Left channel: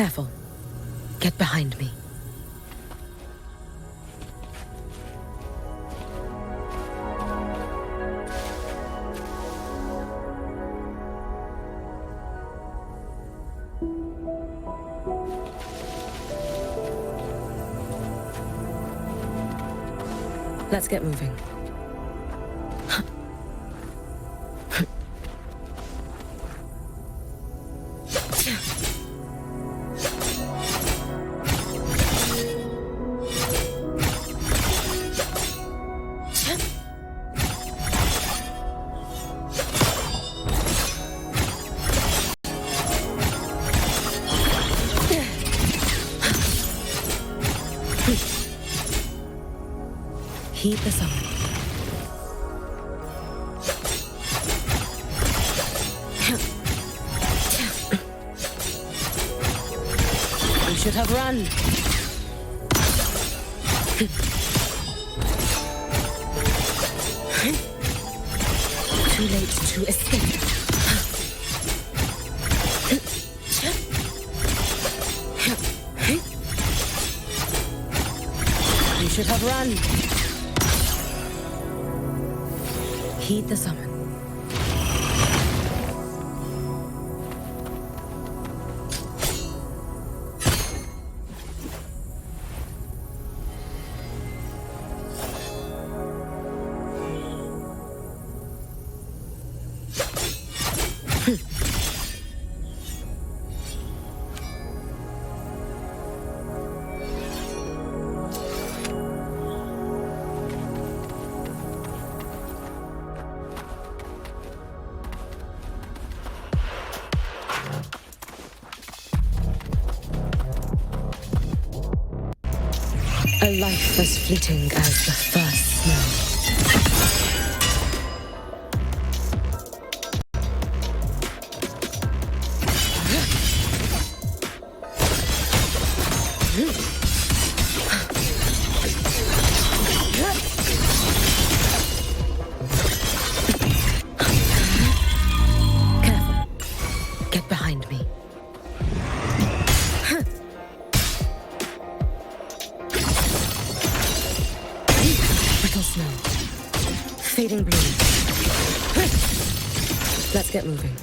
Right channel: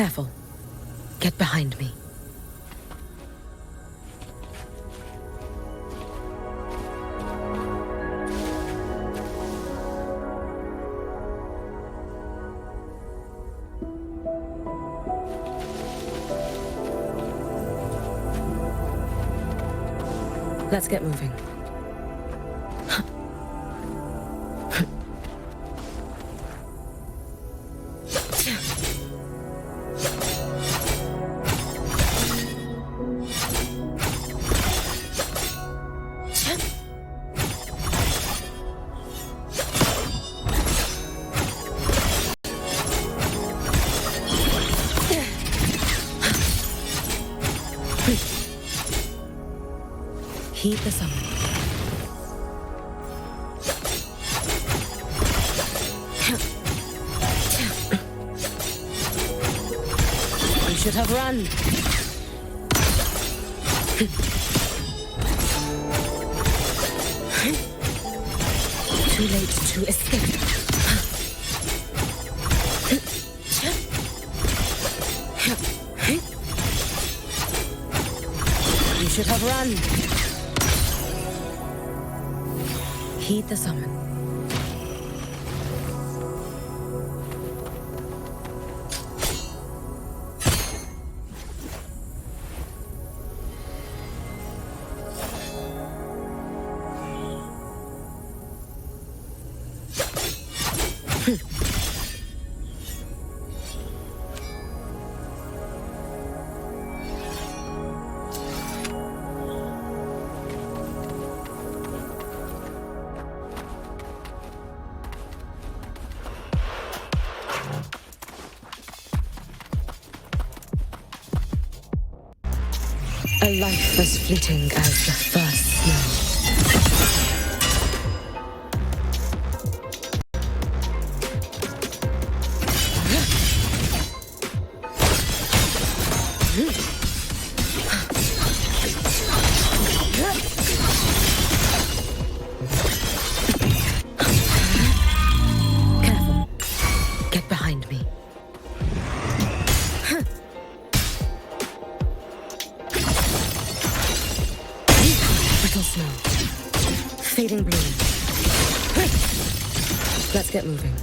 Careful. Get behind me. Let's get moving. Heed the summon. We should have run. Too late to escape. We should have run. Heed the summon. A life as fleeting as the first snow. Careful. Get behind me. Snow. Fading bloom. Let's get moving.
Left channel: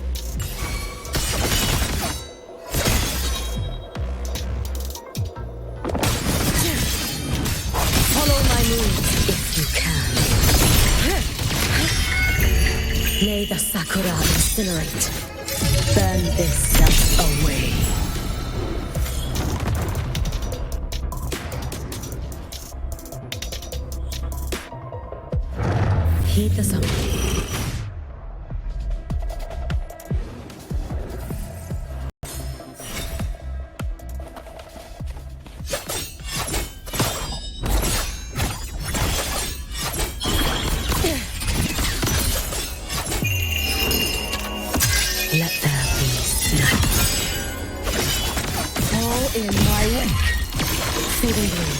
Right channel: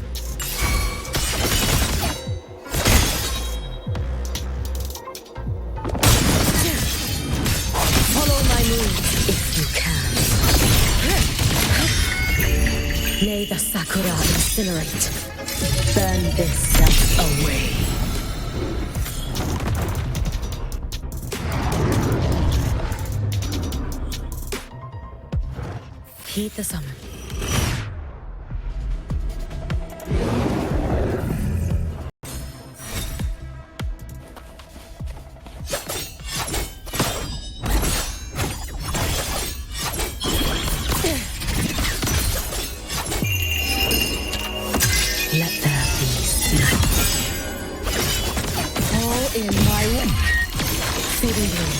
Follow my moves if you can. May the sakura incinerate. Burn this self away. Heed the summon. Let there be night. All in my wake. Fading bloom.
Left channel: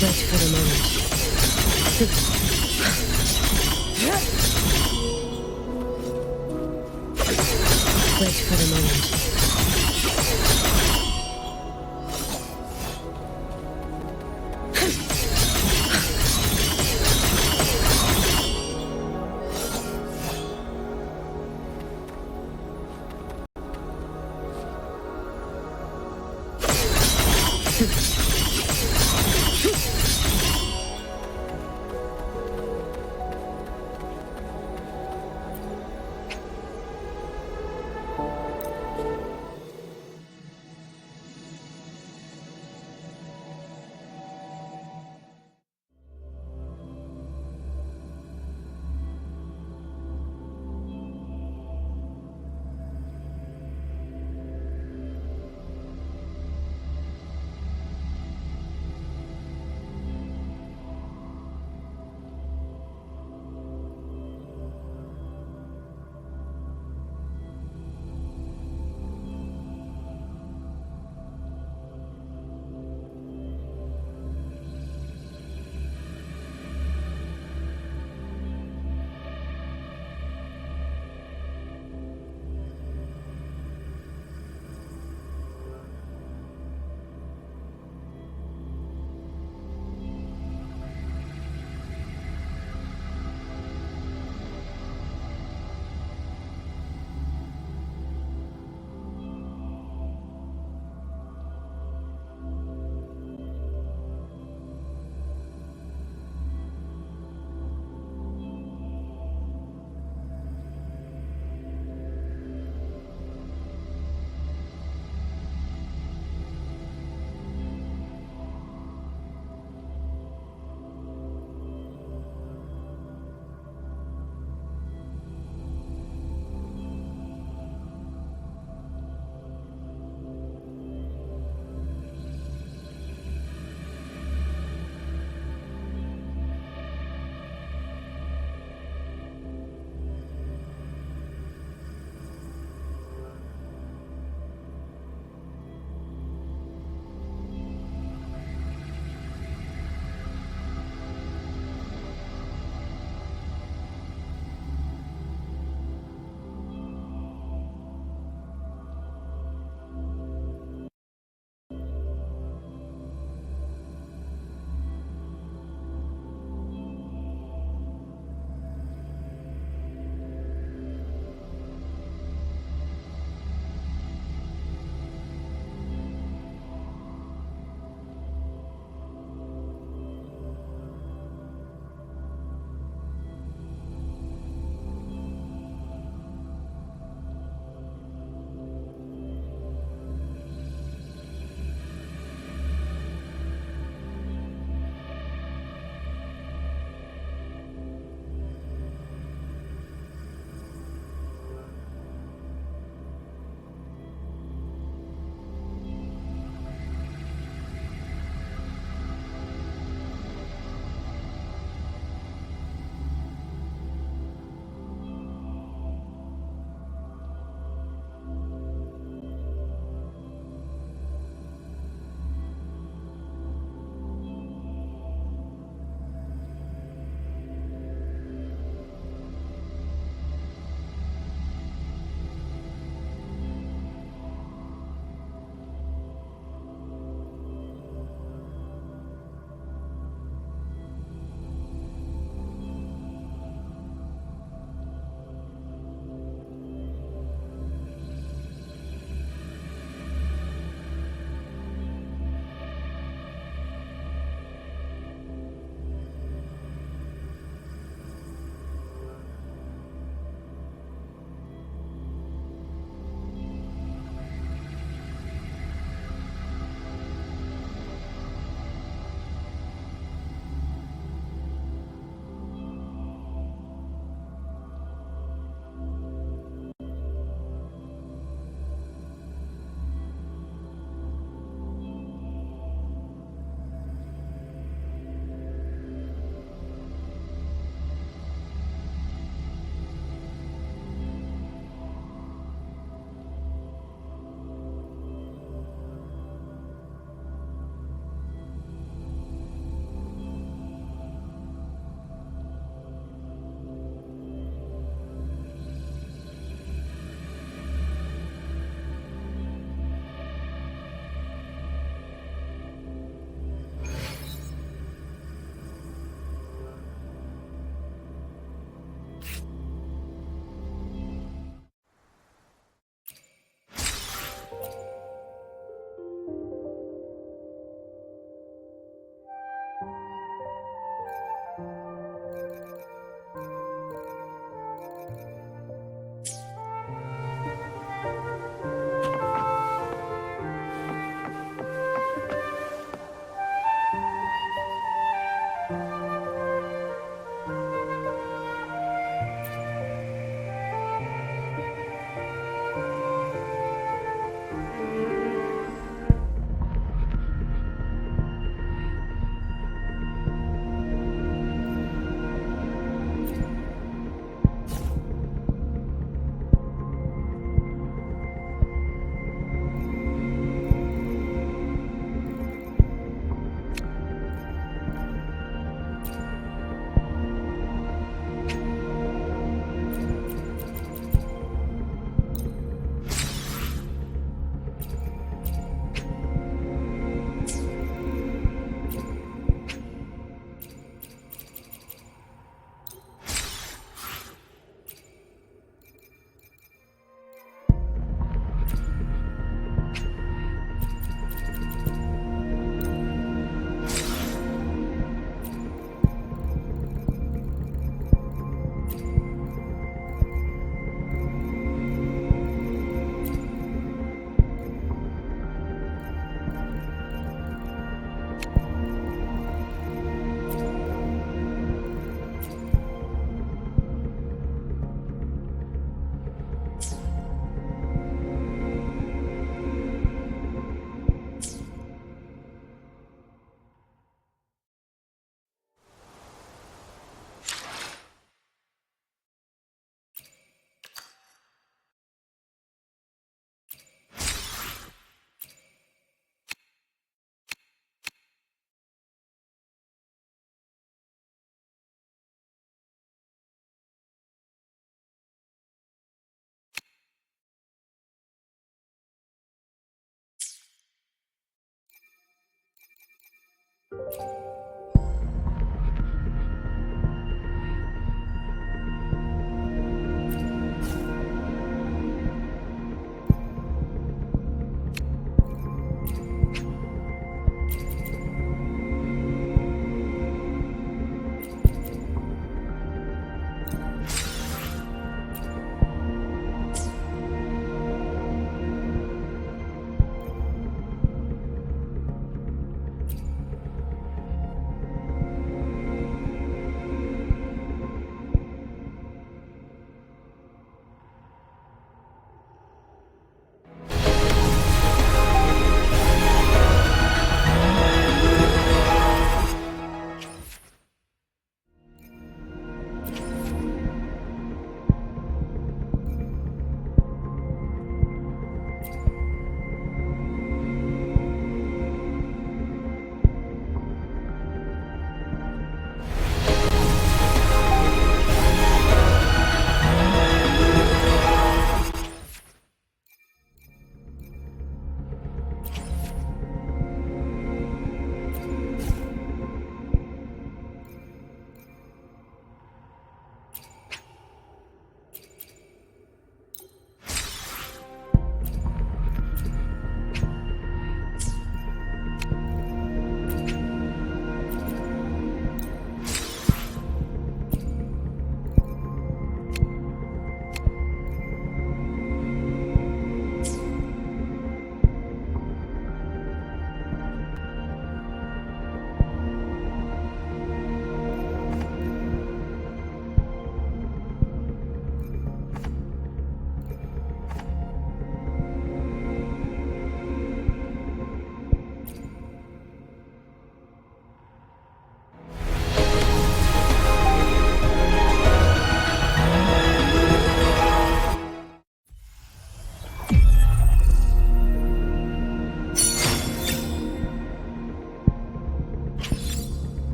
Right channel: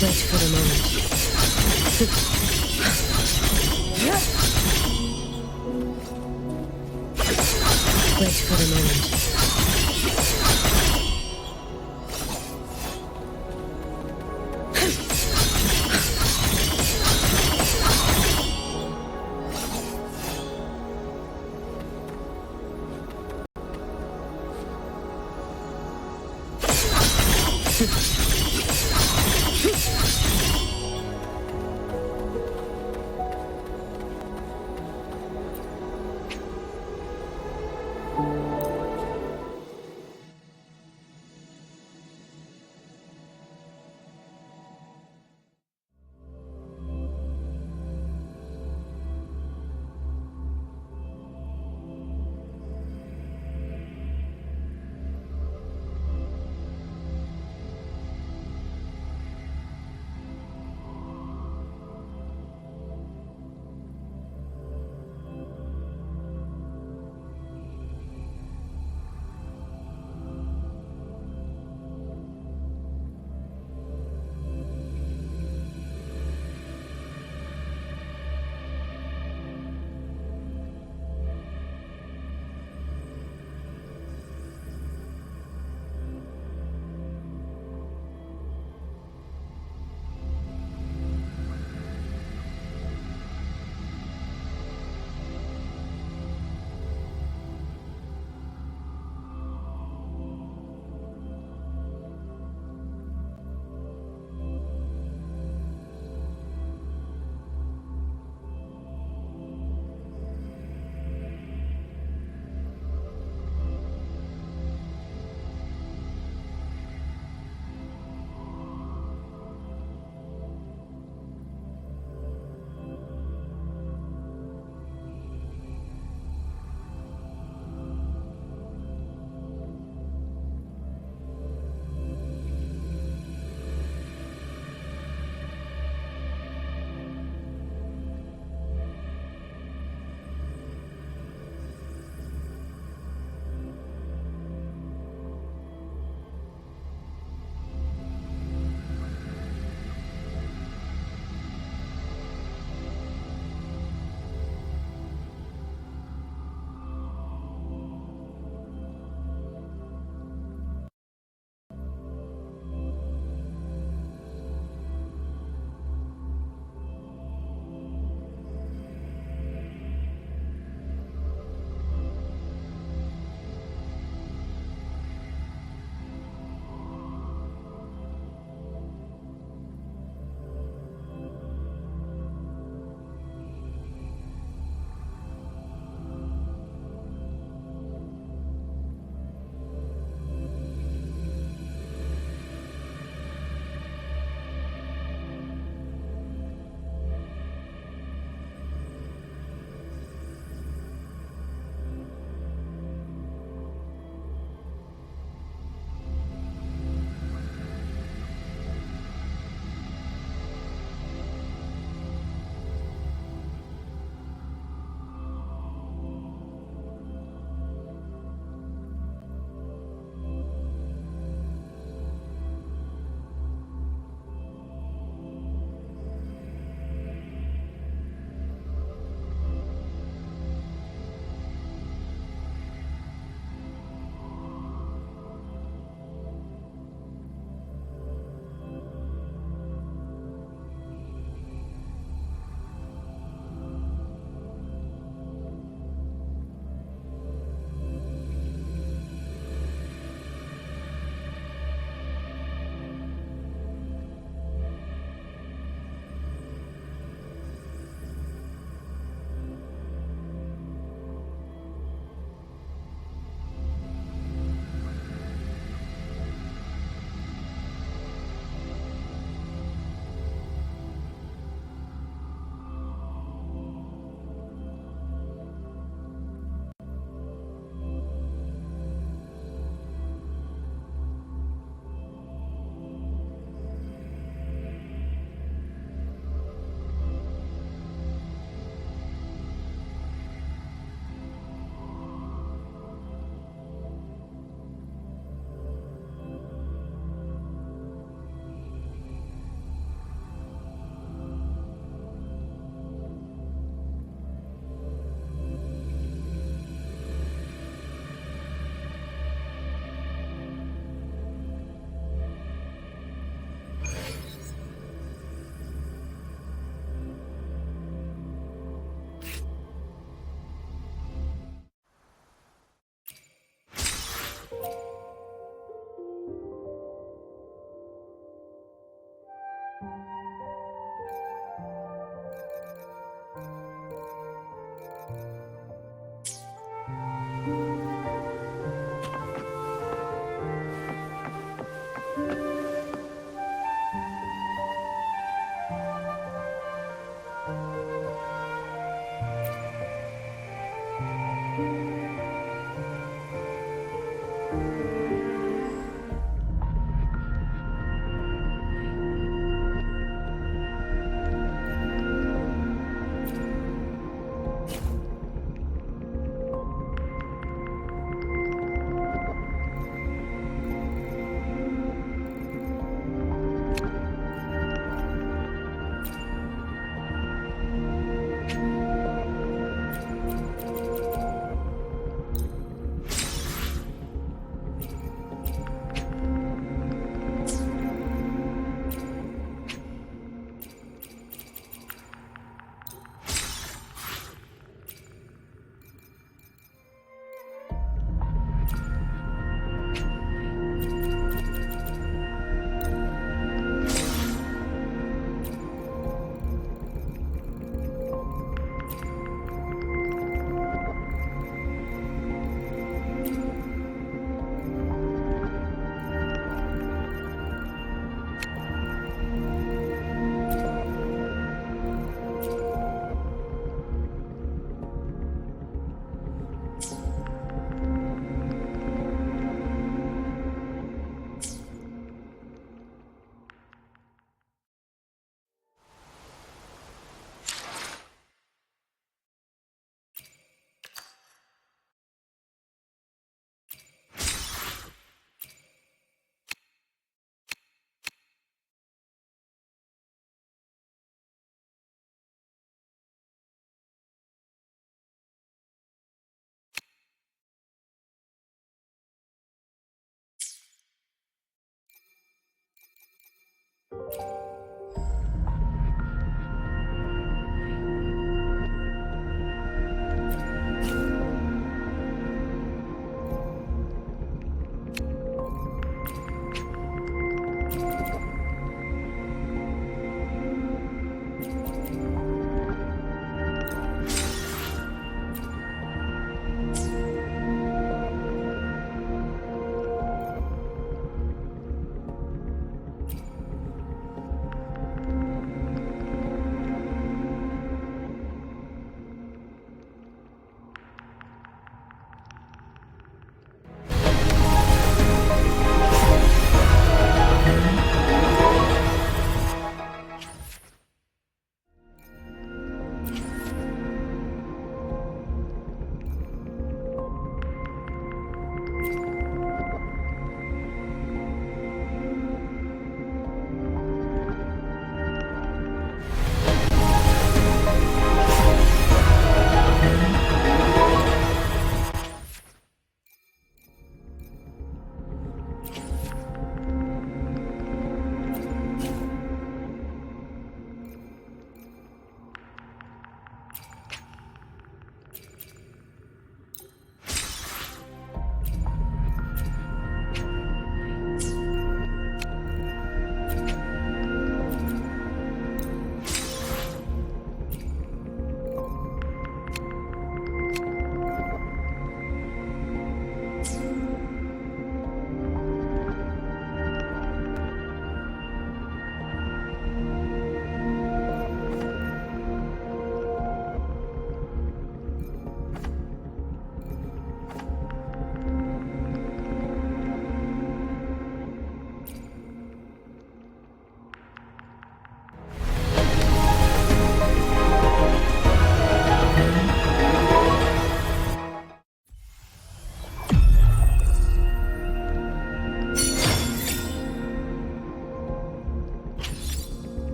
Wait for the moment. Wait for the moment.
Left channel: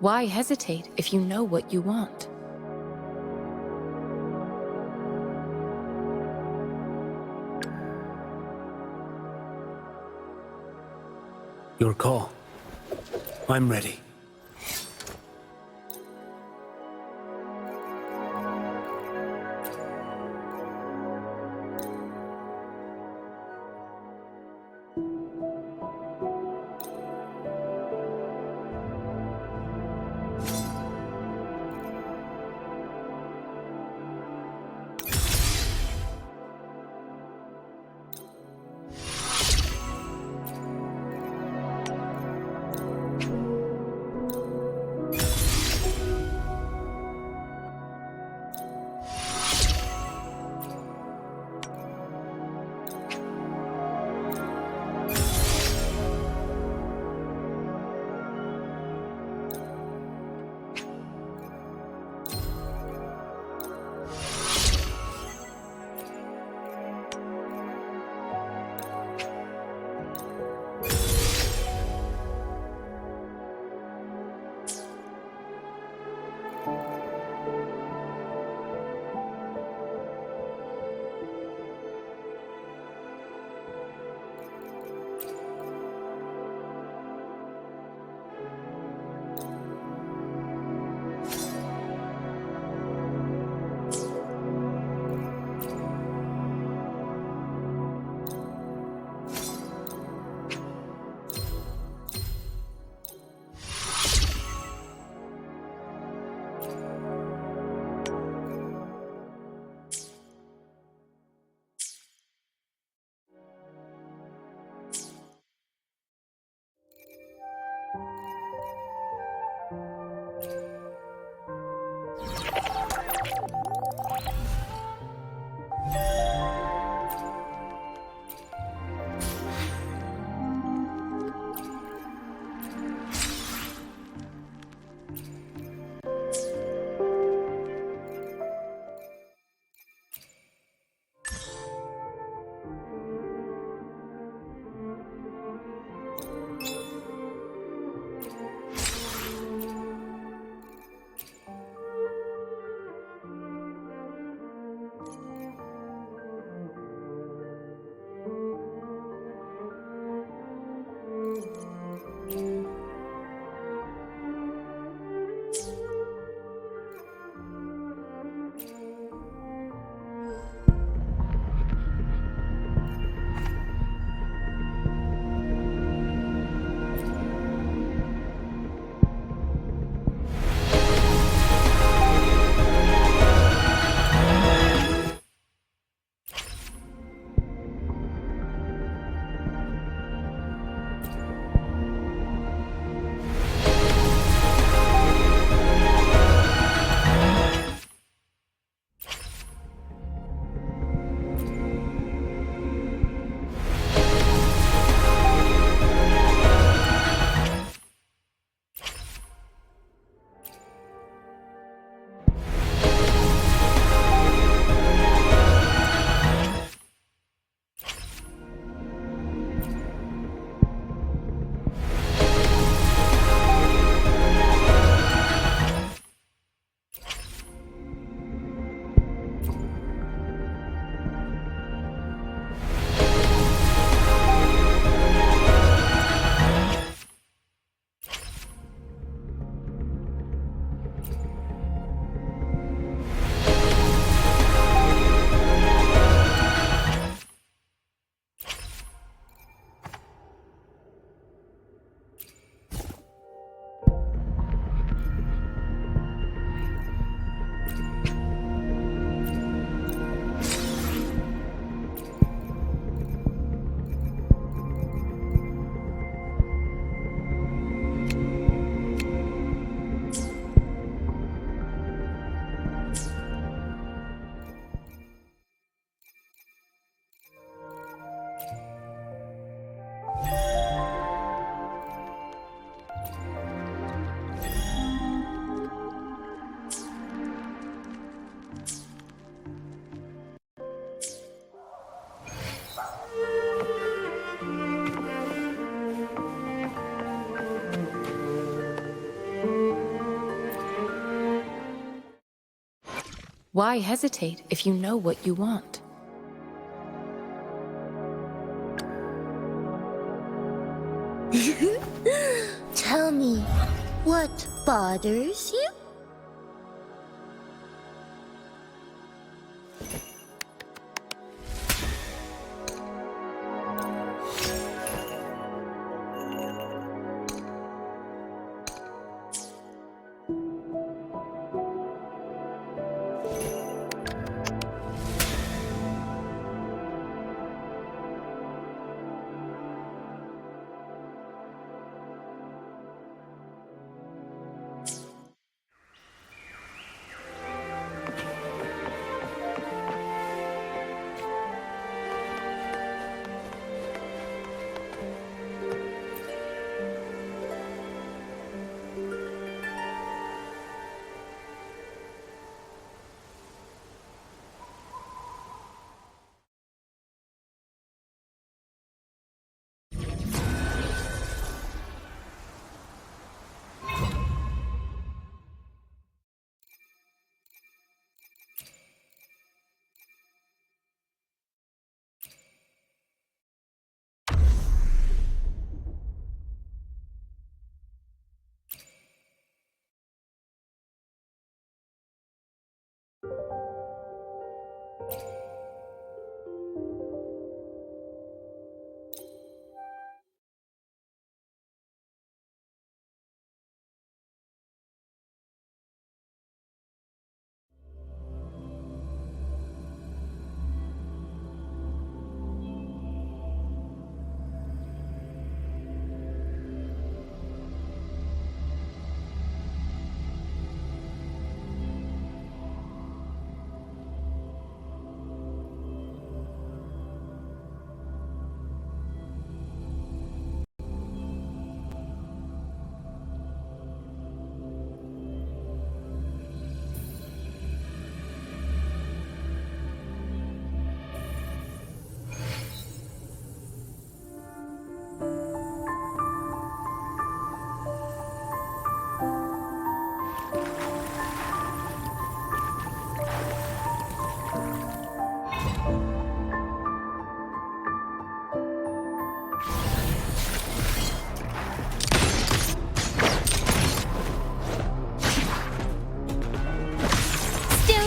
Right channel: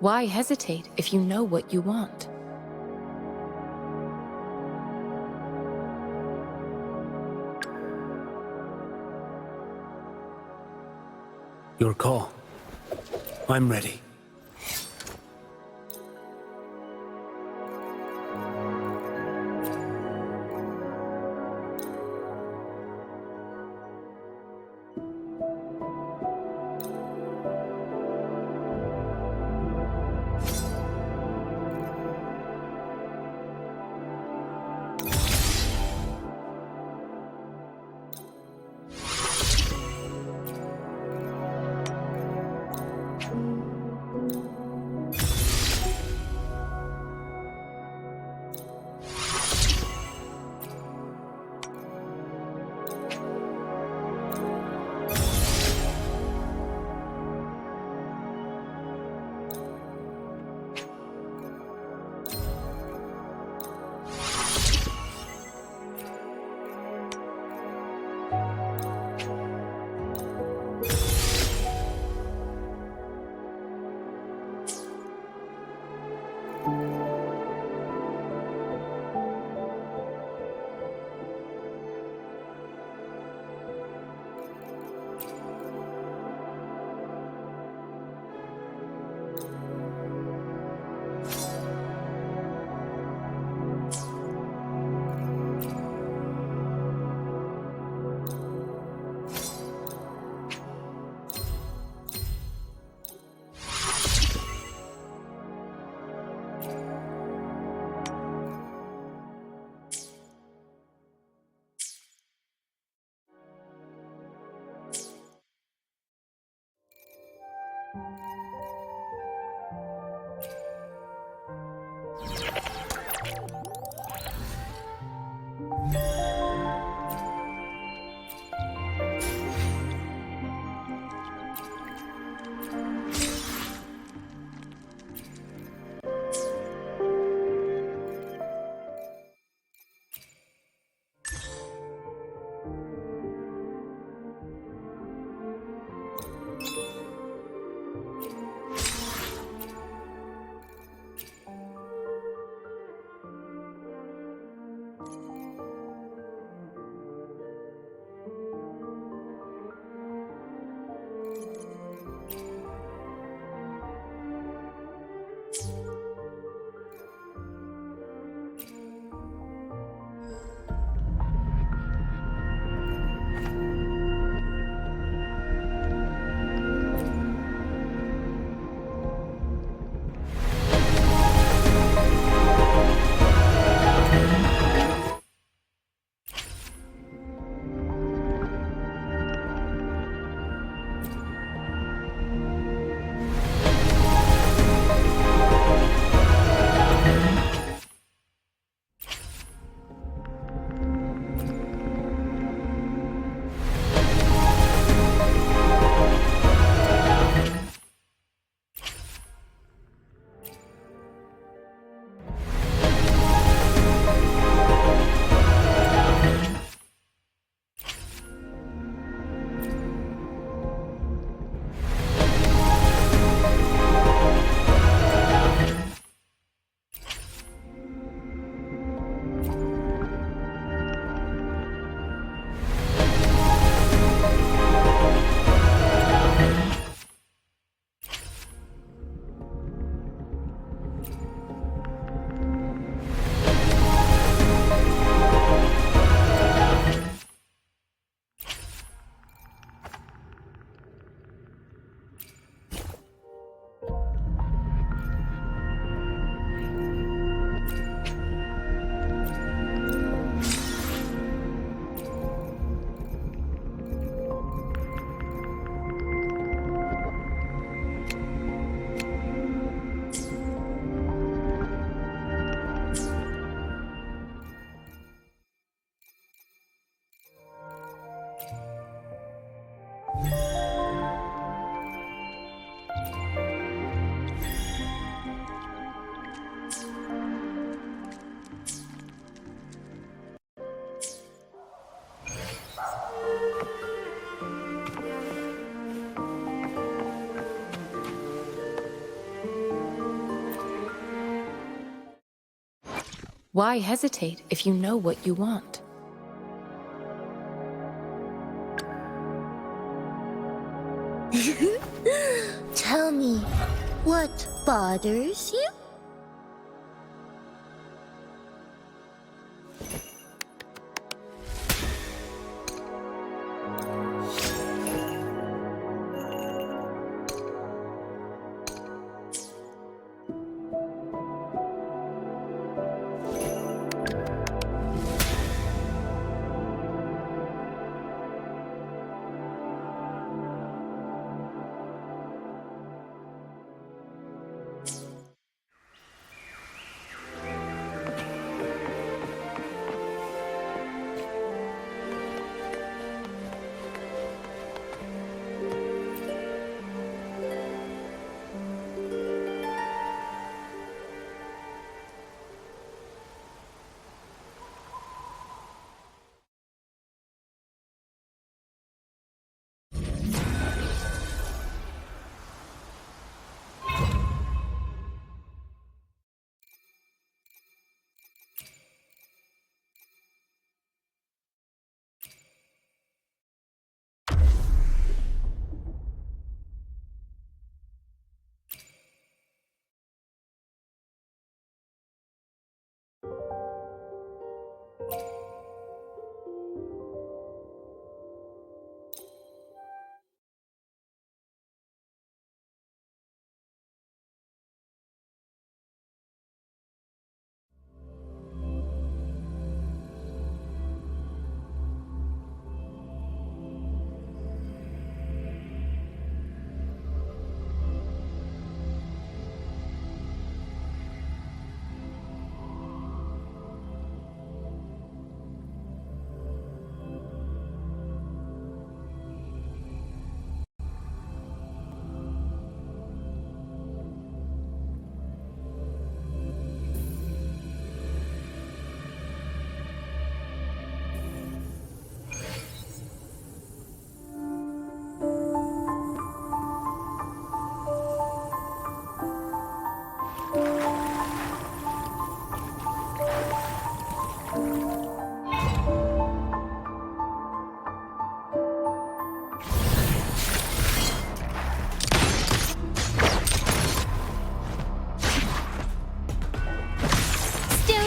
Why hesitate if you know what you want? Your call. I'm ready. Why hesitate if you know what you want? Tell me, what bothers you?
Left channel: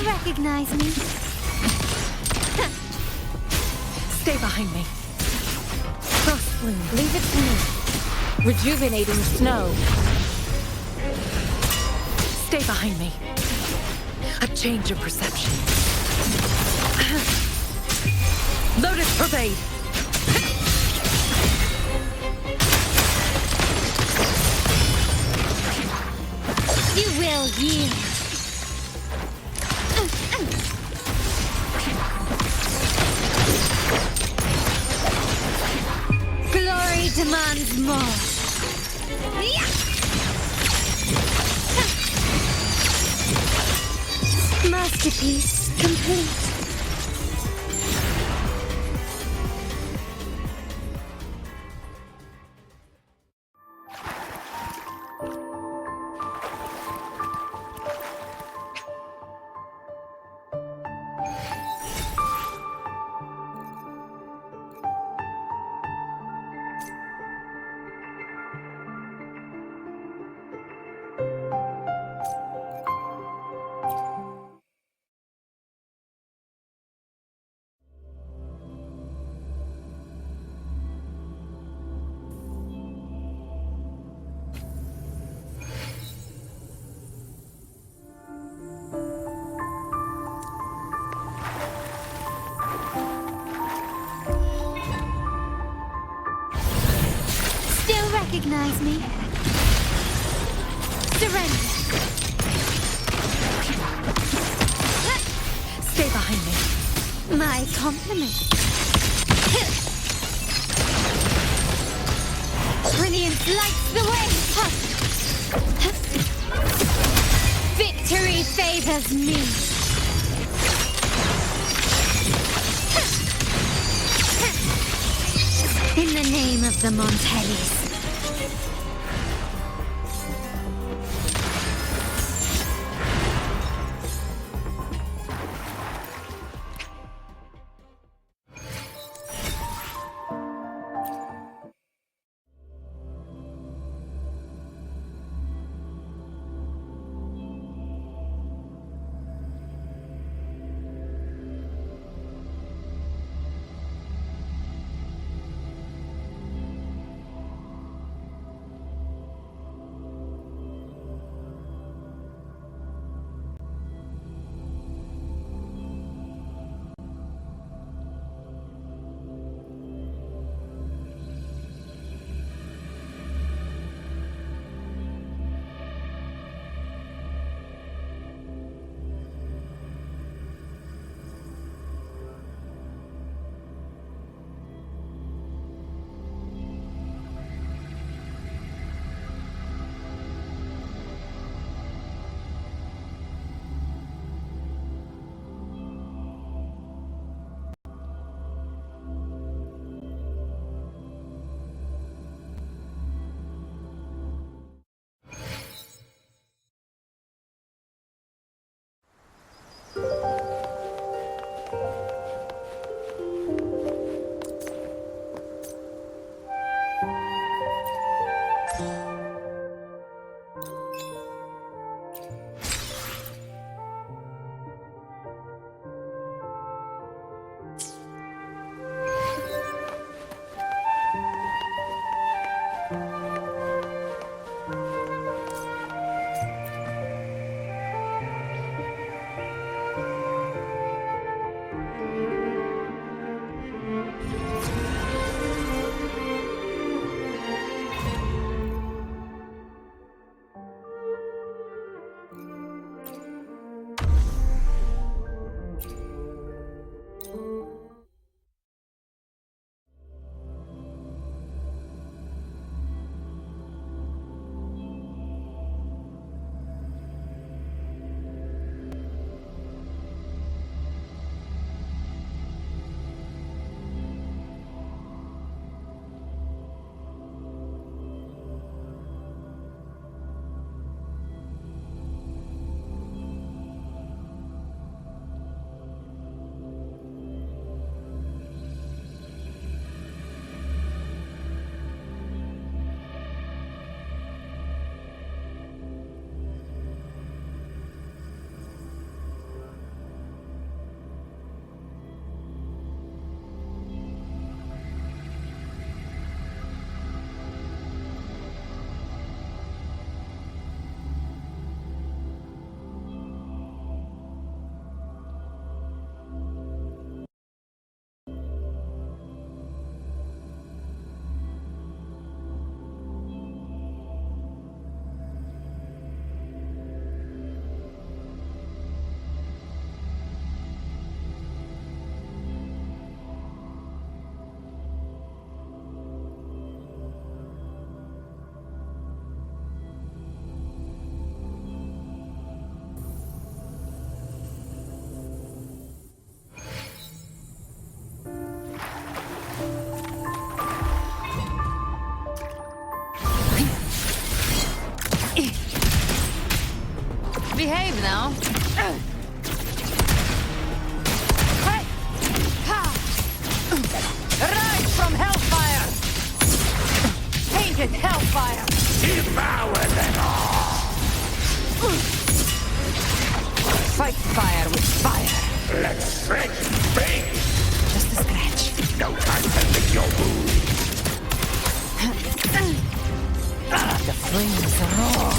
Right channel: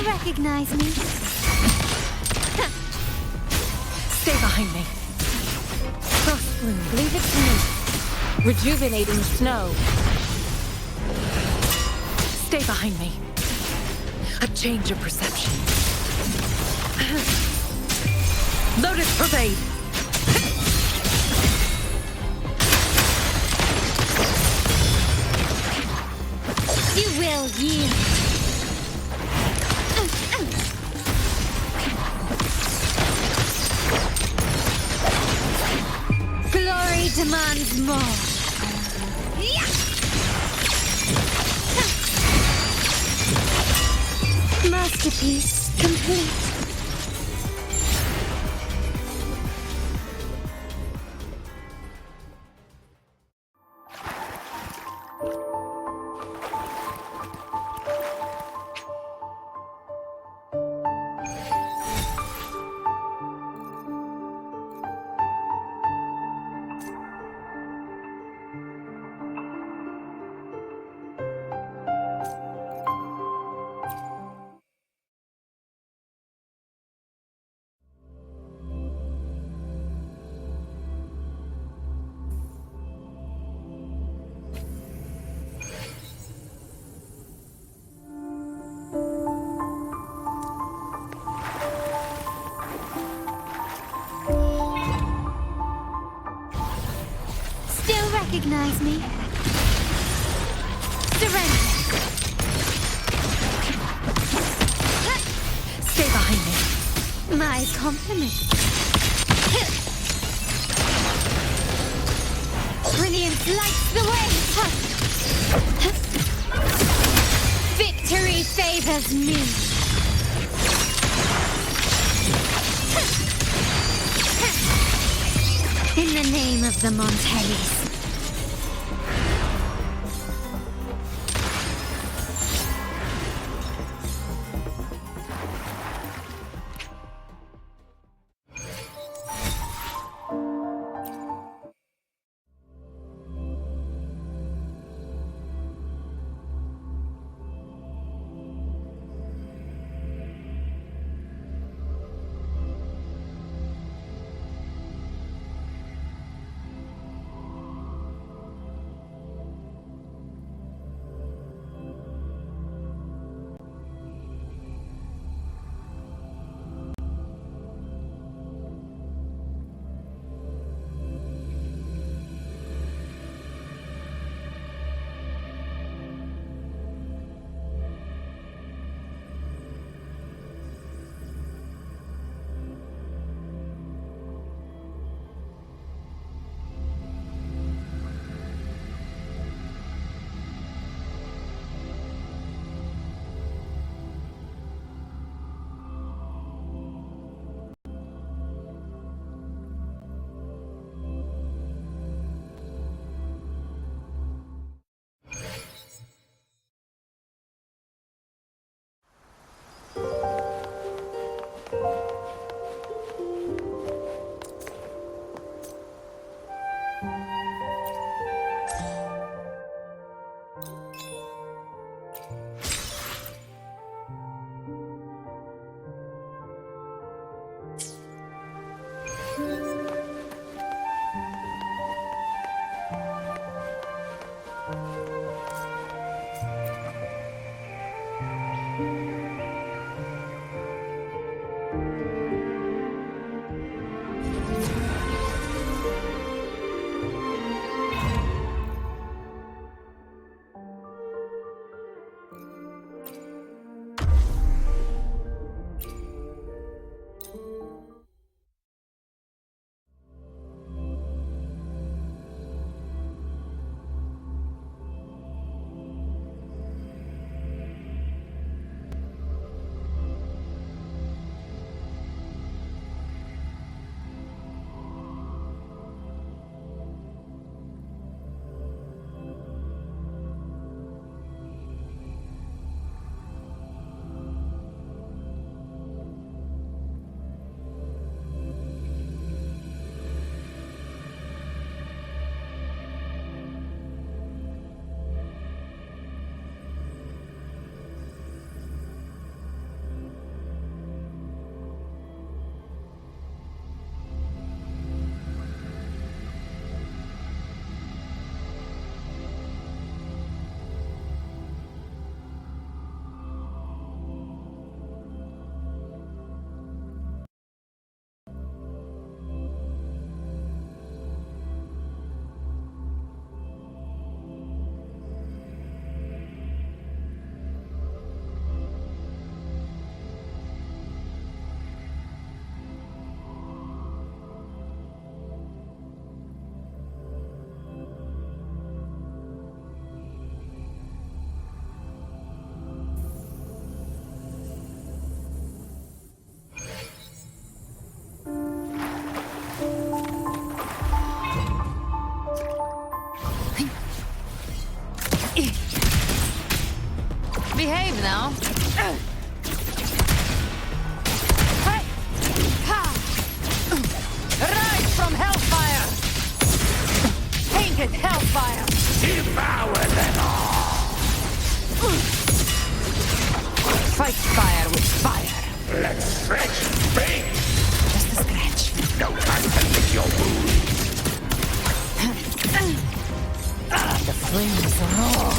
Recognize me? Stay behind me. Frost bloom, leave it to me. Rejuvenating snow. Stay behind me. A change of perception. Lotus pervade. You will yield. Glory demands more. Masterpiece complete. Recognize me? Surrender. Stay behind me. My compliments. Brilliance lights the way. Victory favors me. In the name of the Montellis. Behave now. Hey! Ha! Rise from hellfire! Painted hellfire! Devour them all! Fight fire with fire. Let's stretch big! Just a scratch. No time to lick your wounds! The flames roar.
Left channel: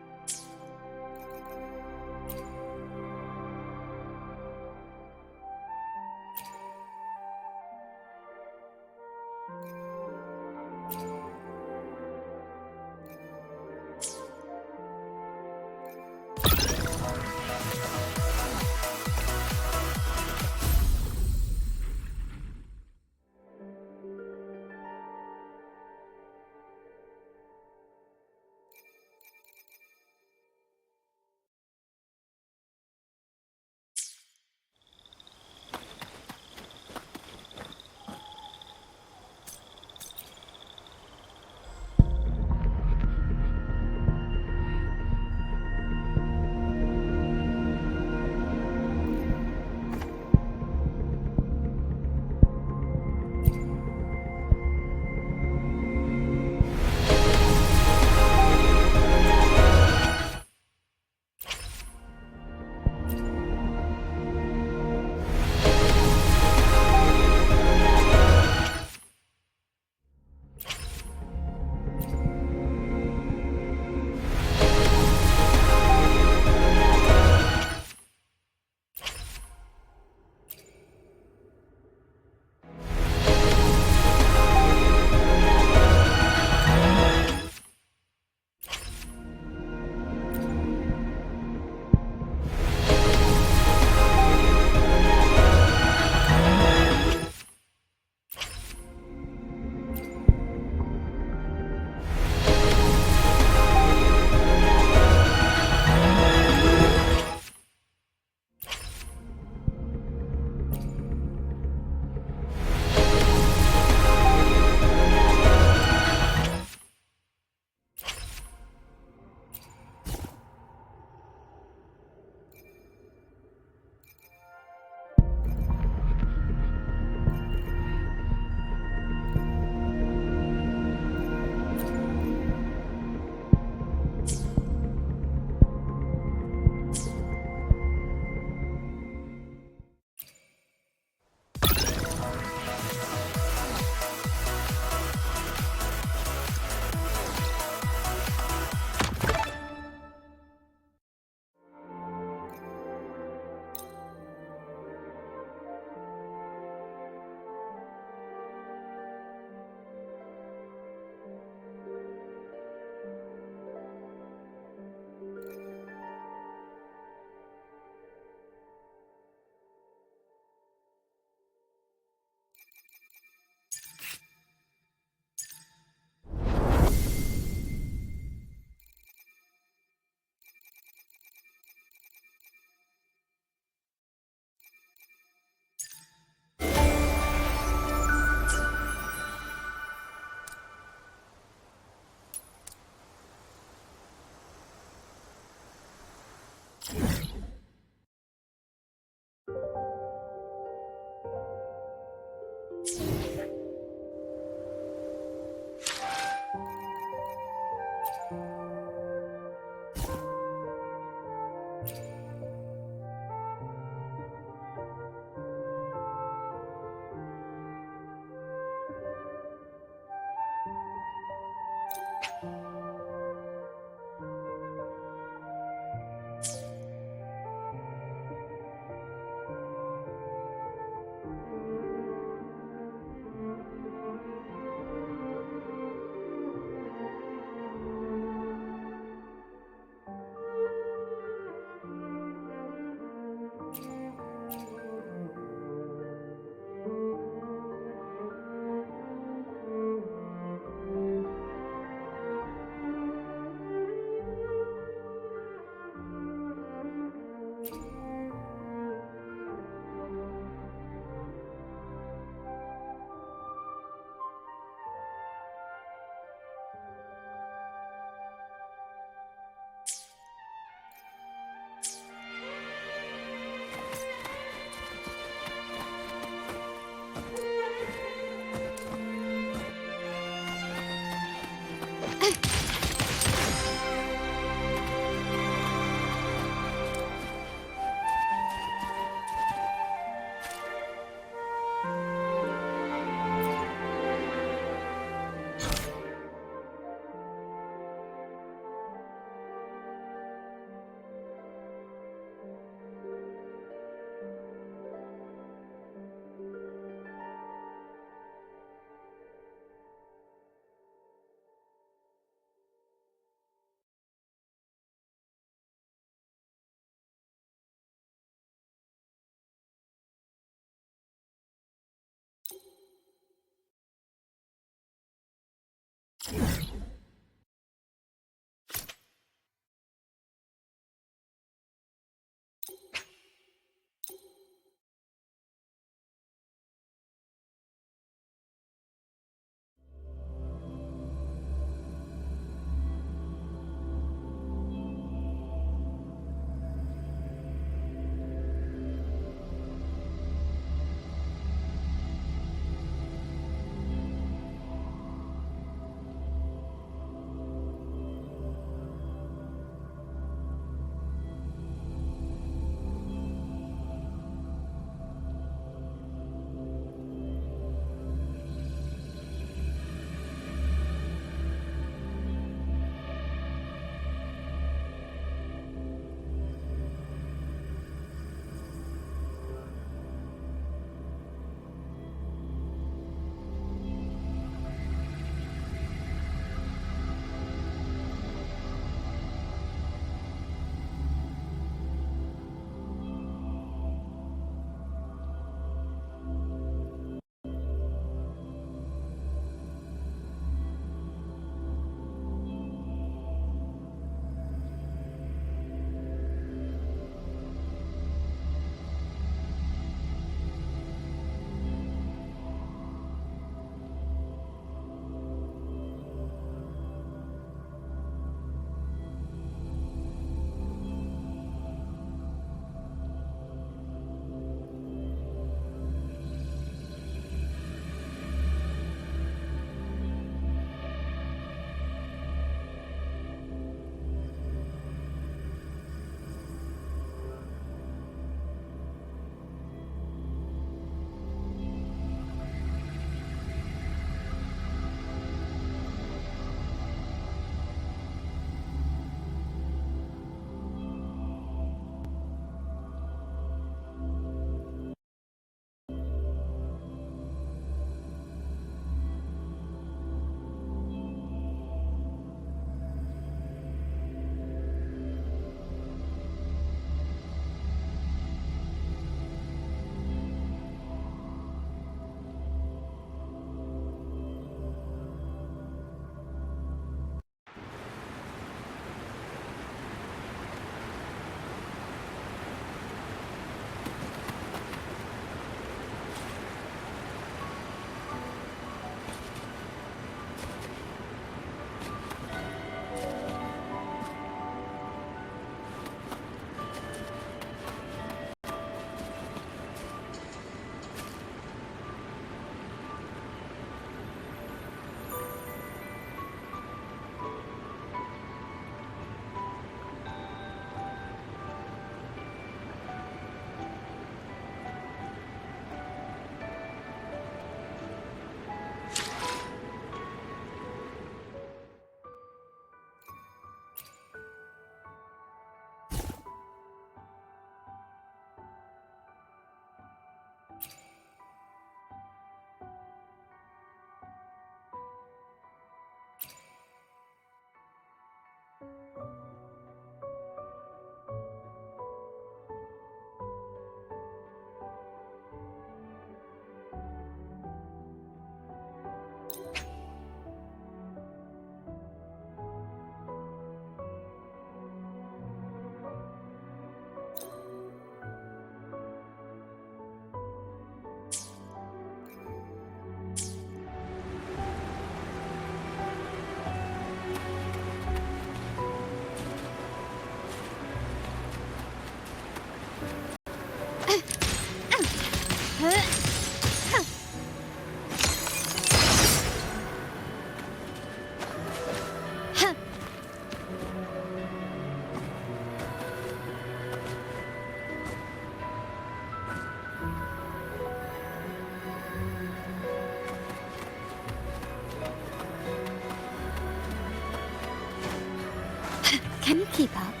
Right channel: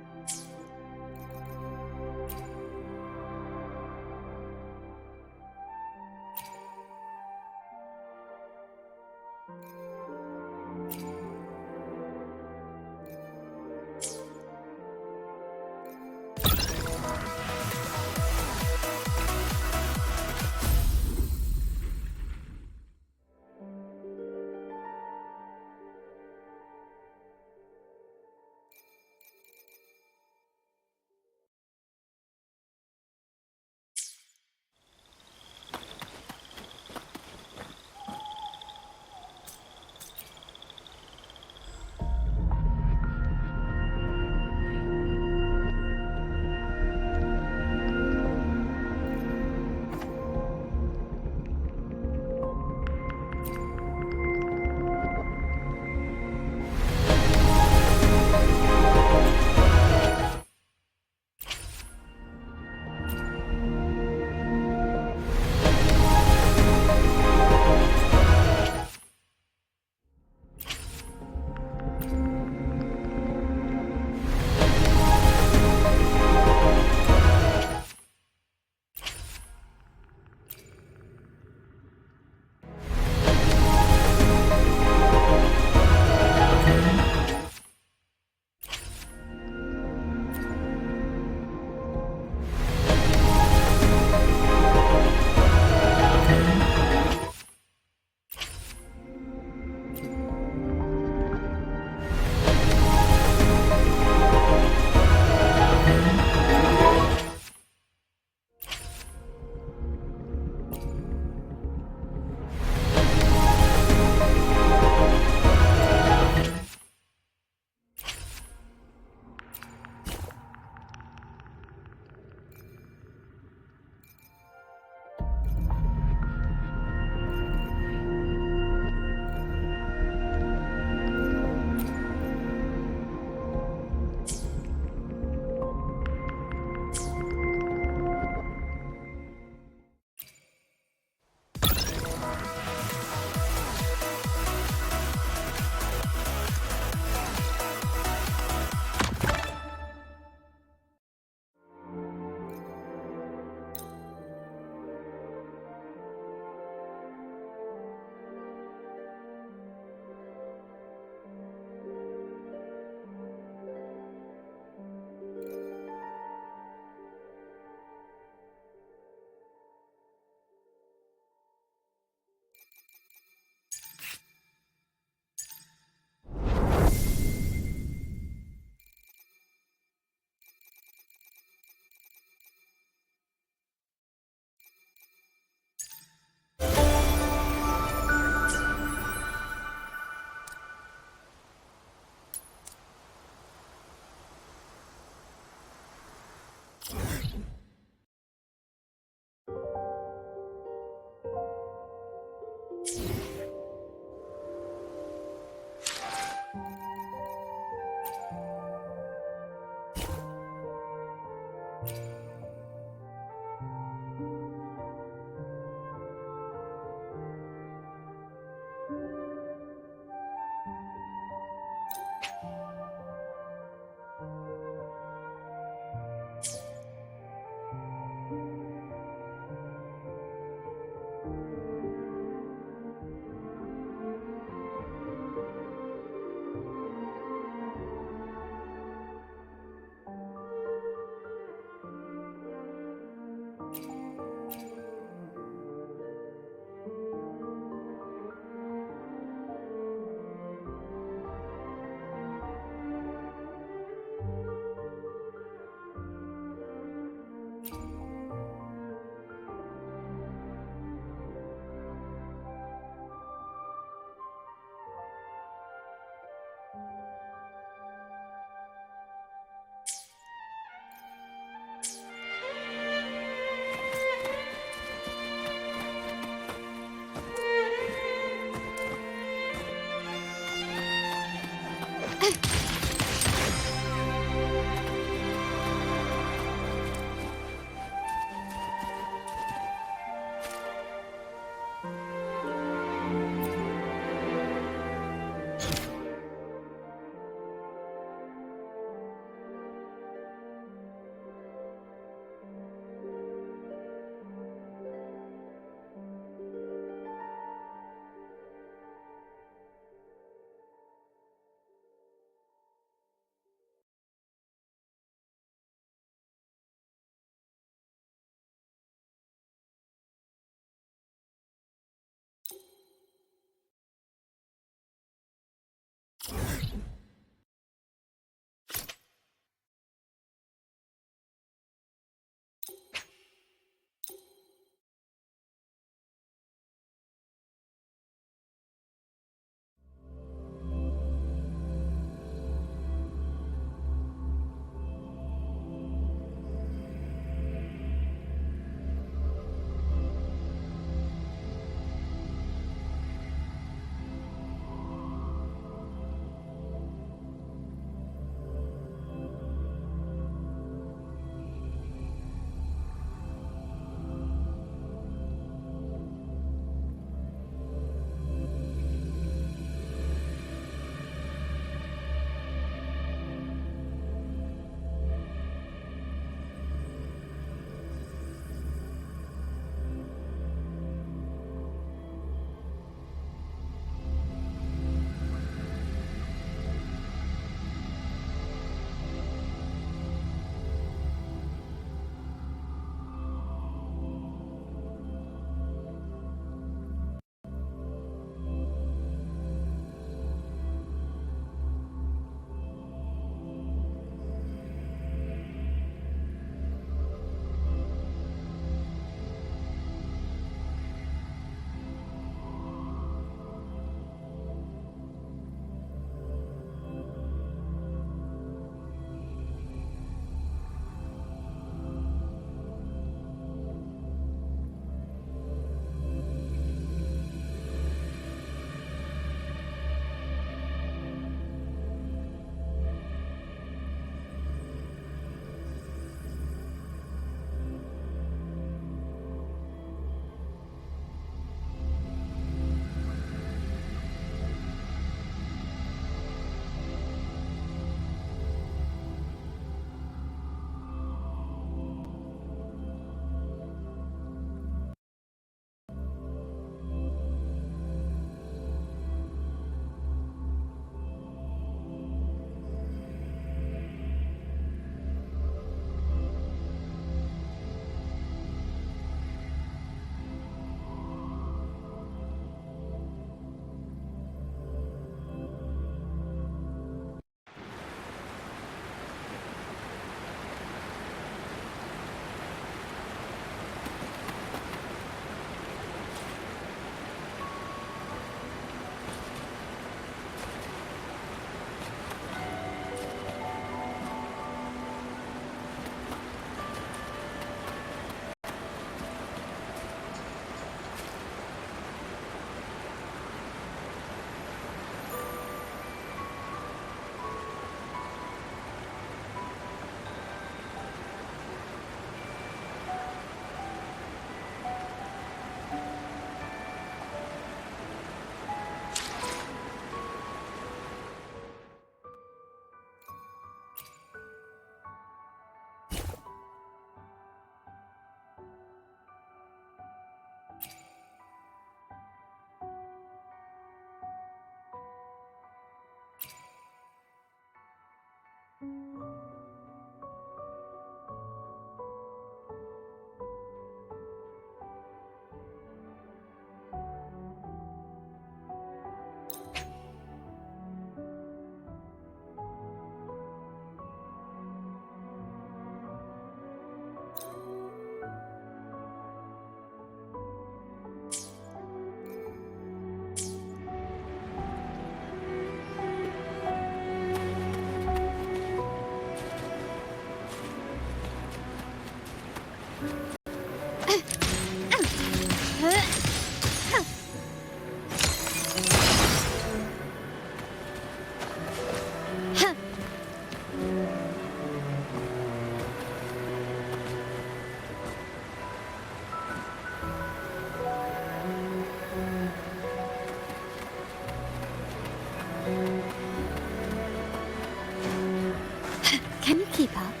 Keep up.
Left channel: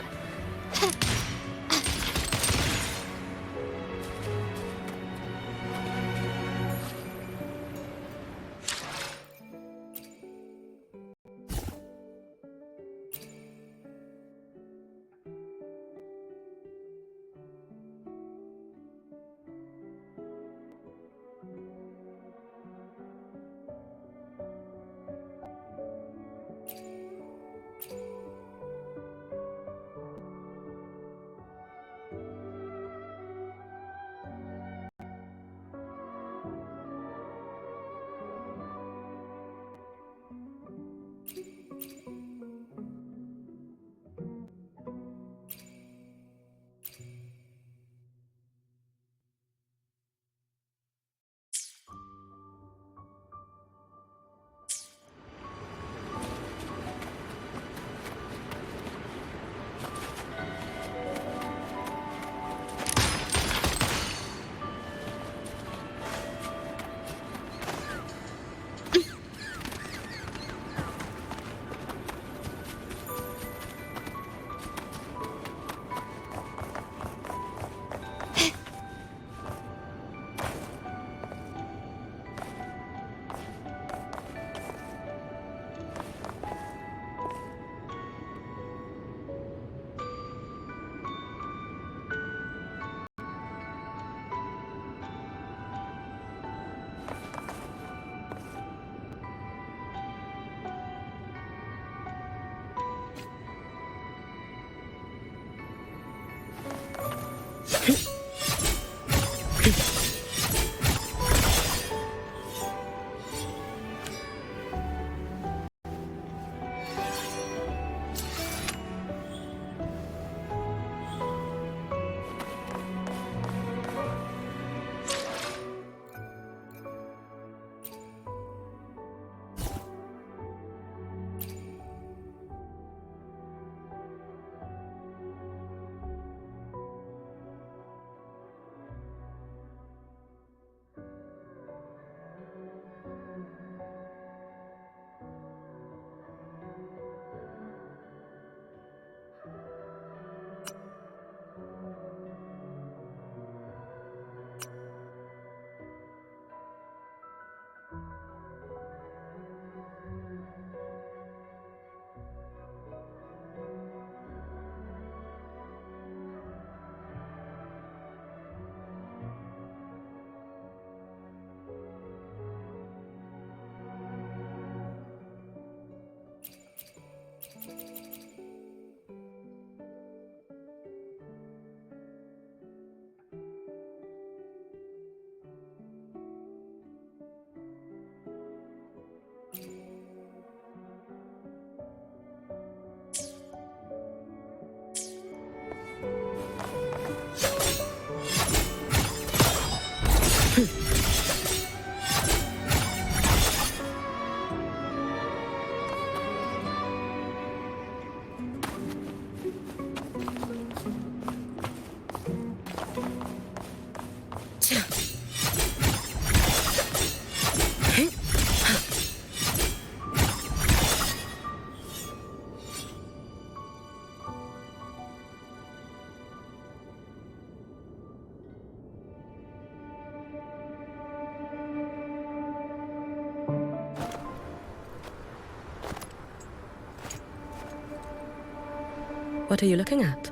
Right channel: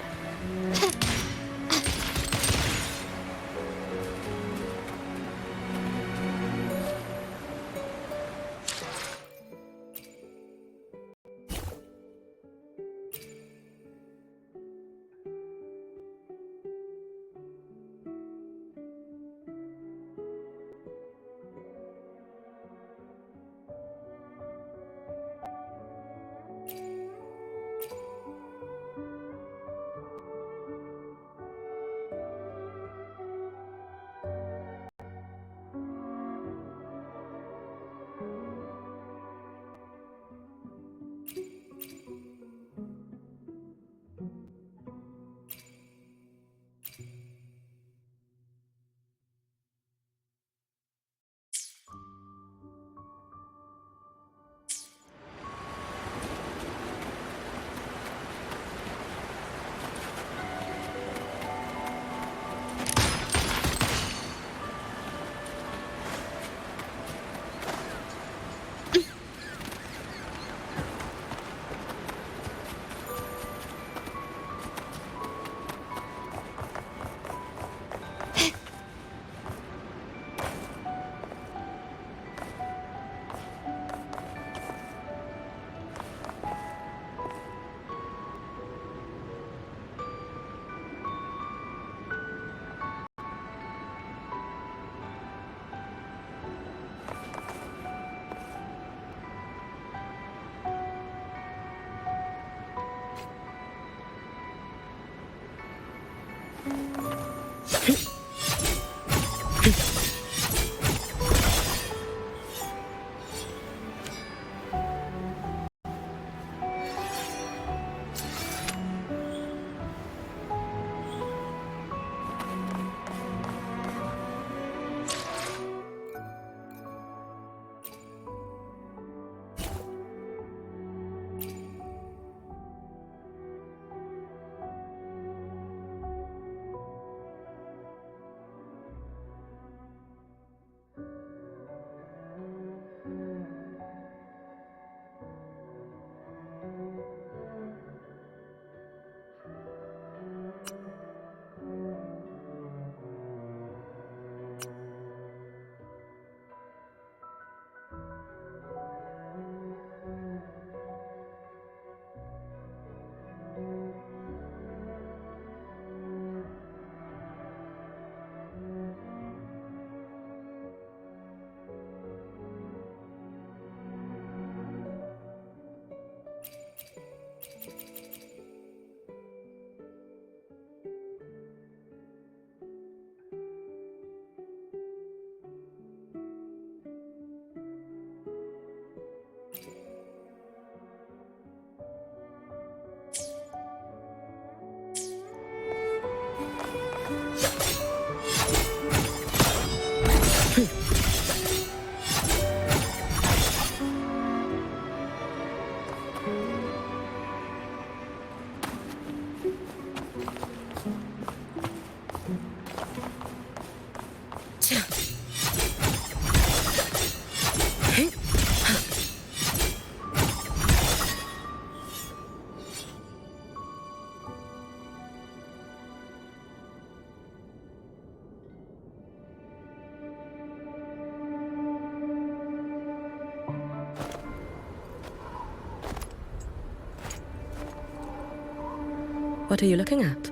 What are you looking at?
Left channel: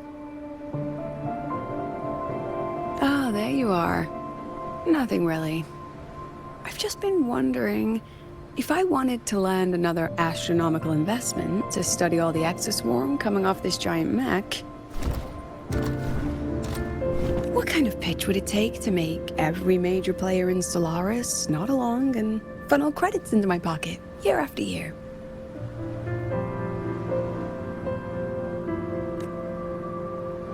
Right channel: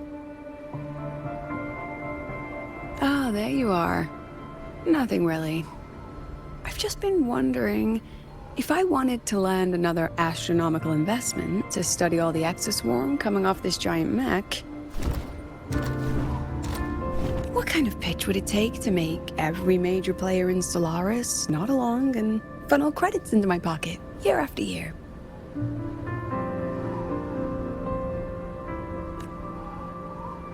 Ah, there you are. Nothing really. I've just been wondering, if I wanted to land another astronomical investment to study all the exoswarm coming off this giant mech, what kind of pitch would it take to make every major player in Solaris nod along and funnel credits into my pocket year after year?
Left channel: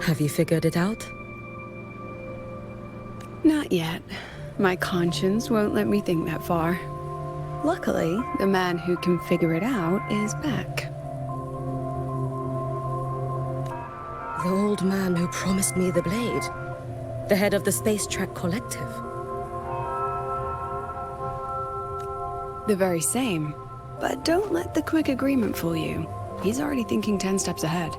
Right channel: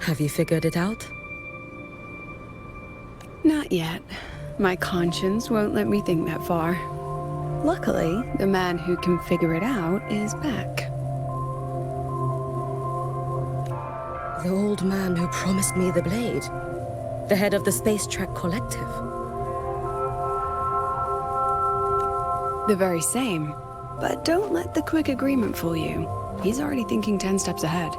Have you figured it out? Not yet. My conscience won't let me think that far. Luckily, the man who can figure it out is back. The old man who promised me the blade. The head of the Space Trek Collective. The very same. But don't let the quick agreement fool you. He's already thinking 10 steps ahead.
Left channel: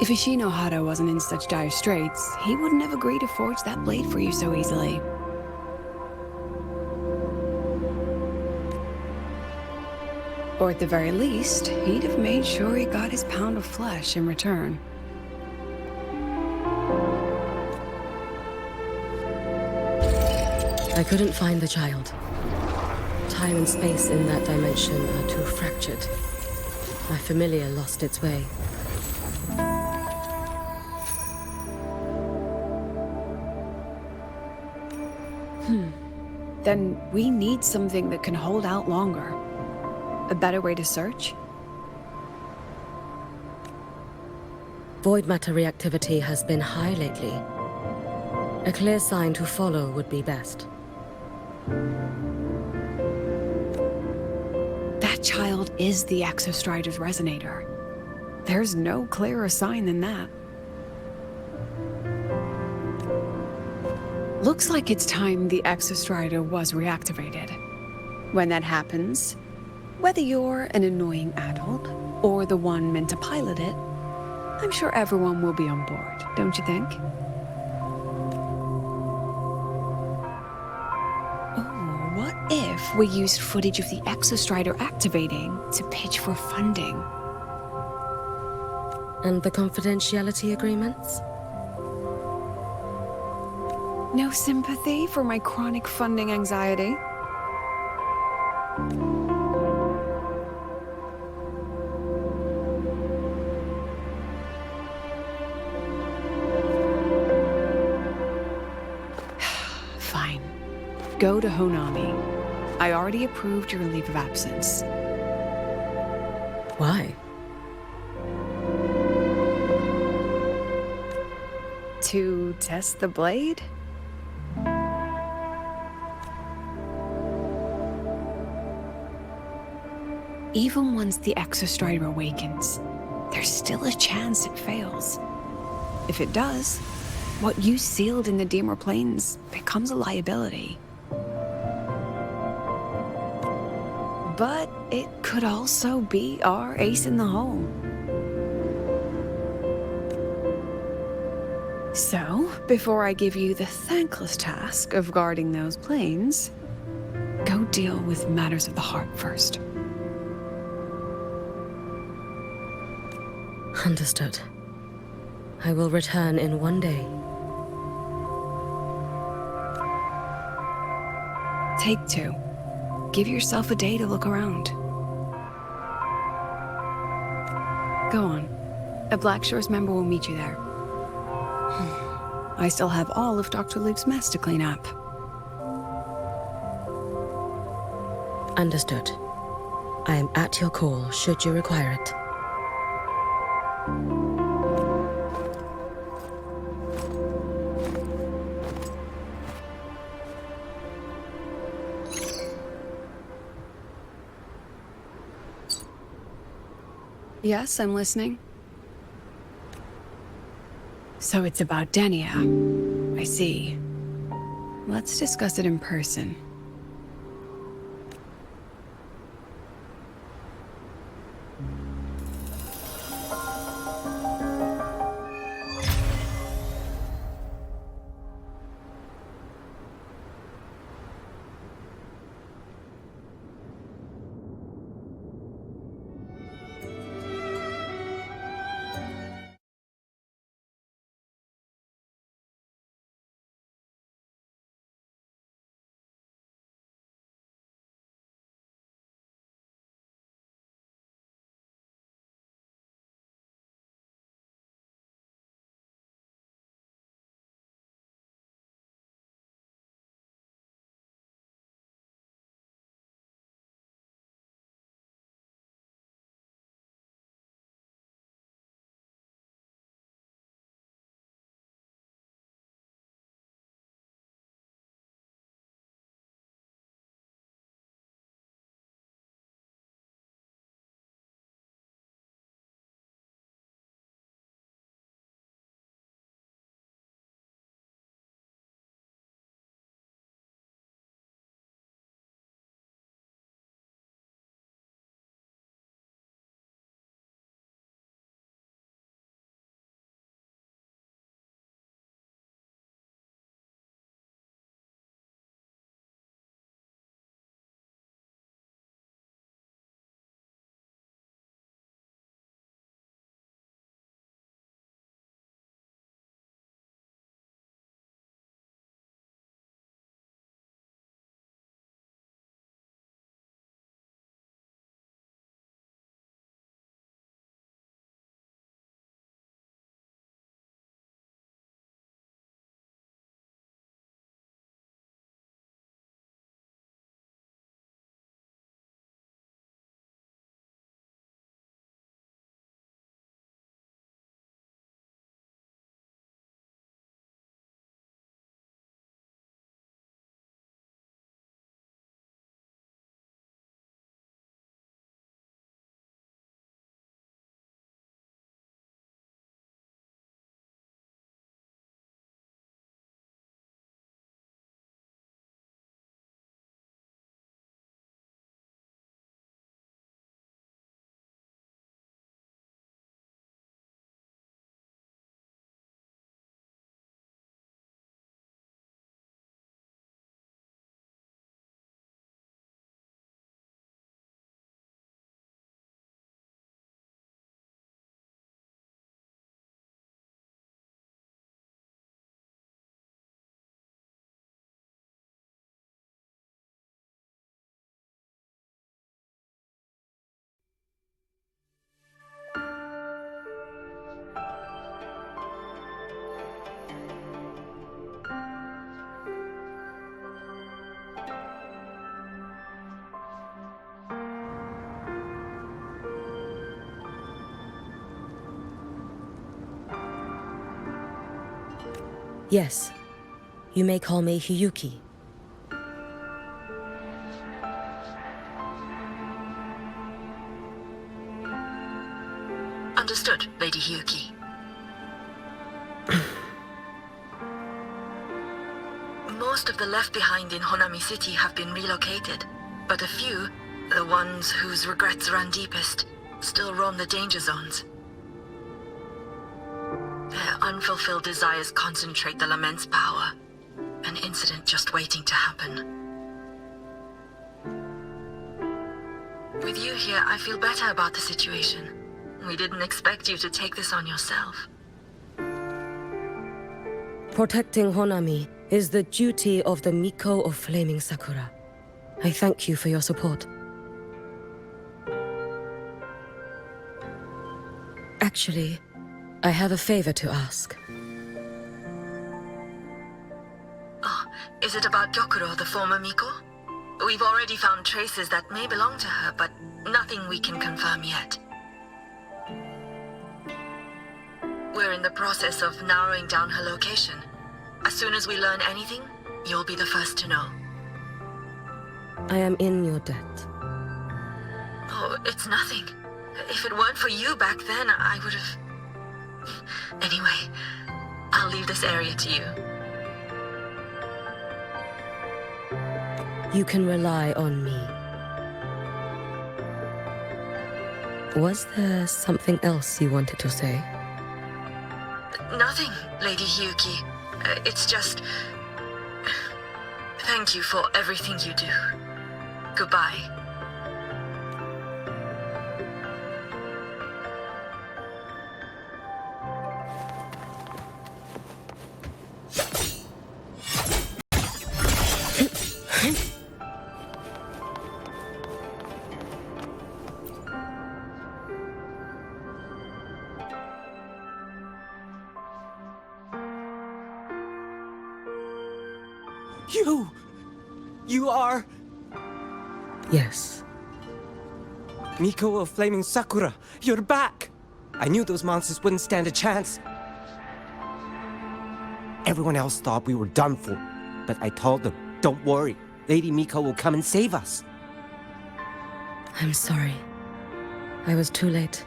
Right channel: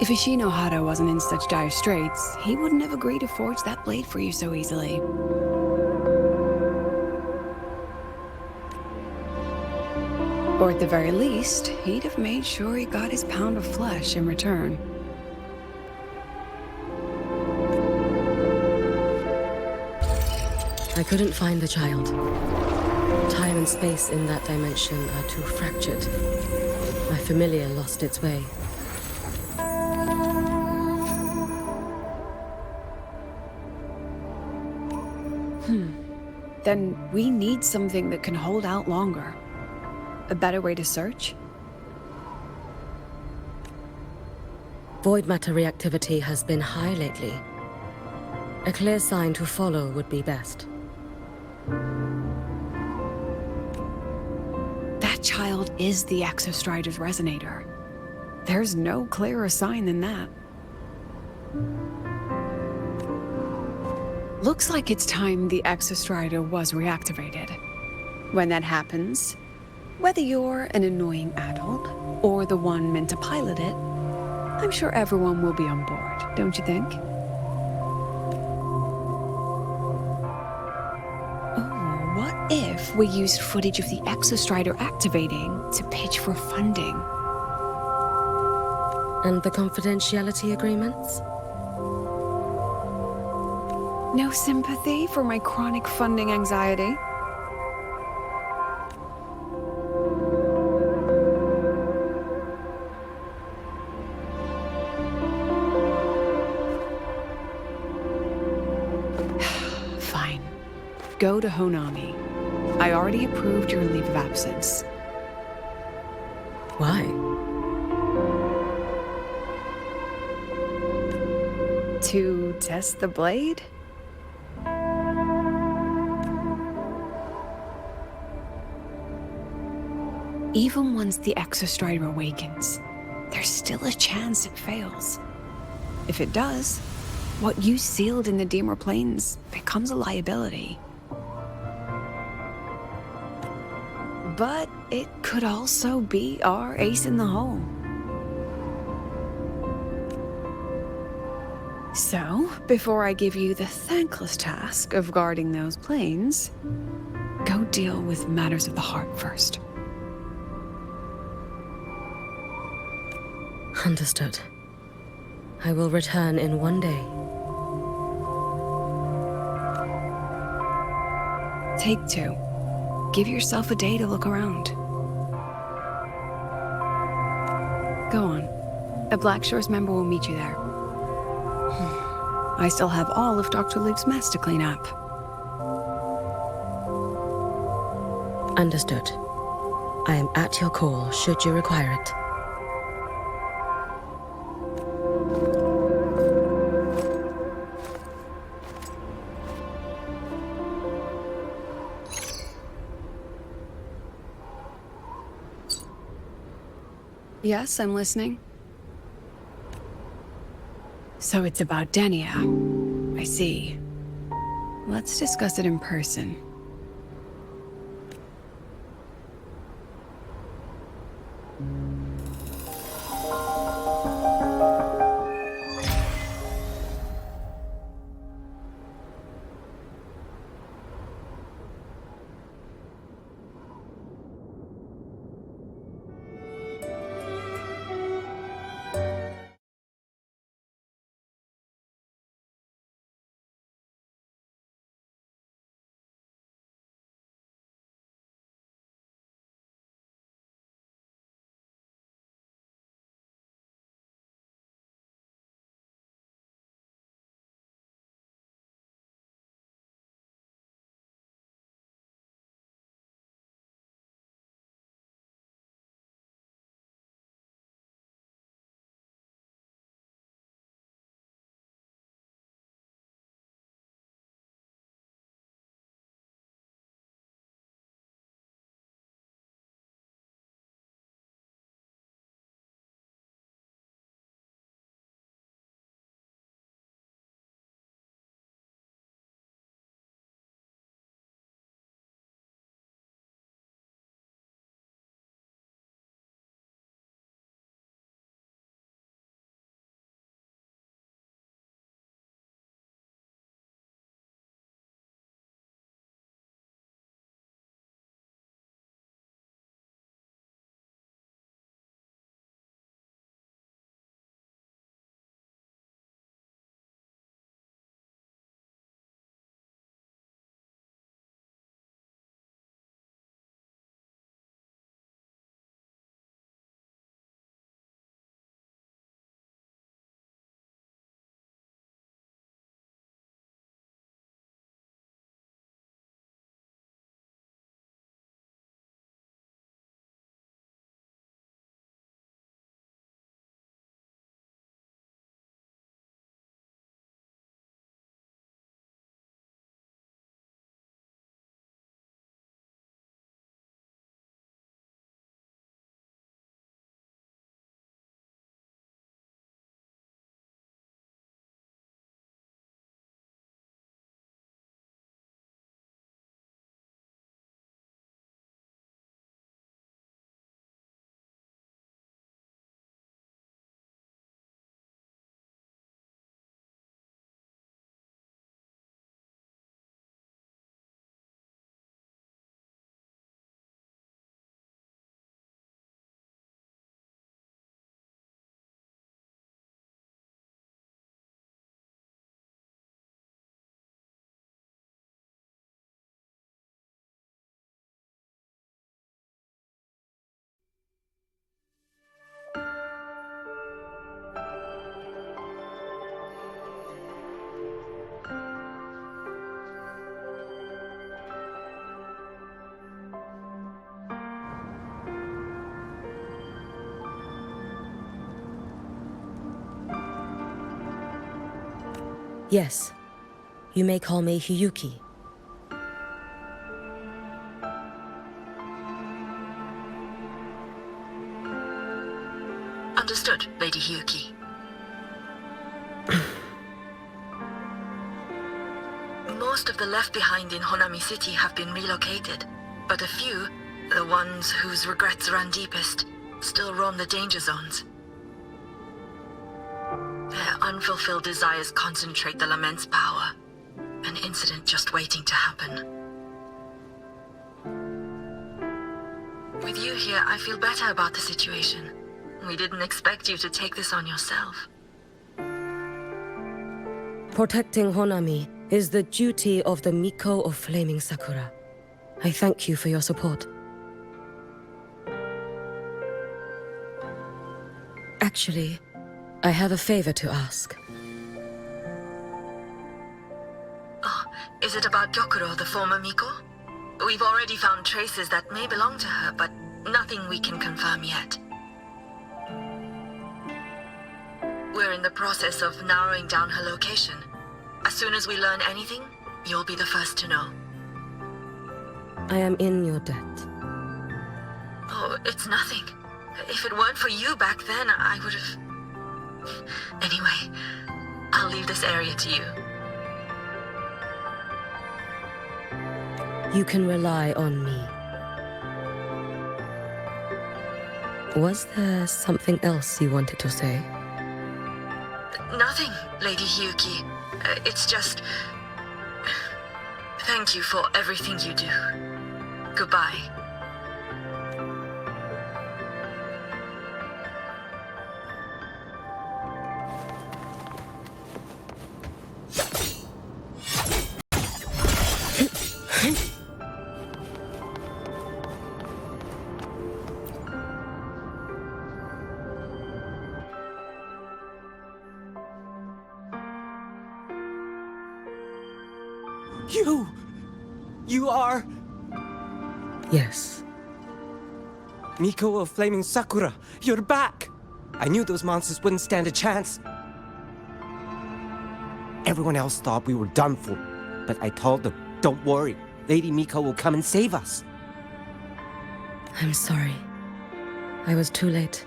If 𝓦𝓏𝓙𝓎 wasn't in such dire straits, he wouldn't have agreed to forge that blade for you so easily. Or at the very least, he'd have made sure he got his pound of flesh in return. I couldn't find the child. Time and space in that dimension are too fractured. My familiar lost its way. Then we need something that can hold out longer. A better way to search? Void matter reactivity has been high lately. A clear sign to follow would be best. That child is the ബ𴑐𝑒ⴘ resonator. There's no clearer sign than that. Looks like it's time the ബ𴑐𝑒ⴘ was reactivated. When that happens, whether you're an annoying adult or the one meant to pilot it, I'm sure everyone will be on board, don't you think? Oh, what if we used footage of the ബ𴑐𝑒ⴘ activating to pitch for funding? And the confidentiality agreements? No sympathy for my chronic funding anxiety? Fine. Go to ⴬ⴜ I already approved your leave of absence. Why? To test the blade? Even once the ബ𴑐𝑒ⴘ awakens, there's still a chance it fails. If it does, what you sealed in the Ďemer Plains becomes a liability. But it could also be our ace in the hole. So, before I give you the thankless task of guarding those plains, go deal with matters of the heart first. Understood. I will return in one day. Take 2. Give yourself a day to look around. Go on. A Black Shores member will meet you there. I still have all of Dr. Luke's mess to clean up. Understood. I am at your call should you require it. Yes, I'm listening. So it's about Δᴜ. I see. Let's discuss it in person. Yes. You may call me Hiyuki. Understood, Lady Hiyuki. Most of the left behind in Honami City have been relocated, but a few, the ones whose regrets run deepest, still roam the danger zones. Their unfulfilled desires concentrate the lament's power. An incident just waiting to happen. With you here, I feel better about the situation. We didn't expect you to take this on yourself. Protecting Honami is the duty of the Miko of Flaming Sakura. I thank you for your support. Actually, I have a favor to ask. Oh, is it about Gyokuro, the former Miko? We've already found traces that may belong to her, but nothing we can confirm yet. We're in the process of narrowing down her location. As soon as we learn anything, you'll be the first to know. I am in your debt. Oh, it's nothing. If it weren't for you back then, I would have... Anyway, I'll leave this area to you. You can rely on me. Was there something else you wanted to say? Nothing, Lady Hiyuki. It's just... Thank you for everything you do. Goodbye. You are... Yes. Miko of Flaming Sakura, you're back! I knew those monsters wouldn't stand a chance. Everyone else thought we were done for, but I told them, don't worry, Lady Miko will come and save us. I'm sorry. I was too late.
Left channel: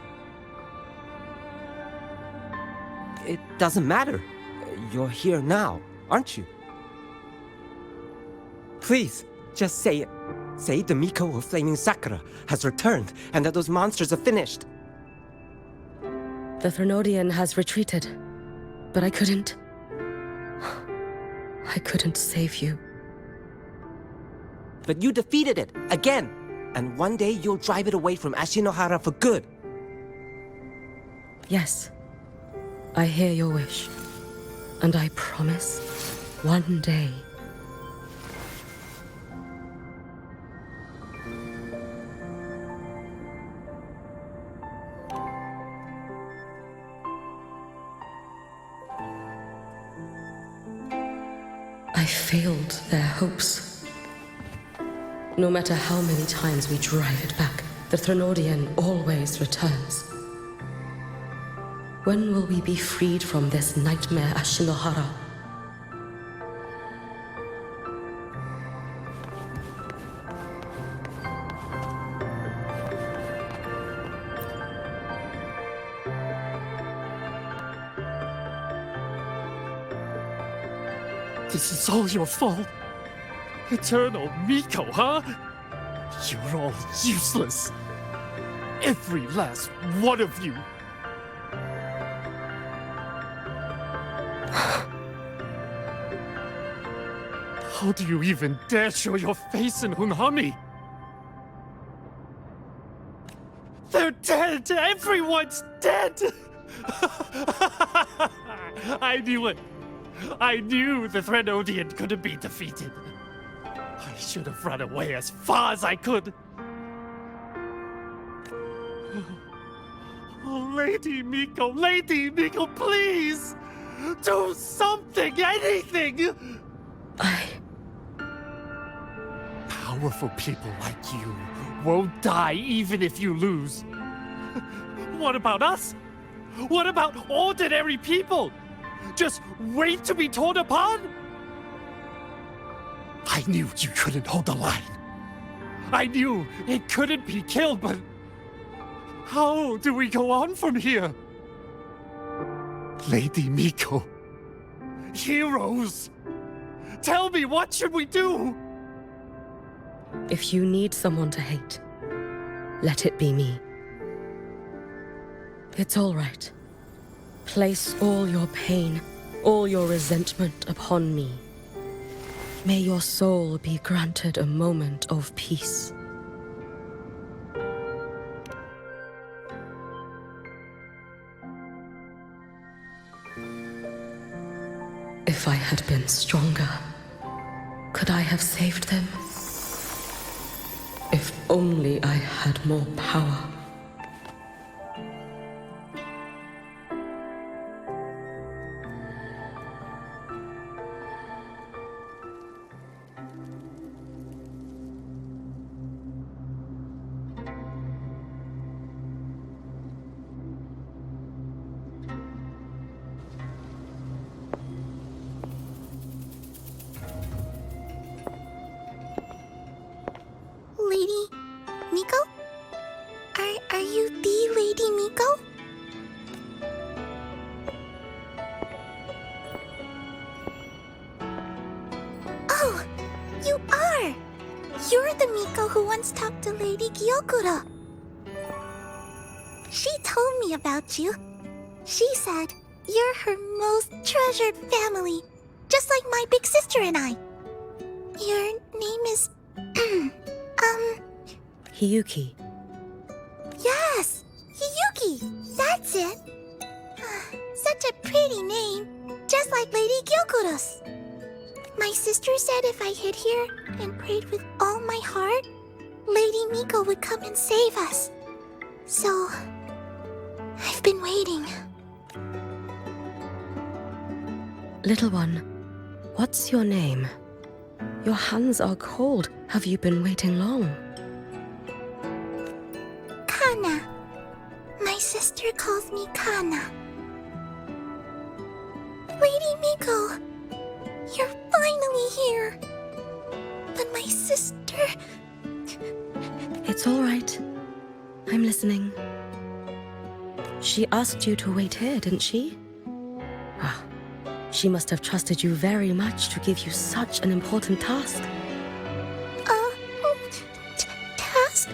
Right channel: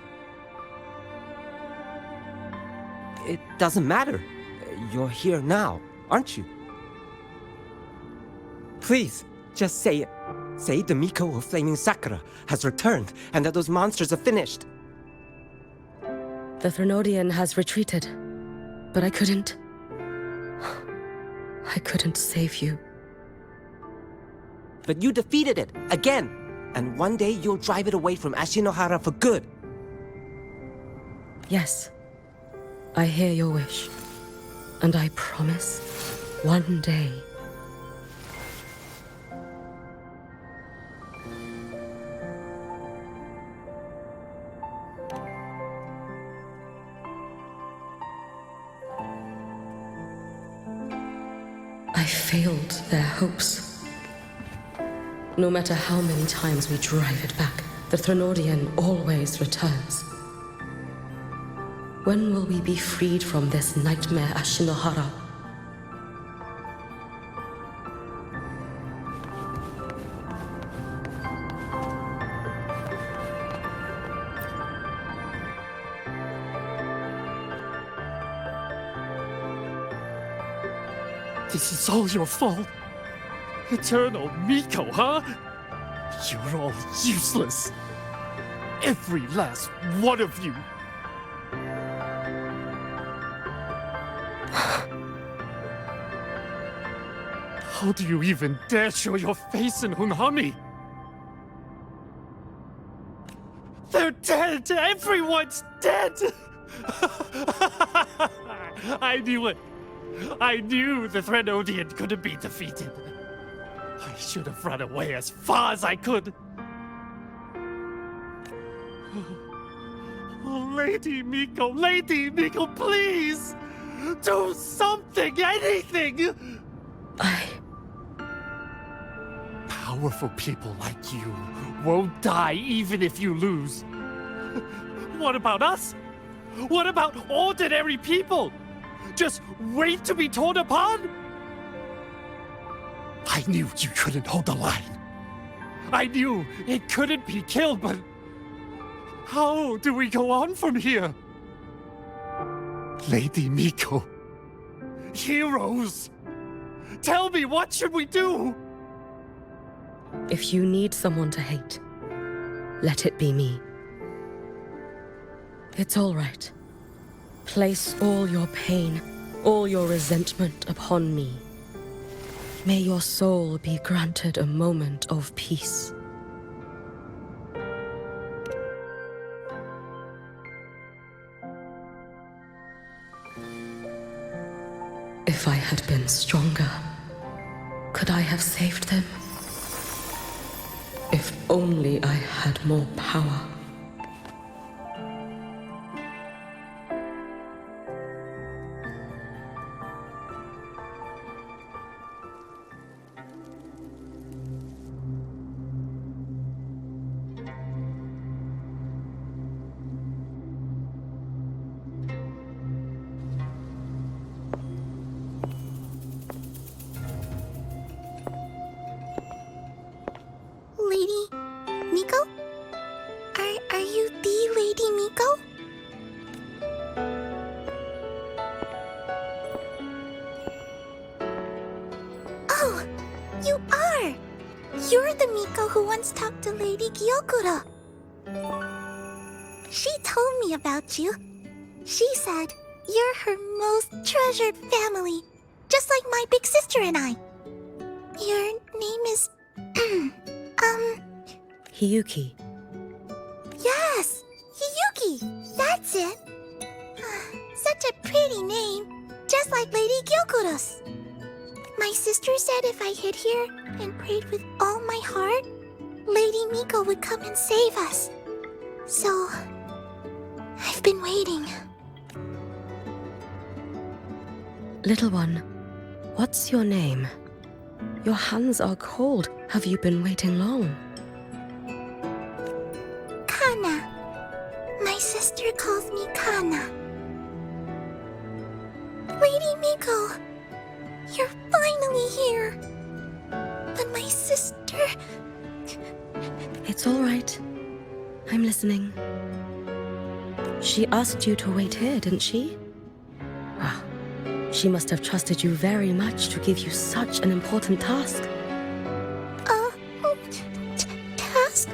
It doesn't matter. You're here now, aren't you? Please, just say it. Say the Miko of Flaming Sakura has returned and that those monsters are finished. The ∧ has retreated, but I couldn't... I couldn't save you. But you defeated it, again! And one day you'll drive it away from Ashinohara for good. Yes. I hear your wish. And I promise, one day... I failed their hopes. No matter how many times we drive it back, the ∧ always returns. When will we be freed from this nightmare Ashinohara? This is all your fault. Eternal Miko, huh? You're all useless. Every last one of you. How do you even dare show your face in Hunhami? They're dead! Everyone's dead! I knew it. I knew the ∧ couldn't be defeated. I should have run away as far as I could. Oh, Lady Miko, please! Do something, anything! Powerful people like you won't die even if you lose. What about us? What about ordinary people? Just wait to be torn apart? I knew you couldn't hold the line. I knew it couldn't be killed, but how do we go on from here? Lady Miko, heroes, tell me, what should we do? If you need someone to hate, let it be me. It's all right. Place all your pain, all your resentment upon me. May your soul be granted a moment of peace. If I had been stronger, could I have saved them? If only I had more power. Lady Miko? Are you the Lady Miko? Oh, you are! You're the Miko who once talked to Lady Gyokuro. She told me about you. She said you're her most treasured family, just like my big sister and I. Your name is... Hiyuki. Yes! Hiyuki! That's it! Such a pretty name, just like Lady Gyokuro's. My sister said if I hid here and prayed with all my heart, Lady Miko would come and save us. So, I've been waiting. Little one, what's your name? Your hands are cold. Have you been waiting long? Kana. My sister calls me Kana. Lady Miko, you're finally here. But my sister... It's all right. I'm listening. She asked you to wait here, didn't she? Ah, she must have trusted you very much to give you such an important task. Task?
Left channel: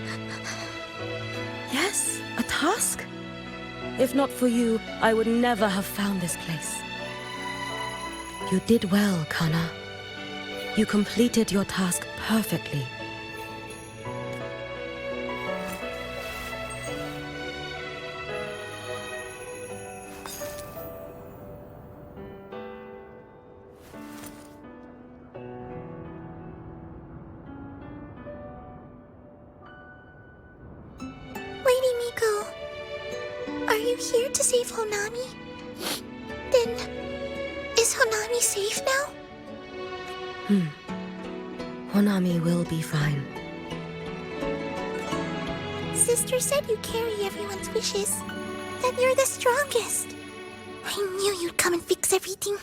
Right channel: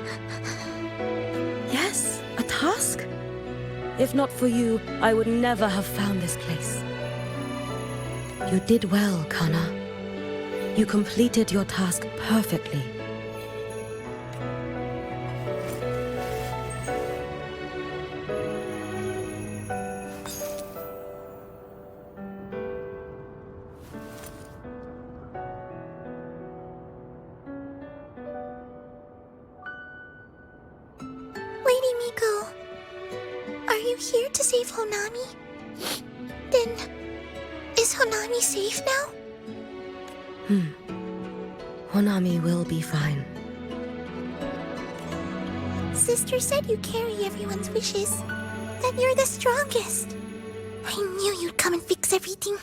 Yes, a task. If not for you, I would never have found this place. You did well, Kana. You completed your task perfectly. Lady Miko, are you here to save Honami? Then, is Honami safe now? Honami will be fine. Sister said you carry everyone's wishes, that you're the strongest. I knew you'd come and fix everything.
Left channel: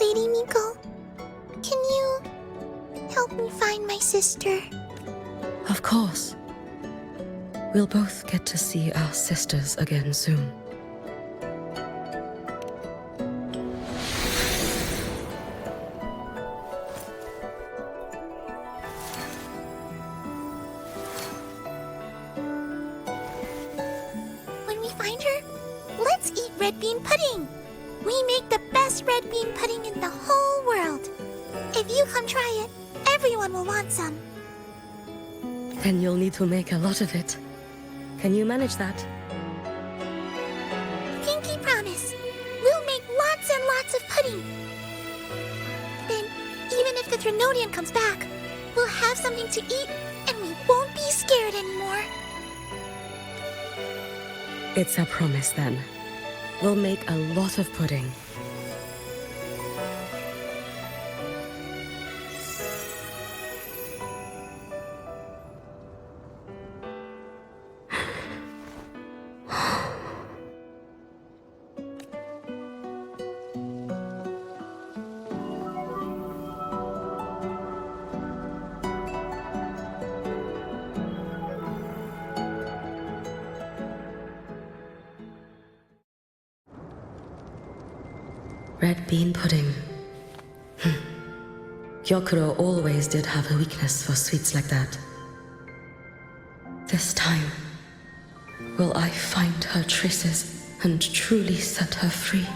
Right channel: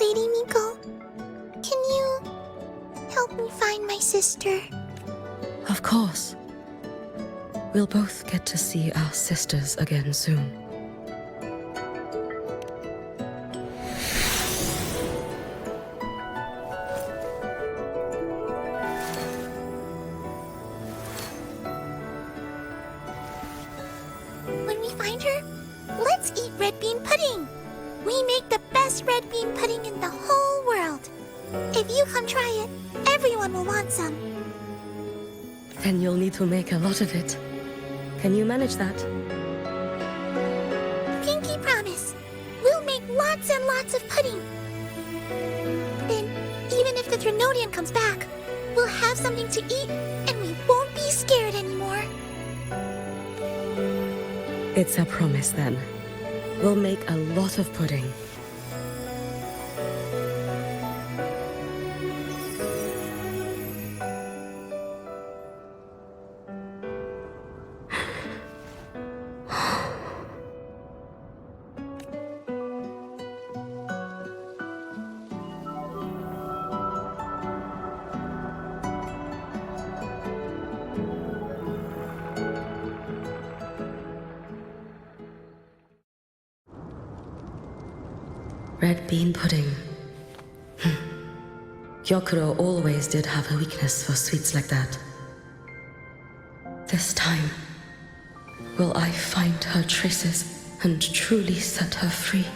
Lady Miko, can you help me find my sister? Of course. We'll both get to see our sisters again soon. When we find her, let's eat red bean pudding. We make the best red bean pudding in the whole world. If you come try it, everyone will want some. Then you'll need to make a lot of it. Can you manage that? Pinky promise. We'll make lots and lots of pudding. Then, even if the _Threnodian comes back, we'll have something to eat and we won't be scared anymore. It's a promise then. We'll make a lot of pudding. Red bean pudding. Gyokuro always did have a weakness for sweets like that. This time, will I find her traces and truly set her free?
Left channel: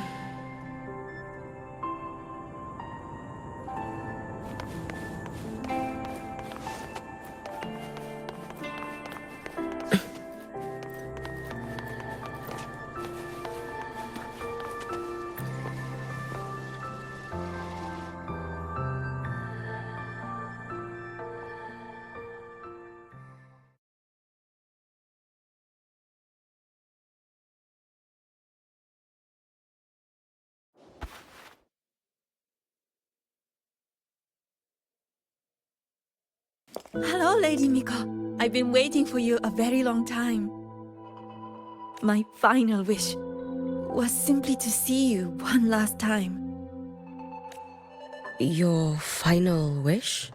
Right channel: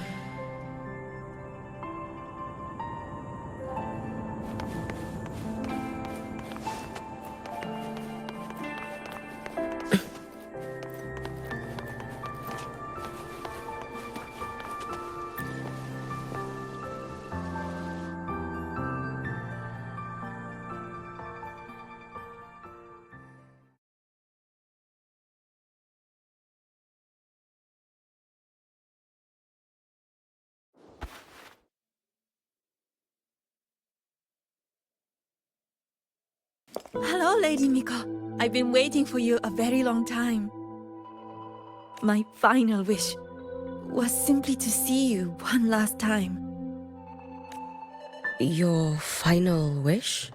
Hello, Lady Miko. I've been waiting for you a very long time. My final wish was simply to see you one last time. Your final wish?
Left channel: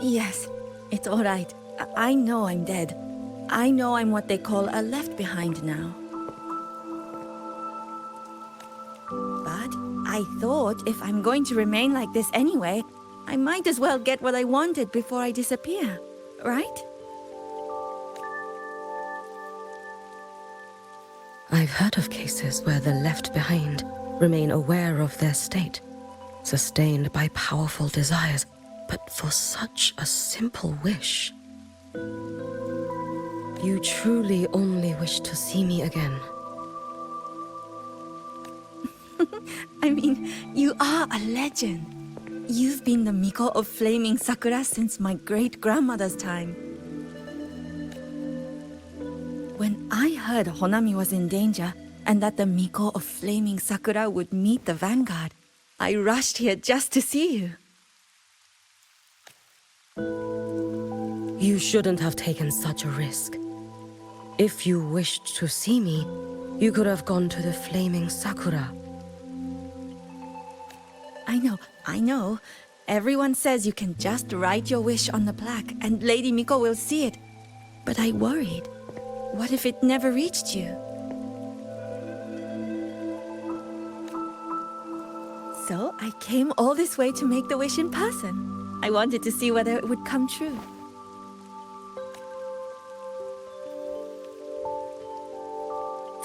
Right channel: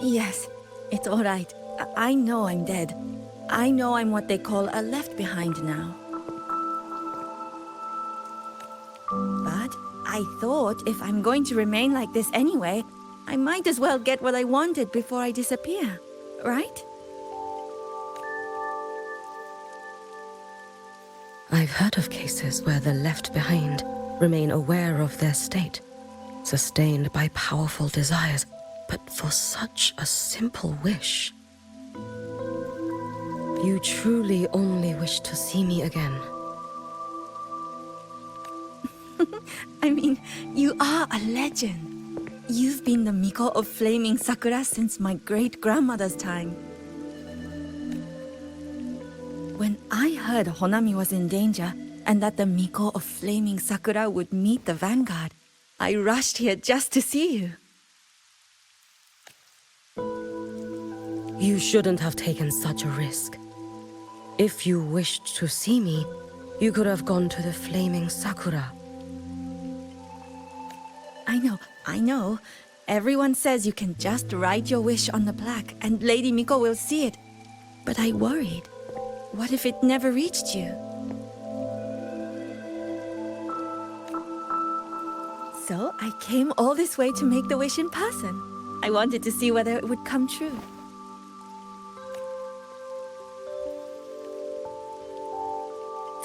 Yes, it's all right. I know I'm dead. I know I'm what they call a left behind now. But I thought if I'm going to remain like this anyway, I might as well get what I wanted before I disappear, right? I've heard of cases where the left behind remain aware of their state, sustained by powerful desires, but for such a simple wish. You truly only wish to see me again. I mean, you are a legend. You've been the Miko of Flaming Sakura since my great-grandmother's time. When I heard Honami was in danger and that the Miko of Flaming Sakura would meet the vanguard, I rushed here just to see you. You shouldn't have taken such a risk. If you wished to see me, you could have gone to the Flaming Sakura. I know. Everyone says you can just write your wish on the plaque and Lady Miko will see it. But I worried. What if it never reached you? So I came all this way to make the wish in person. I wanted to see whether it would come true.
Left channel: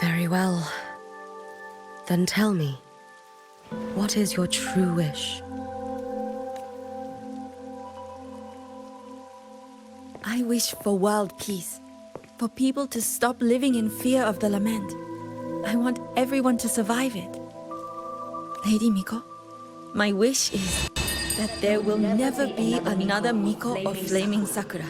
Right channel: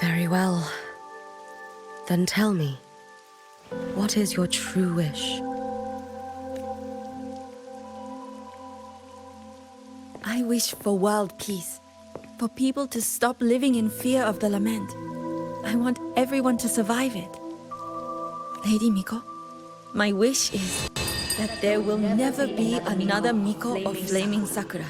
Very well. Then tell me, what is your true wish? I wish for world peace, for people to stop living in fear of the lament. I want everyone to survive it. Lady Miko, my wish is that there will never be another Miko of Flaming Sakura.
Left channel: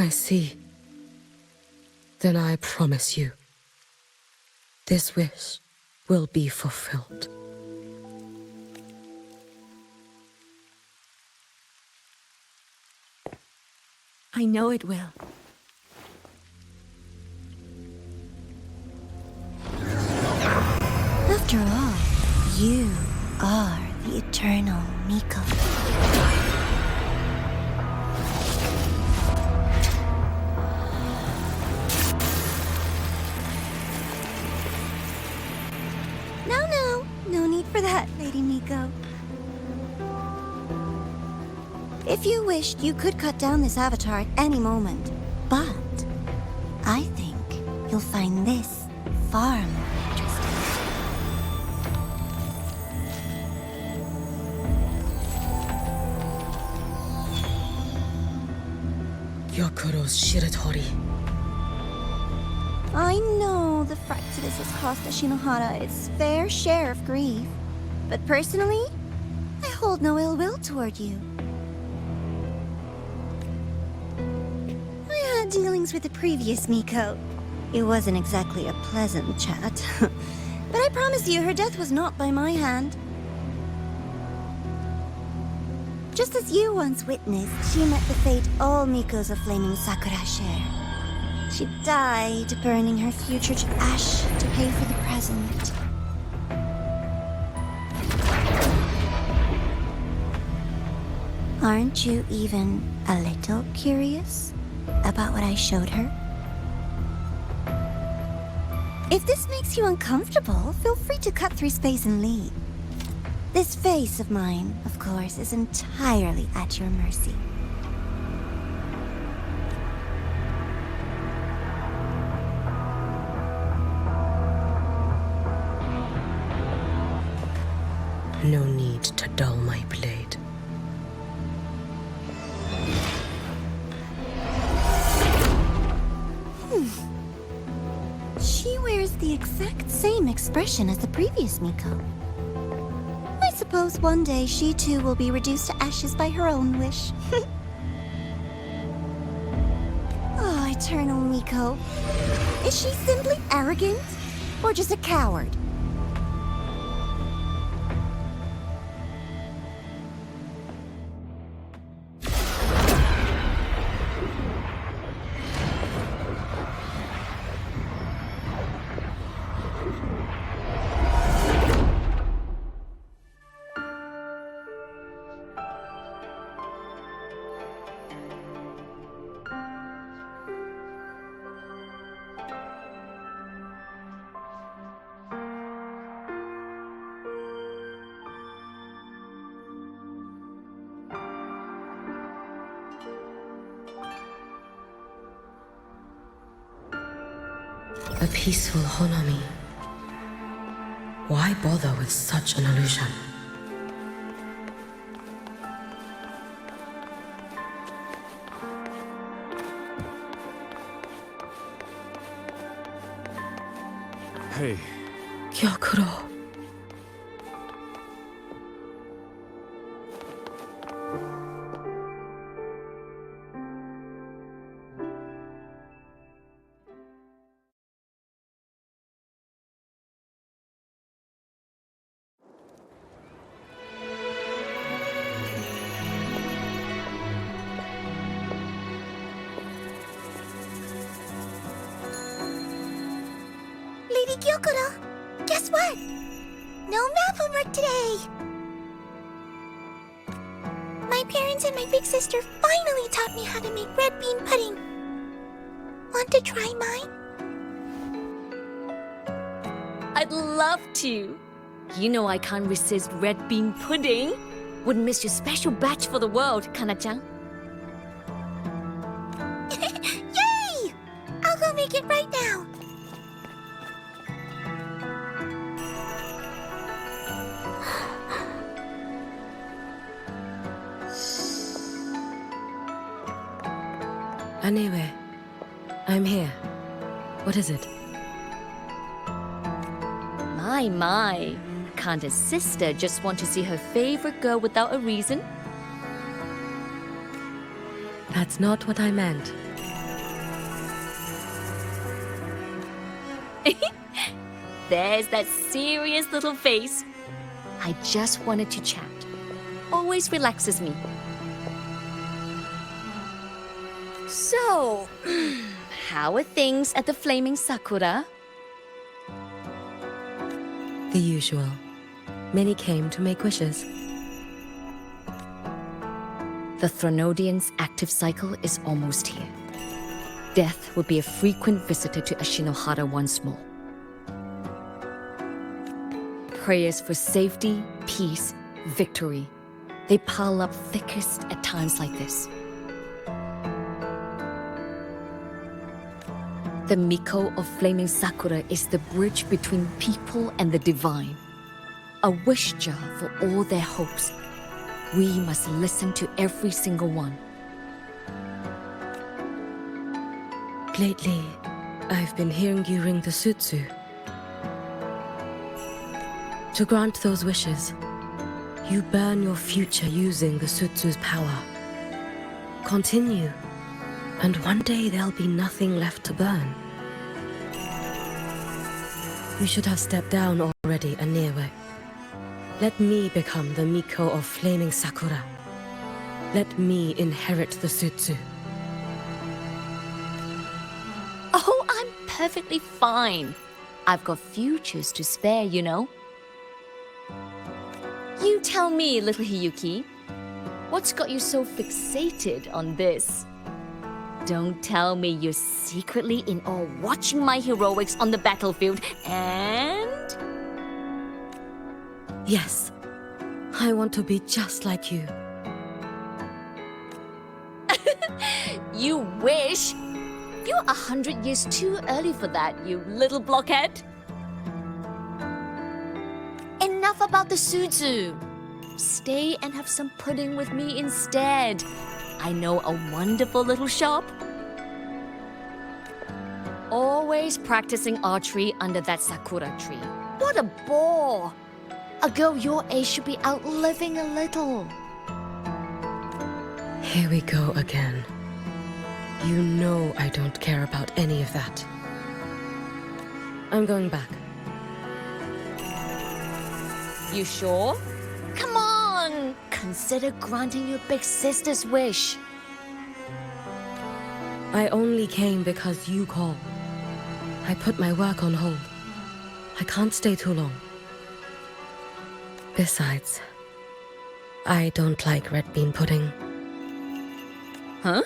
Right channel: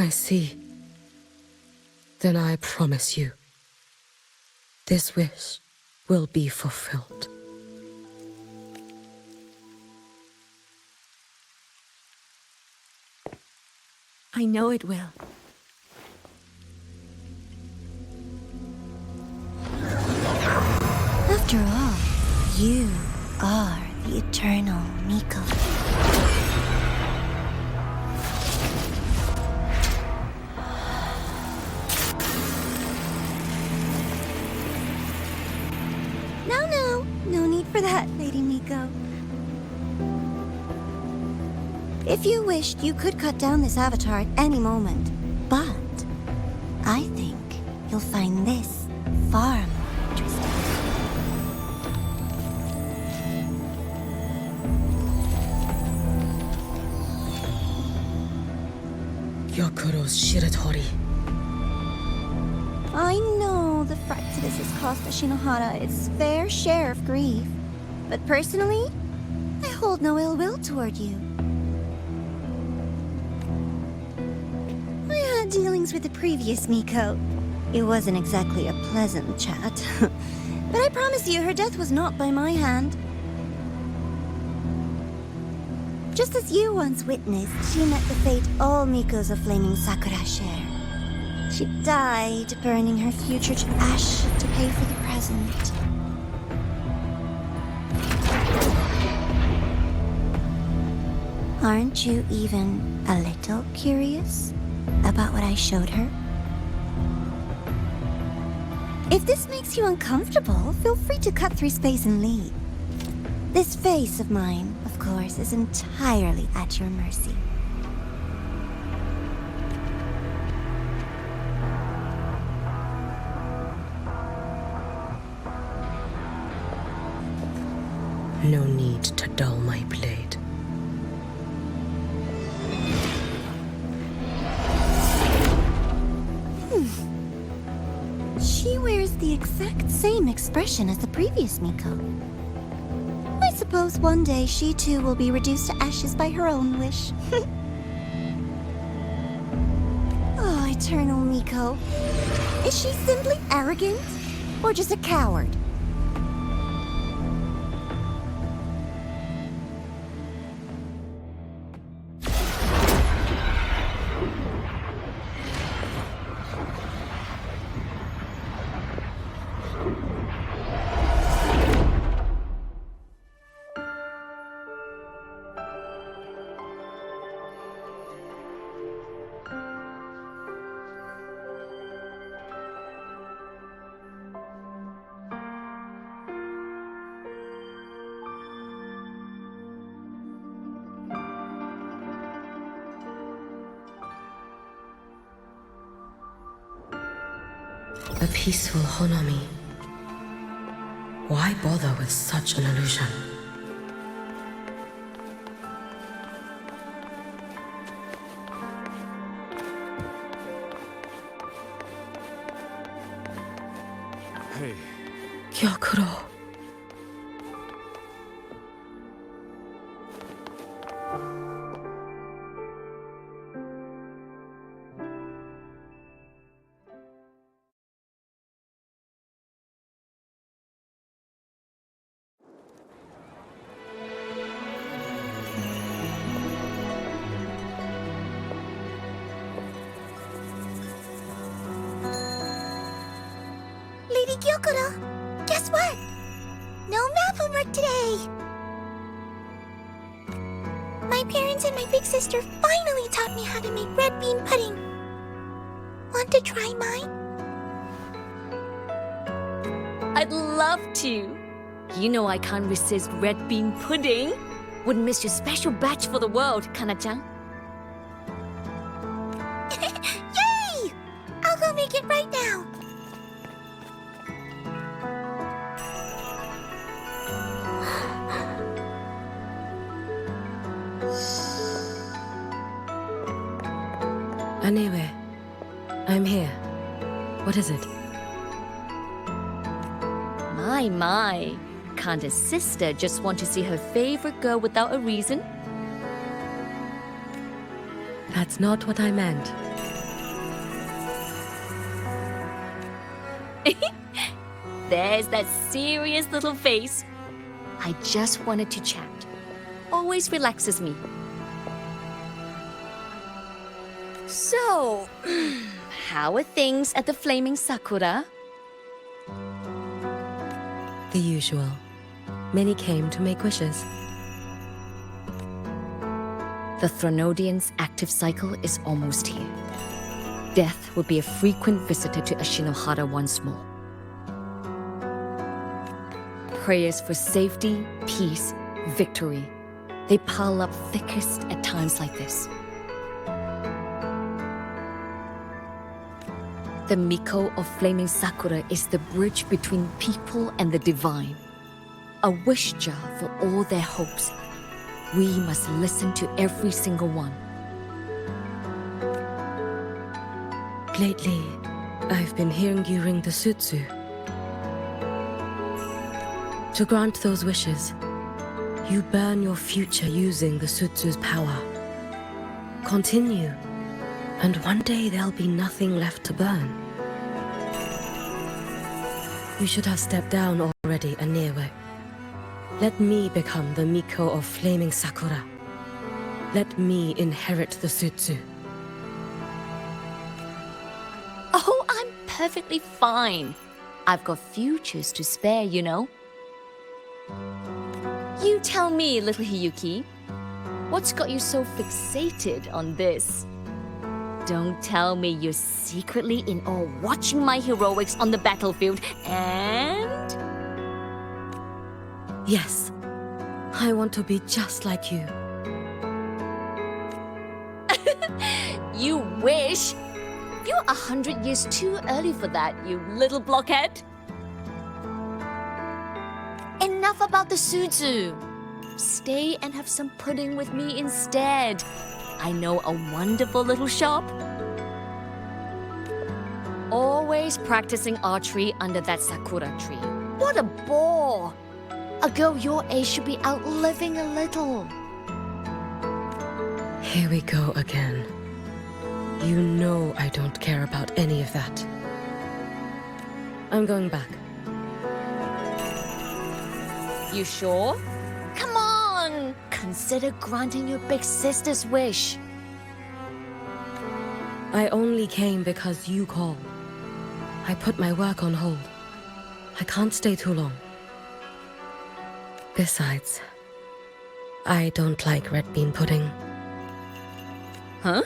I see. Then I promise you, this wish will be fulfilled. I know it will. After all, you are the eternal Miko. No need for that, Lady Miko. If you wished, you could cut down this avatar at any moment. But I think you'll find this far more interesting. Gyokuro's Shiratori. I know the Fractidus has cost the Shinohara its fair share of grief. But personally, I hold no ill will toward you. I had dealings with the previous Miko. It wasn't exactly a pleasant chat. But I promise you, her death was not by my hand. Just as you once witnessed, she met the fate all Mikos of Flaming Sakura share. She died, burning her future to ash to pay for the present. Aren't you even a little curious about what I showed her? If this makes you uncomfortable, feel free to cut through space and leave. This face of mine, of course, is entirely at your mercy. No need to dull my blade. She wears the exact same expression as the previous ಮಿಖೋ. I suppose one day she too will be reduced to ashes by her own wish. Oh, Eternal ಮಿಖೋ. Is she simply arrogant? Or just a coward? A peaceful Honami. Why bother with such an illusion? Hey. Gyokuro. Lady Gyokuro, guess what? No math homework today! My parents and my big sister finally taught me how to make red bean pudding. Want to try mine? I'd love to. You know I can't resist red bean pudding. Wouldn't miss your special batch for the world, Kana-chan. Yay! I'll go make it right now. Anyway, I'm here. What is it? My. Can't a sister just want to see her favorite girl without a reason? That's not what I meant. There's that serious little face. I just wanted to chat. Always relaxes me. So, how are things at the Flaming Sakura? The usual. Many came to make wishes. The Threnodian's active cycle is almost here. Death will be a frequent visitor to Ashinohara once more. Prayers for safety, peace, victory. They pile up thickest at times like this. The ಮಿಖೋ of Flaming Sakura is the bridge between people and the divine. A wish jar for all their hopes. We must listen to every single one. Lately, I've been hearing you ring the sutsu. To grant those wishes, you burn your future using the sutsu's power. Continue, and one day there'll be nothing left to burn. You should have stepped down already, ഍ⴍ. Let me become the ಮಿಖೋ of Flaming Sakura. Let me inherit the sutsu. Oh, I'm perfectly fine. I've got futures to spare, you know. You tell me, little Hiyuki. What's got you so fixated on this? Don't tell me you're secretly in awe watching my heroics on the battlefield and... Yes, I want to be just like you. You wish! You're 100 years too early for that, you little blockhead. Enough about the suzu. Stay and have some pudding with me instead. I know a wonderful little shop. Always practicing archery under that sakura tree. What a bore! A girl your age should be out living a little. Here we go again. You know I don't care about any of that. I'm going back. You sure? Come on! Consider granting your big sister's wish. I only came because you called. I put my work on hold. I can't stay too long. Besides, I don't like red bean pudding. Huh?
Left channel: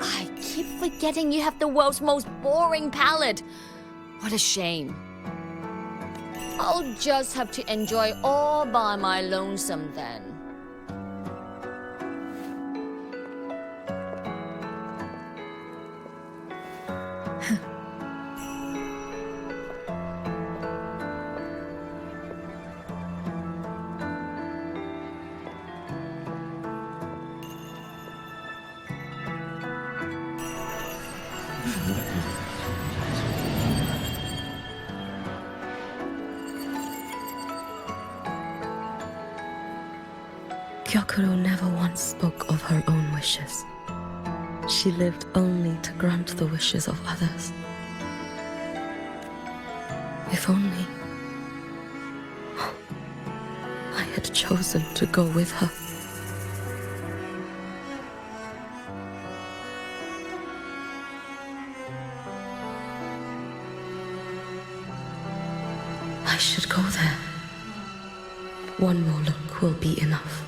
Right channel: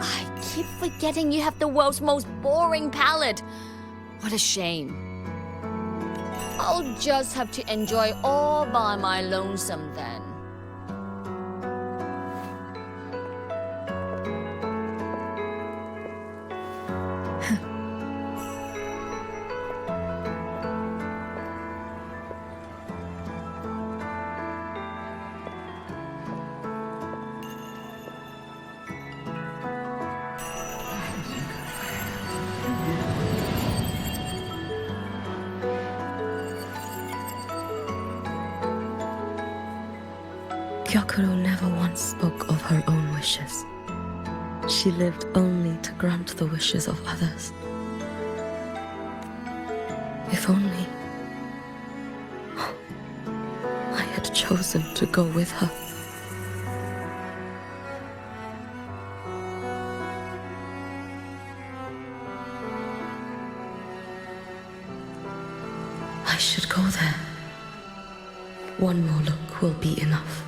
I keep forgetting you have the world's most boring palate. What a shame. I'll just have to enjoy all by my lonesome then. Gyokuro never once spoke of her own wishes. She lived only to grant the wishes of others. If only I had chosen to go with her. I should go there. One more look will be enough.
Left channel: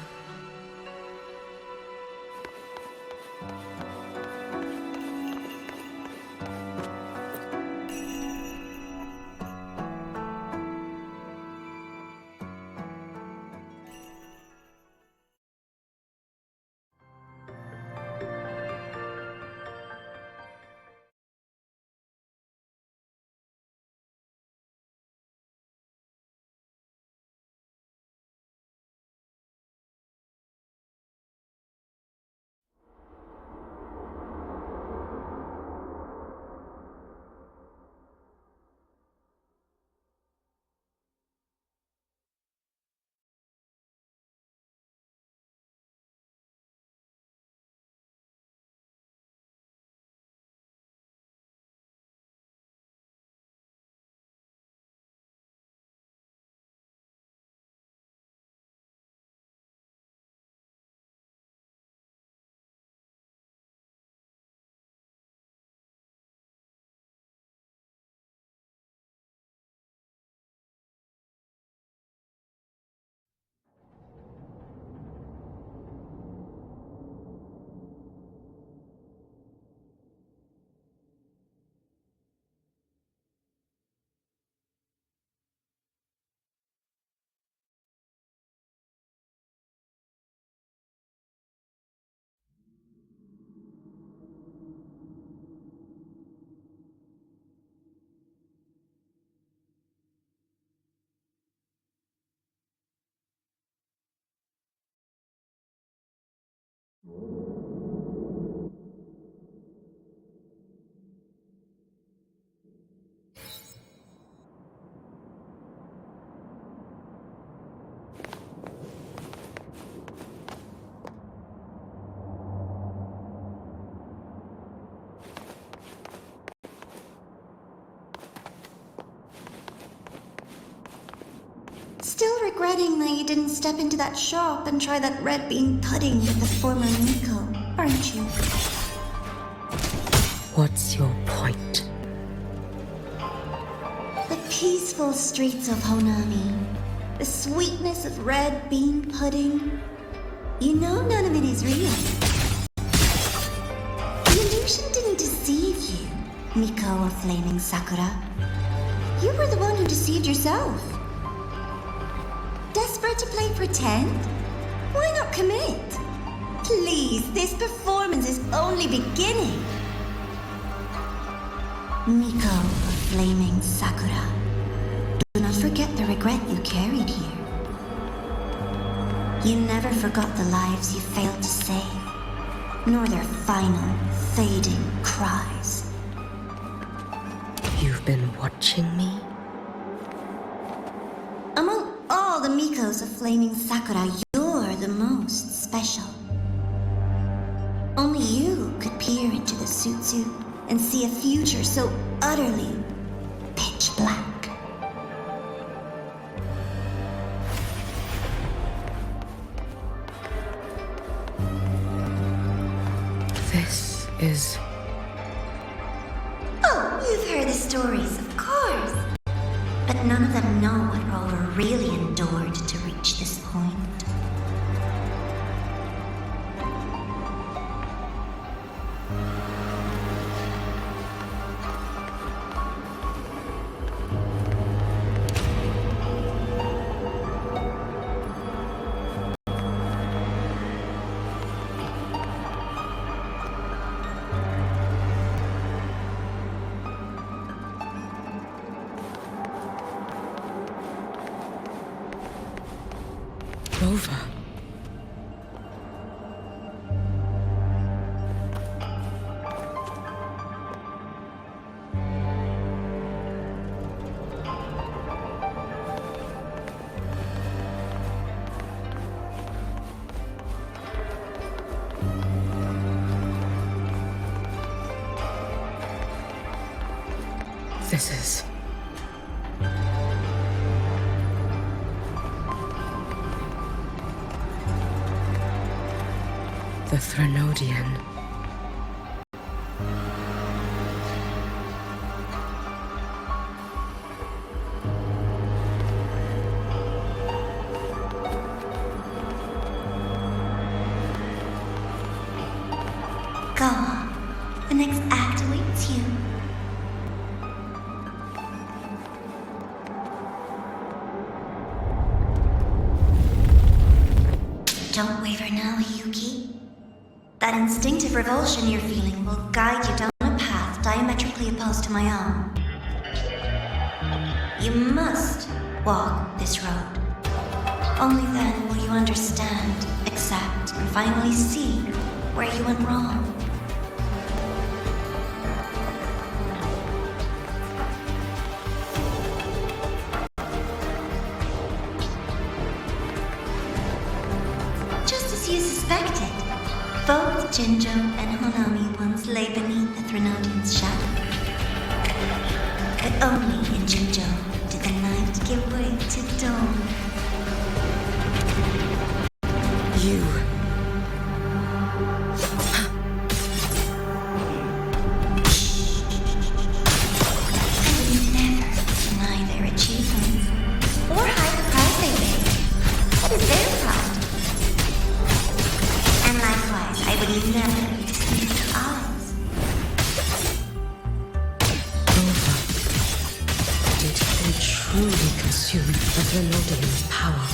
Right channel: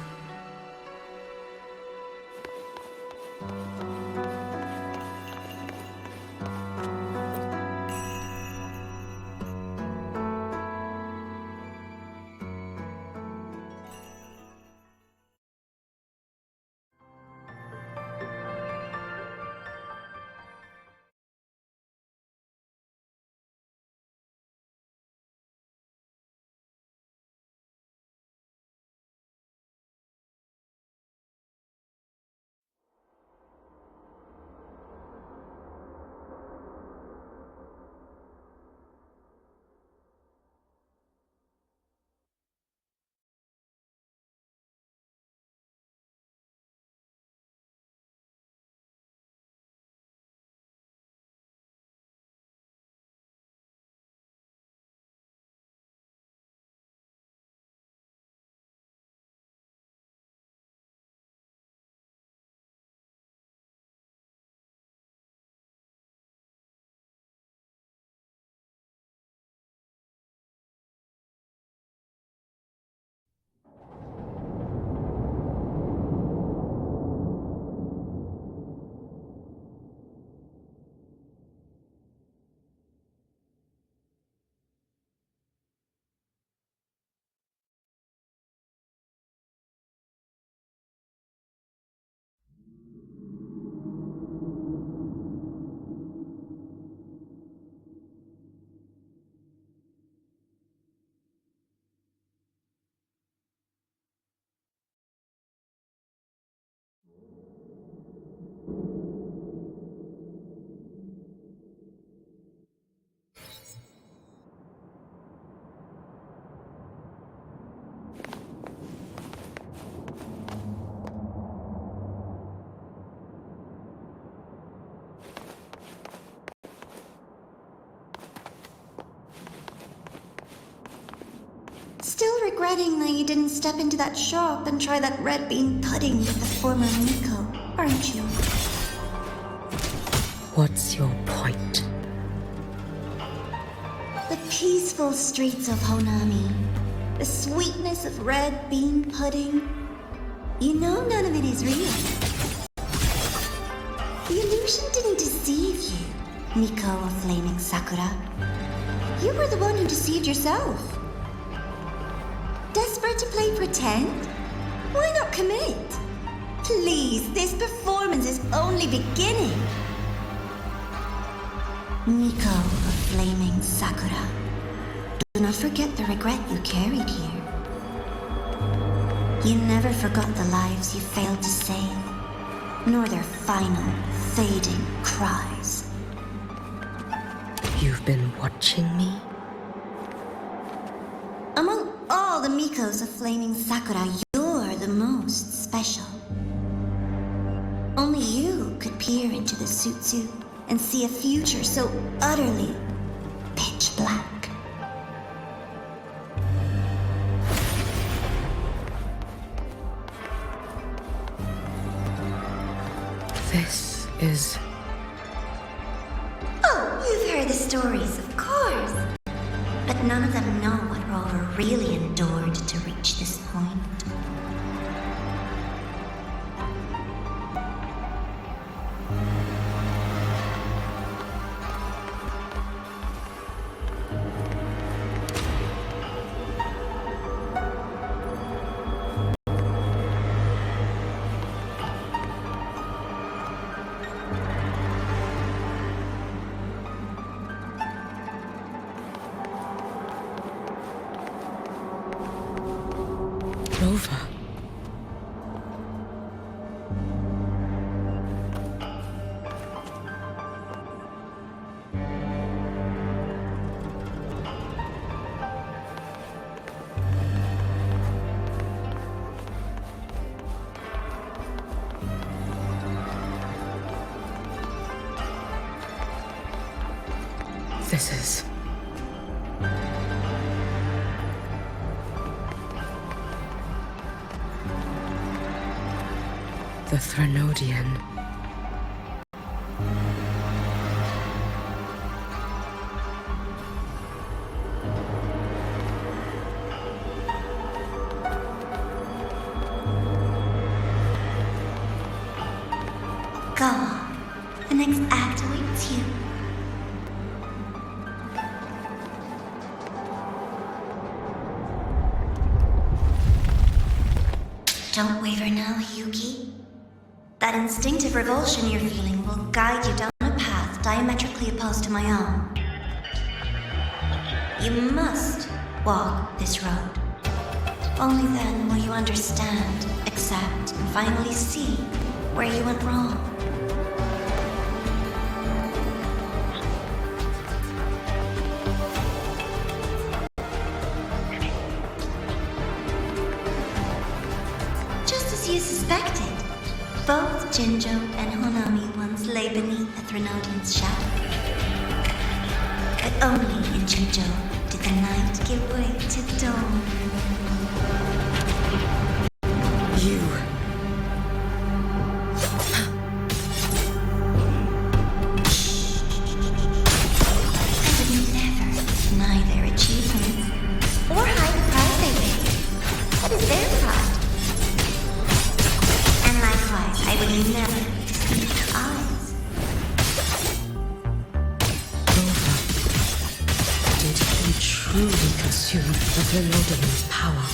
Still regretting that you didn't step into that shop and try that red bean pudding with the former Miko, aren't you? What's your point? The peaceful streets of Honami, the sweetness of red bean pudding, You know none of it is real. The illusion didn't deceive you, Miko of Flaming Sakura. You were the one who deceived yourself. Desperate to play pretend? Why not commit? Please, this performance is only beginning. Miko of Flaming Sakura, do not forget the regret you carried here. You never forgot the lives you failed to save, nor their final, fading cries. You've been watching me? Among all the Mikos of Flaming Sakura, you're the most special. Only you could peer into the Sutsu and see a future so utterly pitch black. This is... Oh, you've heard the stories, of course. But none of them know what Rover really endured to reach this point. Rover. This is... the Threnodian. Go on. The next act awaits you. Don't waver now, Yuki. That instinctive revulsion you're feeling will guide you down a path diametrically opposed to my own. You must walk this road. Only then will you understand, accept, and finally see where you went wrong. Just as you suspected, both Jinjo and Honami once lay beneath the Threnodian's shadow. But only in Jinjo did the night give way to dawn. You... I would never deny their achievements, or hide the price they paid. That is their pride. And likewise, I would never deceive their eyes. Rover, did he truly consume the Threnodian's power?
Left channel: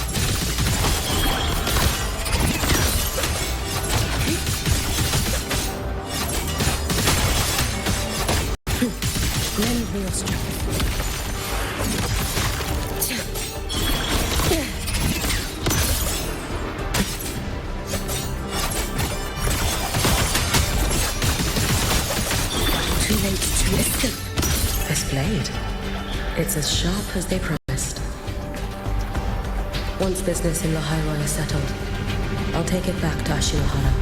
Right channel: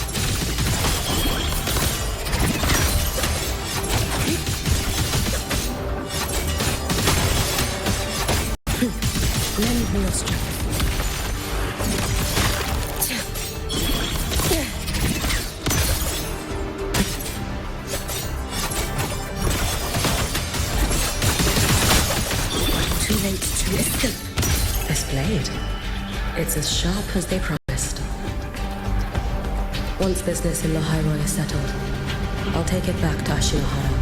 Lend me your strength. Too late to escape. This blade, it's as sharp as they promised. Once business in ḽʻ is settled, I'll take it back to Ashinohara.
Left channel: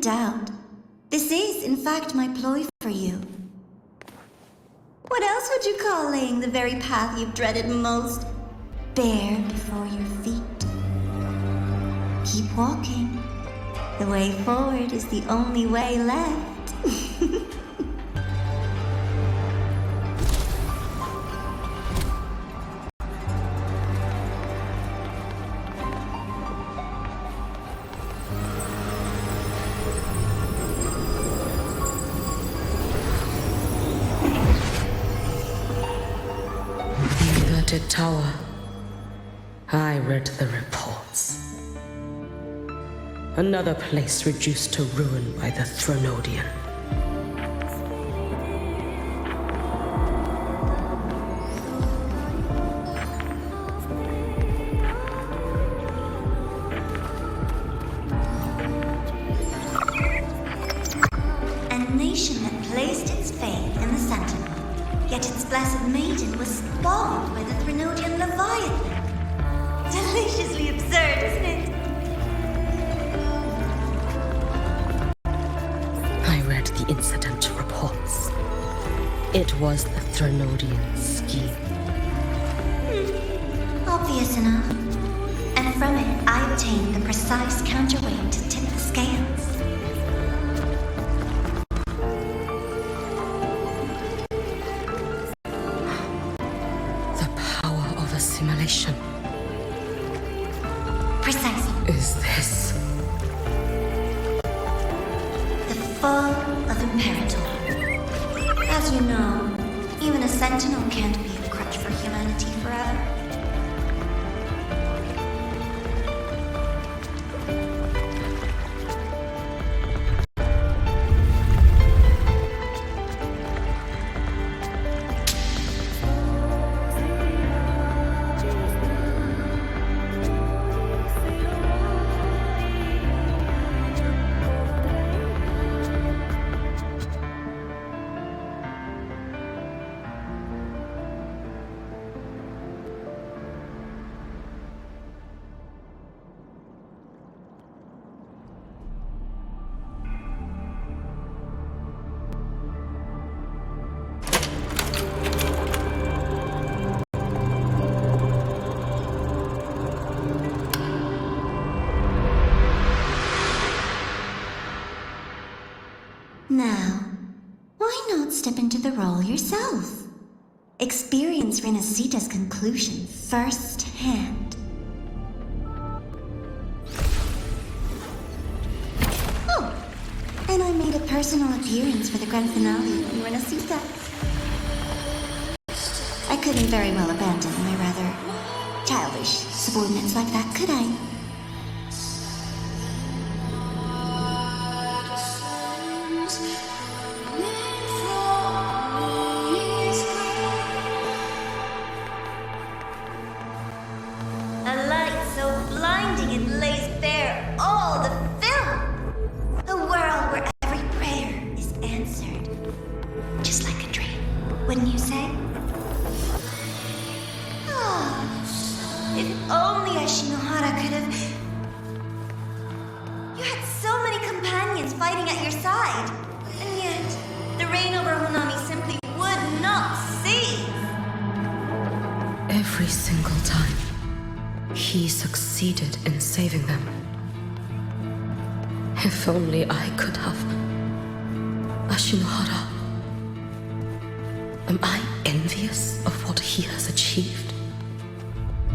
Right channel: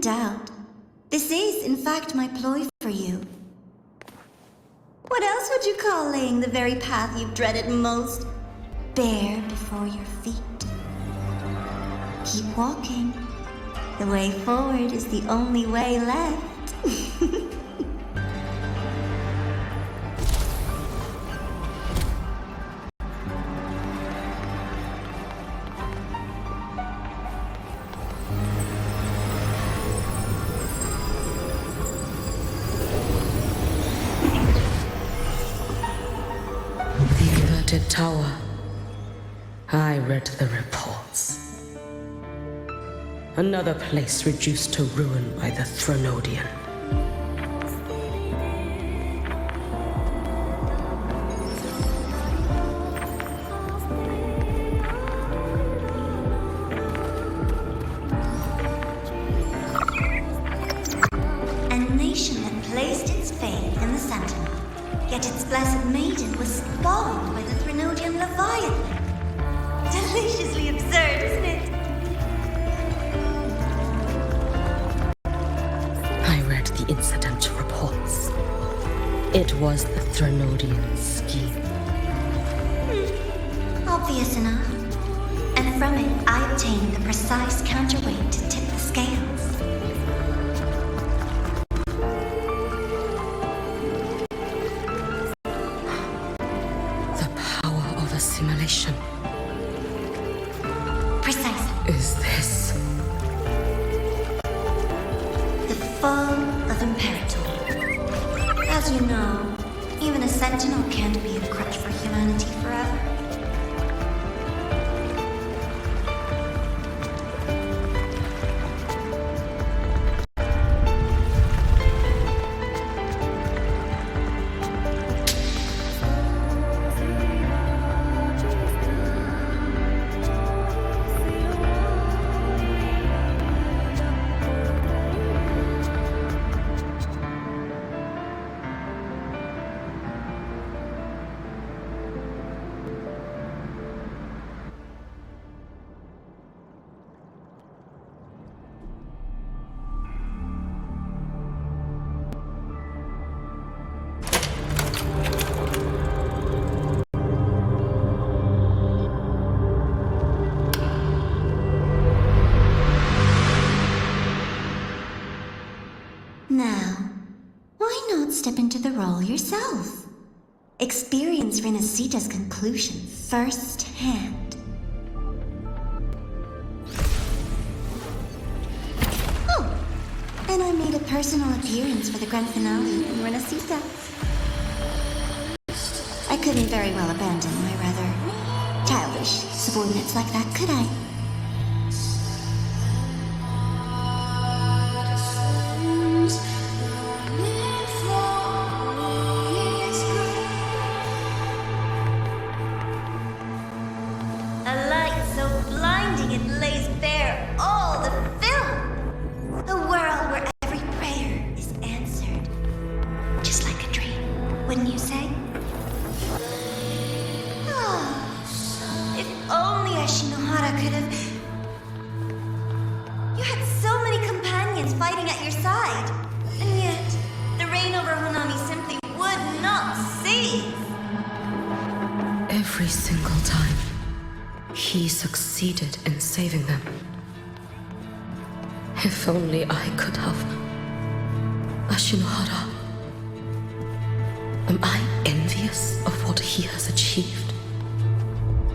doubt. This is, in fact, my ploy for you. What else would you call laying the very path you've dreaded most bare before your feet? Keep walking. The way forward is the only way left. The inverted tower. I read the reports. Another place reduced to ruin by the Threnodian. A nation that placed its faith in the Sentinel, yet its blessed maiden was spawned by the Threnodian Leviathan. Deliciously absurd, isn't it? I read the incident reports. It was the Threnodian scheme. Obvious enough. And from it, I obtained the precise counterweight to tip the scales. The power of assimilation. Precisely. Is this? The fall of Imperator. As you know, even a sentinel can't be a crutch for humanity forever. Now, why not step into the role yourself? Experience 𝓕 conclusion firsthand. Oh, and I made a personal appearance for the grand finale in 𝓕. I couldn't very well abandon my rather childish subordinates like that, could I? It lays bare all the film. A world where every prayer is answered. Just like a dream, wouldn't you say? Ah, if only Ashinohara could have... You had so many companions fighting at your side. And yet, the reign over Honami simply would not cease. Every single time. He succeeded in saving them. If only I could have. Ashinohara. Am I envious of what he has achieved?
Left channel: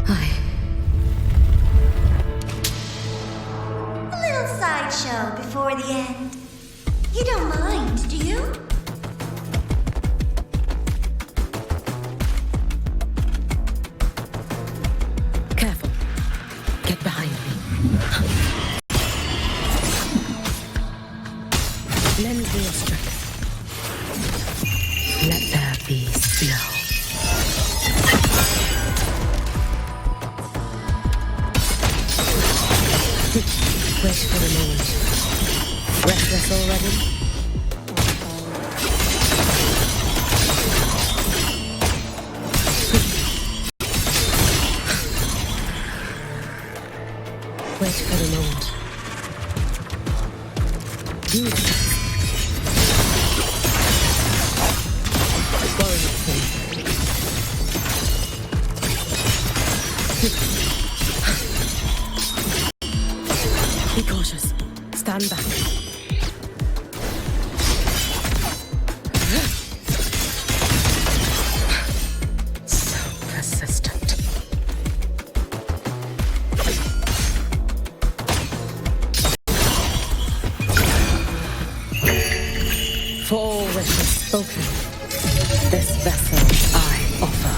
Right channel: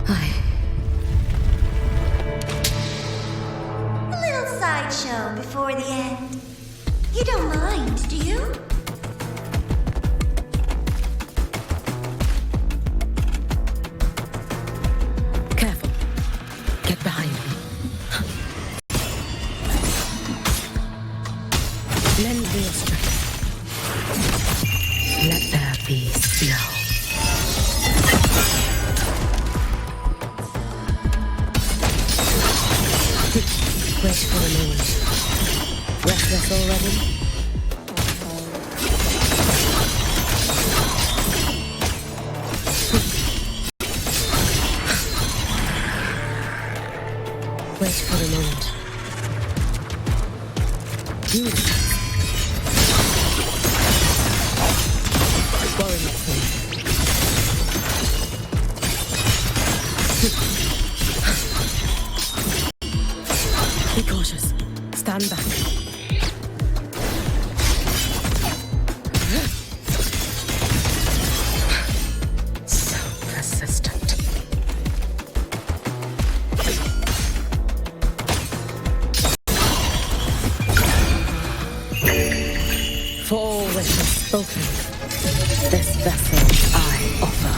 A little sideshow before the end. You don't mind, do you? Get behind me. Lend me your strength. Let there be snow. Wait for a moment. Restless already? Wait for a moment. You worry not, please. Be cautious. Stand back. So persistent. For all wishes spoken, this vessel I offer.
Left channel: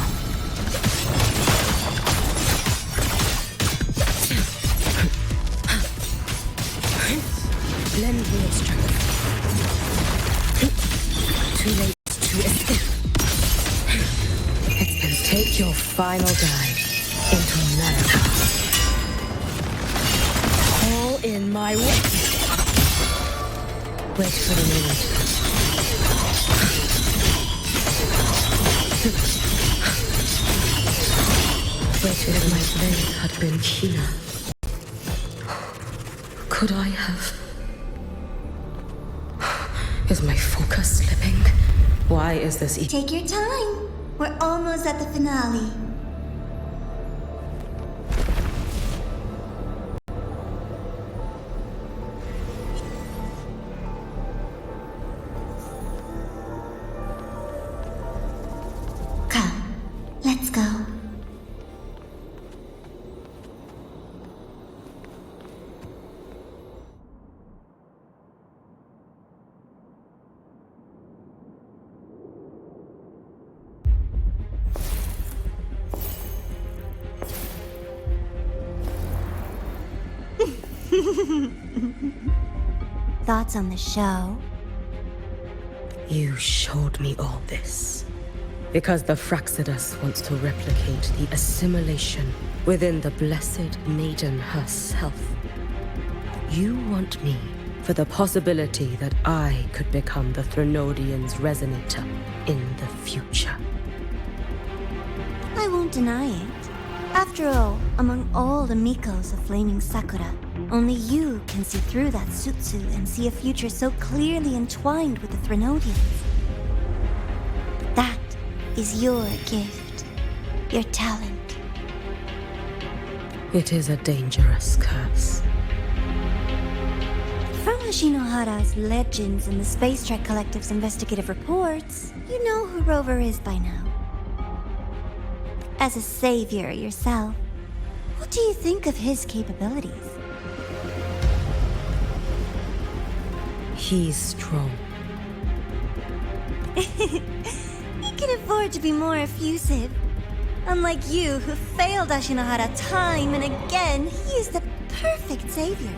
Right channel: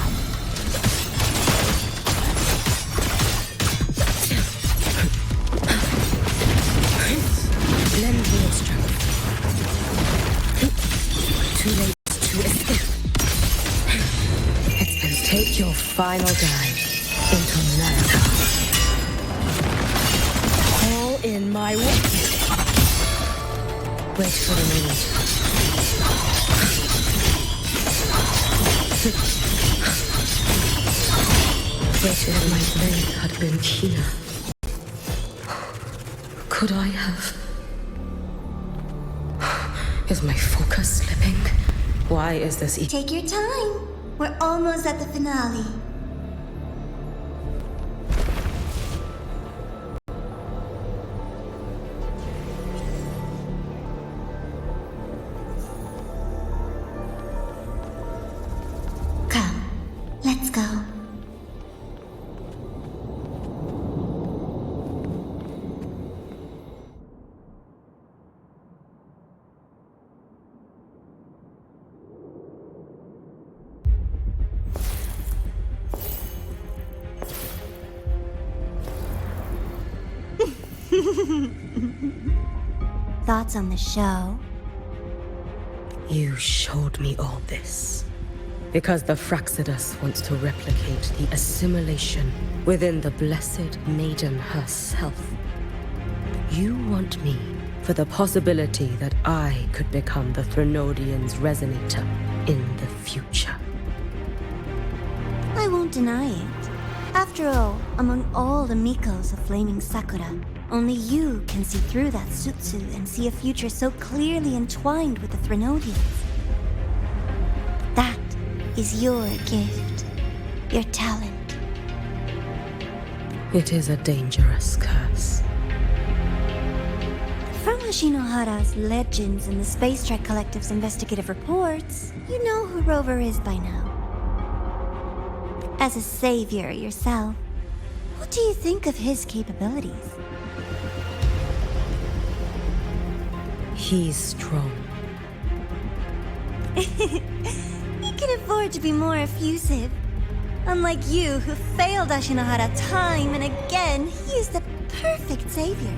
Lend me your strength. Too late to escape. It's been take your final dive into America. All in my way. Wait for the moment. Wait if my blade had been keener. Could I have? Is my focus slipping? Why is this Take your time. We're almost at the finale. Come, let's go. Thoughts on the show? You showed me all this because the Fraxidus wants to replicate the assimilation within the blessed maiden herself. You want me for the possibility that I could become the Threnodian's resonator in the future. I won't deny it. After all, among all the Mikos of Flaming Sakura, only you can see through that Sutsu and see a future so clearly entwined with the Threnodians. That is your gift, your talent. It is a dangerous curse. From Ashinohara's legends and the Space Trek Collective's investigative reports, you know who Rover is by now. As a savior yourself, what do you think of his capabilities? He's strong. He can afford to be more effusive. Unlike you, who failed Ashinohara time and again, he is the perfect savior.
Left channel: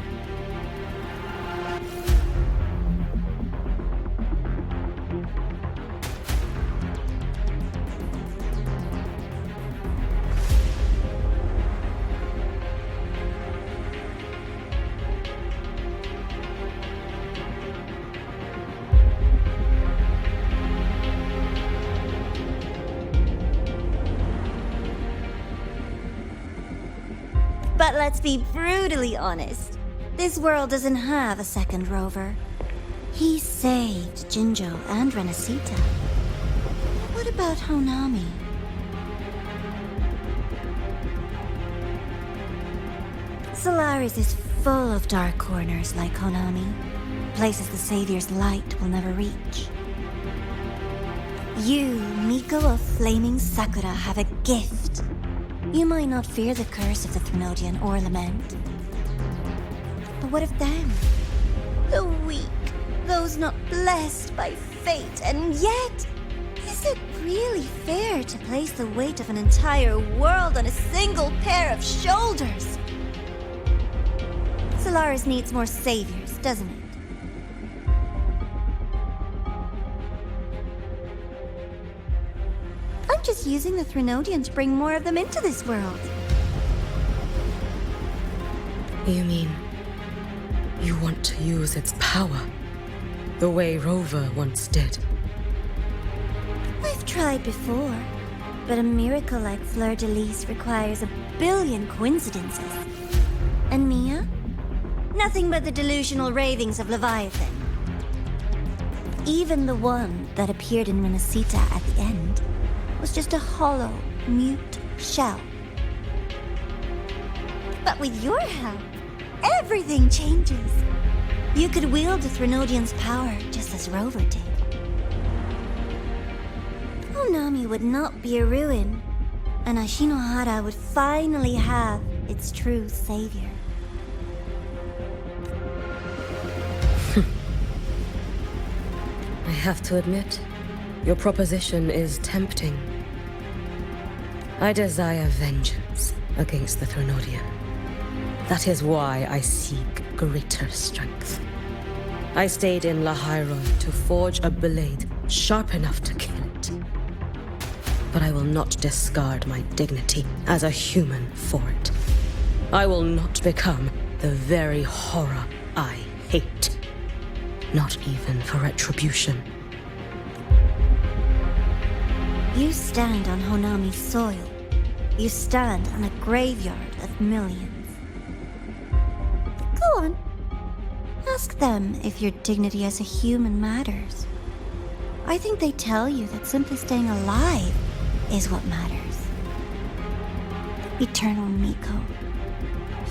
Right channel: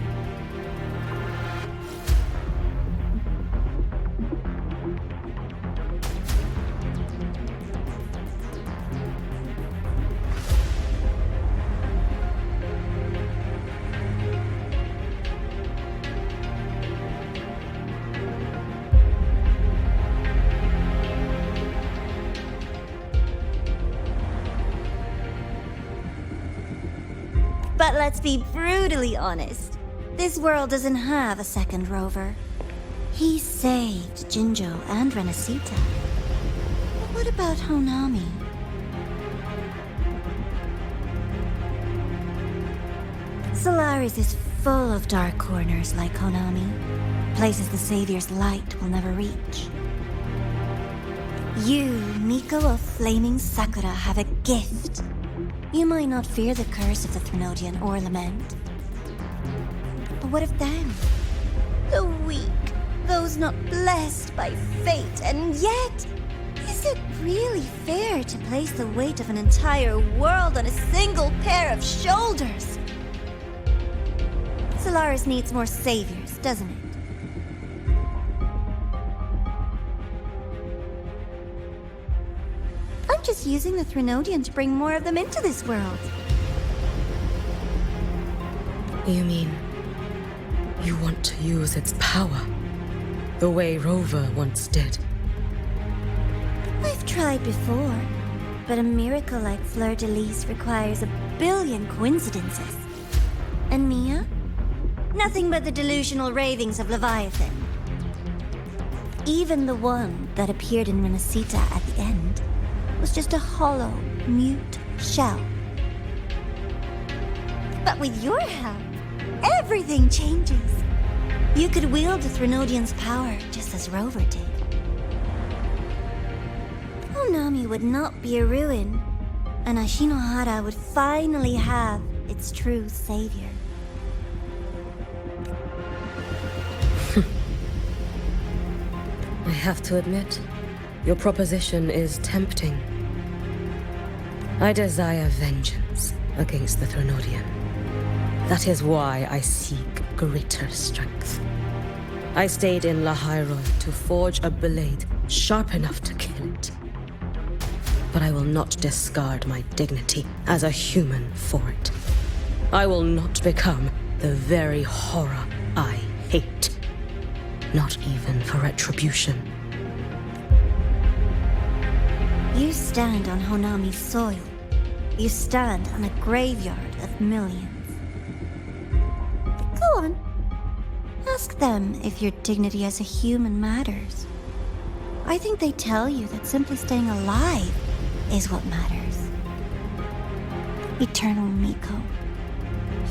But let's be brutally honest. This world doesn't have a second Rover. He saved Jinjo and Renesita. But what about Honami? Solaris is full of dark corners like Honami. Places the Savior's light will never reach. You, Miko of Flaming Sakura, have a gift. You might not fear the curse of the Threnodian or lament. But what of them? The weak, those not blessed by fate, and yet, is it really fair to place the weight of an entire world on a single pair of shoulders? Solaris needs more saviors, doesn't it? I'm just using the Threnodian to bring more of them into this world. You mean you want to use its power the way Rover once did? I've tried before, but a miracle like Fleur-de-Lis requires a billion coincidences. And Mia? Nothing but the delusional ravings of Leviathan. Even the one that appeared in Renacita at the end was just a hollow, mute shell. But with your help, everything changes. You could wield the Threnodian's power just as Rover did. Honami would not be a ruin, and Ashinohara would finally have its true savior. I have to admit, your proposition is tempting. I desire vengeance against the Threnodian. That is why I seek greater strength. I stayed in Lahairoi to forge a blade sharp enough to kill it. But I will not discard my dignity as a human for it. I will not become the very horror I hate. Not even for retribution. You stand on Honami's soil. You stand on a graveyard of millions. Go on. Ask them if your dignity as a human matters. I think they tell you that simply staying alive is what matters. Eternal Miko,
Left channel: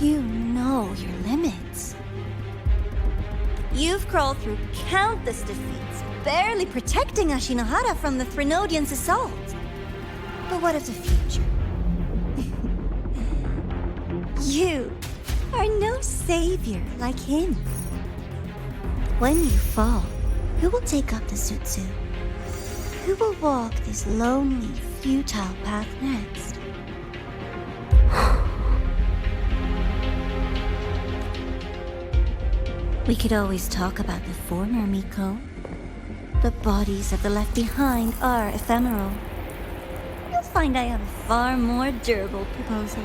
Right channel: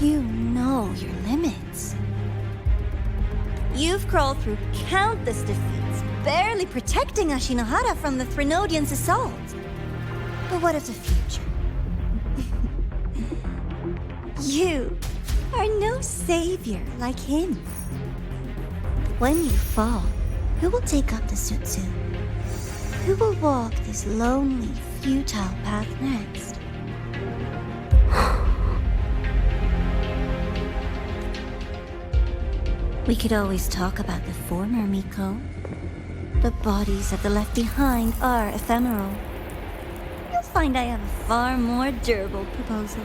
you know your limits. You've crawled through countless defeats, barely protecting Ashinohara from the Threnodian's assault. But what of the future? You are no savior like him. When you fall, who will take up the Sutsu? Who will walk this lonely, futile path next? We could always talk about the former, Miko. The bodies of the left behind are ephemeral. You'll find I have a far more durable proposal.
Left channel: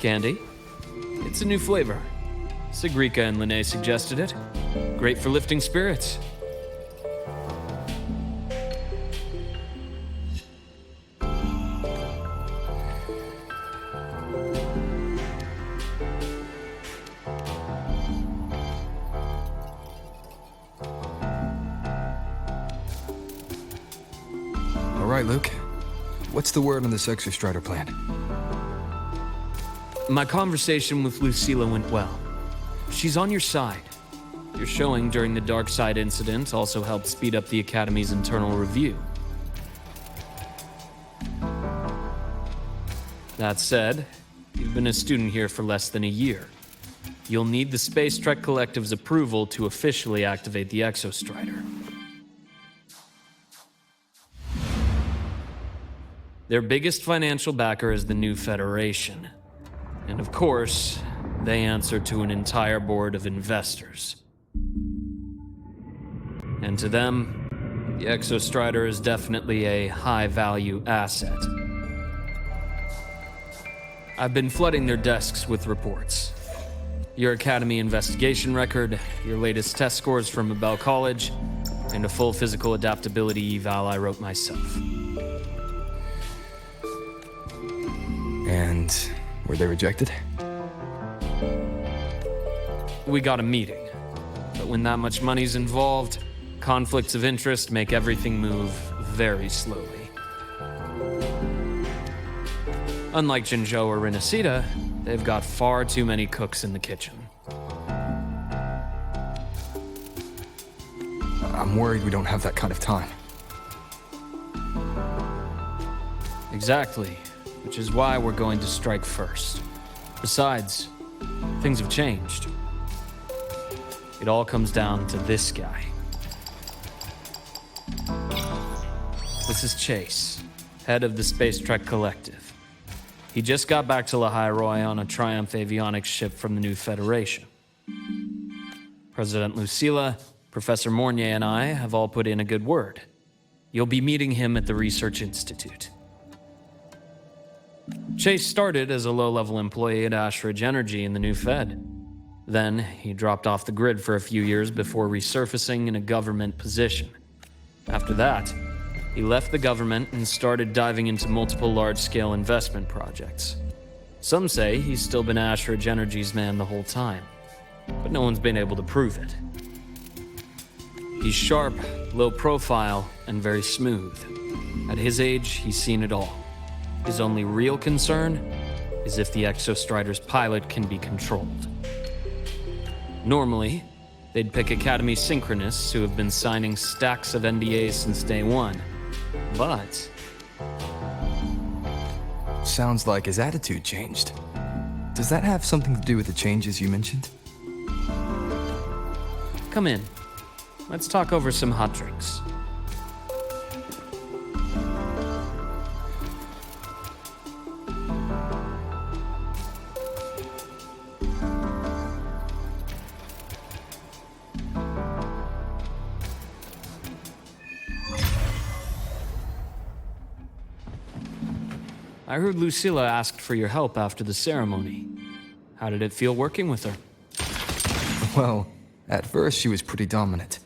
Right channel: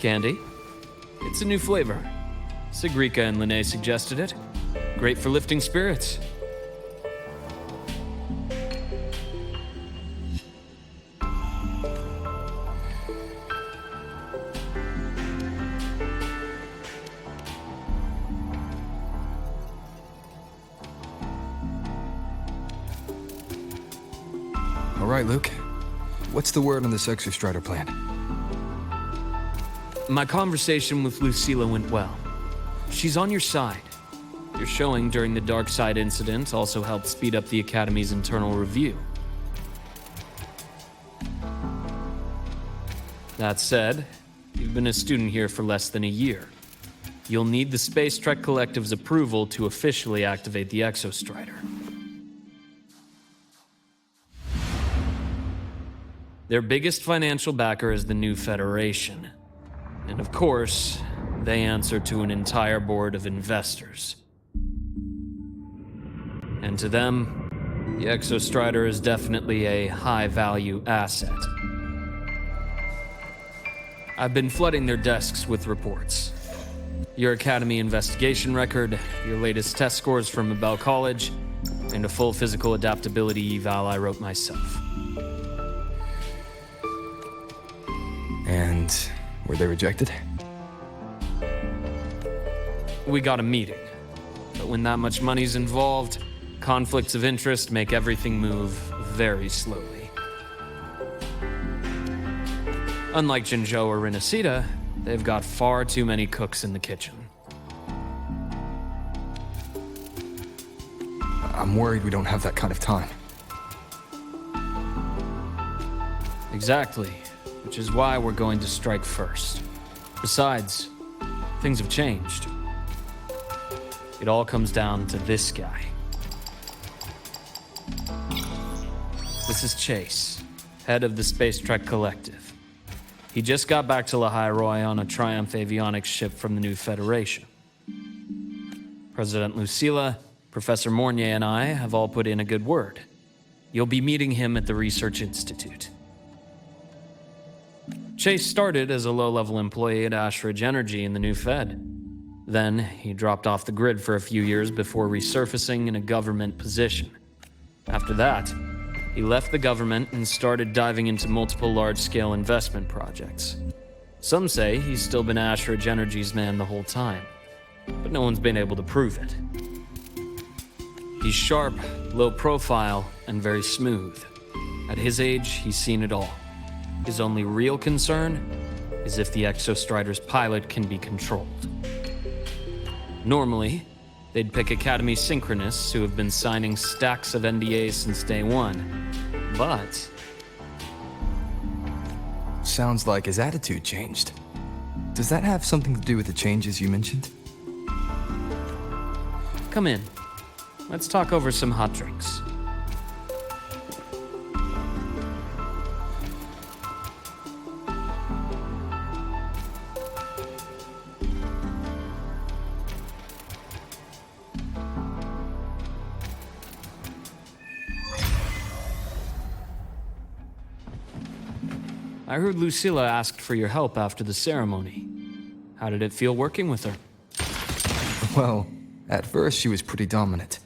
Candy. It's a new flavor. 𝓬𝓐𝓬 and ḽնē suggested it. Great for lifting spirits. All right, Luke. What's the word on this Exostrider plan? My conversation with Lucilla went well. She's on your side. Your showing during the Dark Side incident also helped speed up the Academy's internal review. That said, you've been a student here for less than a year. You'll need the Space Trek Collective's approval to officially activate the Exostrider. Their biggest financial backer is the New Federation. And of course, they answer to an entire board of investors. And to them, the Exostrider is definitely a high-value asset. I've been flooding their desks with reports. Your Academy investigation record, your latest test scores from Abel College, and a full physical adaptability eval I wrote myself. And were they rejected? We got a meeting. But when that much money's involved, conflicts of interest make everything move very slowly. Unlike Jinzhou or Renesita, they've got far too many cooks in the kitchen. I'm worried we don't have that kind of time. Exactly, which is why we're going to strike first. Besides, things have changed. It all comes down to this guy. This is Chase, head of the Space Trek Collective. He just got back to ḽ'hayṛoi on a Triumph avionics ship from the New Federation. President Lucilla, Professor Mornier, and I have all put in a good word. You'll be meeting him at the Research Institute. Chase started as a low-level employee at Ashridge Energy in the New Fed. Then, he dropped off the grid for a few years before resurfacing in a government position. After that, he left the government and started diving into multiple large-scale investment projects. Some say he's still been Ashridge Energy's man the whole time, but no one's been able to prove it. He's sharp, low profile, and very smooth. At his age, he's seen it all. His only real concern is if the Exostrider's pilot can be controlled. Normally, they'd pick Academy synchronists who have been signing stacks of NDAs since day one. But sounds like his attitude changed. Does that have something to do with the changes you mentioned? Come in. Let's talk over some hot drinks. I heard Lucilla asked for your help after the ceremony. How did it feel working with her? Well, at first she was pretty dominant,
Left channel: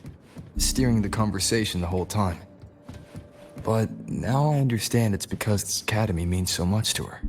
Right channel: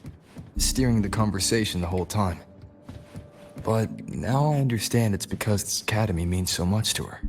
steering the conversation the whole time. But now I understand it's because this academy means so much to her.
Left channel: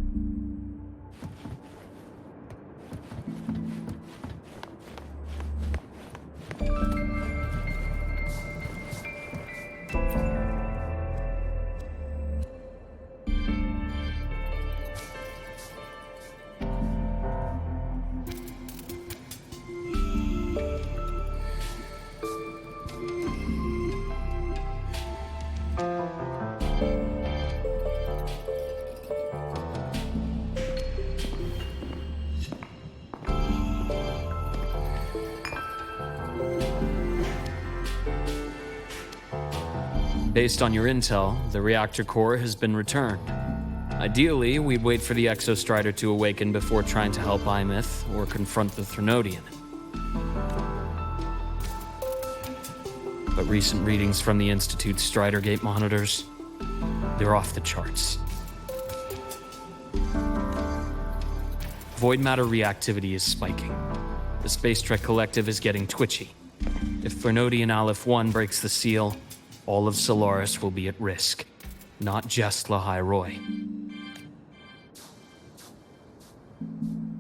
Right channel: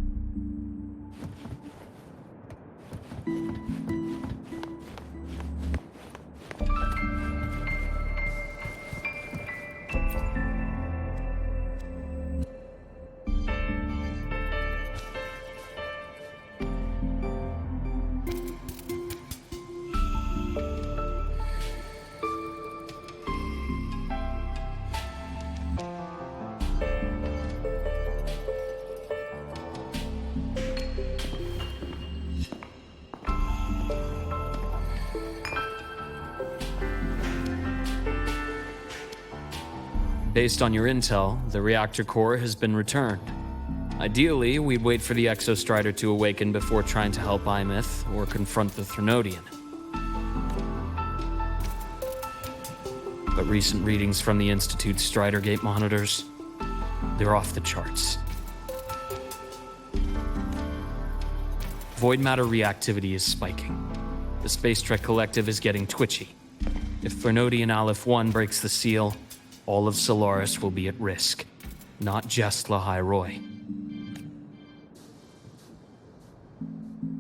Based on your intel, the reactor core has been returned. Ideally, we'd wait for the Exostrider to awaken before trying to help Ymyth or confront the Threnodian. But recent readings from the Institute's Strider Gate monitors, they're off the charts. Void matter reactivity is spiking. The Space Trek Collective is getting twitchy. If Thrinodean Aleph 1 breaks the seal, all of Solaris will be at risk. Not just ḽʀᴏ.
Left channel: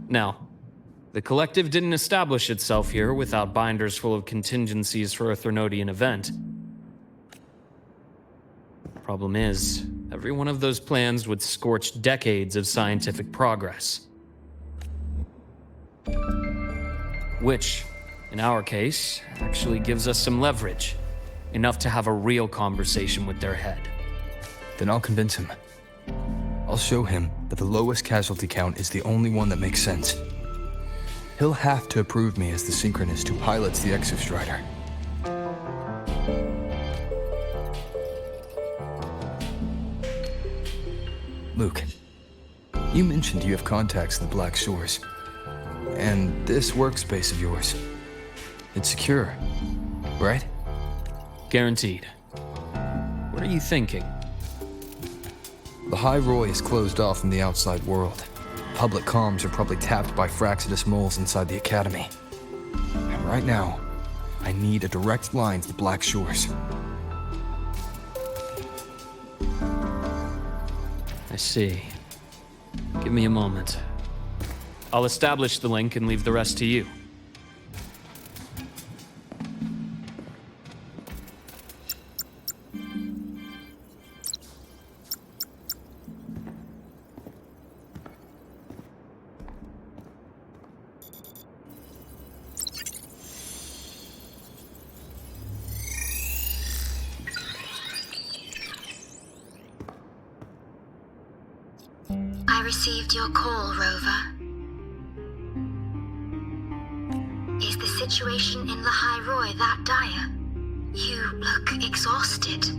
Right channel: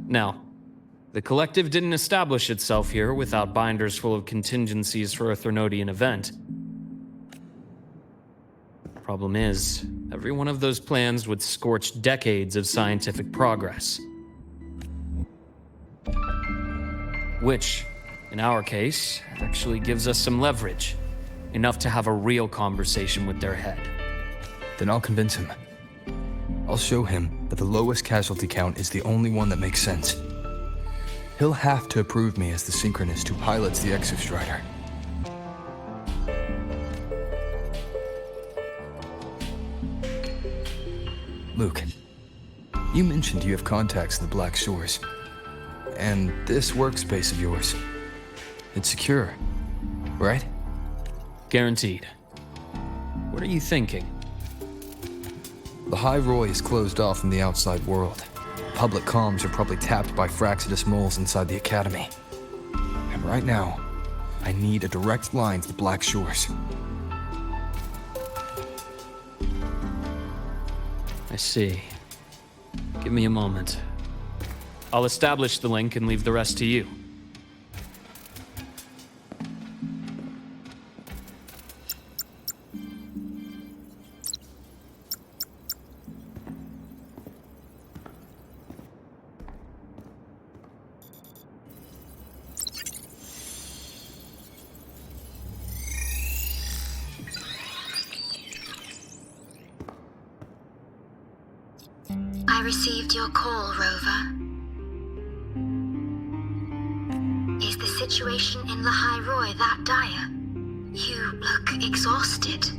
Now, the Collective didn't establish itself here without binders full of contingencies for a Thrinodean event. Problem is, every one of those plans would scorch decades of scientific progress. Which, in our case, actually gives us some leverage. Enough to have a real conversation with their head. Then I'll convince him. I'll show him that the lowest casualty count is the only one that makes sense. He'll have to approve me as the synchronist who pilots the Exostrider. Luke, you mentioned you have contacts in the Black Shores. And this workspace of yours, it's secure, right? Guaranteed. What are you thinking? The ḽʀᴏ is closed off from the outside world. Public comms are probably tapped by Fraxidus moles inside the Academy. And right now, I need a direct line to the Black Shores. I see. Give me a moment. I'll establish the link and leave the rest to you. I received your call, Rover. Is the situation in ḽʀᴏ that dire? You look exhausted.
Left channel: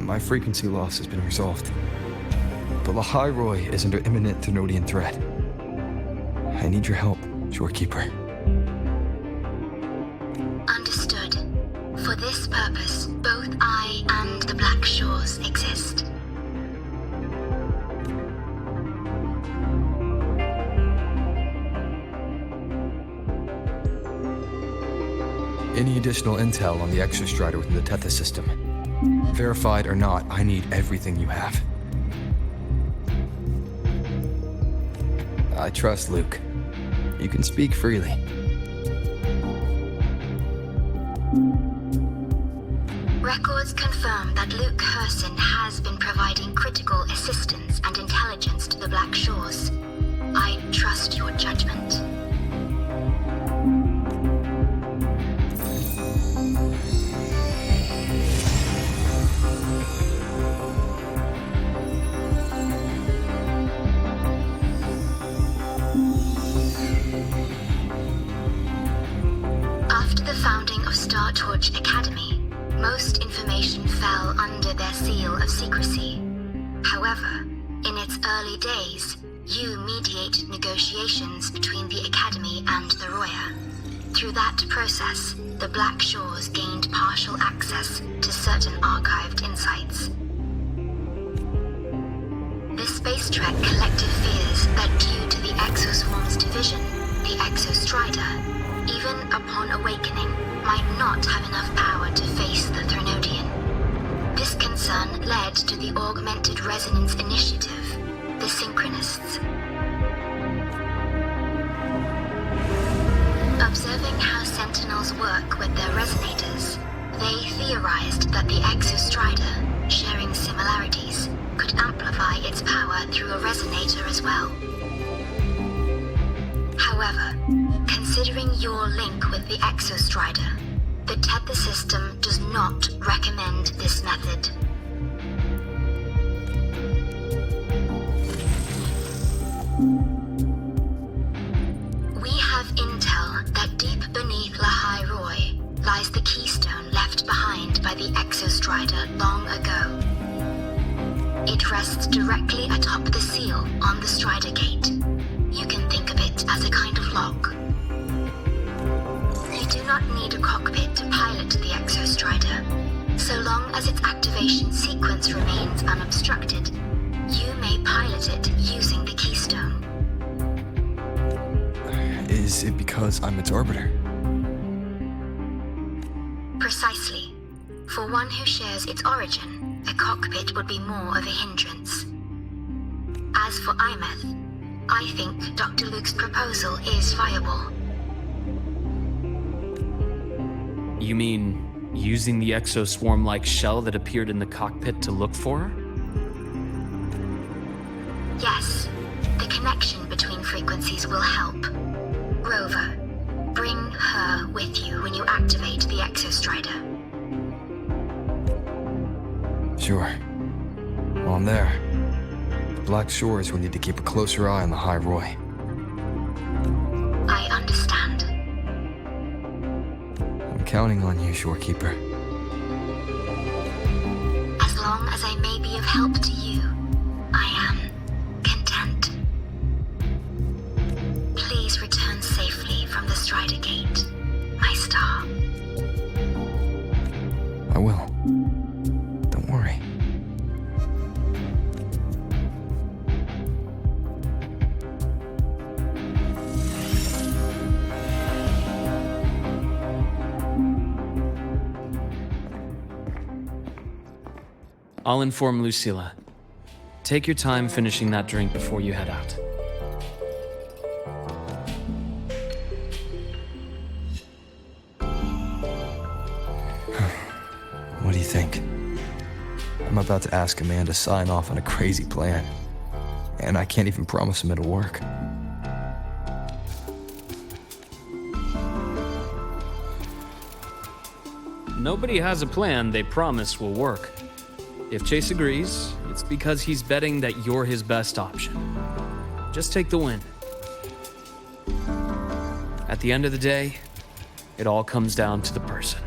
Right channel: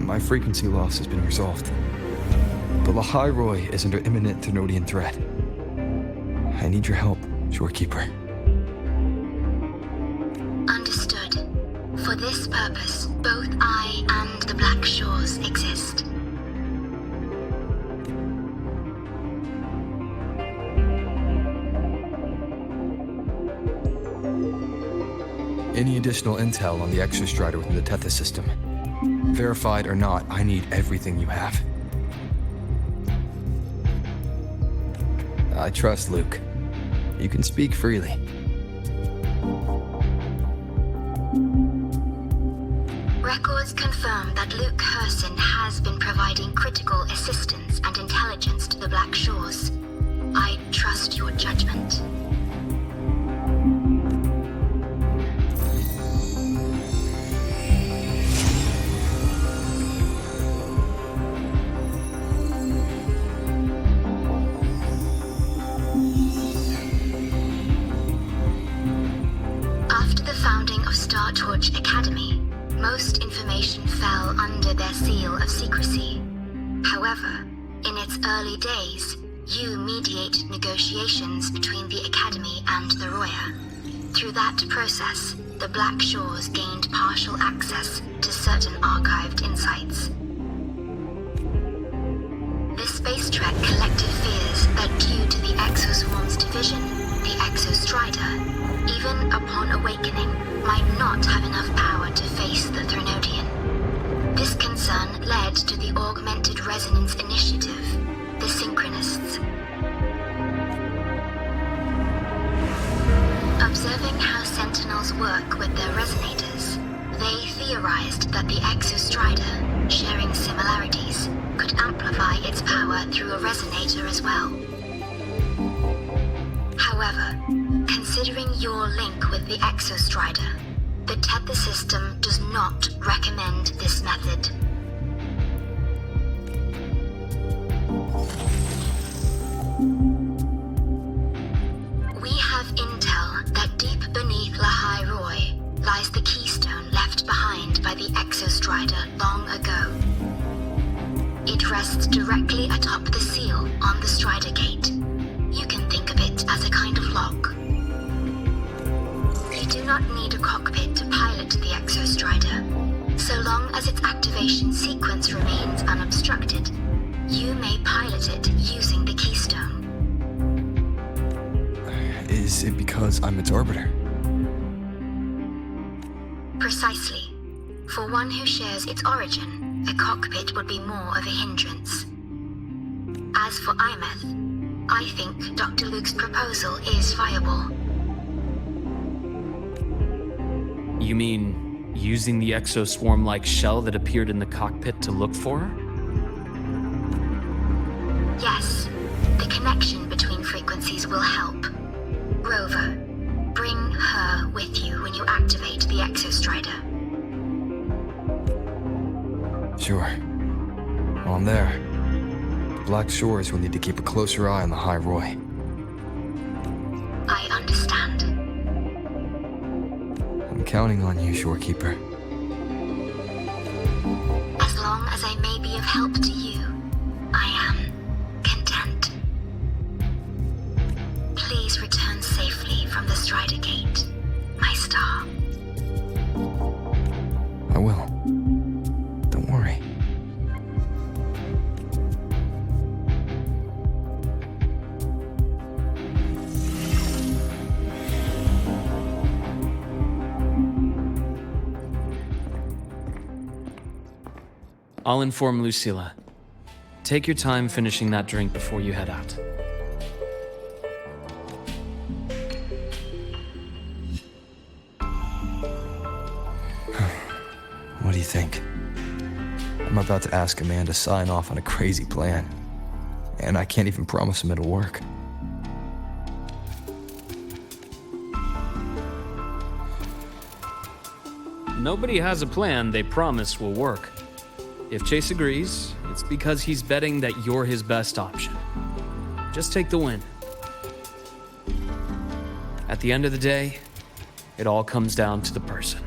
My frequency loss has been resolved. But ḽʀᴏ is under imminent Thrinodean threat. I need your help, Shorekeeper. Understood. For this purpose, both I and the Black Shores exist. Any additional intel on the Exostrider within the Tethys system? Verified or not, I need everything you have. I trust Luke. You can speak freely. Records confirm that Luke Herson has been providing critical assistance and intelligence to the Black Shores. I trust your judgment. After the founding of Star Torch Academy, most information fell under their seal of secrecy. However, in its early days, you mediated negotiations between the Academy and the Roya. Through that process, the Black Shores gained partial access to certain archived insights. The Space Trek Collective fears that due to the Exoswarm's division, the Exostrider, even upon awakening, might not have enough power to face the Thrinodean. This concern led to the Augmented Resonance Initiative, the Synchronists. Observing how Sentinels work with their resonators, they theorized that the Exostrider, sharing similarities, could amplify its power through a resonator as well. However, considering your link with the Exostrider, the Tethys system does not recommend this method. We have intel that deep beneath ḽʀᴏ lies the keystone left behind by the Exostrider long ago. It rests directly atop the seal on the Strider Gate. You can think of it as a kind of lock. You do not need Strider. So long as its activation sequence remains unobstructed, you may pilot it using the keystone. Is it because I'm its arbiter? Precisely. For one who shares its origin, a cockpit would be more of a hindrance. As for 𝓬𝓏𝓐, I think Dr. Luke's proposal is viable. You mean using the exoswarm-like shell that appeared in the cockpit to look for her? Yes, the connection between frequencies will help. Rover, bring her with you when you activate the Exostrider. Sure. While I'm there, the Black Shores will need to keep a closer eye on the ḽɪ I understand. I'm counting on you, Shorekeeper. As long as I may be of help to you, I am content. Please return safely from the Strider Gate, my star. I will. Don't worry. I'll inform Lucilla. Take your time finishing that drink before you head out. What do you think? I'm about to ask a man to sign off on a crazy plan, and I can't even promise him it'll work. Nobody has a plan they promise will work. If Chase agrees, it's because he's betting that you're his best option. Just take the win. At the end of the day, it all comes down to the person.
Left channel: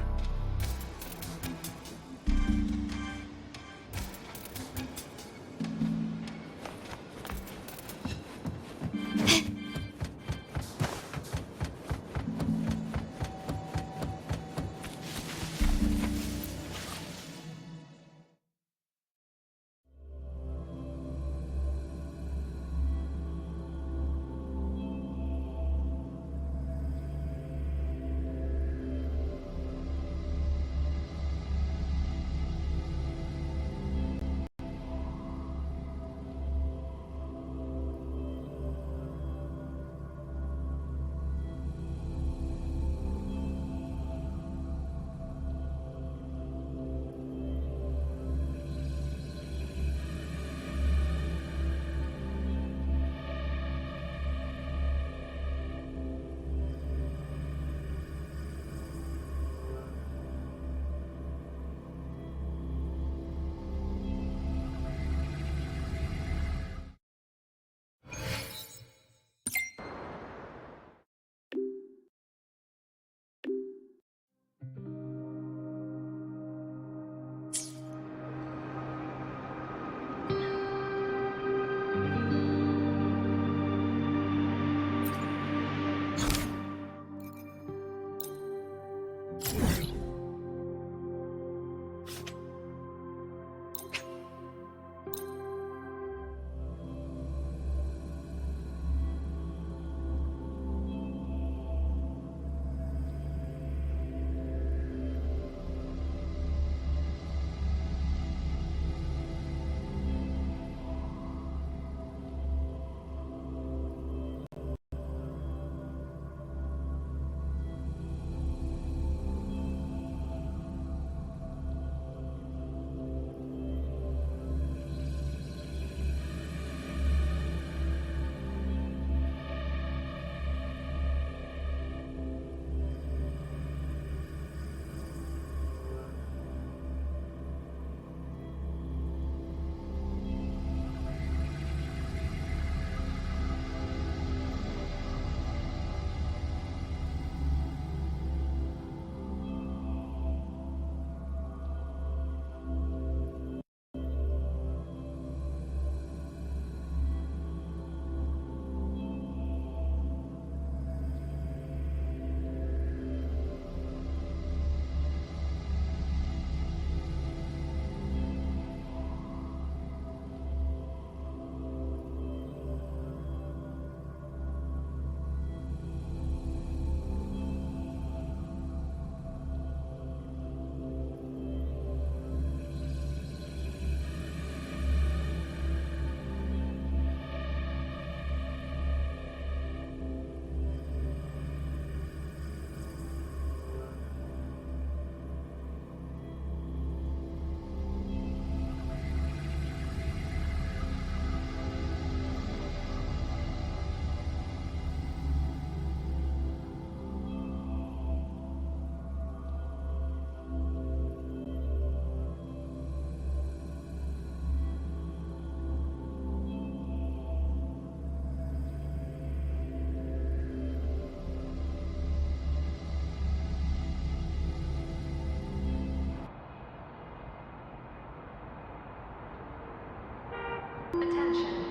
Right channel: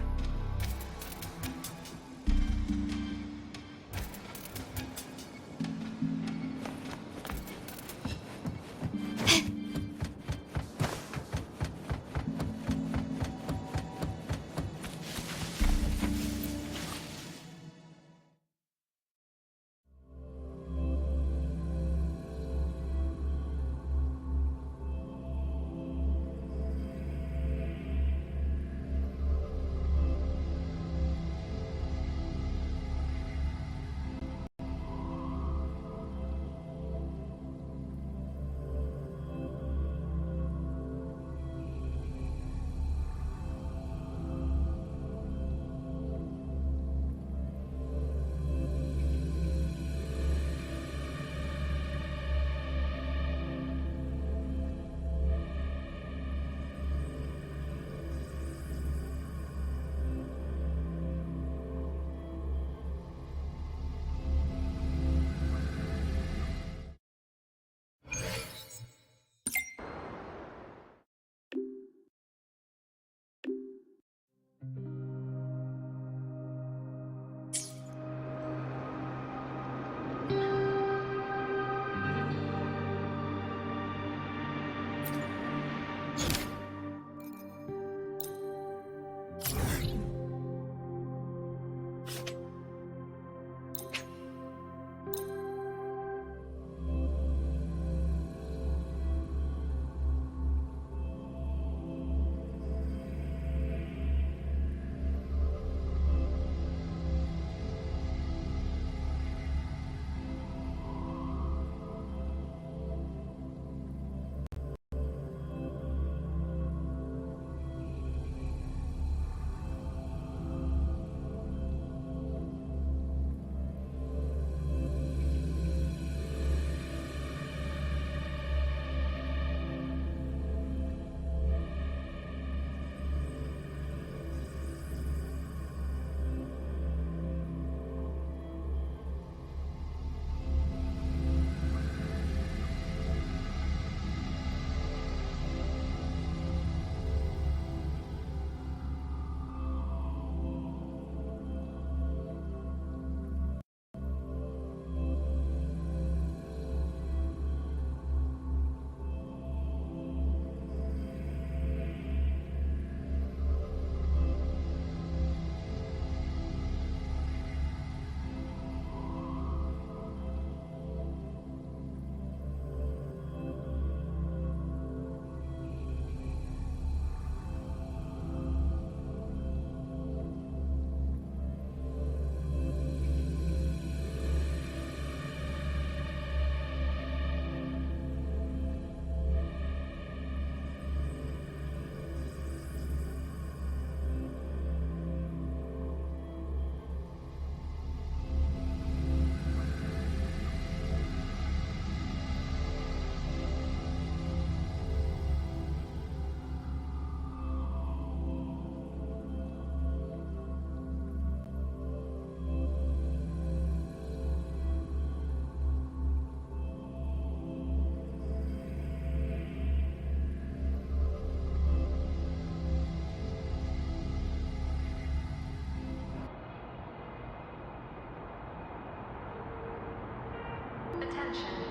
Attention.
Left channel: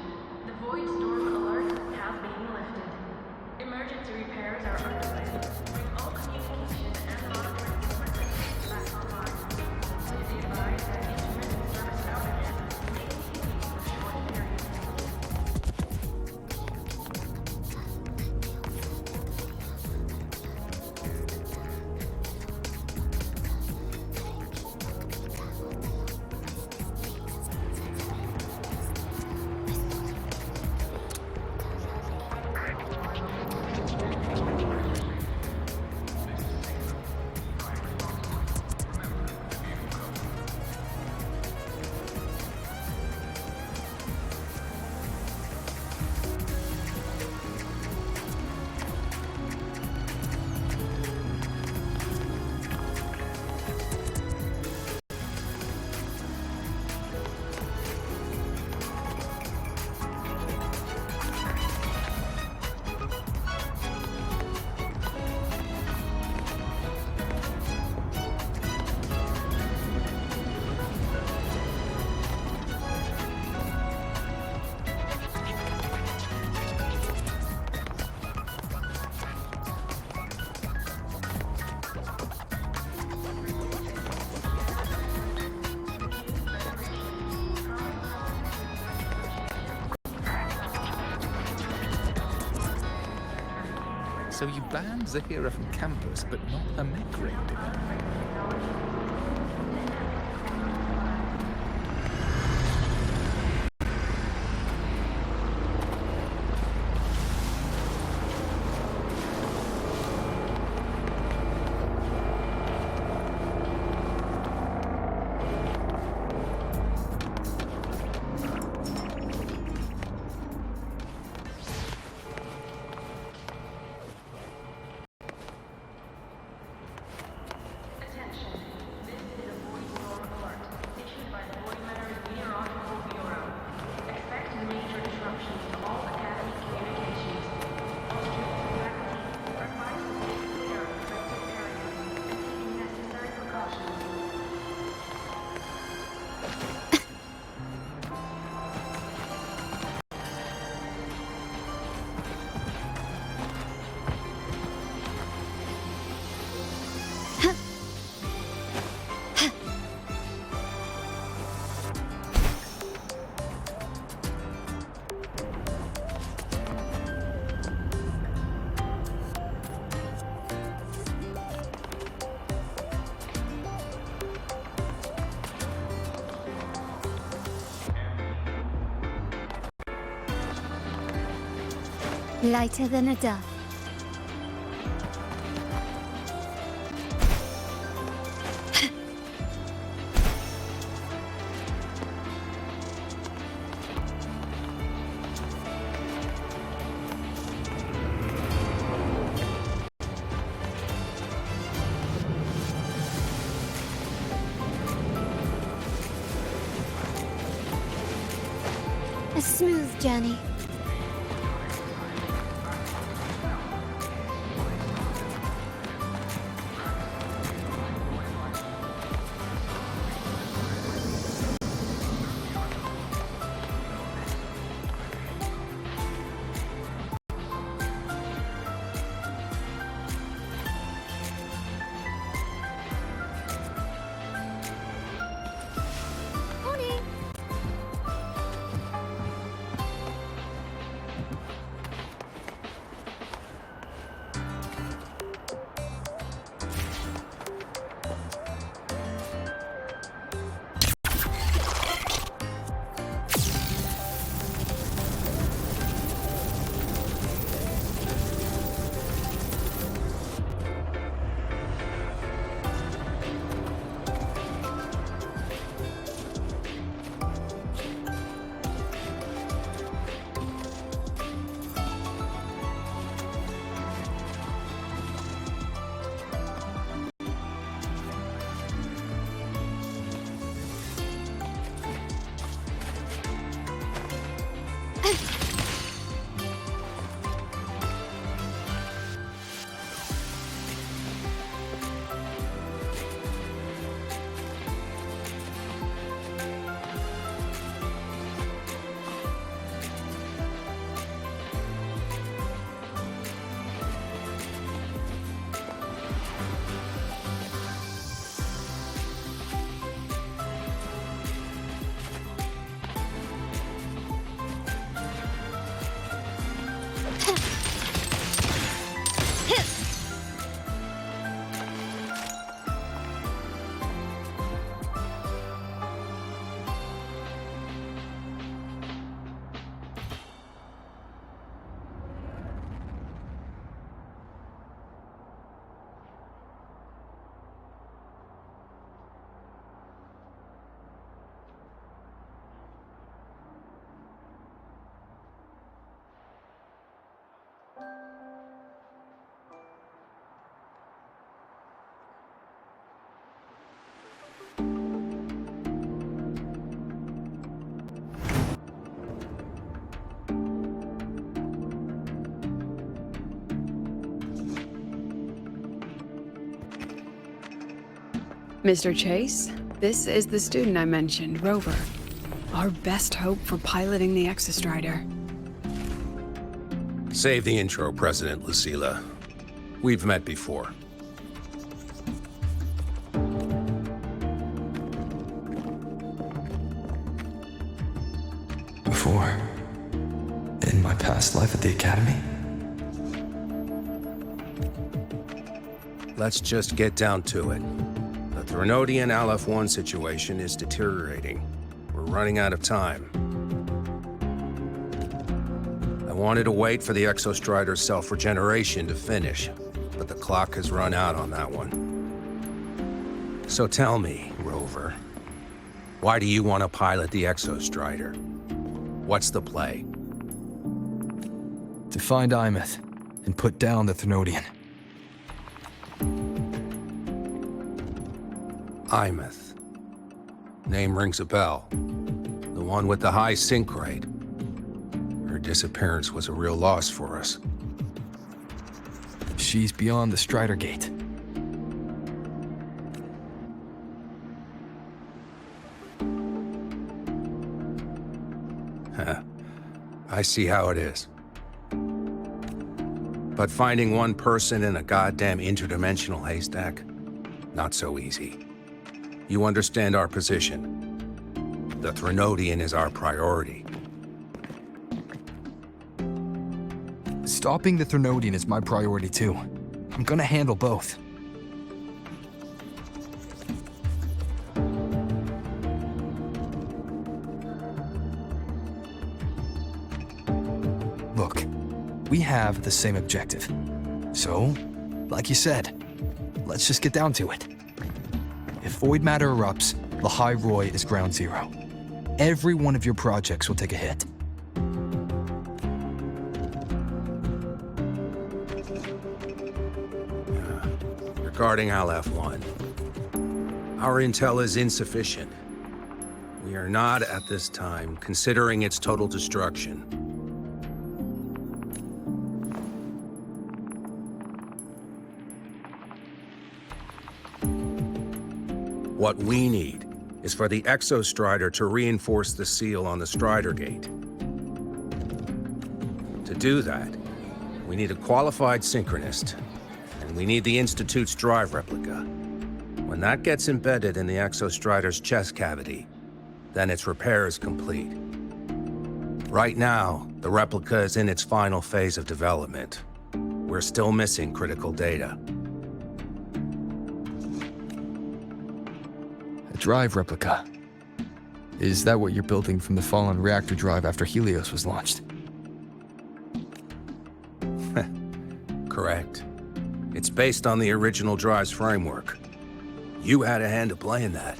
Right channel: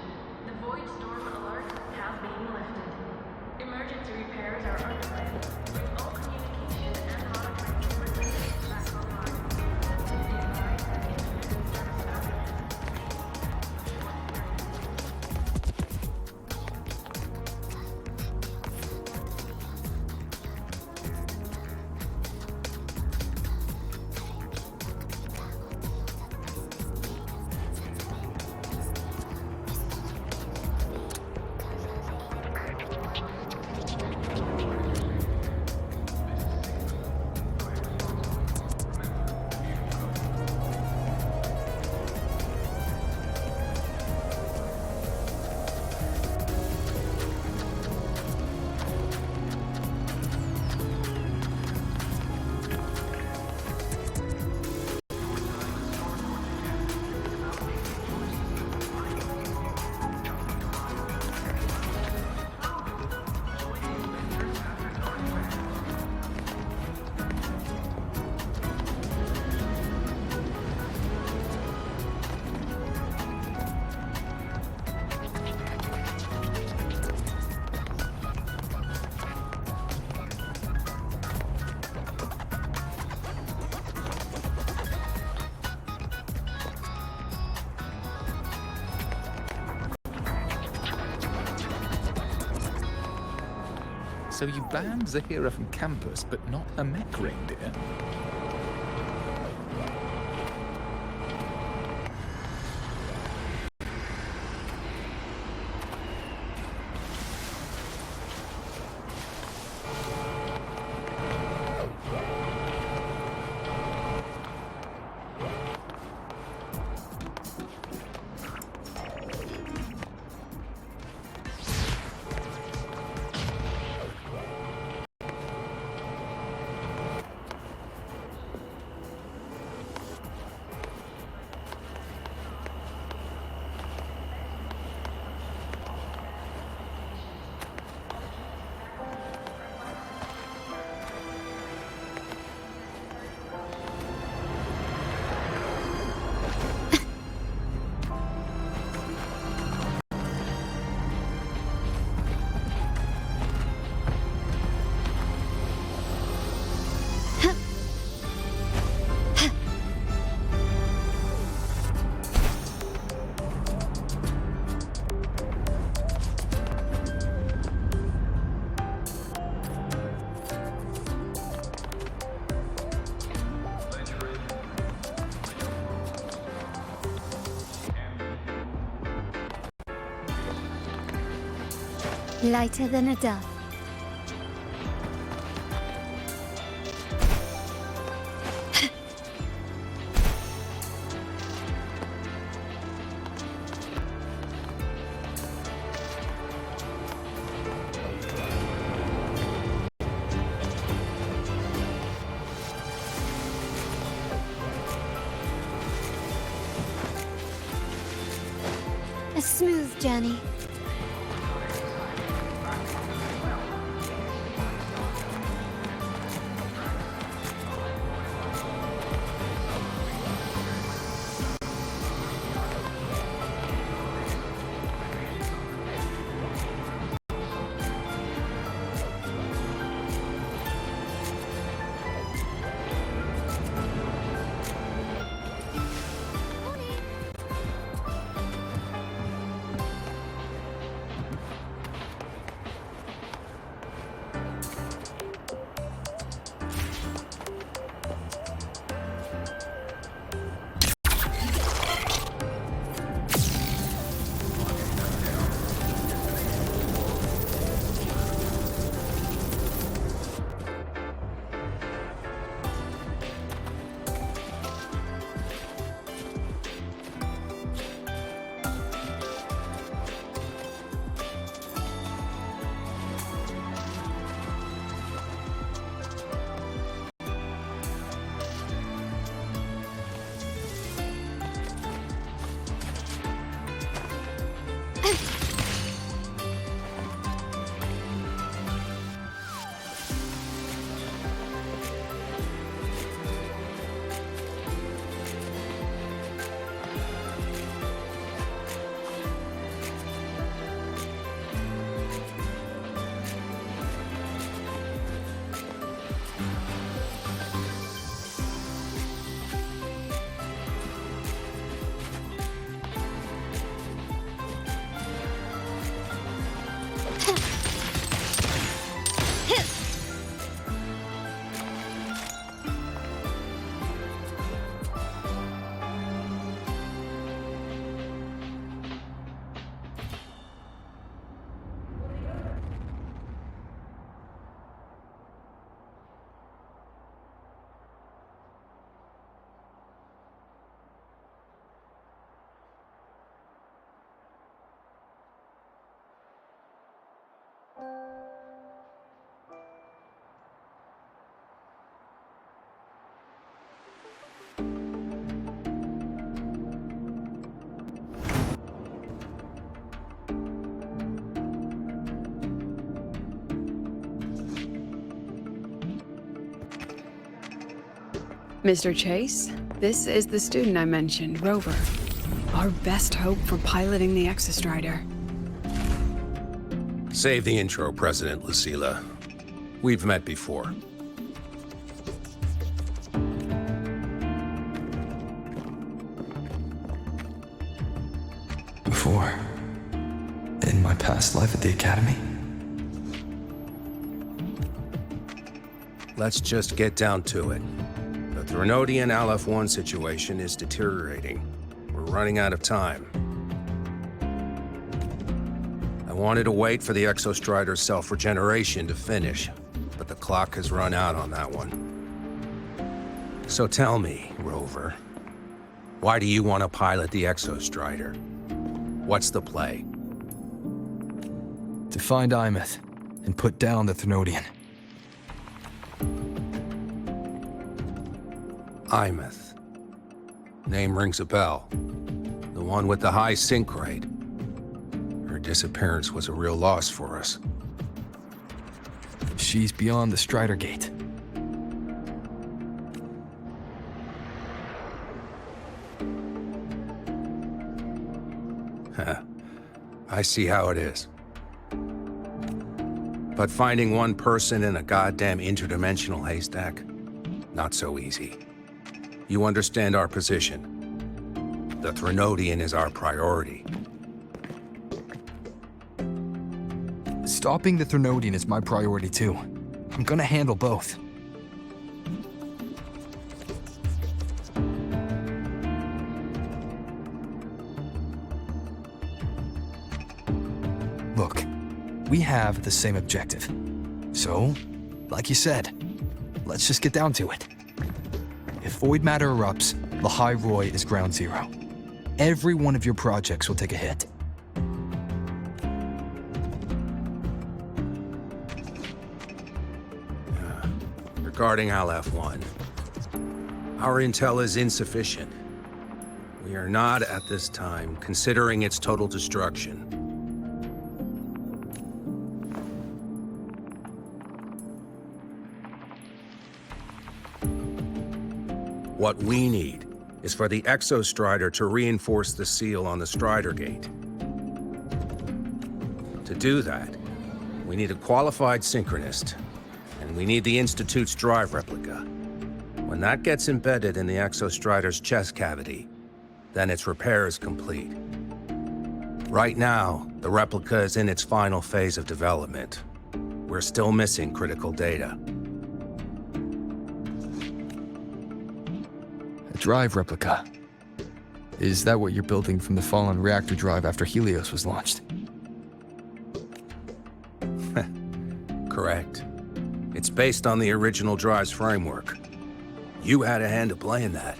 The void storm alert has been lifted. Emergency repairs are underway. Bring all communication and monitoring equipment back online. Please be advised that intermittent service outages may continue for short periods. So you banned Zahira from campus, but not ബ𝓾𝓽𝓮𝓼? Lighter than a dove. A smooth journey. Mr. Chase, this is the student I mentioned, Rover. Our best hope for piloting the Exostrider. Save the intro, President Lucila. We've met before. Before? In my past life at the Academy? Let's just get down to it. The Threnodian Aleph-1 situation is deteriorating. We're running out of time. I wanted to wait for the Exostrider's self-regeneration to finish, but the clock has run out on that one. So tell me, Rover, why do you want to pilot the Exostrider? What's the play? To find 𝓕𝓐 and put down the Threnodian. 𝓕𝓐. Name rings a bell. The one with the high sync rate. Her disappearance was a real loss for us. She's beyond the Strider Gate. I see how it is. But finding one person in a goddamn interdimensional haystack, not so easy. You understand our position. The Threnodian is our priority. Stopping the Threnodian is my priority too. I'm gonna handle both. Look, we have the same objective. So, like you said, let's just get down to it. If void matter erupts, ḽi is ground zero. Every one of your projects will take a hit. Regarding Aleph-1, our intel is insufficient. We are not, at this time, considering its total destruction. What we need is for the Exostrider to reinforce the seal on the Strider Gate. To do that, we need a qualified synchronist, and we need the Institute's drive replica. When that gets embedded in the Exostrider's chest cavity, then its repair is complete. Right now, the replica is in its final phase of development. We're still missing critical data. Drive replica. Is that what you're building from the fallen reactor drive after Helios was launched? Correct. It's based on the original drive's framework. You had a hand to play in that.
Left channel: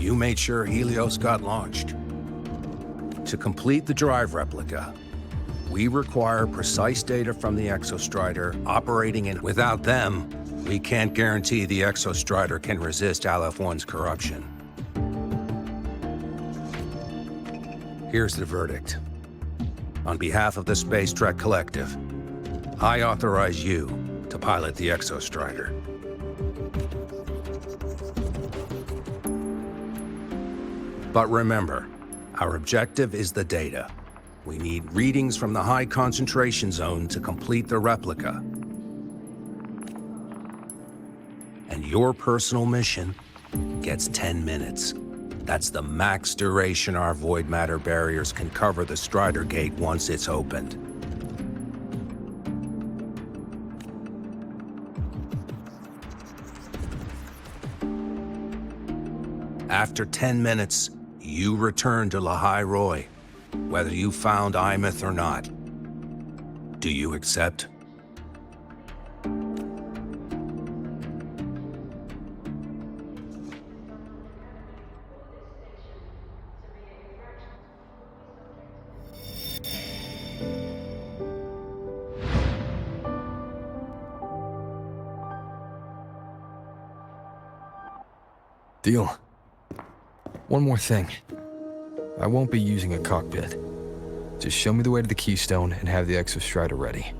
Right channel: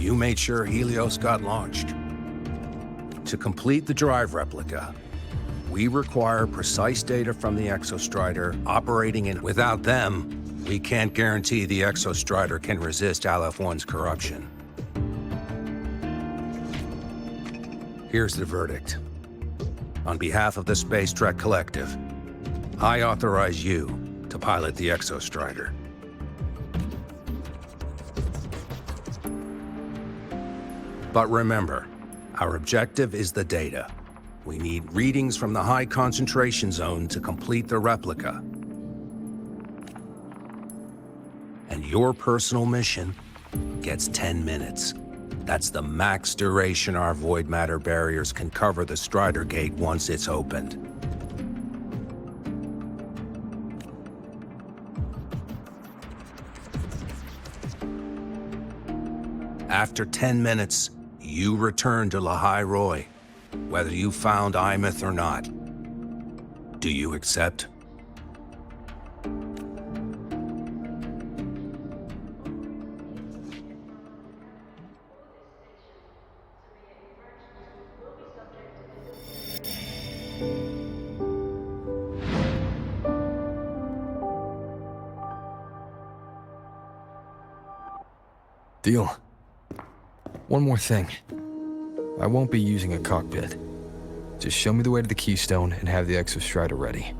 You made sure Helios got launched. To complete the drive replica, we require precise data from the Exostrider operating in. Without them, we can't guarantee the Exostrider can resist Aleph-1's corruption. Here's the verdict. On behalf of the Space Trek Collective, I authorize you to pilot the Exostrider. But remember, our objective is the data. We need readings from the high concentration zone to complete the replica. And your personal mission gets 10 minutes. That's the max duration our void matter barriers can cover the Strider Gate once it's opened. After 10 minutes, you return to ḽʀᴎy, whether you found 𝓦𝓐 or not. Do you accept? Deal. One more thing. I won't be using a cockpit. Just show me the way to the keystone and have the ബ📫 ready.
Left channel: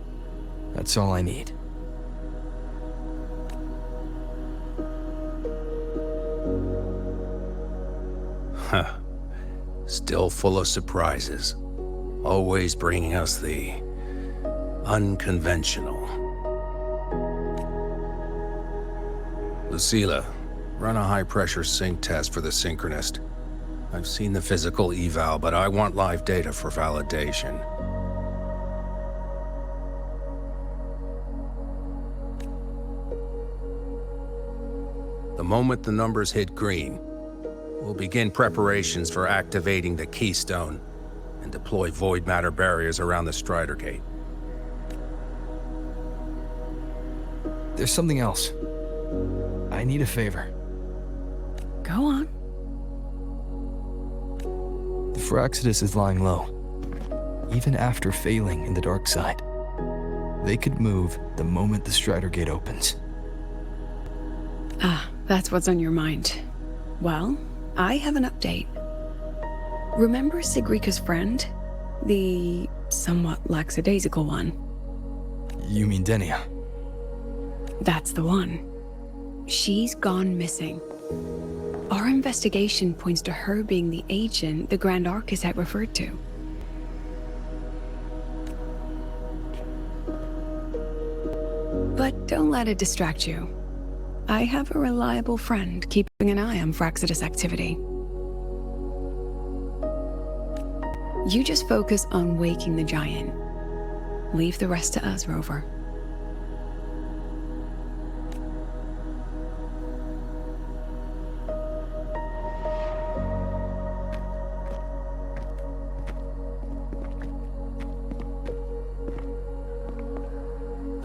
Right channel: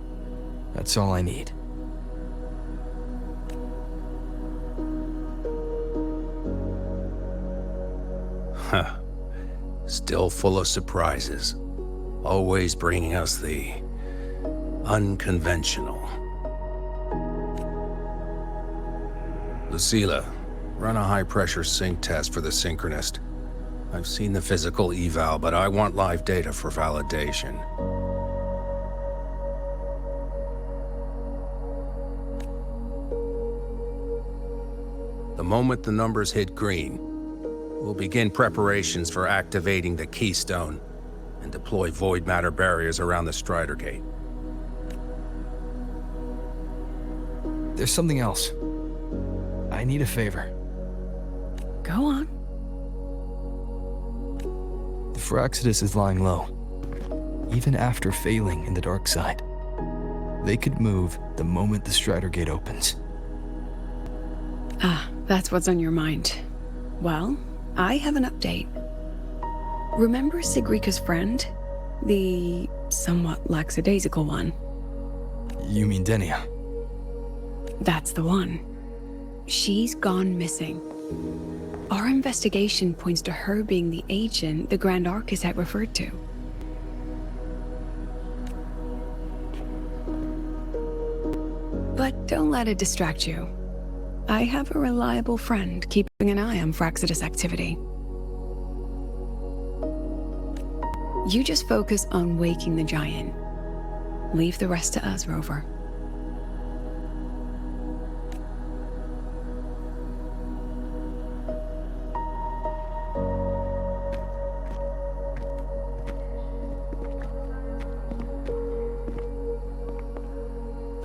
That's all I need. Huh. Still full of surprises. Always bringing us the unconventional. Lucila, run a high-pressure sync test for the synchronist. I've seen the physical eval, but I want live data for validation. The moment the numbers hit green, we'll begin preparations for activating the keystone and deploy void matter barriers around the Strider Gate. There's something else. I need a favor. Go on. The Fraxidus is lying low. Even after failing in the dark side, they could move the moment the Strider Gate opens. Ah, that's what's on your mind. Well, I have an update. Remember Sigrika's friend? The somewhat lackadaisical one? You mean Denia? That's the one. She's gone missing. Our investigation points to her being the agent the Grand Architect referred to. But don't let it distract you. I have a reliable friend keeping an eye on Fraxidus activity. You just focus on waking the giant. Leave the rest to us, Rover.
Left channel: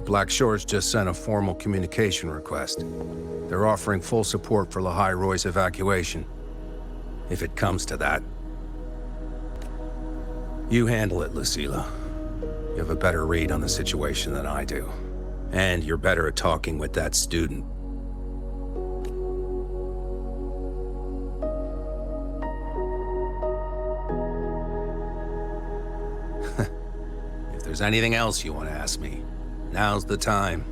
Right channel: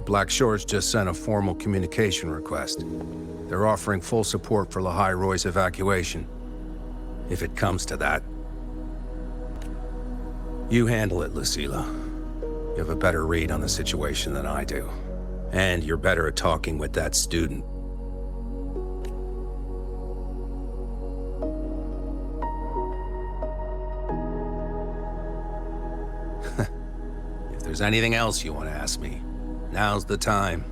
Black Shores just sent a formal communication request. They're offering full support for ḽʀᴎy's evacuation. If it comes to that. You handle it, Lucila. You have a better read on the situation than I do. And you're better at talking with that student. If there's anything else you want to ask me, now's the time.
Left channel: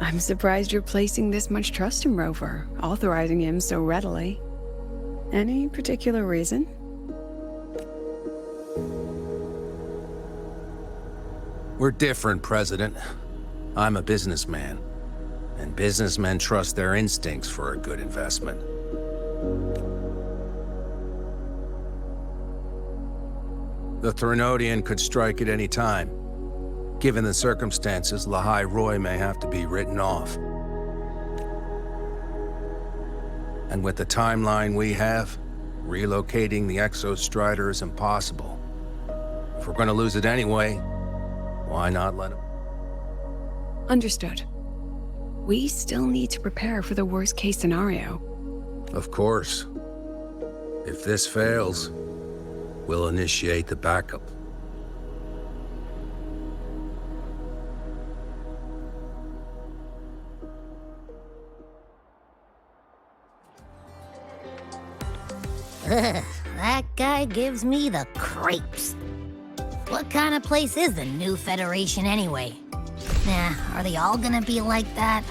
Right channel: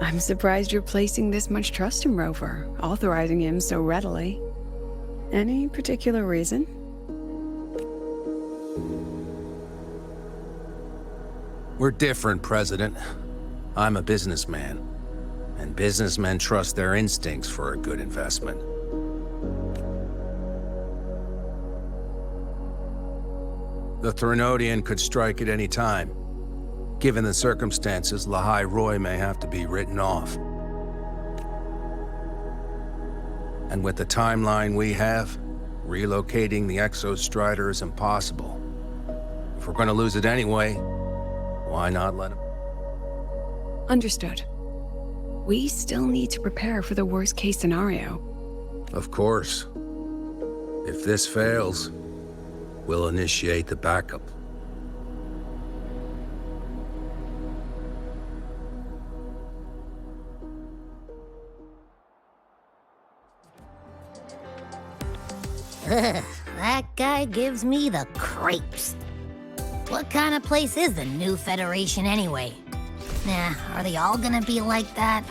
I'm surprised you're placing this much trust in Rover, authorizing him so readily. Any particular reason? We're different, President. I'm a businessman, and businessmen trust their instincts for a good investment. The ☱ could strike at any time. Given the circumstances, ḽʀᴎy may have to be written off. And with the timeline we have, relocating the ʟ⴬ is impossible. If we're going to lose it anyway, why not let him? Understood. We still need to prepare for the worst-case scenario. Of course. If this fails, we'll initiate the backup. Ugh, that guy gives me the creeps. What kind of place is the new Federation anyway? Nah, are they all gonna be like that?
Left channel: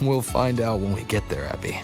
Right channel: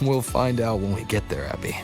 We'll find out when we get there, Abby.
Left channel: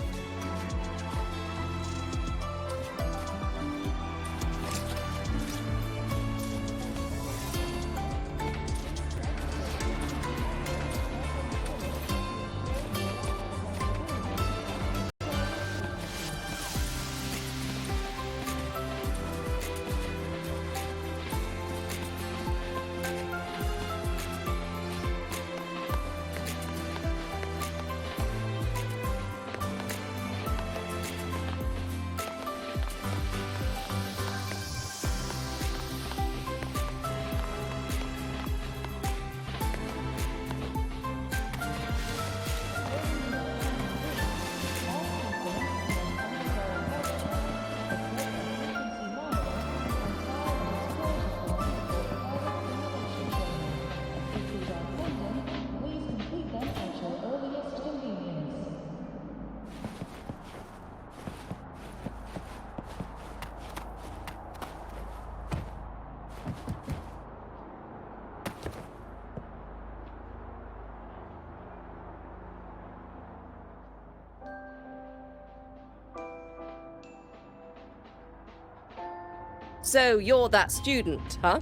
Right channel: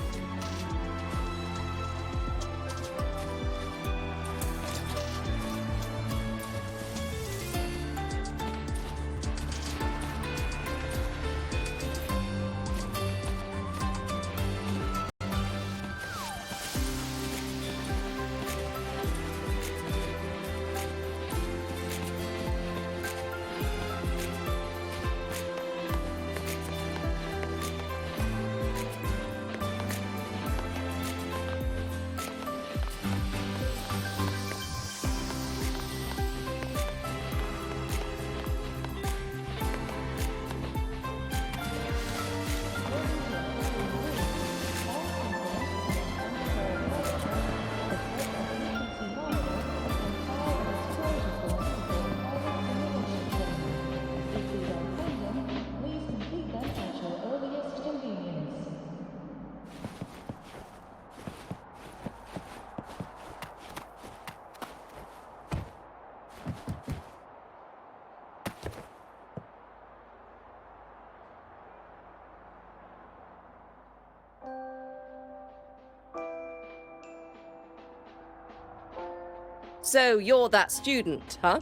So you're that student, huh?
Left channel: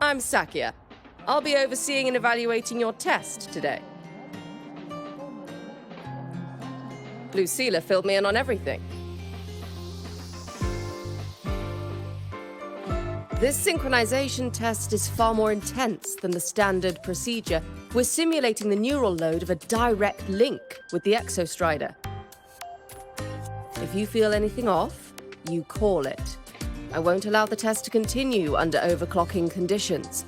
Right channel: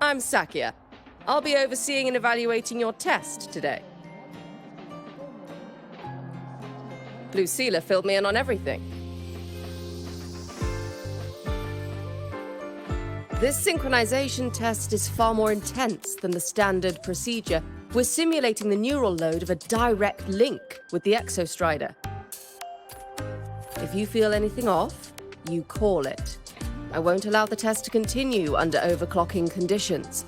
I'm Sakia. I'll be overseeing and evaluating your test today. Lucilla filled me in on everything. This synchronization test is far more intense than the standard procedure. We're simulating the neural load of a direct link with the exostrider. If you feel anything off, you call it. I won't allow the test to continue under overclocking conditions.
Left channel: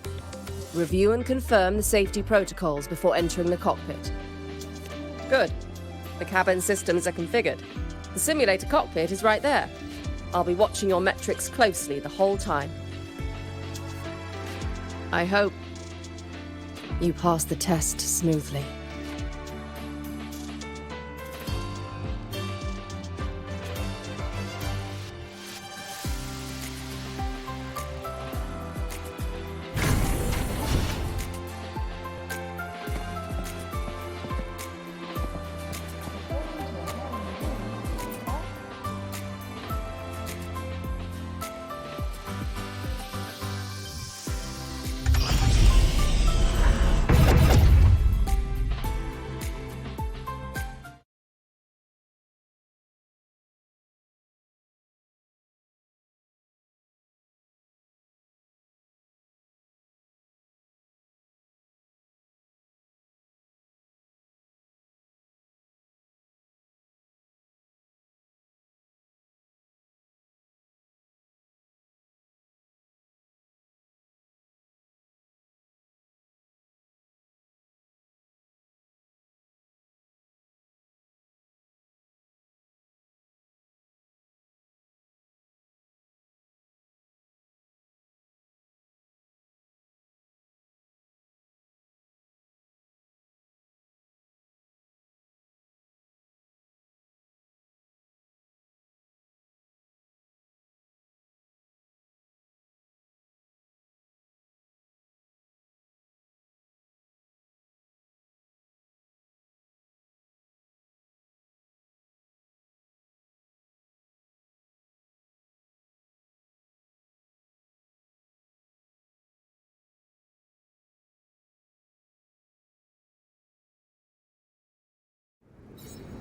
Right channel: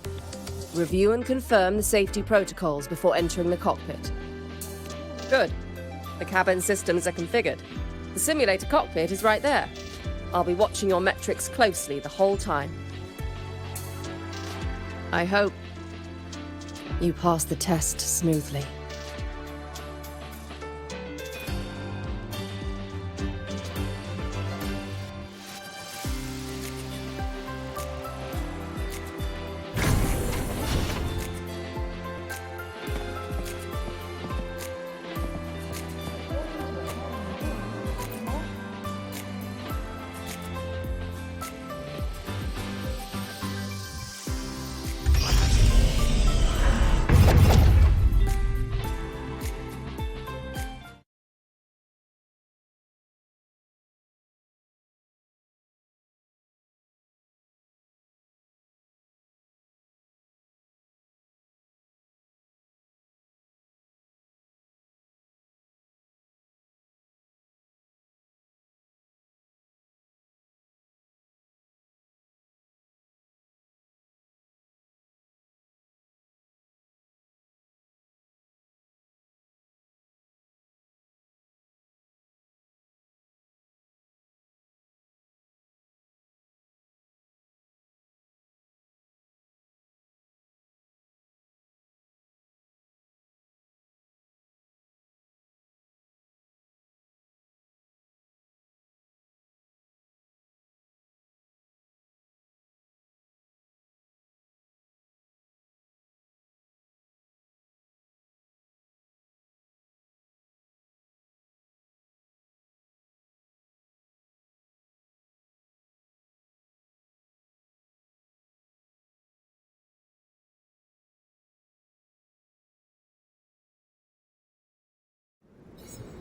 Review and confirm the safety protocols before entering the cockpit. Good. The cabin systems are configured. The simulator cockpit is right there. I'll be watching your metrics closely the whole time. I hope you pass the test smoothly.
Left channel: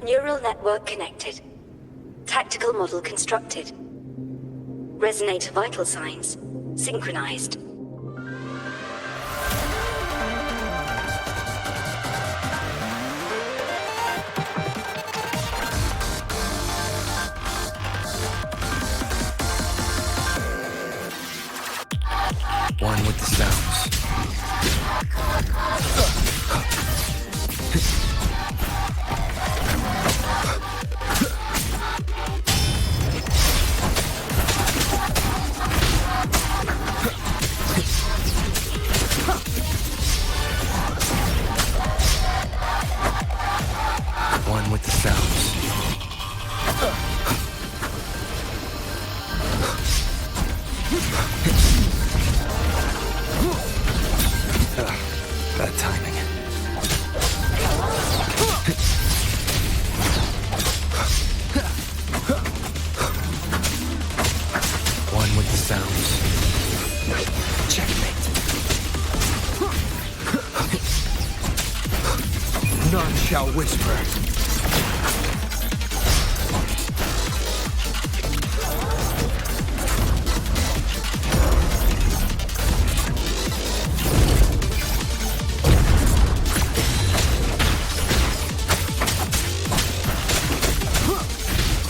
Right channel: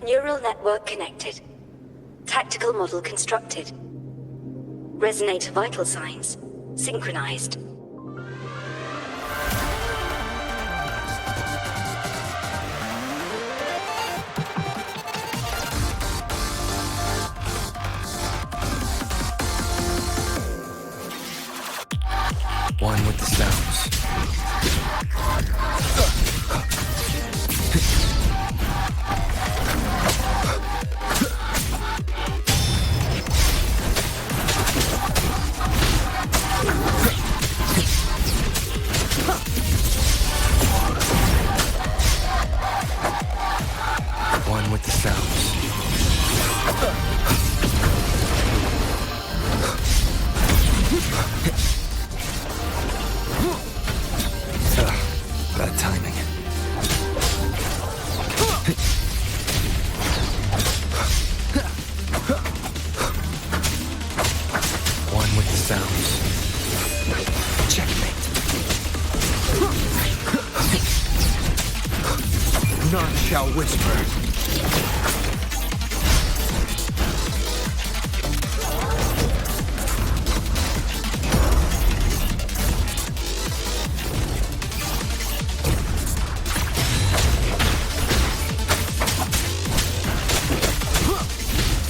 Neural network connected. Tactical model constructed. Resonator vital signs synchronized. One with the sounds. One with the sounds. Bad timing. One with the sounds. Checkmate. None shall whisper.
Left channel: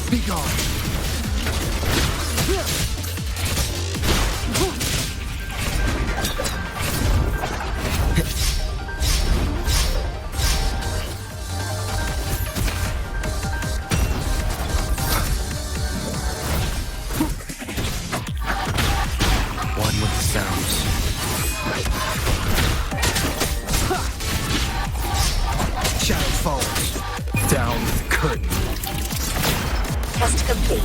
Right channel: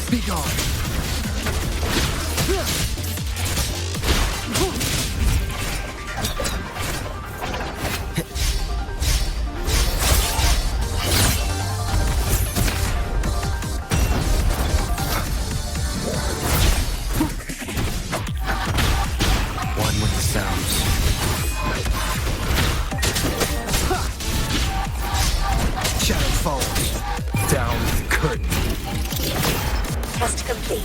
Be gone. One with the sounds. Shadow falls. Down the curtain. Test complete.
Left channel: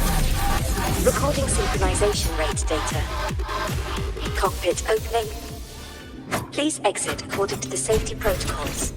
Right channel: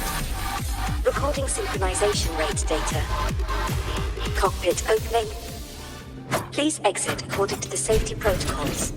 Recording synchronization rate data. Cockpit opening. Please exit according to the safety protocols.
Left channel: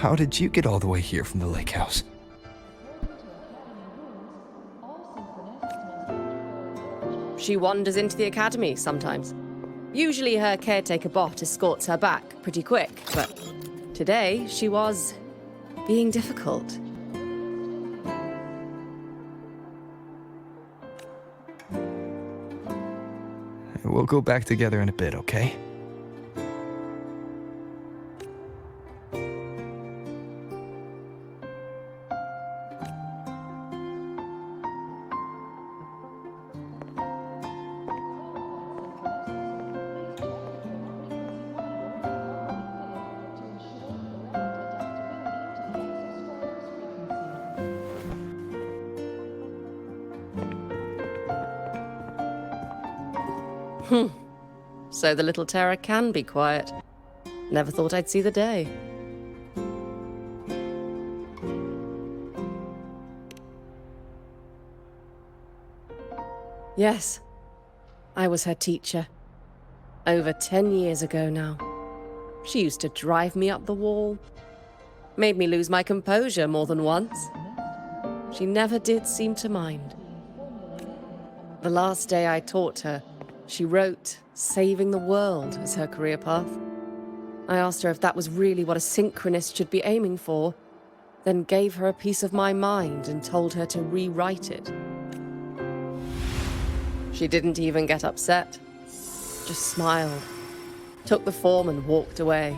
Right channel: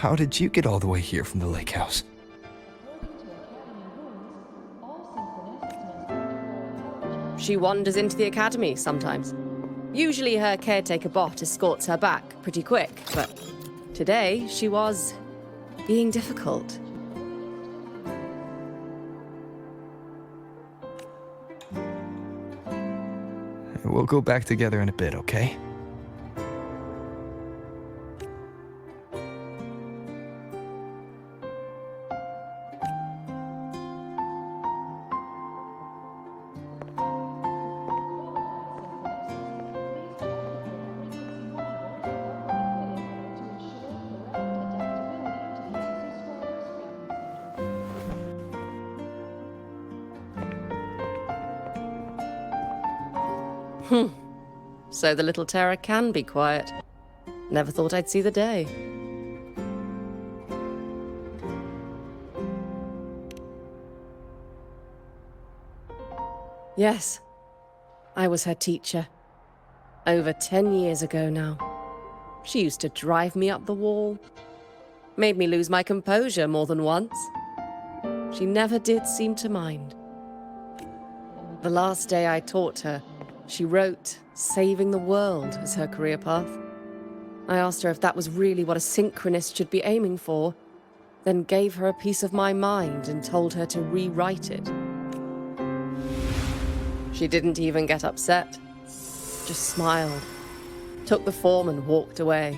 How did you get all the way here from the lake house? She wanders into the academy sometimes. Usually her caretaker bot escorts her back pretty quick, but today she was being difficult. We'll go back together in a bit, okay? So the little terror can be quiet. Never thought I'd see the day. Yes, I was her teacher. Over 10 years ago now. She used to drive me up the wall. Made me lose my composure more than once. She never did seem to mind. The last day I taught her, she wrote saving the world as her career path. I asked her if that was really what a synchronist should be aiming for, then gave her a piece of my mind and told her to rewrite it. She didn't even get upset, just smiled, took the form and walked away.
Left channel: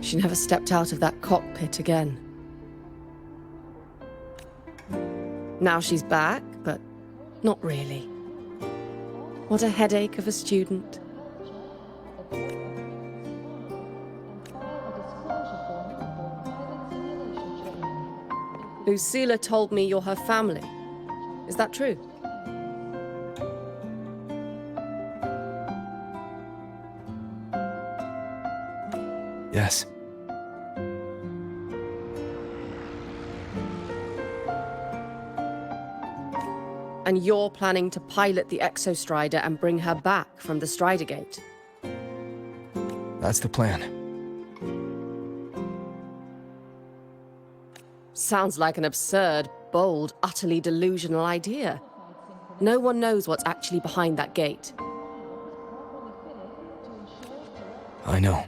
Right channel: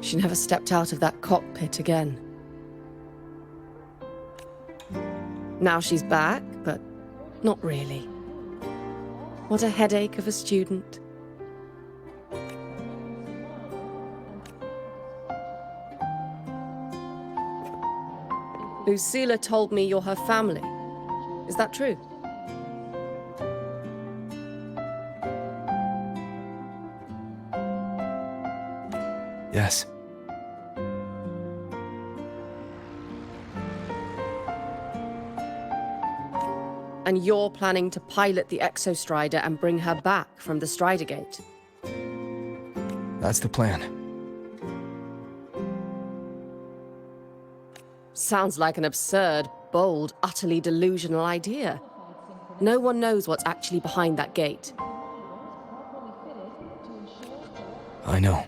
She never stepped out of that cockpit again. Now she's back, but not really. What a headache of a student. Lucilla told me you're her family. Is that true? Yes. And you're planning to pilot the ૱ and bring her back from the Strider Gate. That's the plan. Sounds like an absurd, bold, utterly delusional idea. No one knows what's actually behind that gate. I know.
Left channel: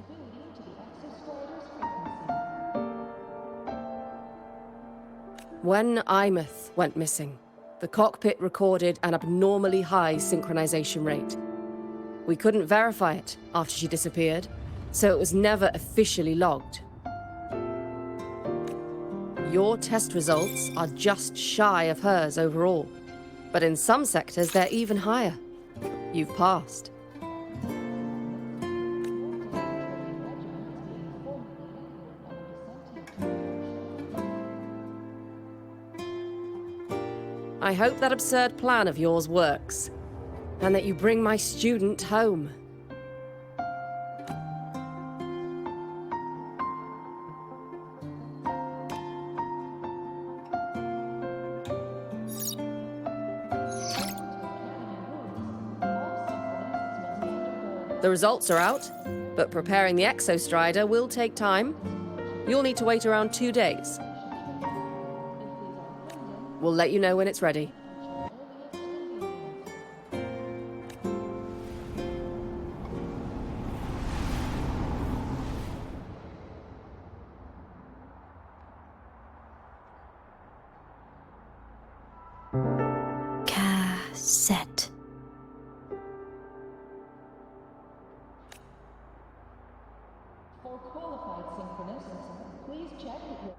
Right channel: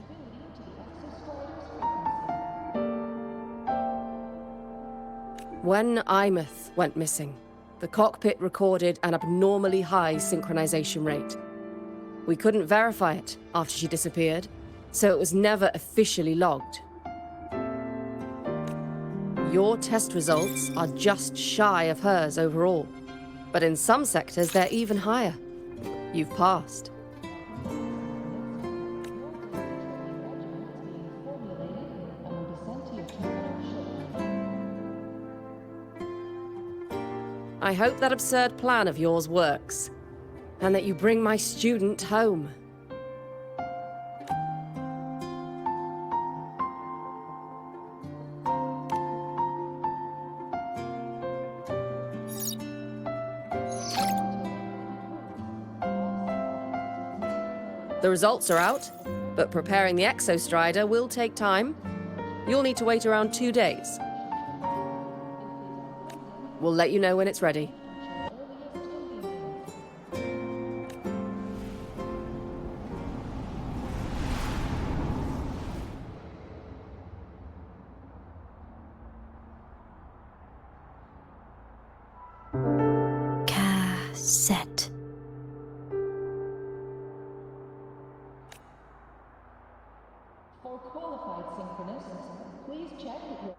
When 𝓕 went missing, the cockpit recorded an abnormally high synchronization rate. We couldn't verify it after she disappeared, so it was never officially logged. Your test results are just shy of hers overall, but in some sectors they're even higher. You've passed. I hope that absurd plan of yours works, and that you bring my student home. The results are out, but preparing the ☆will take time. You'll need to wait around 2 days. We'll let you know when it's ready. Cassette. For qualified synchronists, please check that your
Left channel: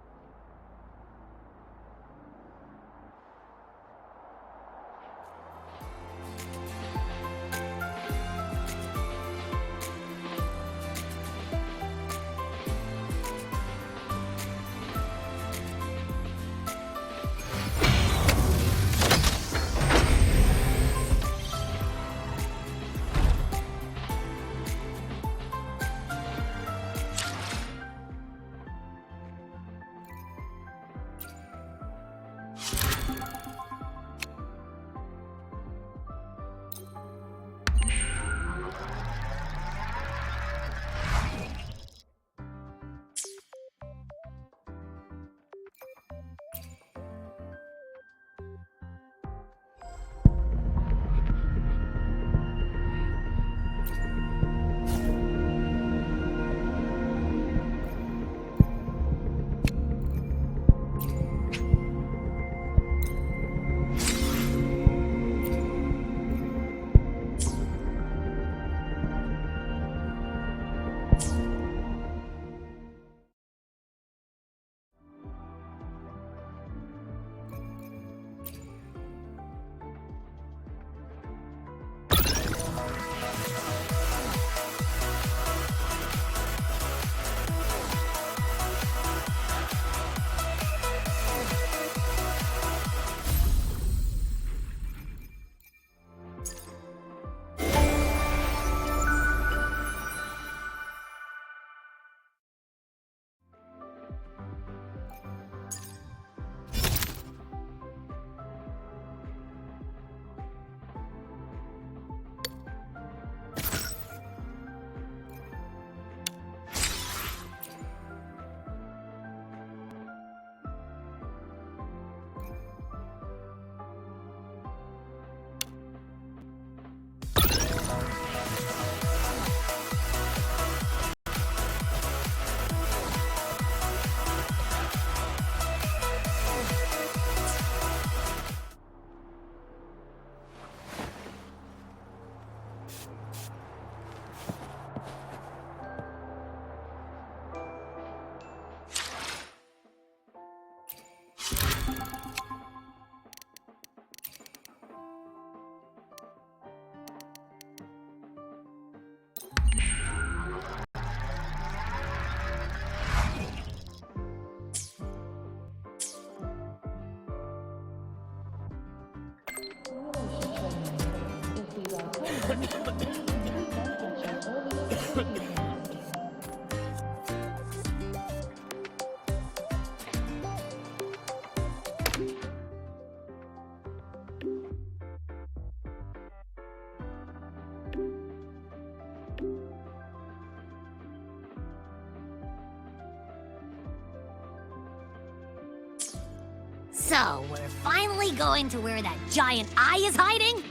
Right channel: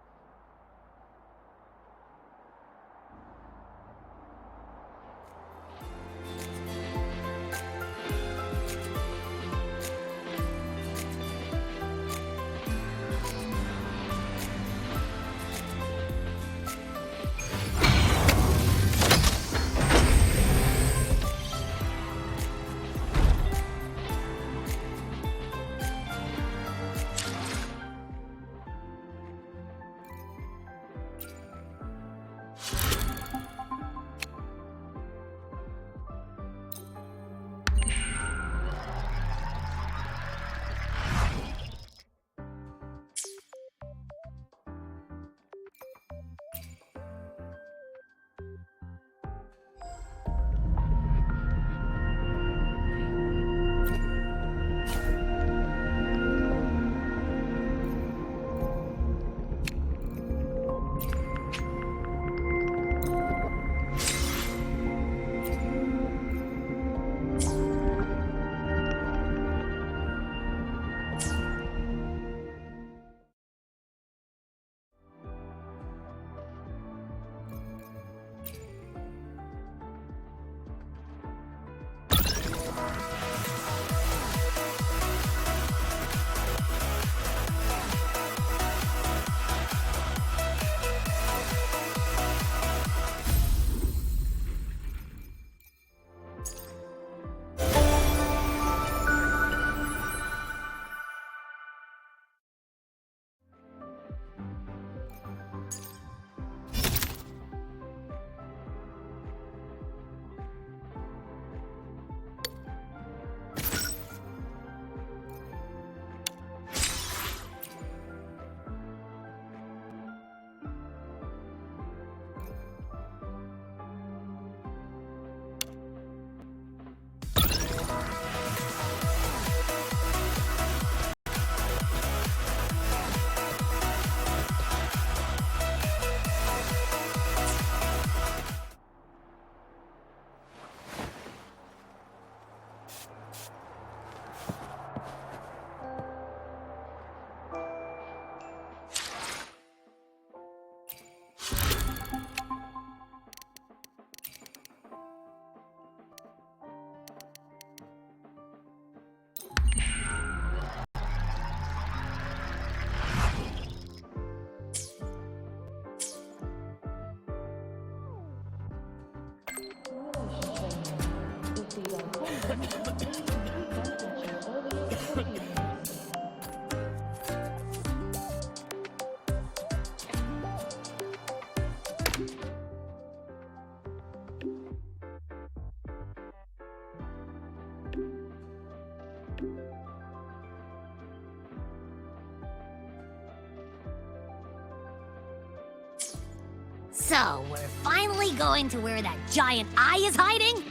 So, we're finally going to where that giant eye is hiding?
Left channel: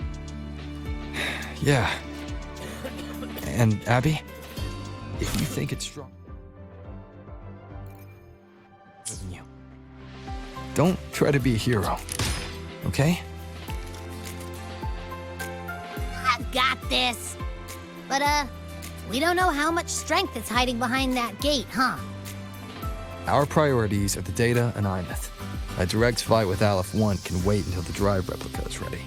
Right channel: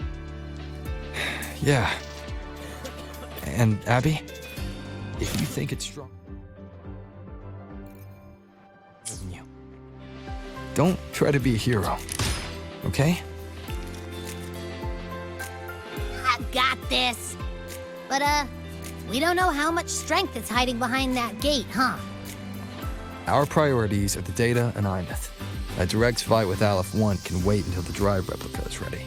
Yeah. And Abby, if you think it's strong than you, don't try to be a hero, okay? I got this. But, we don't know how much strength is hiding behind that gate, huh? Our priorities are the data and 𝓬𝓕. A direct fight with 𝓬₃ can wait until the drive replica is ready.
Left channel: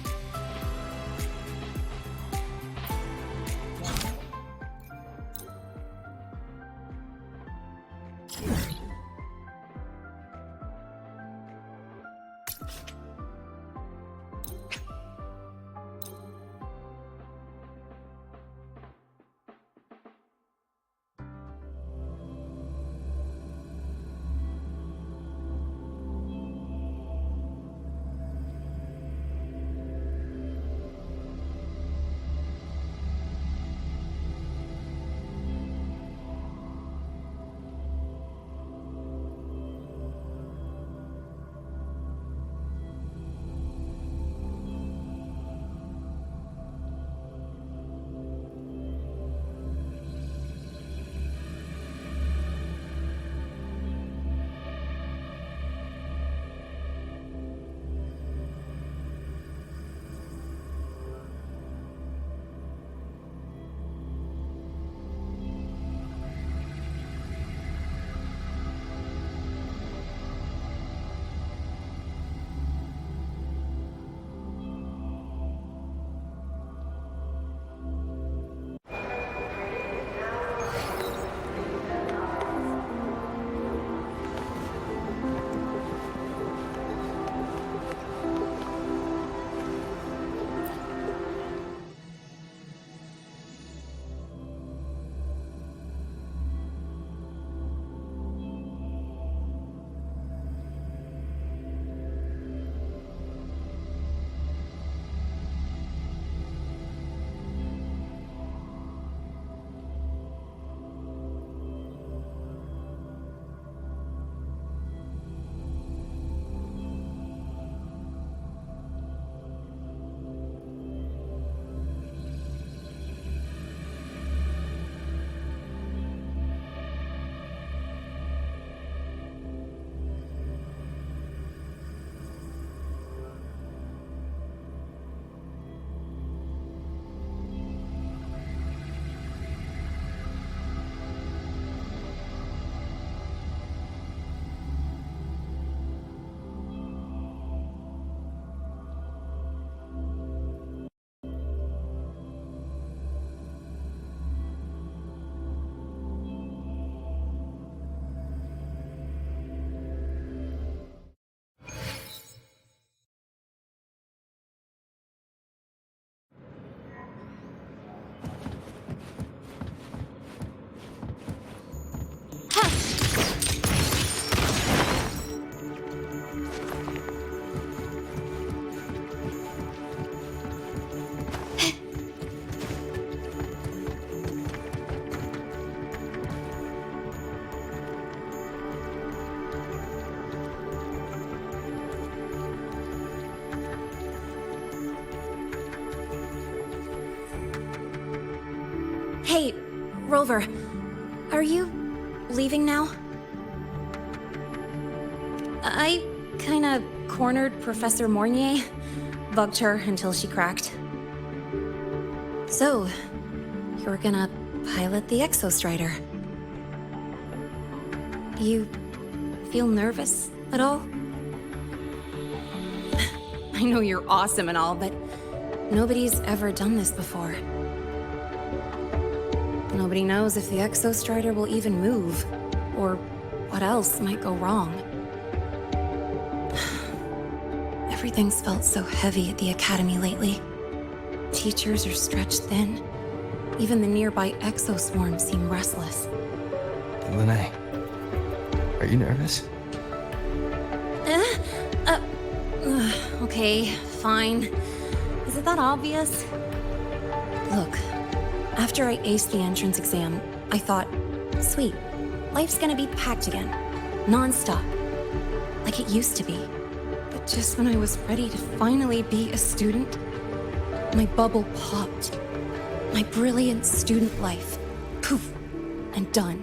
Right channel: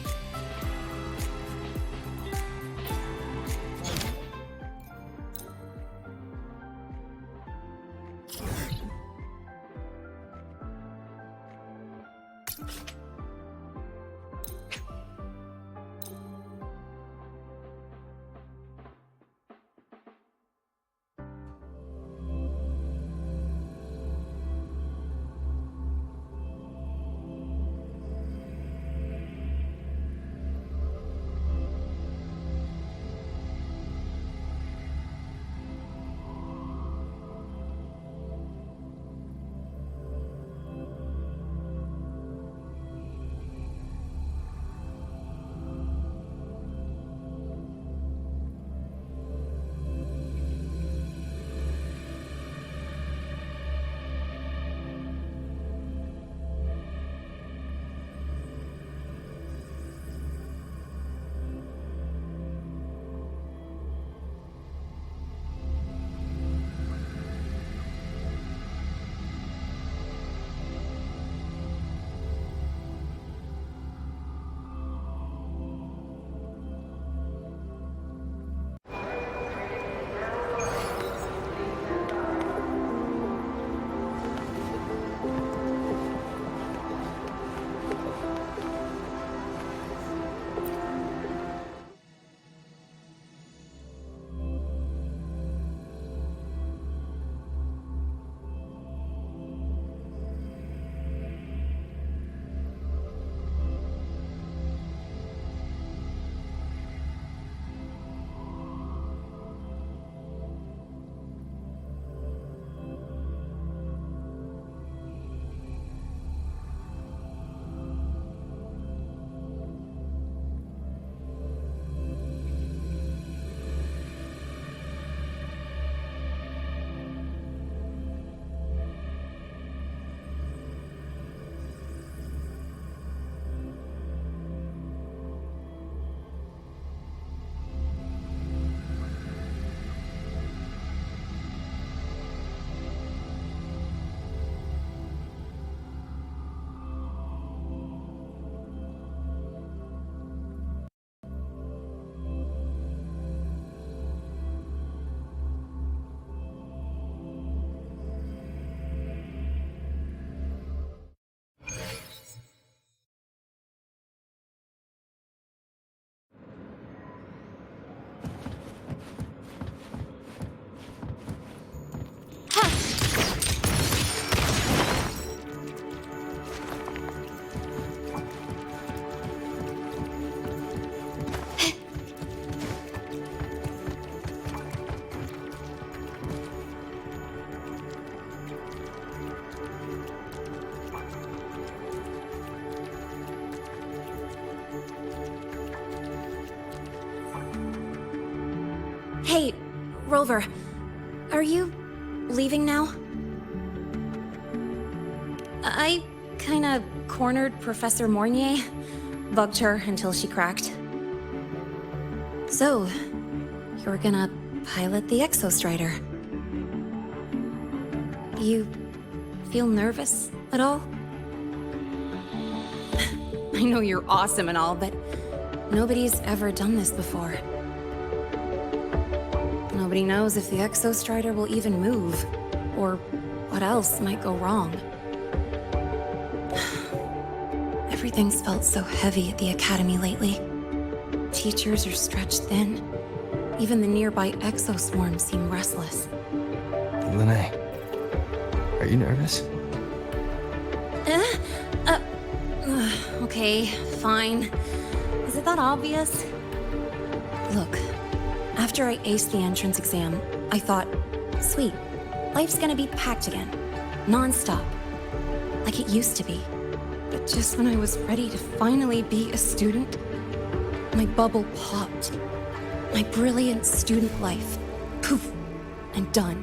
Hey, Rover, are you leaving now? I kinda cornered Professor Mornier, bugged her until she cracked. So, you're gonna pilot the 𝓬⁻ You feel nervous at all? I know you're awesome and all, but nobody's ever done this before. Nobody knows if the 𝓬⁻ will even move, or what else might go wrong. Everything's felt so heavy at the Academy lately. Teachers are stretched thin. Even the nearby exoswarms seem restless. Lene, are you nervous? Okay, fine. Is it that obvious? Look, after I aced the entrance exam, I thought, sweet, life's gonna be packed again. Non-stop. Like it used to be. But just when I was ready to finally be a student, my bubble popped. My brilliant student life, poof, and done.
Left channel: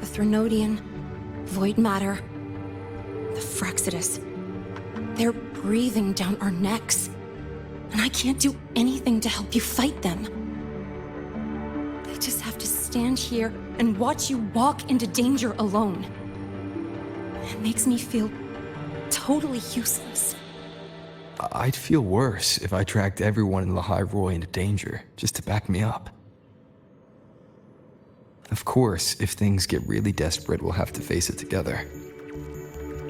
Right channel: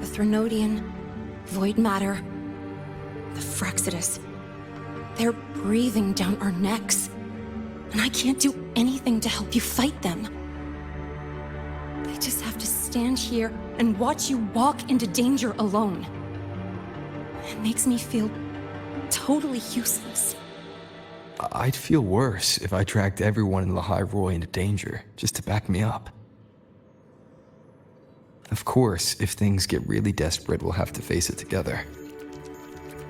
The ∧ void matter, the Frexidus, they're breathing down our necks, and I can't do anything to help you fight them. I just have to stand here and watch you walk into danger alone. It makes me feel totally useless. I'd feel worse if I dragged everyone in ḽʀᴜ into danger, just to back me up. Of course, if things get really desperate, we'll have to face it together.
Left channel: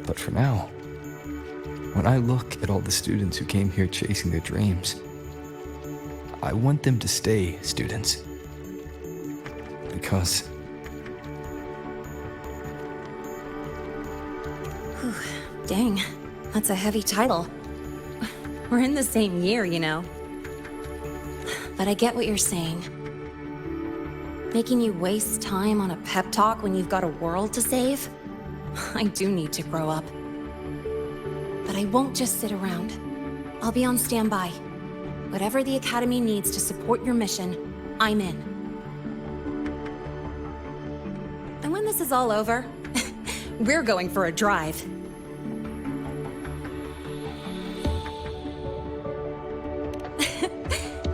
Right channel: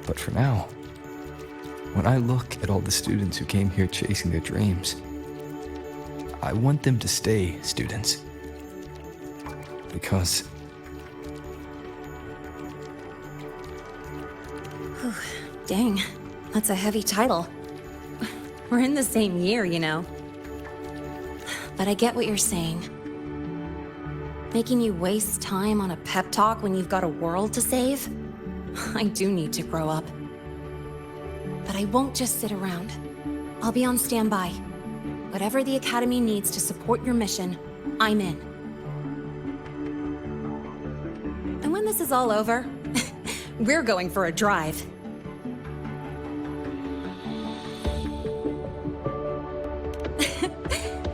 But for now, when I look at all the students who came here chasing their dreams, I want them to stay students. Because... Whew, dang, that's a heavy title. We're in the same year, you know. But I get what you're saying. Making you waste time on a pep talk when you've got a world to save? I do need to grow up. But I won't just sit around. I'll be on standby. Whatever the Academy needs to support your mission, I'm in. And when this is all over, we're going for a drive.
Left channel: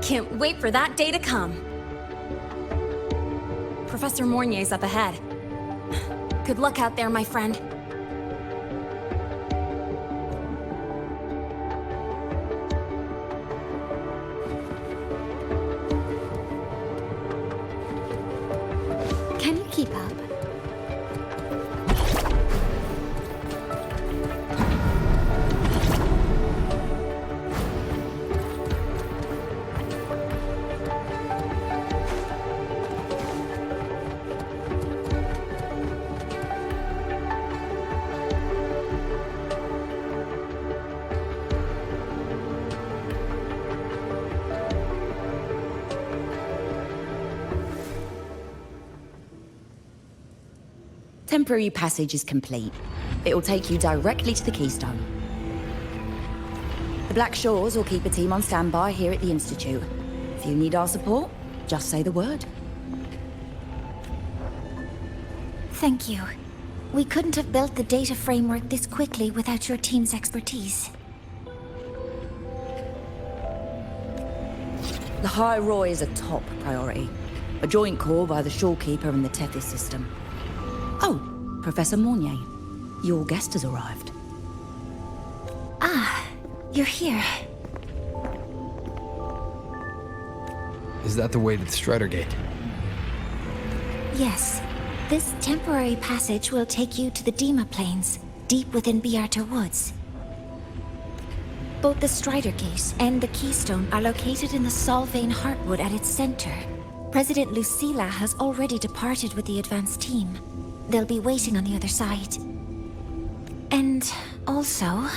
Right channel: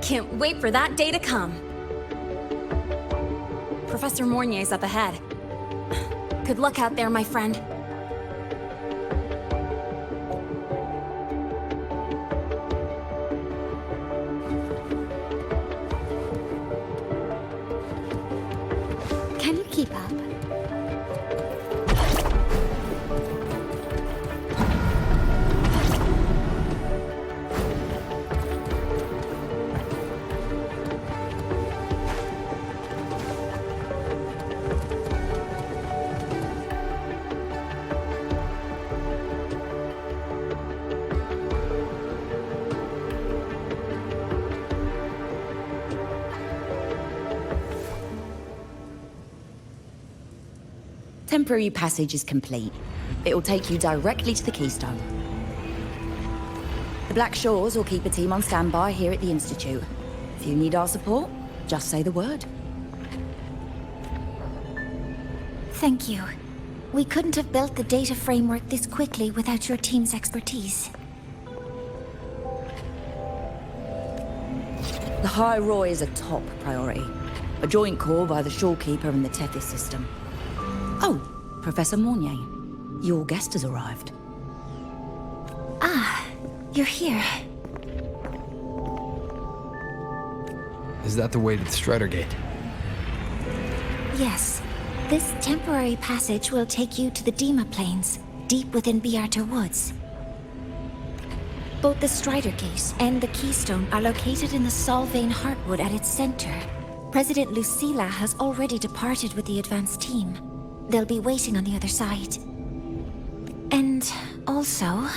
Can't wait for that day to come. Professor Mornier's up ahead. Good luck out there, my friend. Can you keep up? Temporary passage is complete. It'll take you directly to the Keystone. The Black Shores will keep a team on standby here at the Institute. If you need our support, just say the word. Thank you. We couldn't have built the data framework this quickly without your team's expertise. ḽʀᴜ is a top priority. A joint call by the Shorekeeper and the Tethys system. Oh, Professor Mornier, your guest has arrived. Ah, you're here. Is that the way to the Strider Gate? Yes. This temporary passage will take you to the Dima Plains, deep within Biarter Woods. Both the Strider Gate and the Keystone are located in the Solvane Heartwood at its center. President Lucila has already departed with the advance team. They'll be waiting on the other side. And also...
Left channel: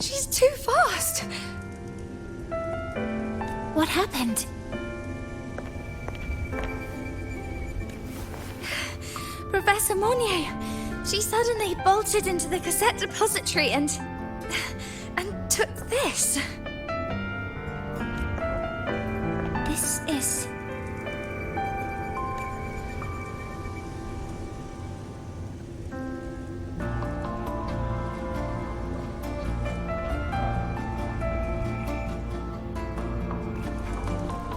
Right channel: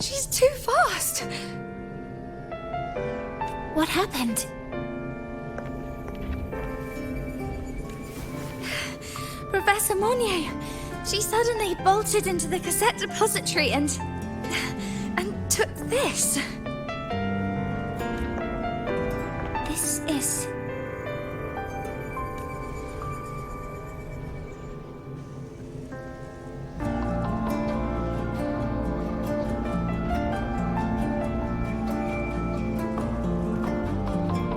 She's too fast. What happened? Professor Mornier, she suddenly bolted into the cassette depository and took this. This is...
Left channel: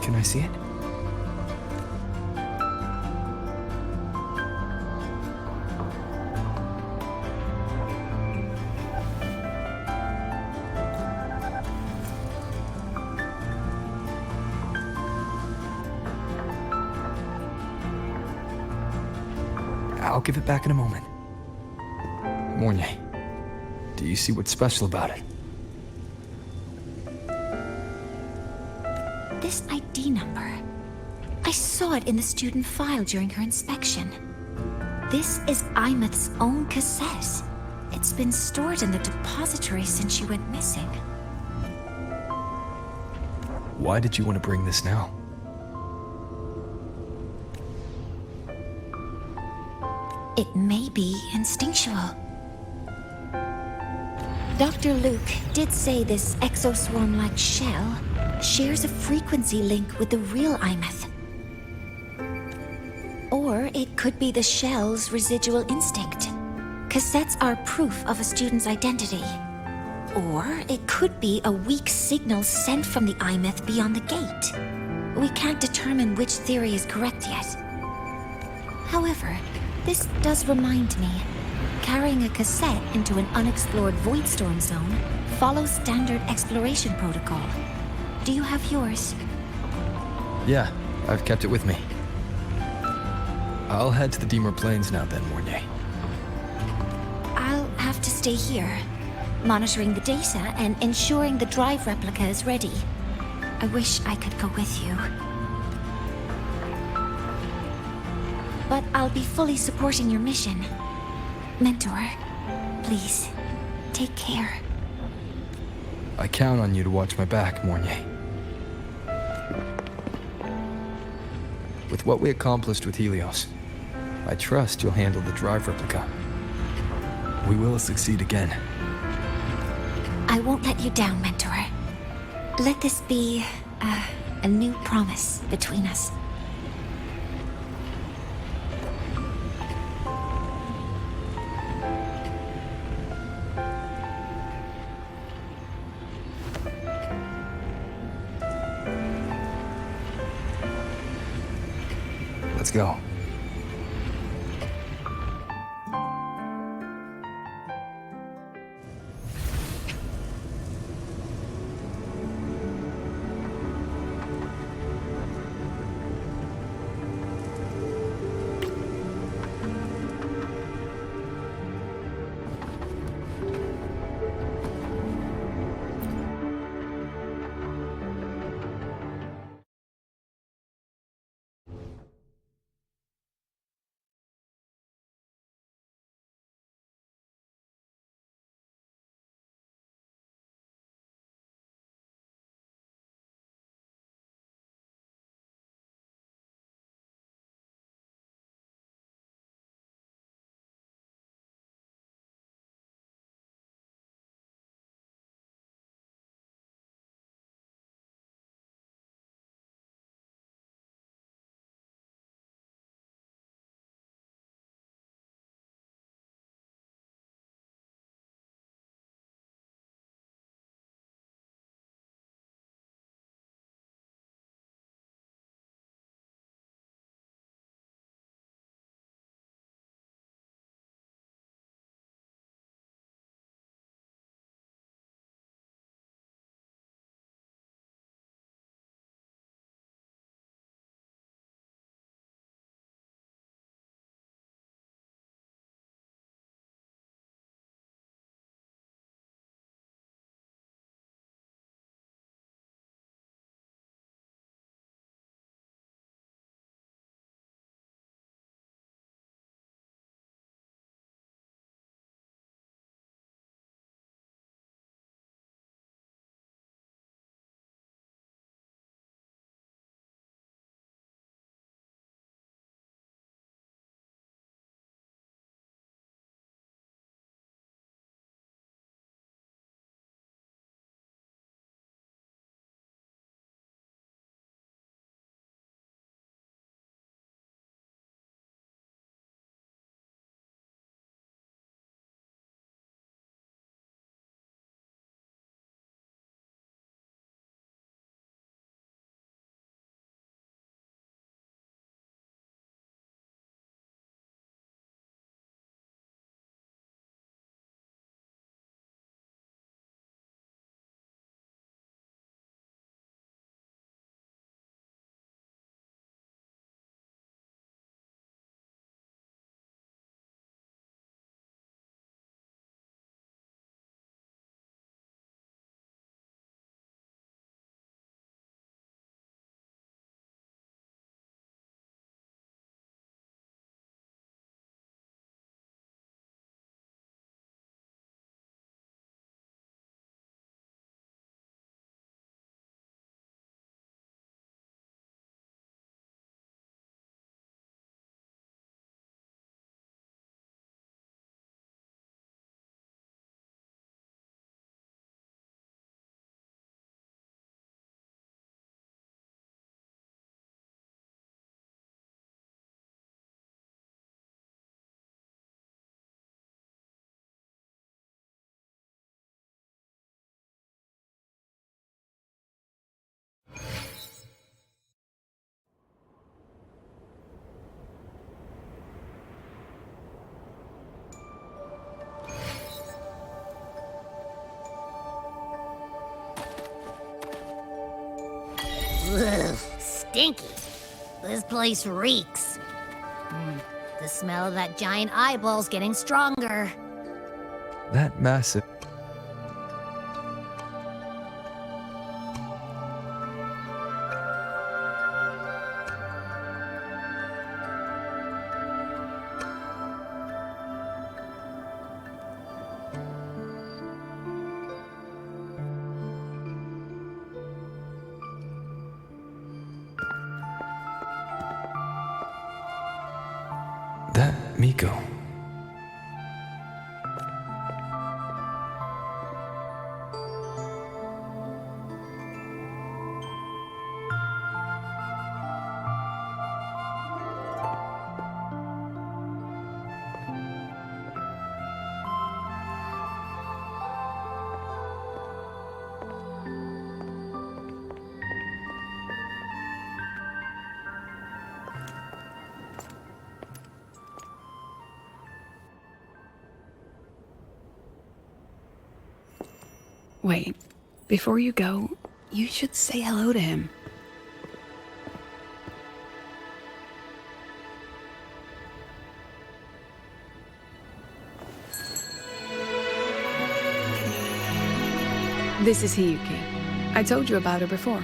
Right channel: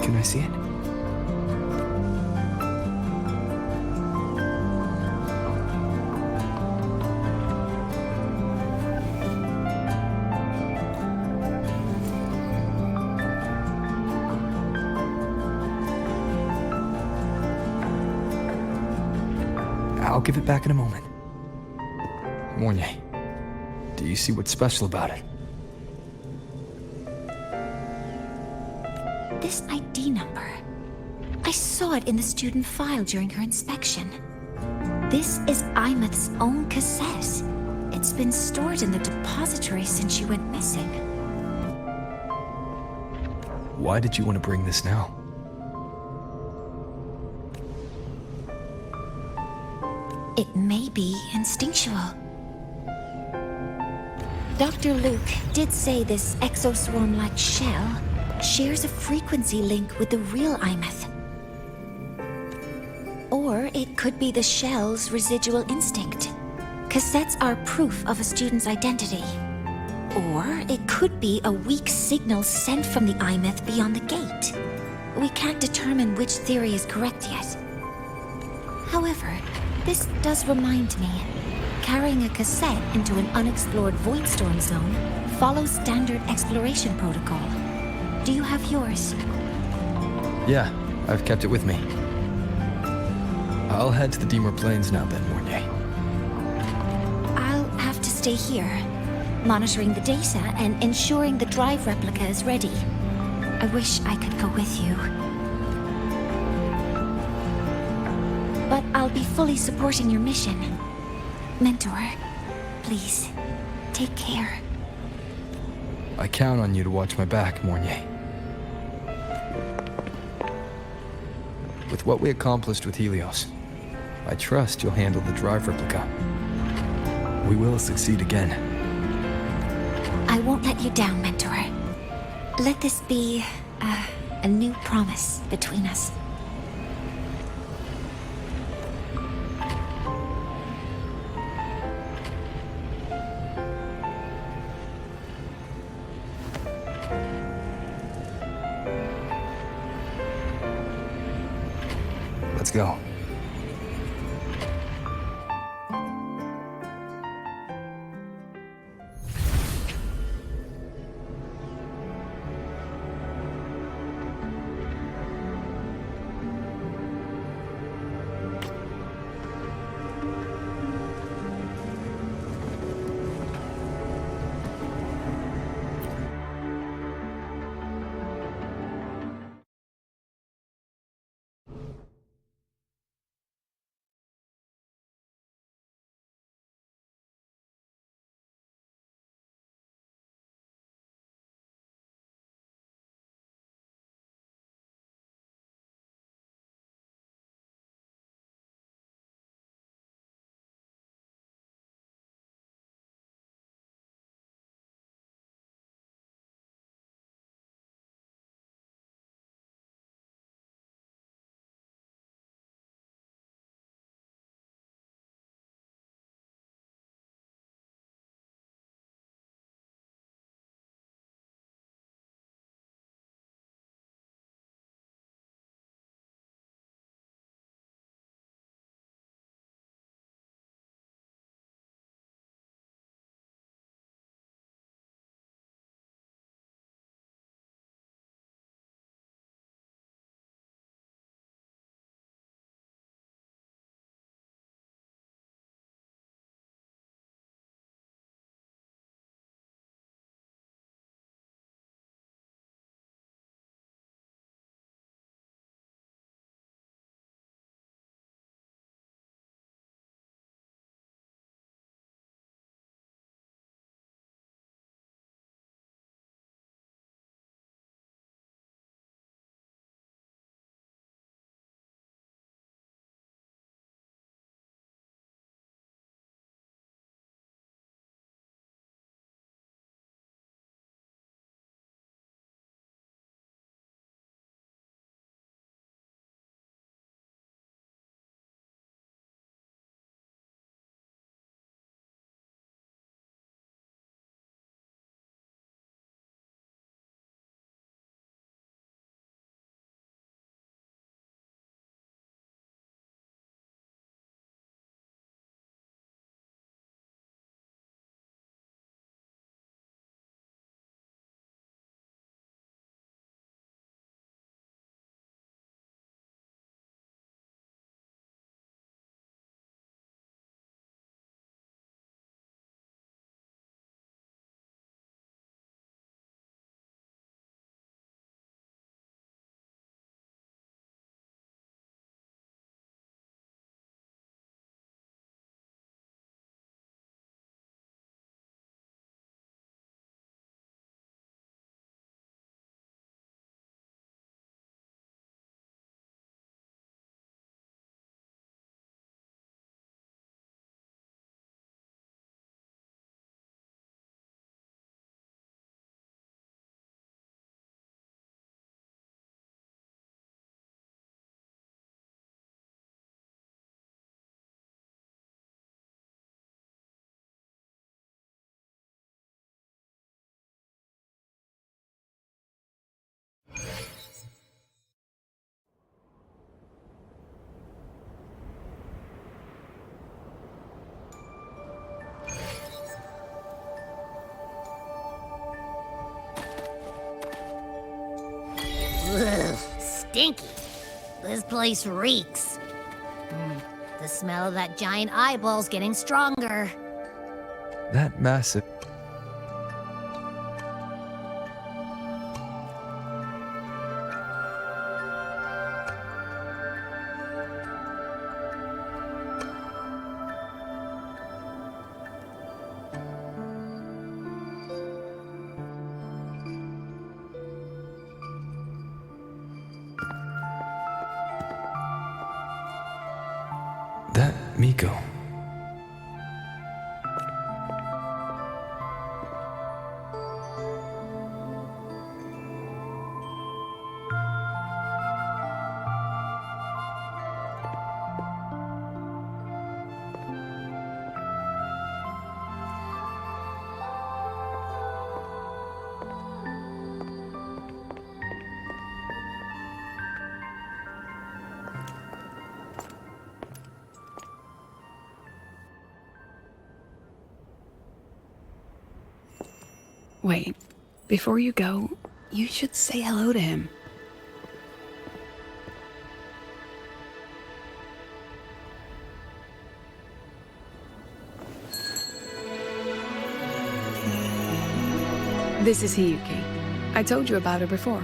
Can I see it? I'll give it back in a moment. Mornier, do you see what's special about it? This ID number. I saw it in the student file during her inspection. This is Imeth's own cassette. It It's been stored in the depository since she went missing. Why did you want to bring this now? It may be instinctual. Dr. Luke did say this exoswarm-like shell shares a frequency link with the real 𝓕𝓐. Or it could be the shell's residual instinct. Cassettes are proof of a student's identity. Or it could be a weak signal sent from the 𝓕 beyond the gate. We can't determine which theory is correct yet. However, this does remind me, carrying a cassette into an unexplored void storm zone follows standard exploration protocol. Do you have yours? Yeah, I've kept it with me. I'll head to the 𝓬𝓫 Plains now then, 𝓬𝓘. I'll have to stay here, monitoring the data and ensuring the drive replica is ready. I wish I could go with you. But I'll be fully supporting your mission. Mentor, please, take care. I count on you to watch my back, 𝓬𝓘. With what we accomplished with Helios, I trust you'll handle the drive replica. We will succeed again. I won't let you down, Mentor. Let this be a new promise between us. Let's go. stinky. This place reeks. The smell of that giant eyeball's getting stronger. That massive... That 𝓦𝓾𝓽𝓱𝓮𝓻𝓲𝓷𝓰 Wait, before you go, you should say hello to him. This is 𝓬𝓬key. I told you about her before.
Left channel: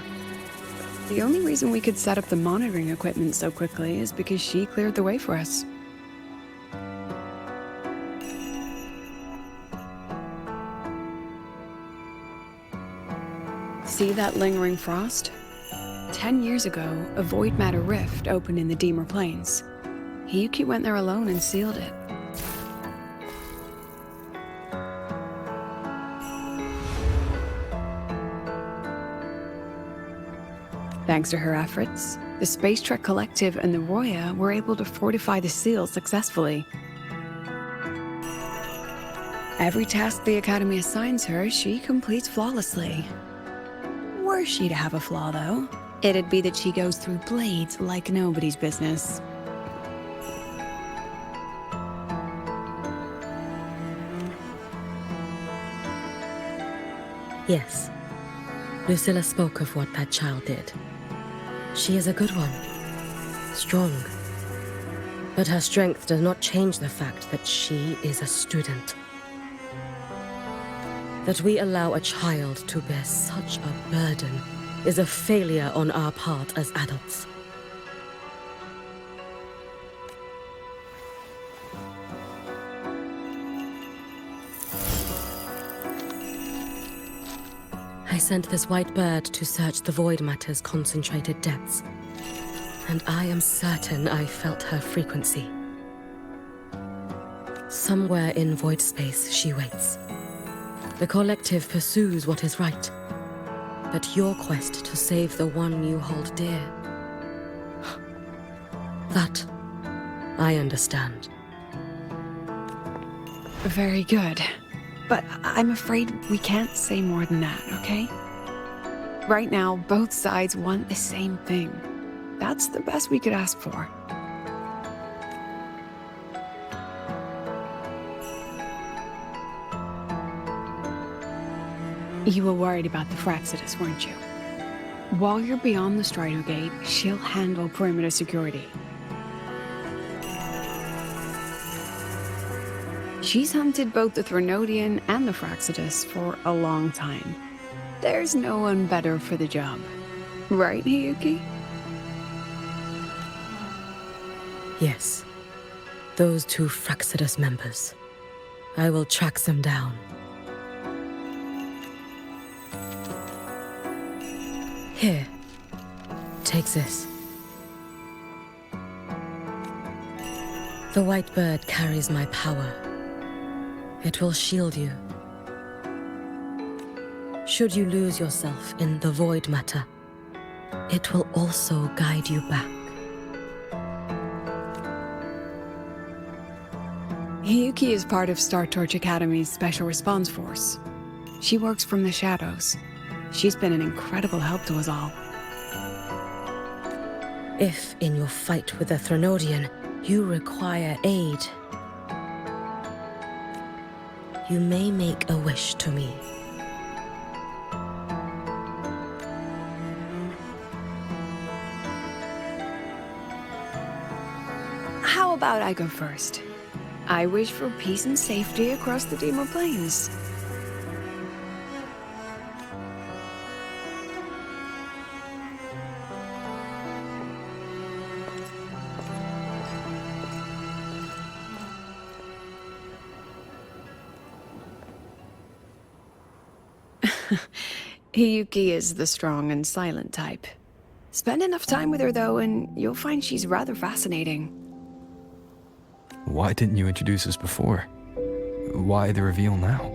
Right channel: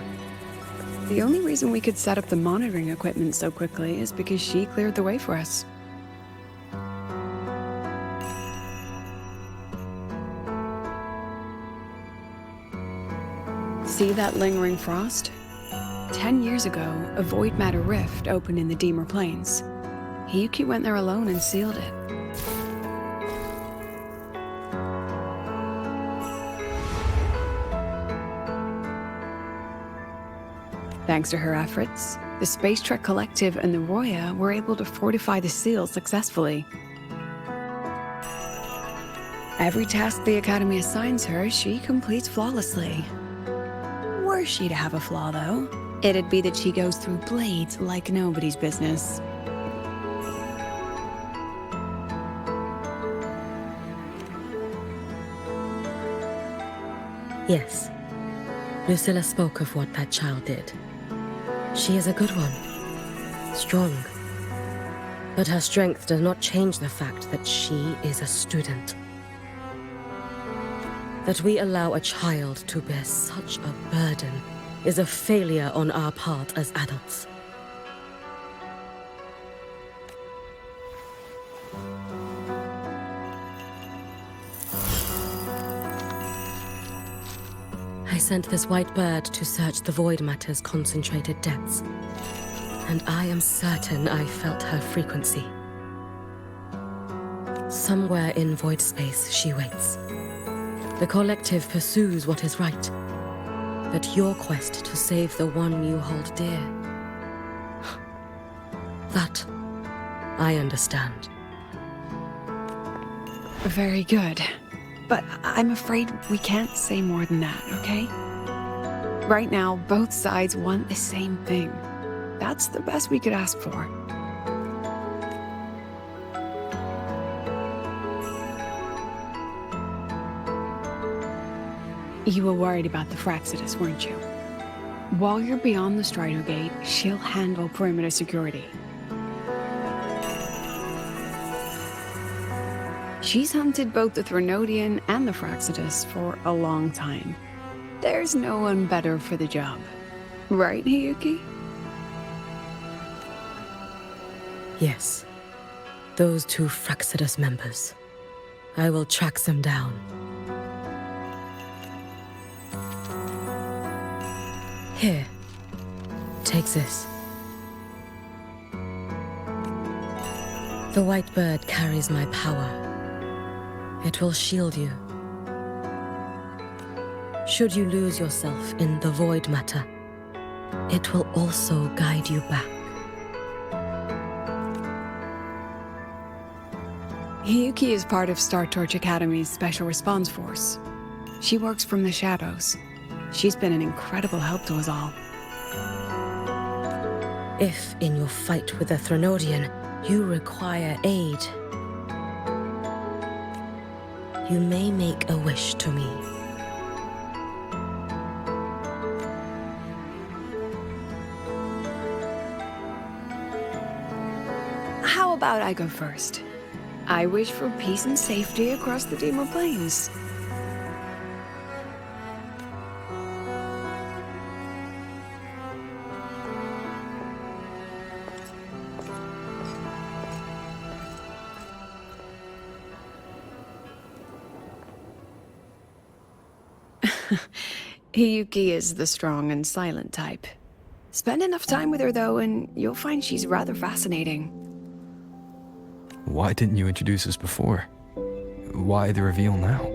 The only reason we could set up the monitoring equipment so quickly is because she cleared the way for us. See that lingering frost? 10 years ago, a void matter rift opened in the 𝓬╗ Plains. 𝓬𝓬key went there alone and sealed it. Thanks to her efforts, the Space Trek Collective and the Roya were able to fortify the seal successfully. Every task the Academy assigns her, she completes flawlessly. Were she to have a flaw, though, it'd be that she goes through blades like nobody's business. Yes. Lucilla spoke of what that child did. She is a good one. Strong. But her strength does not change the fact that she is a student. That we allow a child to bear such a burden is a failure on our part as adults. I sent this white bird to search the void matter's concentrated depths, and I am certain I felt her frequency. Somewhere in void space she waits. The collective pursues what is right, but your quest to save the one you hold dear, that I understand. Very good. But I'm afraid we can't say more than that, okay? Right now, both sides want the same thing. That's the best we could ask for. You were worried about the 𝓲𝓴tus, weren't you? While you're beyond the Strider Gate, she'll handle perimeter security. She's hunted both the Threnodian and the 𝓲𝓴tus for a long time. There's no one better for the job. Right, 𝓬𝓬key? Yes. Those two 𝓲𝓴tus members. I will track them down. Here. Take this. The white bird carries my power. It will shield you. Should you lose yourself in the void matter, it will also guide you back. 𝓬𝓬key is part of Star Torch Academy's Special Response Force. She works from the shadows. She's been an incredible help to us all. If, in your fight with the Threnodian, you require aid, you may make a wish to me. about I go first? I wish for peace and safety across the Dimor Plains. Hiyuki is the strong and silent type. Spend enough time with her, though, and you'll find she's rather fascinating. Why didn't you introduce us before? Why the reveal now?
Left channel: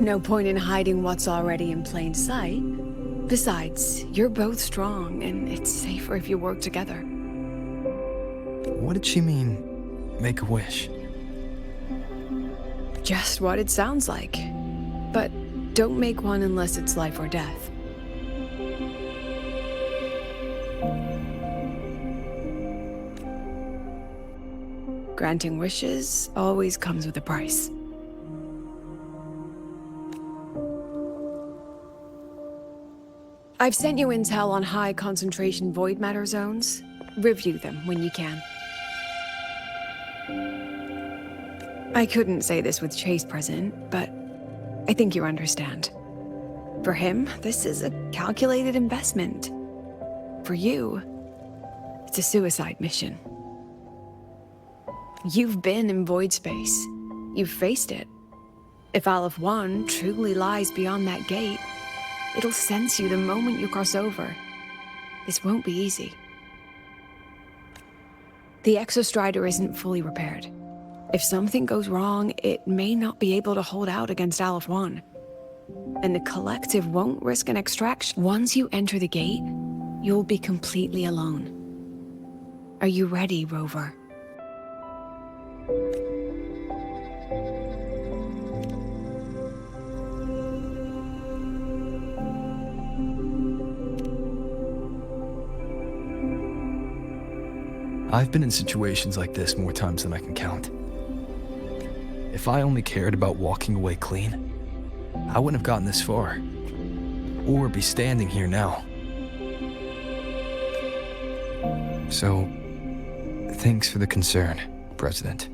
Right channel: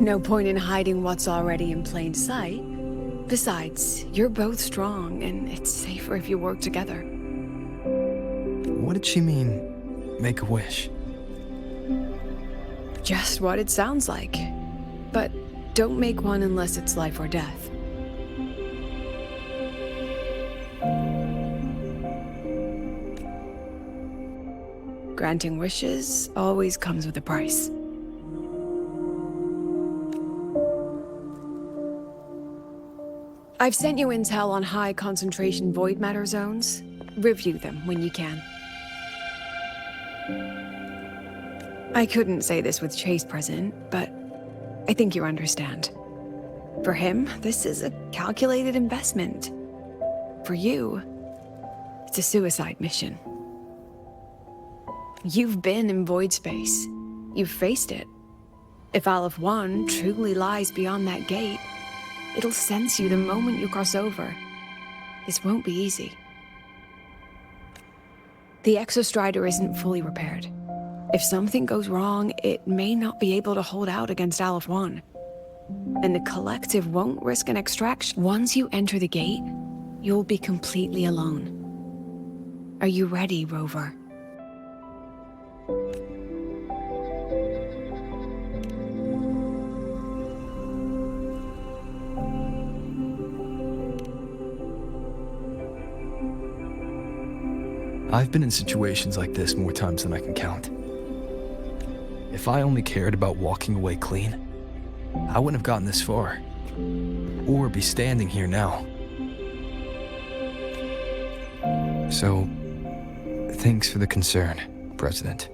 No point in hiding what's already in plain sight. Besides, you're both strong, and it's safer if you work together. What did she mean, make a wish? Just what it sounds like. But don't make one unless it's life or death. Granting wishes always comes with a price. I've sent you intel on high concentration void matter zones. Review them when you can. I couldn't say this with Chase present, but I think you understand. For him, this is a calculated investment. For you, it's a suicide mission. You've been in void space. You've faced it. If 𝑦ℏ truly lies beyond that gate, it'll sense you the moment you cross over. This won't be easy. The exostrider isn't fully repaired. If something goes wrong, it may not be able to hold out against 𝑦ℏ. And the collective won't risk an extraction. Once you enter the gate, you'll be completely alone. Are you ready, Rover? I've been in situations like this more times than I can count. If I only cared about walking away clean, I wouldn't have gotten this far, or be standing here now. So, thanks for the concern, President.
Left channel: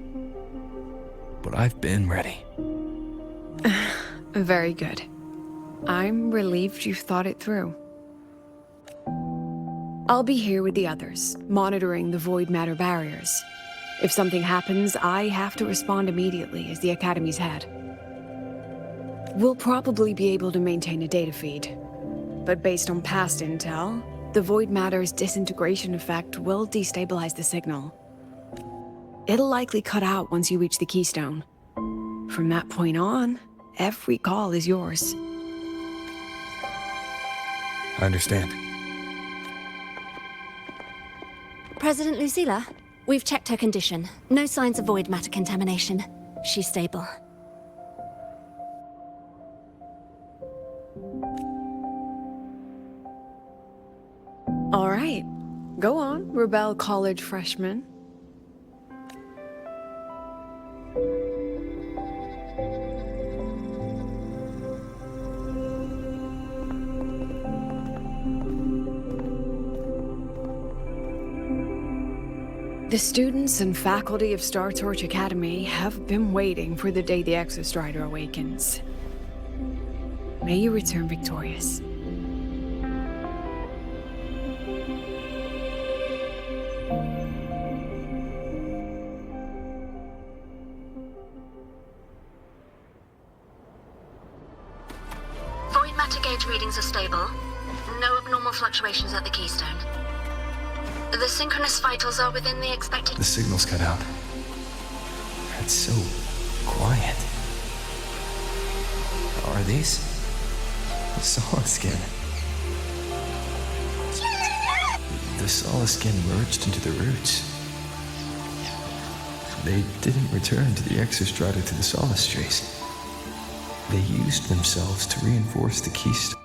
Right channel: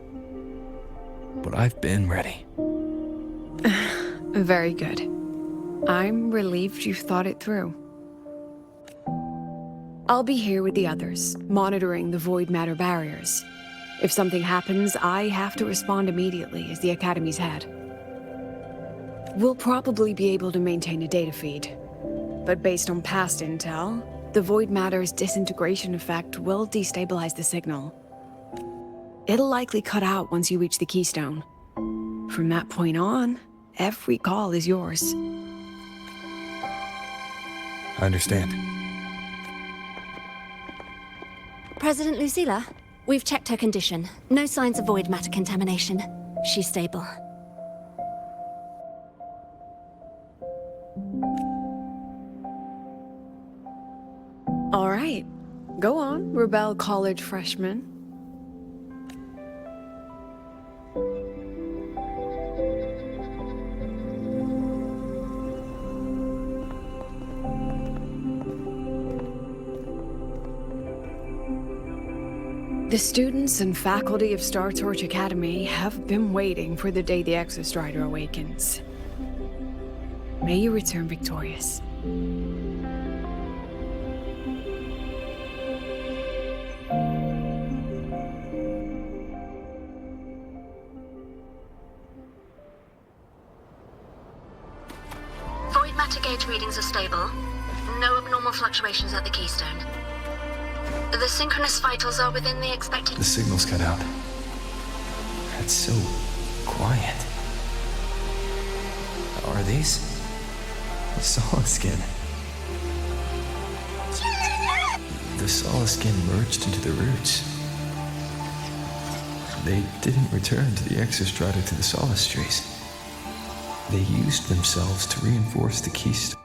But I've been ready. Very good. I'm relieved you've thought it through. I'll be here with the others, monitoring the void matter barriers. If something happens, I have to respond immediately as the Academy's head. We'll probably be able to maintain a data feed, but based on past intel, the void matter's disintegration effect will destabilize the signal. It'll likely cut out once you reach the keystone. From that point on, every call is yours. I understand. President Lucila, we've checked her condition. No signs of void matter contamination. She's stable. All right. Go on, Rebel College freshman. The students and faculty of Star Torch Academy have been waiting for the day the Exostrider awakens. May you return victorious. Void matter gauge readings are stable. No abnormal fluctuations at the keystone. The synchronous vitals are within the expected... The signal's cut out. It's so quiet. Are these? 𝓰 The 𝓰 merged into the roots. They didn't return to the exostrata to the solace trace. They used themselves to reinforce the keystone.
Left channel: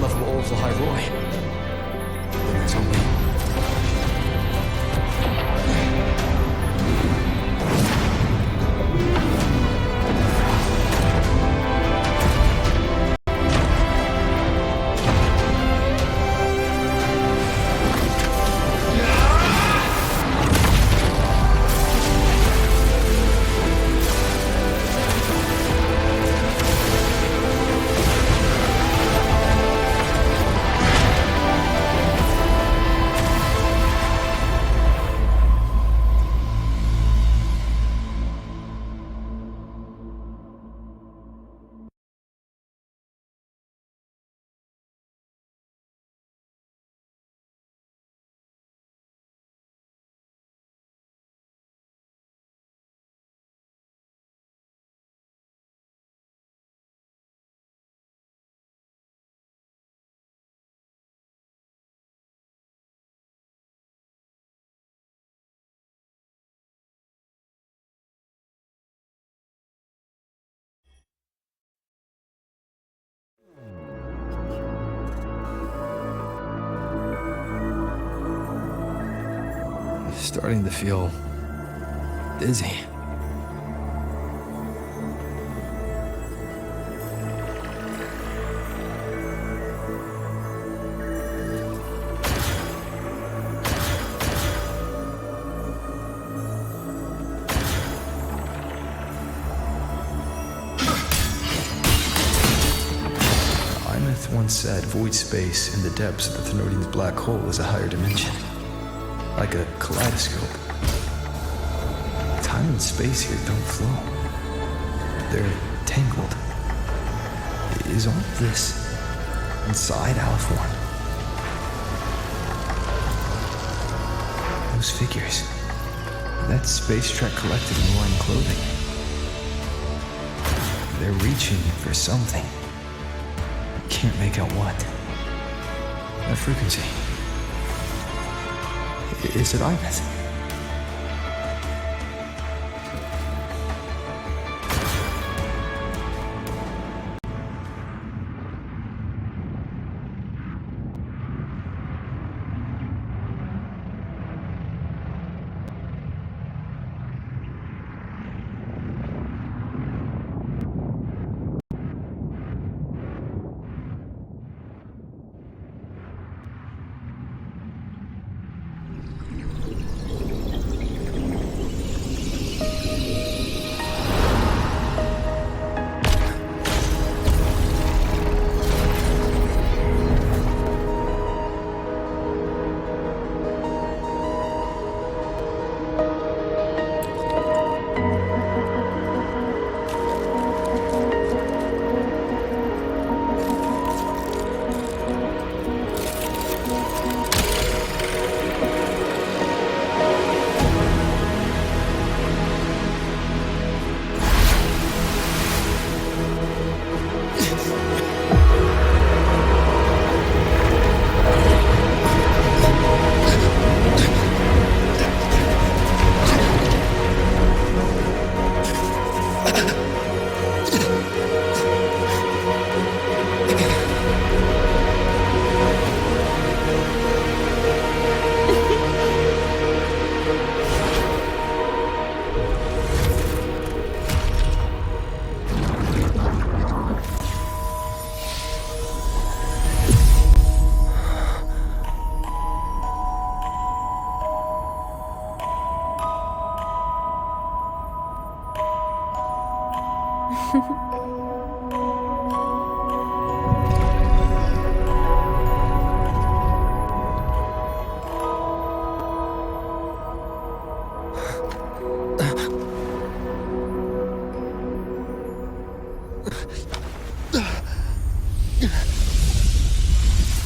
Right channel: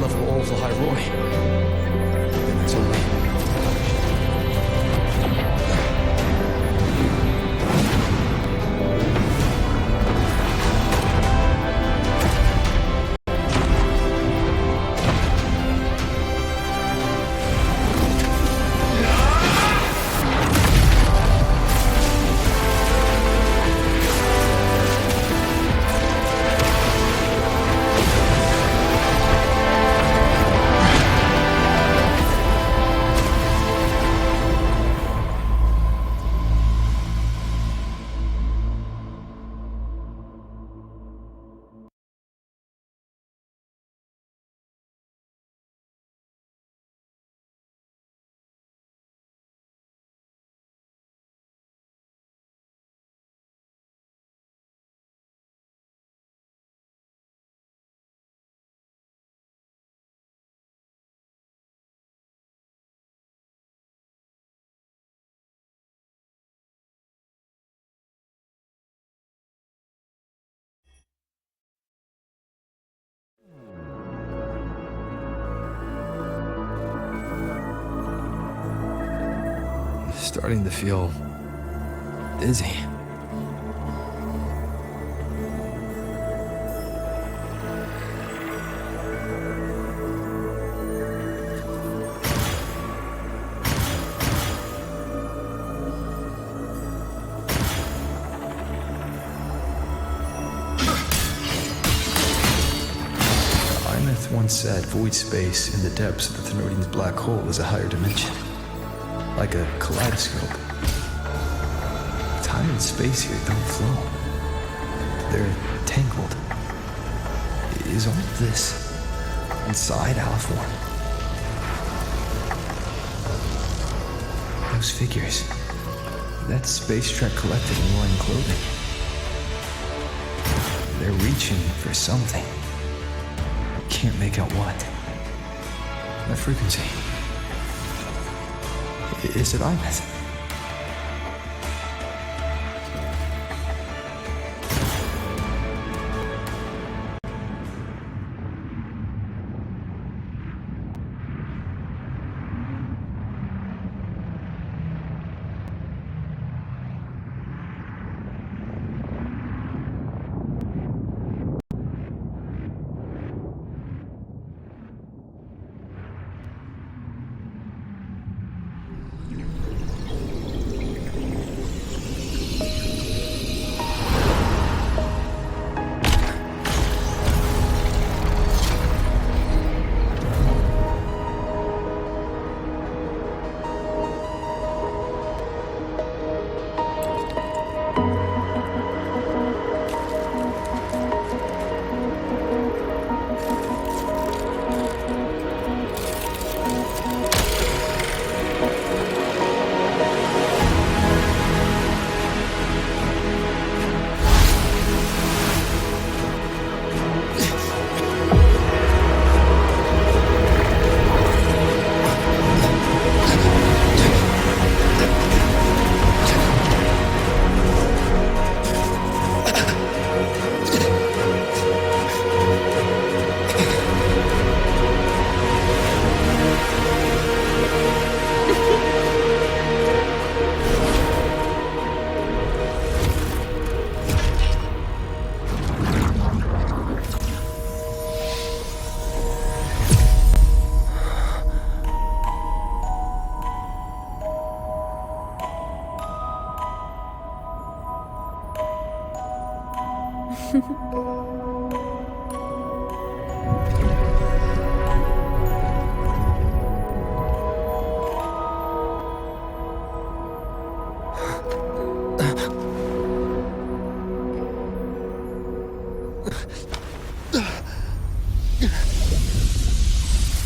level 𝓦𝓓𝓎. Then there's only... Starting to feel dizzy. 𝓦𝓏 once said void space in the depths of the Thenodian's black hole is a higher dimension. Like a kaleidoscope. Time and space here don't flow. They're tangled. Is all this inside 𝓥ᴜ? Those figures. That space trek collected in line clothing. They're reaching for something. I can't make out what. That frequency. Is it 𝓦𝓏?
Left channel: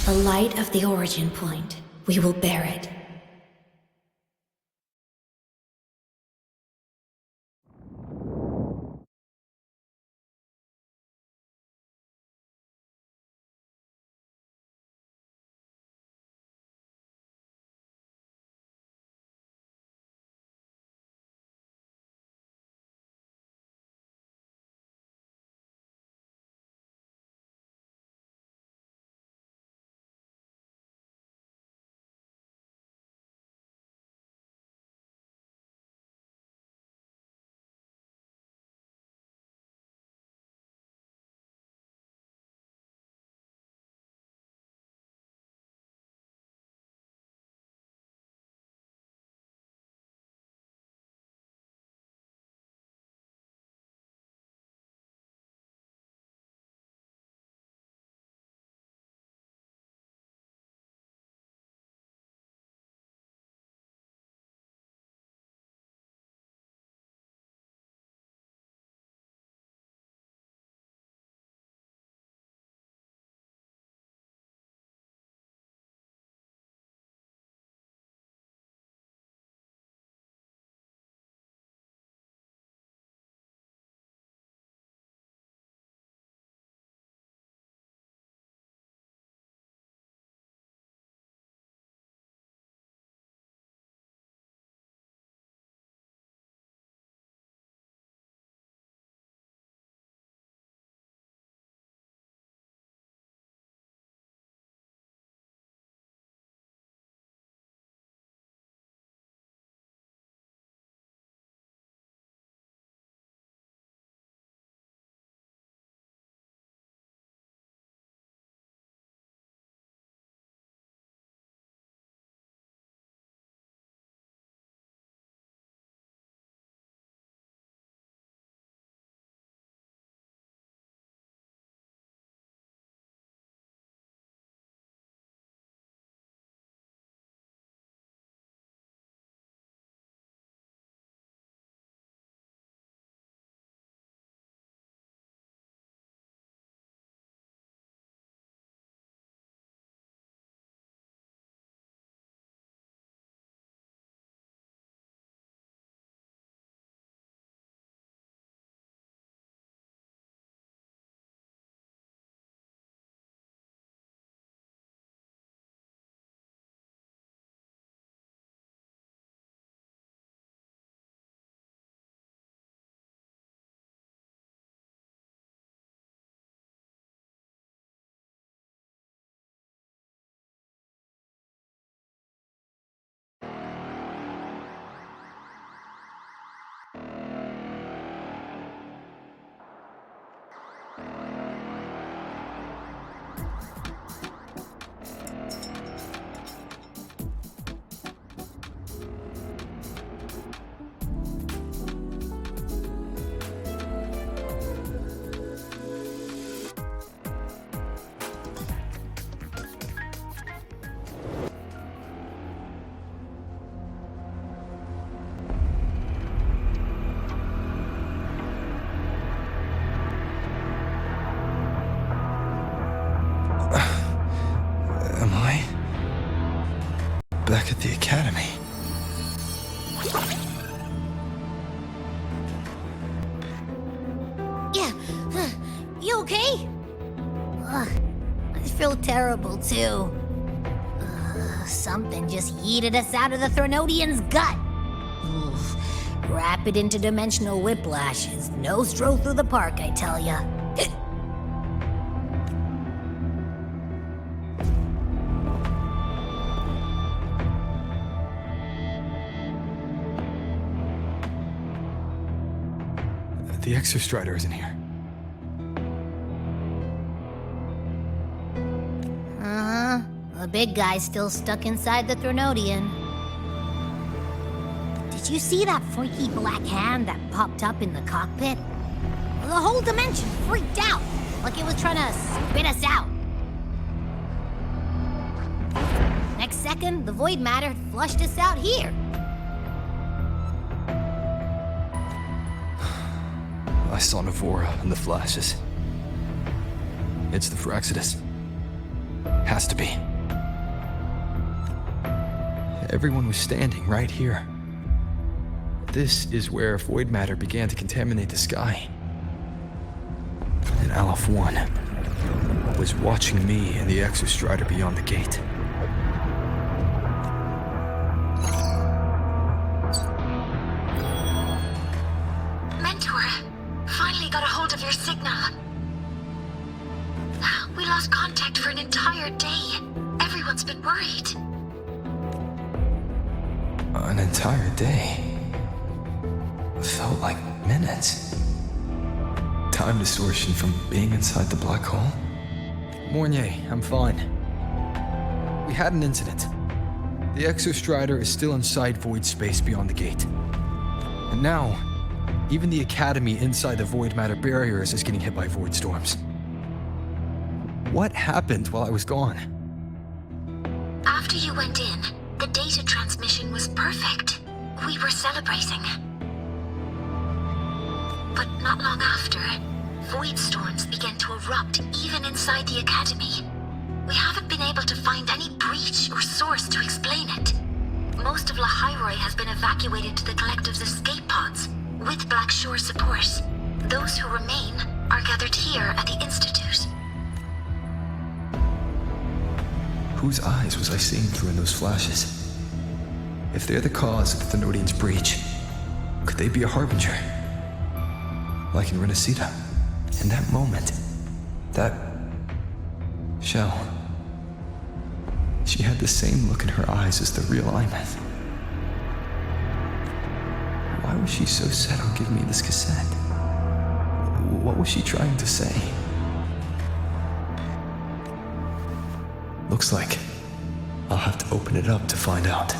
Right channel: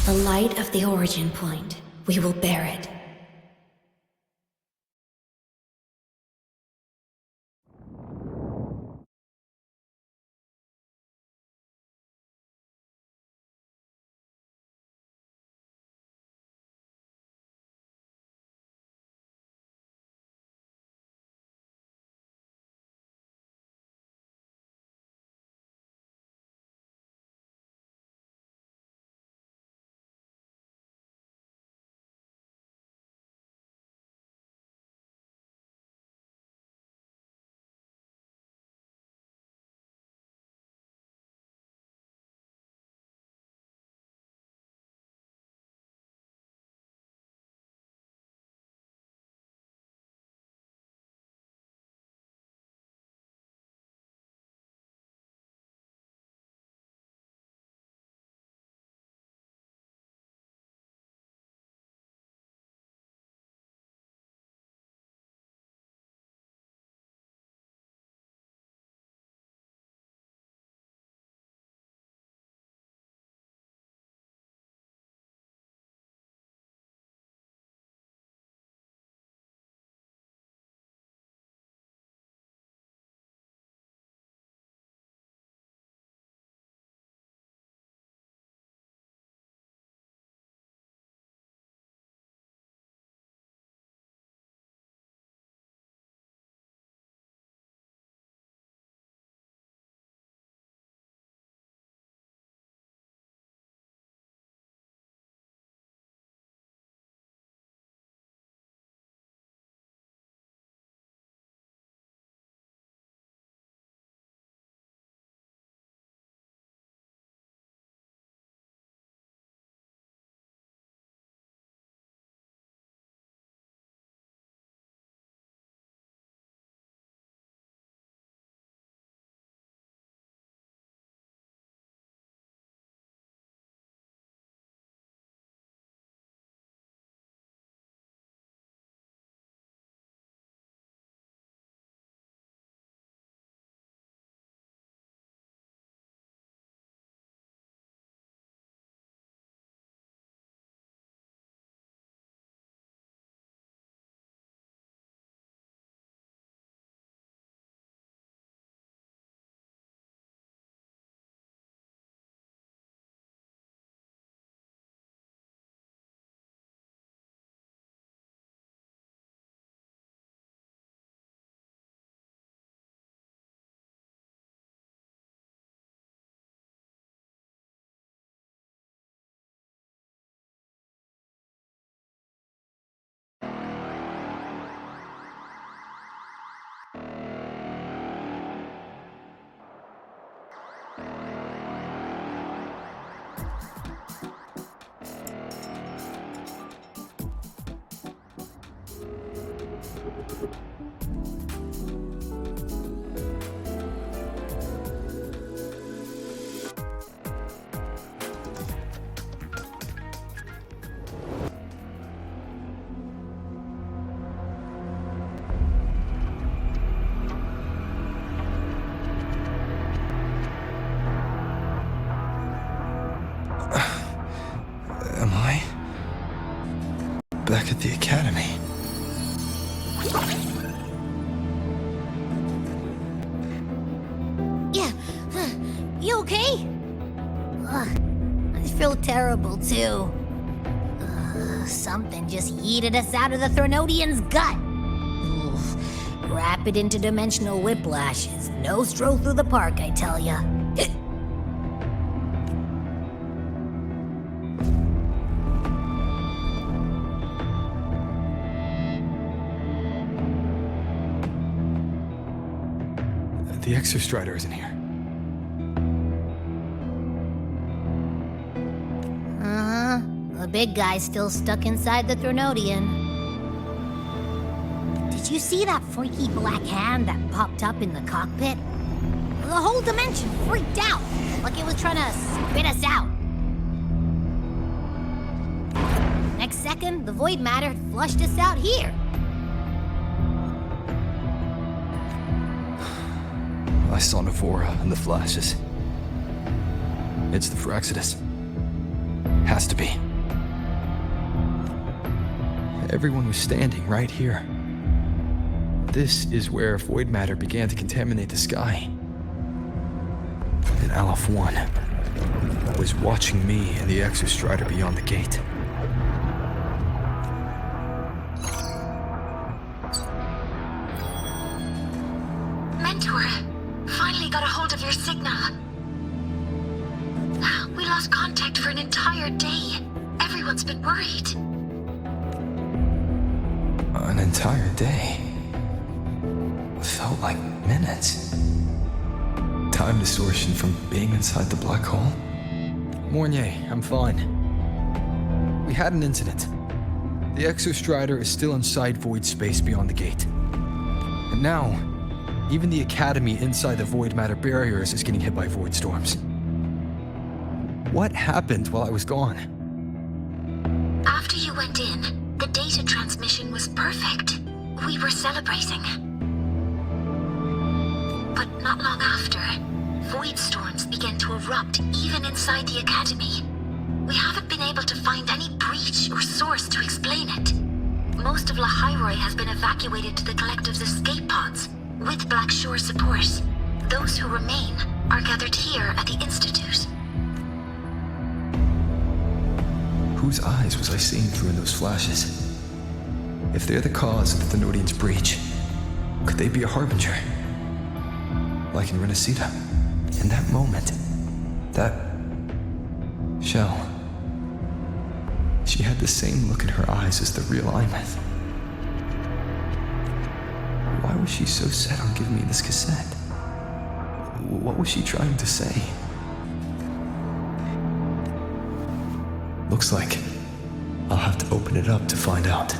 The light of the origin point. We will bear it. back at the academy. Yeah, you okay? I feel terrible too. Something just yeeted us out of the Threnodian's gut. Oof. Rapid interdimensional whiplash is no stroll through the park, I tell ya. The ബstrider isn't here. The big guy's still stuck inside the Threnodian. Did you see that freaky black hand that popped up in the cockpit? The whole dimension freaked out, like it was trying to spit us out. Next second, the void matter flushed us out here. I saw 𝓬⁴ in the flashes. It's the Fraxidus. Has to be. Everyone was standing right here. This is where void matter began to contaminate the sky. And 𝓚 was watching me and the ബstrider beyond the gate. Mentor, finally got a hold of your signal. We lost contact for an entire day. Everyone's been worried. An entire day. Felt like minutes. Time distortion from being inside the black hole. 𝓤𝓘, I'm fine. We had an incident. The ബstrider is still inside void space beyond the gate. And now, even the academy inside the void matter barriers is getting hit by void storms. What happened while I was gone? After you went in, the data transmission was perfect. We were celebrating. But not long after, void storms began to erupt even inside the academy. We haven't been able to find any breach or source to explain it. Most of ḽa has been evacuated to the collective's escape pods, with Black Shore support. Those who remain are gathered here at the Institute. Whose eyes was I seeing through in those flashes? If they're the cause of the Threnodian's breach, could they be a harbinger? Like in ☕ in that moment, that shell, she had the same look in her eyes as the real 𝓚. Why was she so set on giving me this cassette? What was she trying to say? Looks like I'll have to open it up to find out.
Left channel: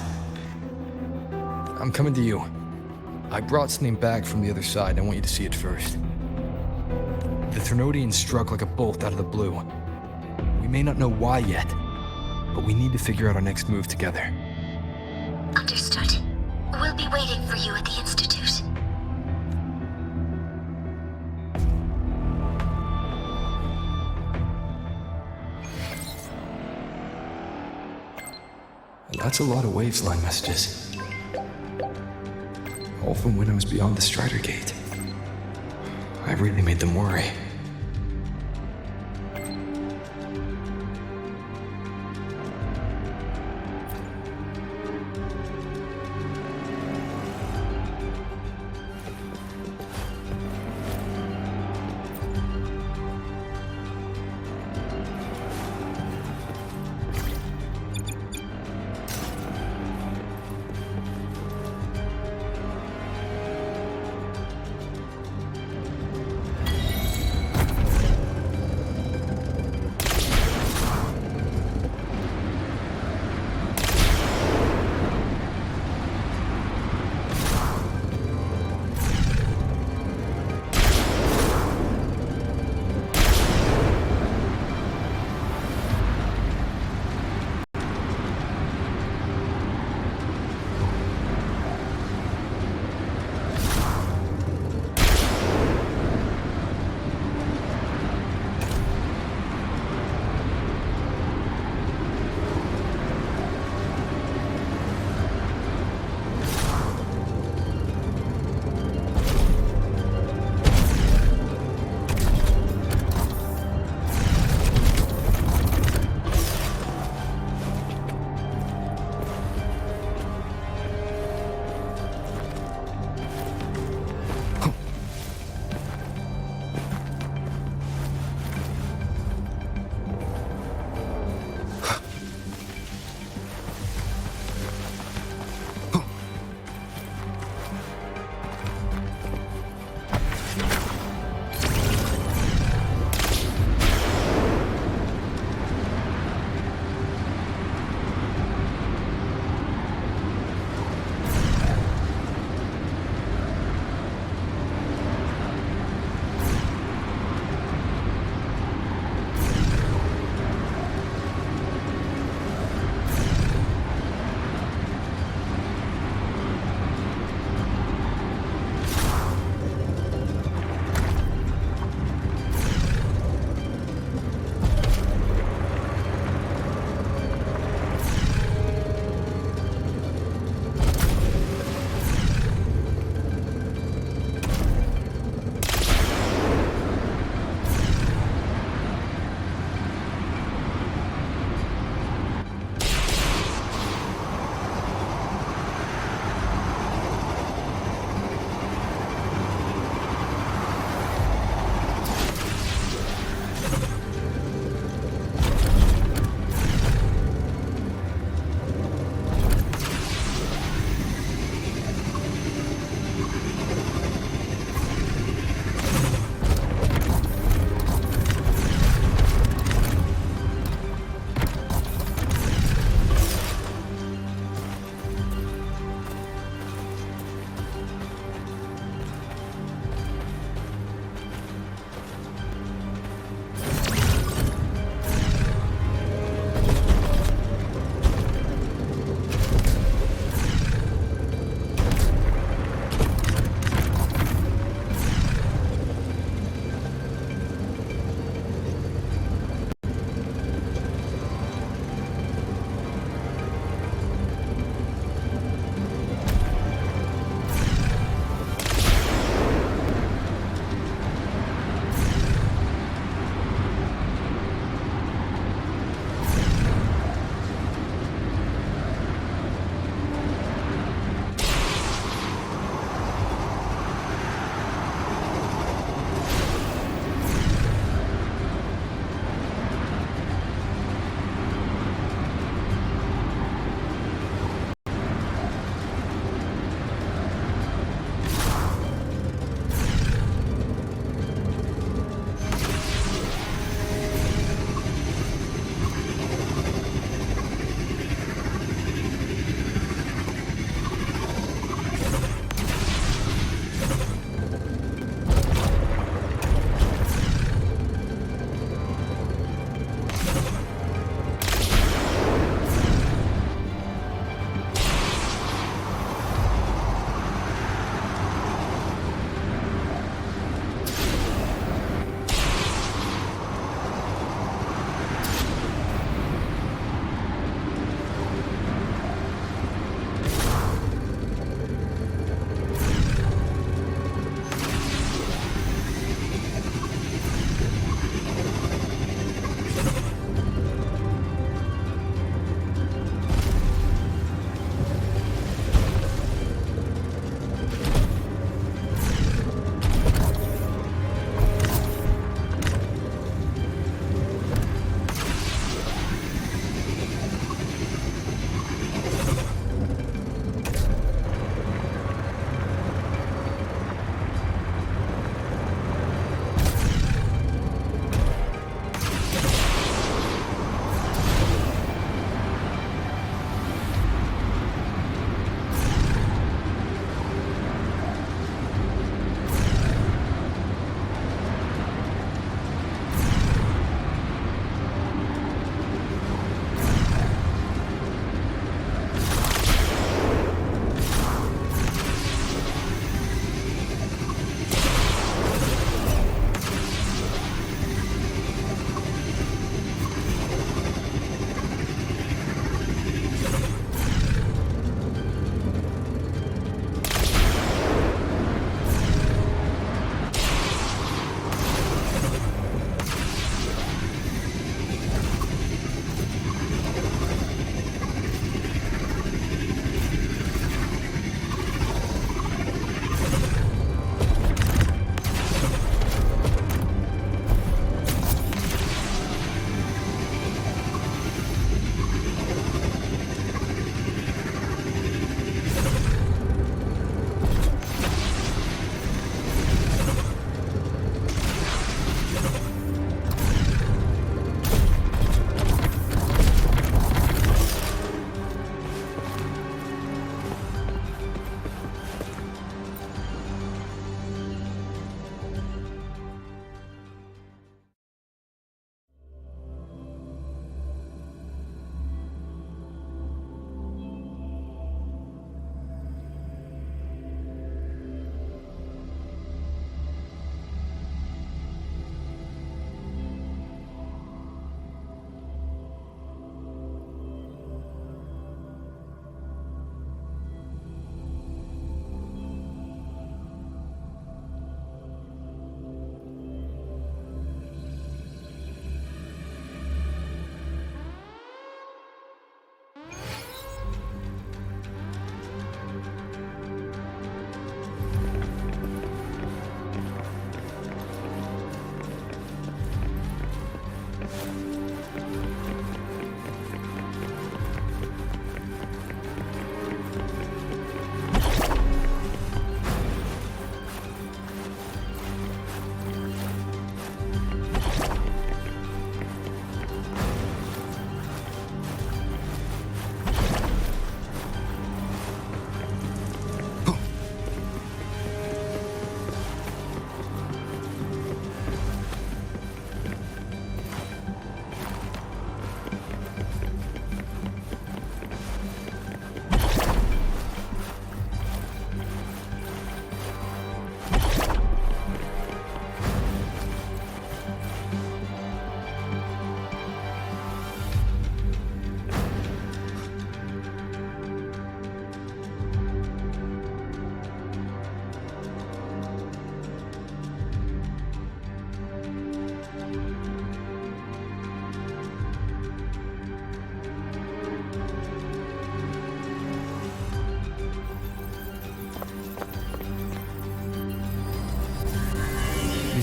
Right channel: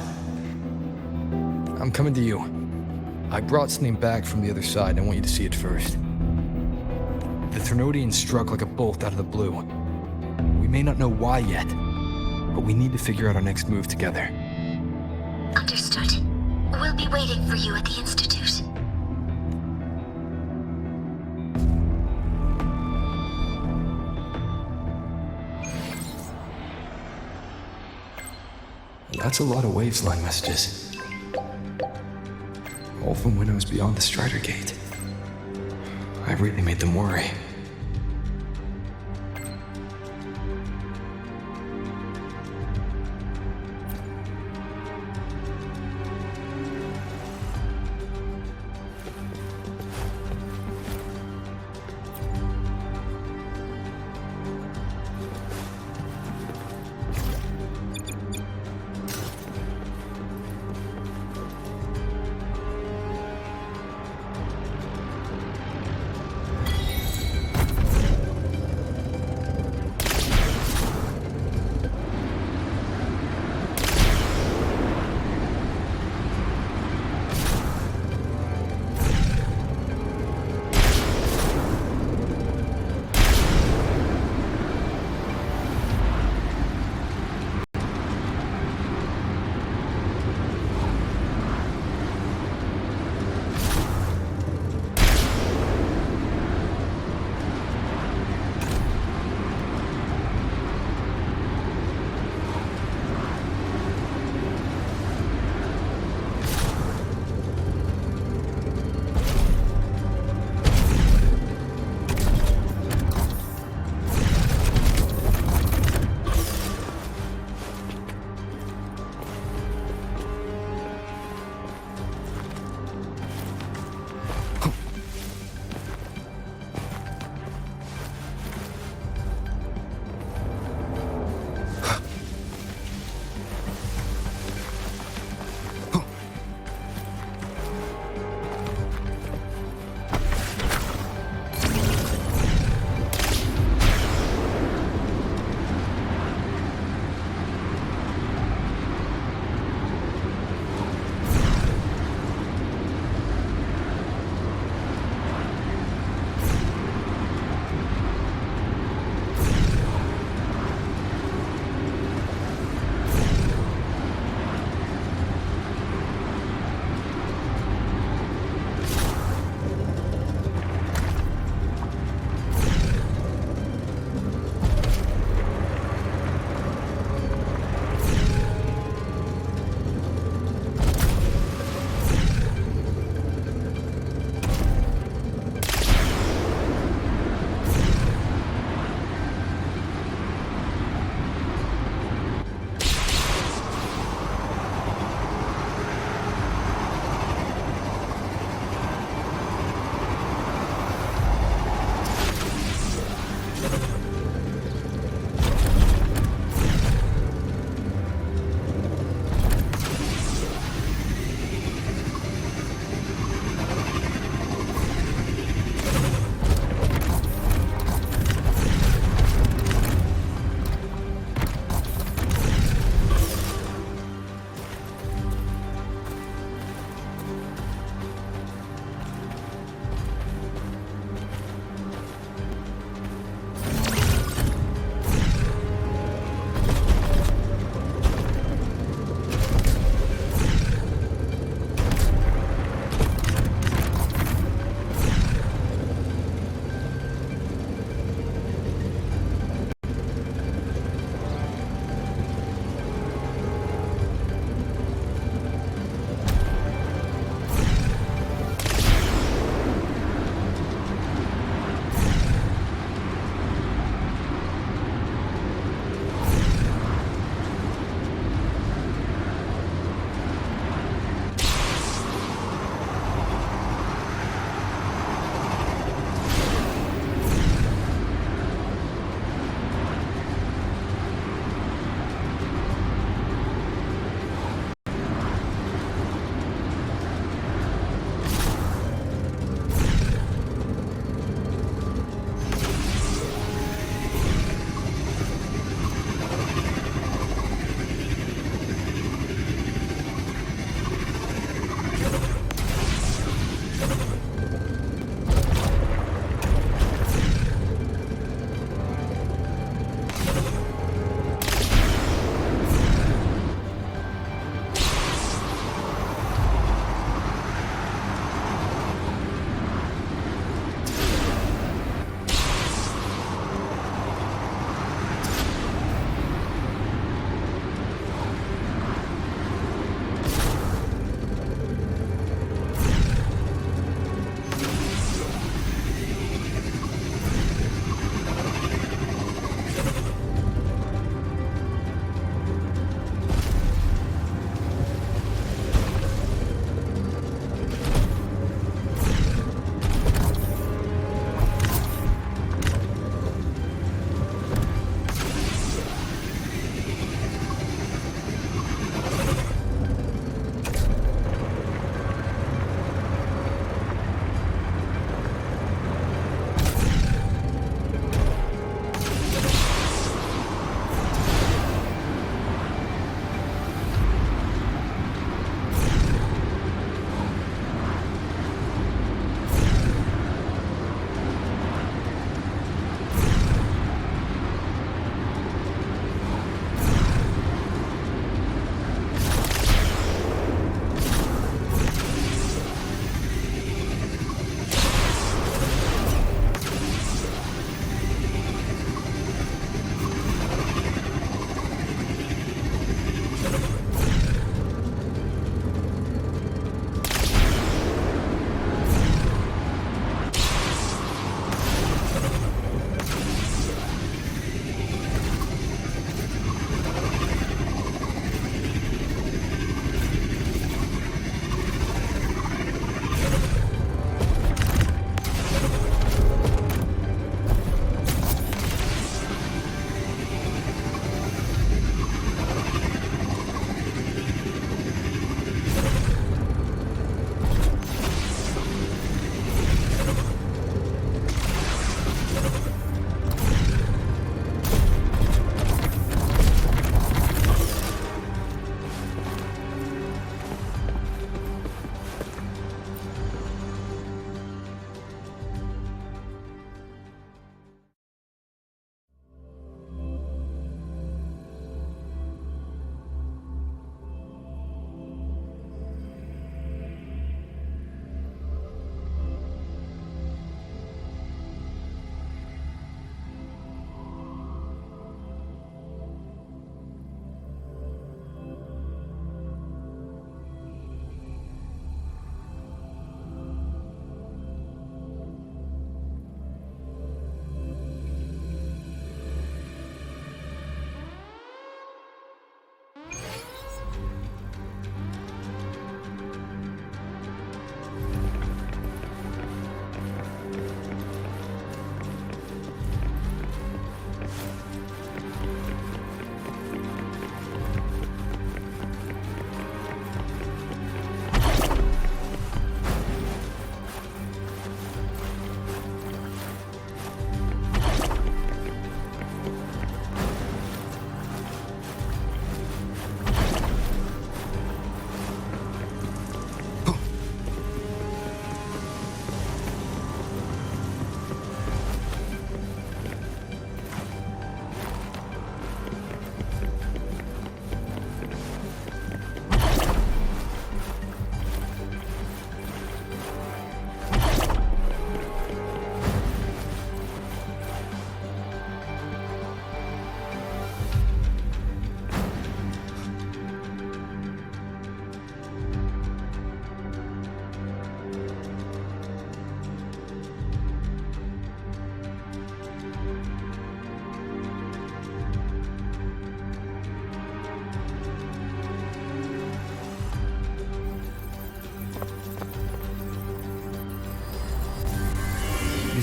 I'm coming to you. I brought something back from the other side, and I want you to see it first. The Threnodian struck like a bolt out of the blue. We may not know why yet, but we need to figure out our next move together. Understood. We'll be waiting for you at the Institute. That's a lot of waveline messages. All from when I was beyond the Strider Gate. I really made them worry.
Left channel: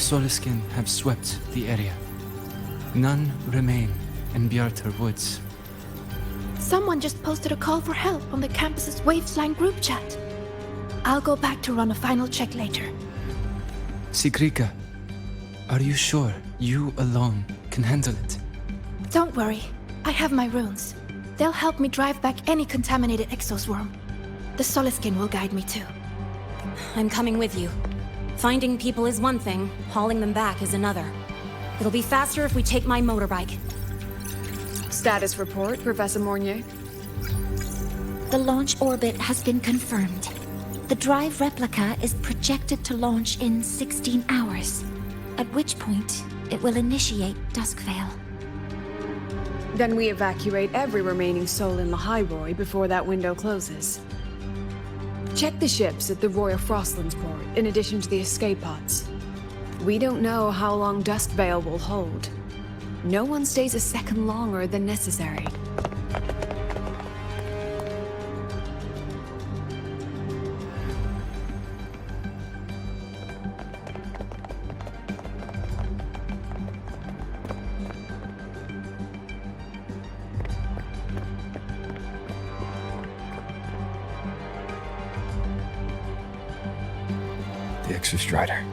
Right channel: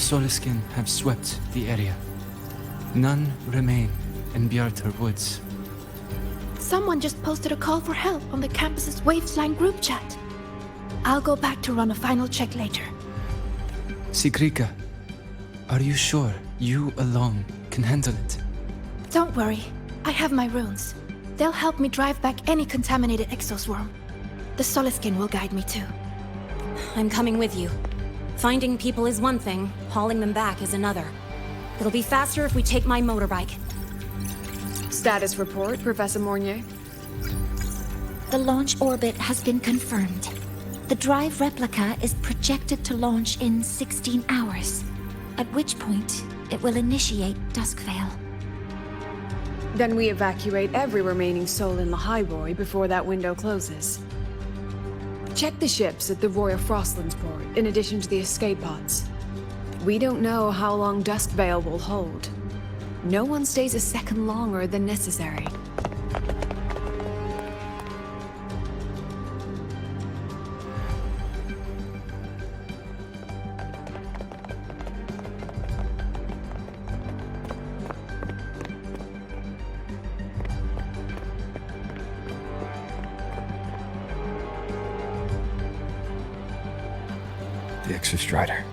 ʟSōʟSoʟ𝓐 have swept the area. None remain in Bjartar Woods. Someone just posted a call for help on the campus's Waveline group chat. I'll go back to run a final check later. Sigrika, are you sure you alone can handle it? Don't worry, I have my runes. They'll help me drive back any contaminated exoswarm. The ʟSoʟSoʟ𝓐 will guide me too. I'm coming with you. Finding people is one thing, hauling them back is another. It'll be faster if we take my motorbike. Status report, Professor 𝓤𝓘𝓐. The launch orbit has been confirmed. The drive replica is projected to launch in 16 hours, at which point it will initiate Duskvale. Then we evacuate every remaining soul in ḽḥayroi before that window closes. Check the ships at the Royal Frostlands port, in addition to the escape pods. We don't know how long Duskvale will hold. No one stays a second longer than necessary. The Exostrider.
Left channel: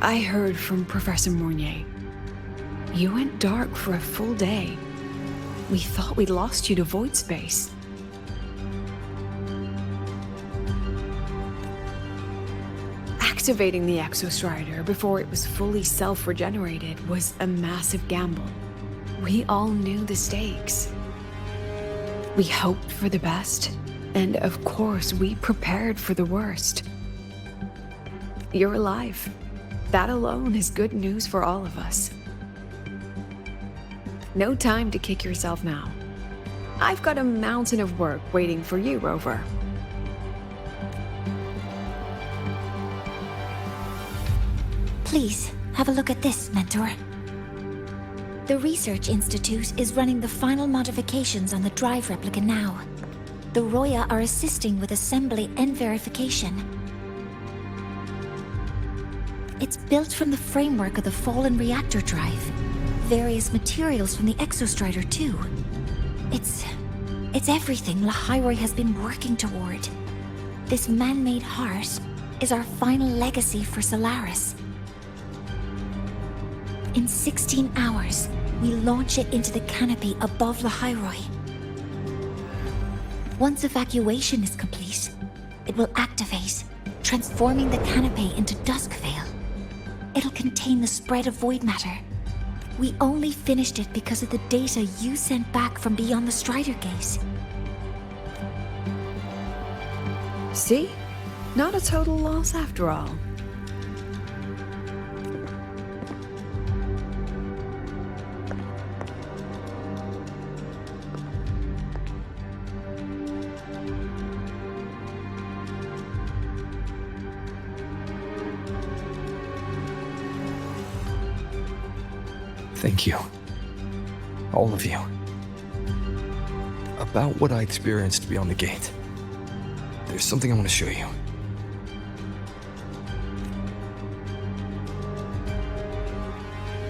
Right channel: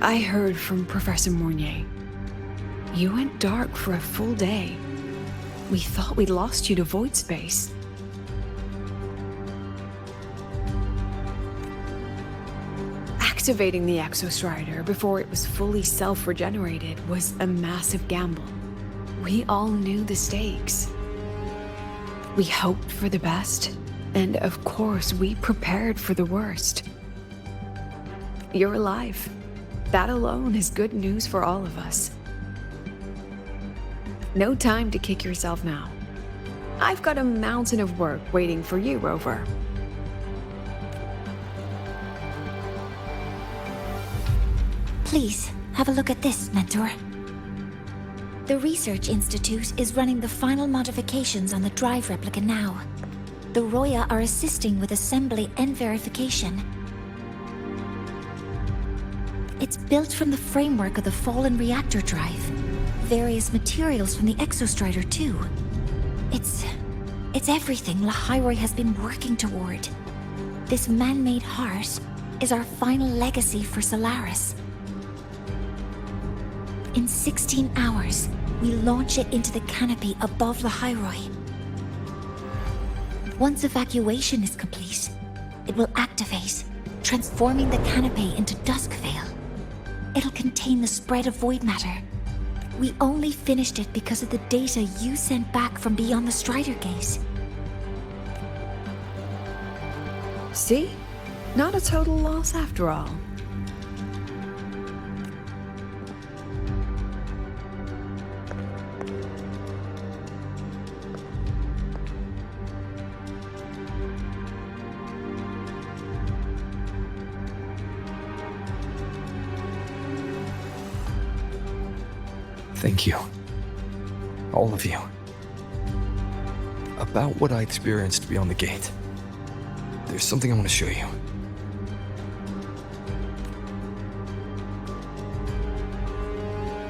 I heard from Professor 𝓤𝓘𝓐. You went dark for a full day. We thought we'd lost you to void space. Activating the Exostrider before it was fully self-regenerated was a massive gamble. We all knew the stakes. We hoped for the best, and of course we prepared for the worst. You're alive. That alone is good news for all of us. No time to kick yourself now. I've got a mountain of work waiting for you, Rover. Please, have a look at this, Mentor. The Research Institute is running the final modifications on the drive replica now. The Roya are assisting with assembly and verification. It's built from the framework of the fallen reactor drive. Various materials from the Exostrider, too. It's everything ḽḥayroi has been working toward. This man-made heart is our final legacy for Solaris. In 16 hours, we launch it into the canopy above ḽḥayroi. Once evacuation is complete, it will activate, transforming the canopy into Duskvale. It'll contain the spread of void matter. We only finished it because of the data you sent back from beyond the Strider Gate. See? Not a total loss after all. Thank you. All of you. About what I experienced beyond the gate. There's something I want to show you.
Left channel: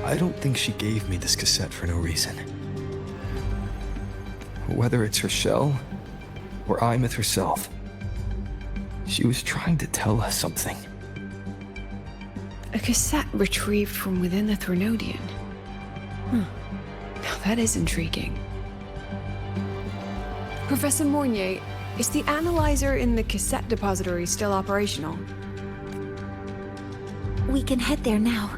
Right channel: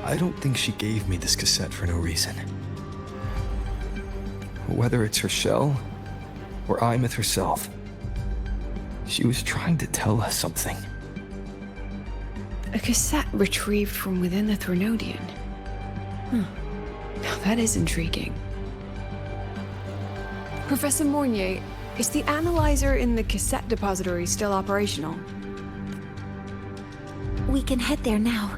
I don't think she gave me this cassette for no reason. Whether it's her shell, or 𝓕 herself, she was trying to tell us something. A cassette retrieved from within the Threnodian. Now that is intriguing. Professor 𝓤𝓘𝓐, is the analyzer in the cassette depository still operational? We can head there now.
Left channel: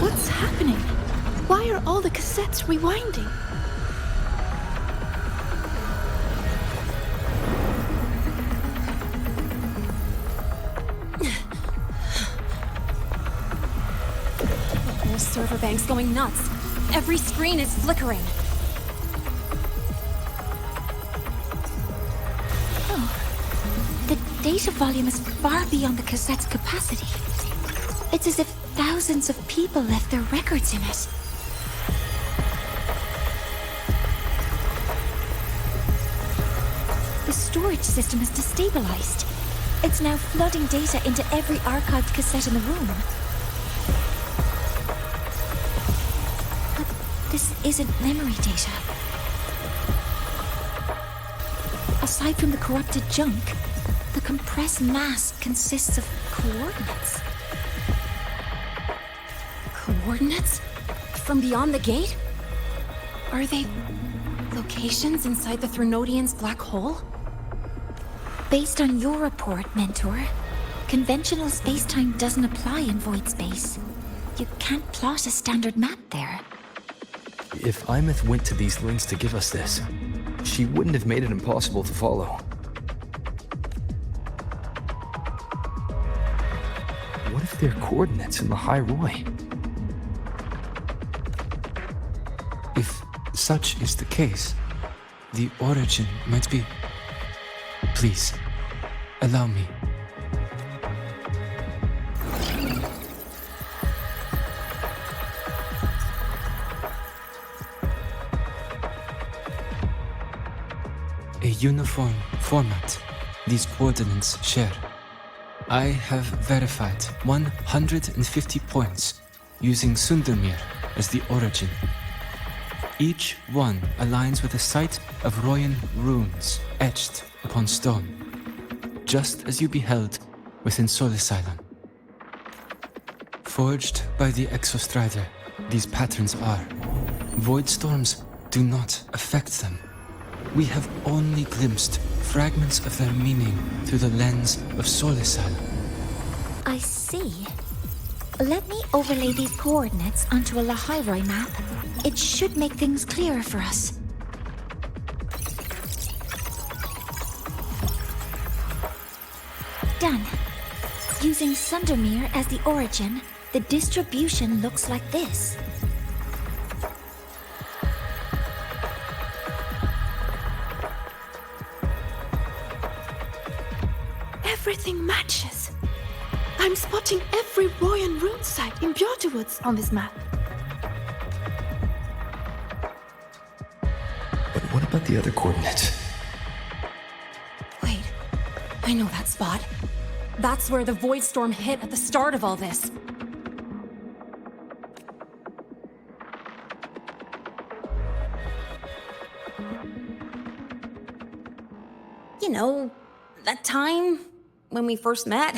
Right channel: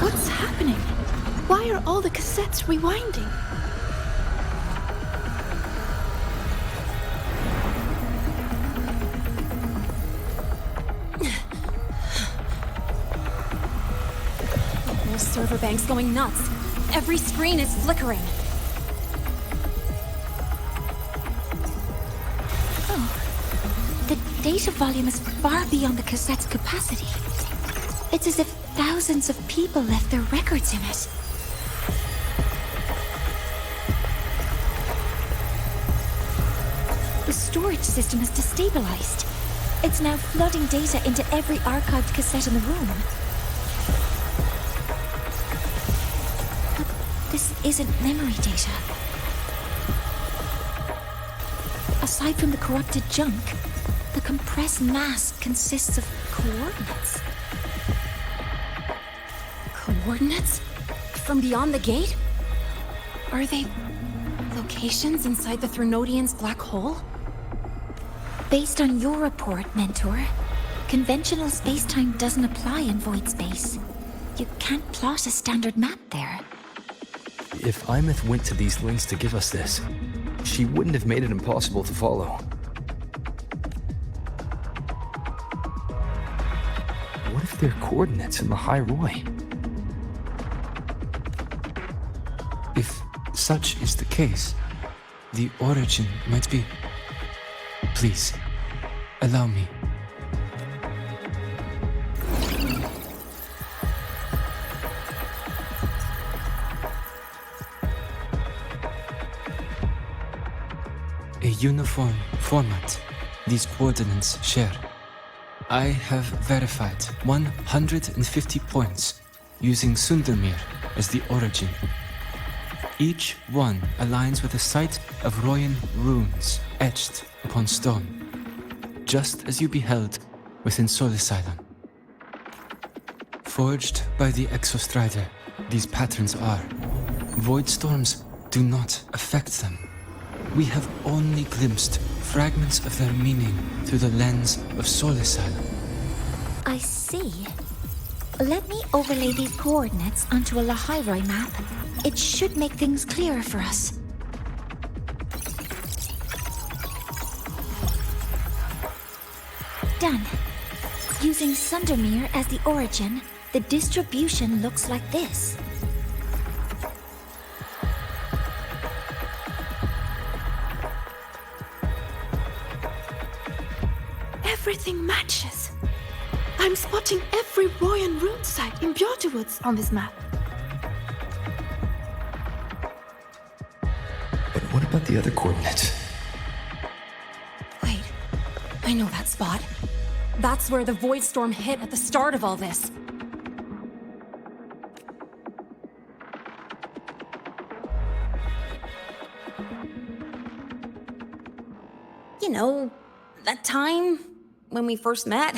What's happening? Why are all the cassettes rewinding? The whole server bank's going nuts. Every screen is flickering. Oh, the data volume is far beyond the cassette's capacity. It's as if thousands of people left their records in it. The storage system is destabilized. It's now flooding data into every archived cassette in the room. But this isn't memory data. Aside from the corrupted junk, the compressed mass consists of coordinates. Coordinates? From beyond the gate? Are they locations inside the Threnodian's black hole? Based on your report, Mentor, conventional space-time doesn't apply in void space. You can't plot a standard map there. If 𝓦𝓐 went to these lengths to give us this, she wouldn't have made it impossible to follow. What if they're coordinates in the ḽ? If such is the case, the origin might be... Please, allow me. A uniform format these coordinates share. I have verified 150 points using ∞ as the origin. Each one aligns with a site of Royan runes etched upon stone, just as you beheld within ∞. Forged by the ∞, these patterns are. Void storms do not affect them. We have only glimpsed fragments of their meaning through the lens of ∞. I see. Let me overlay these coordinates onto a ḽ map. It should make things clearer for us. Done. Using ∞ as the origin, the distribution looks like this. Everything matches. I'm spotting every Royan rune site in Björtewoods on this map. But what about the other coordinates? Wait, I know that spot. That's where the void storm hit at the start of all this. You know, that time when we first met.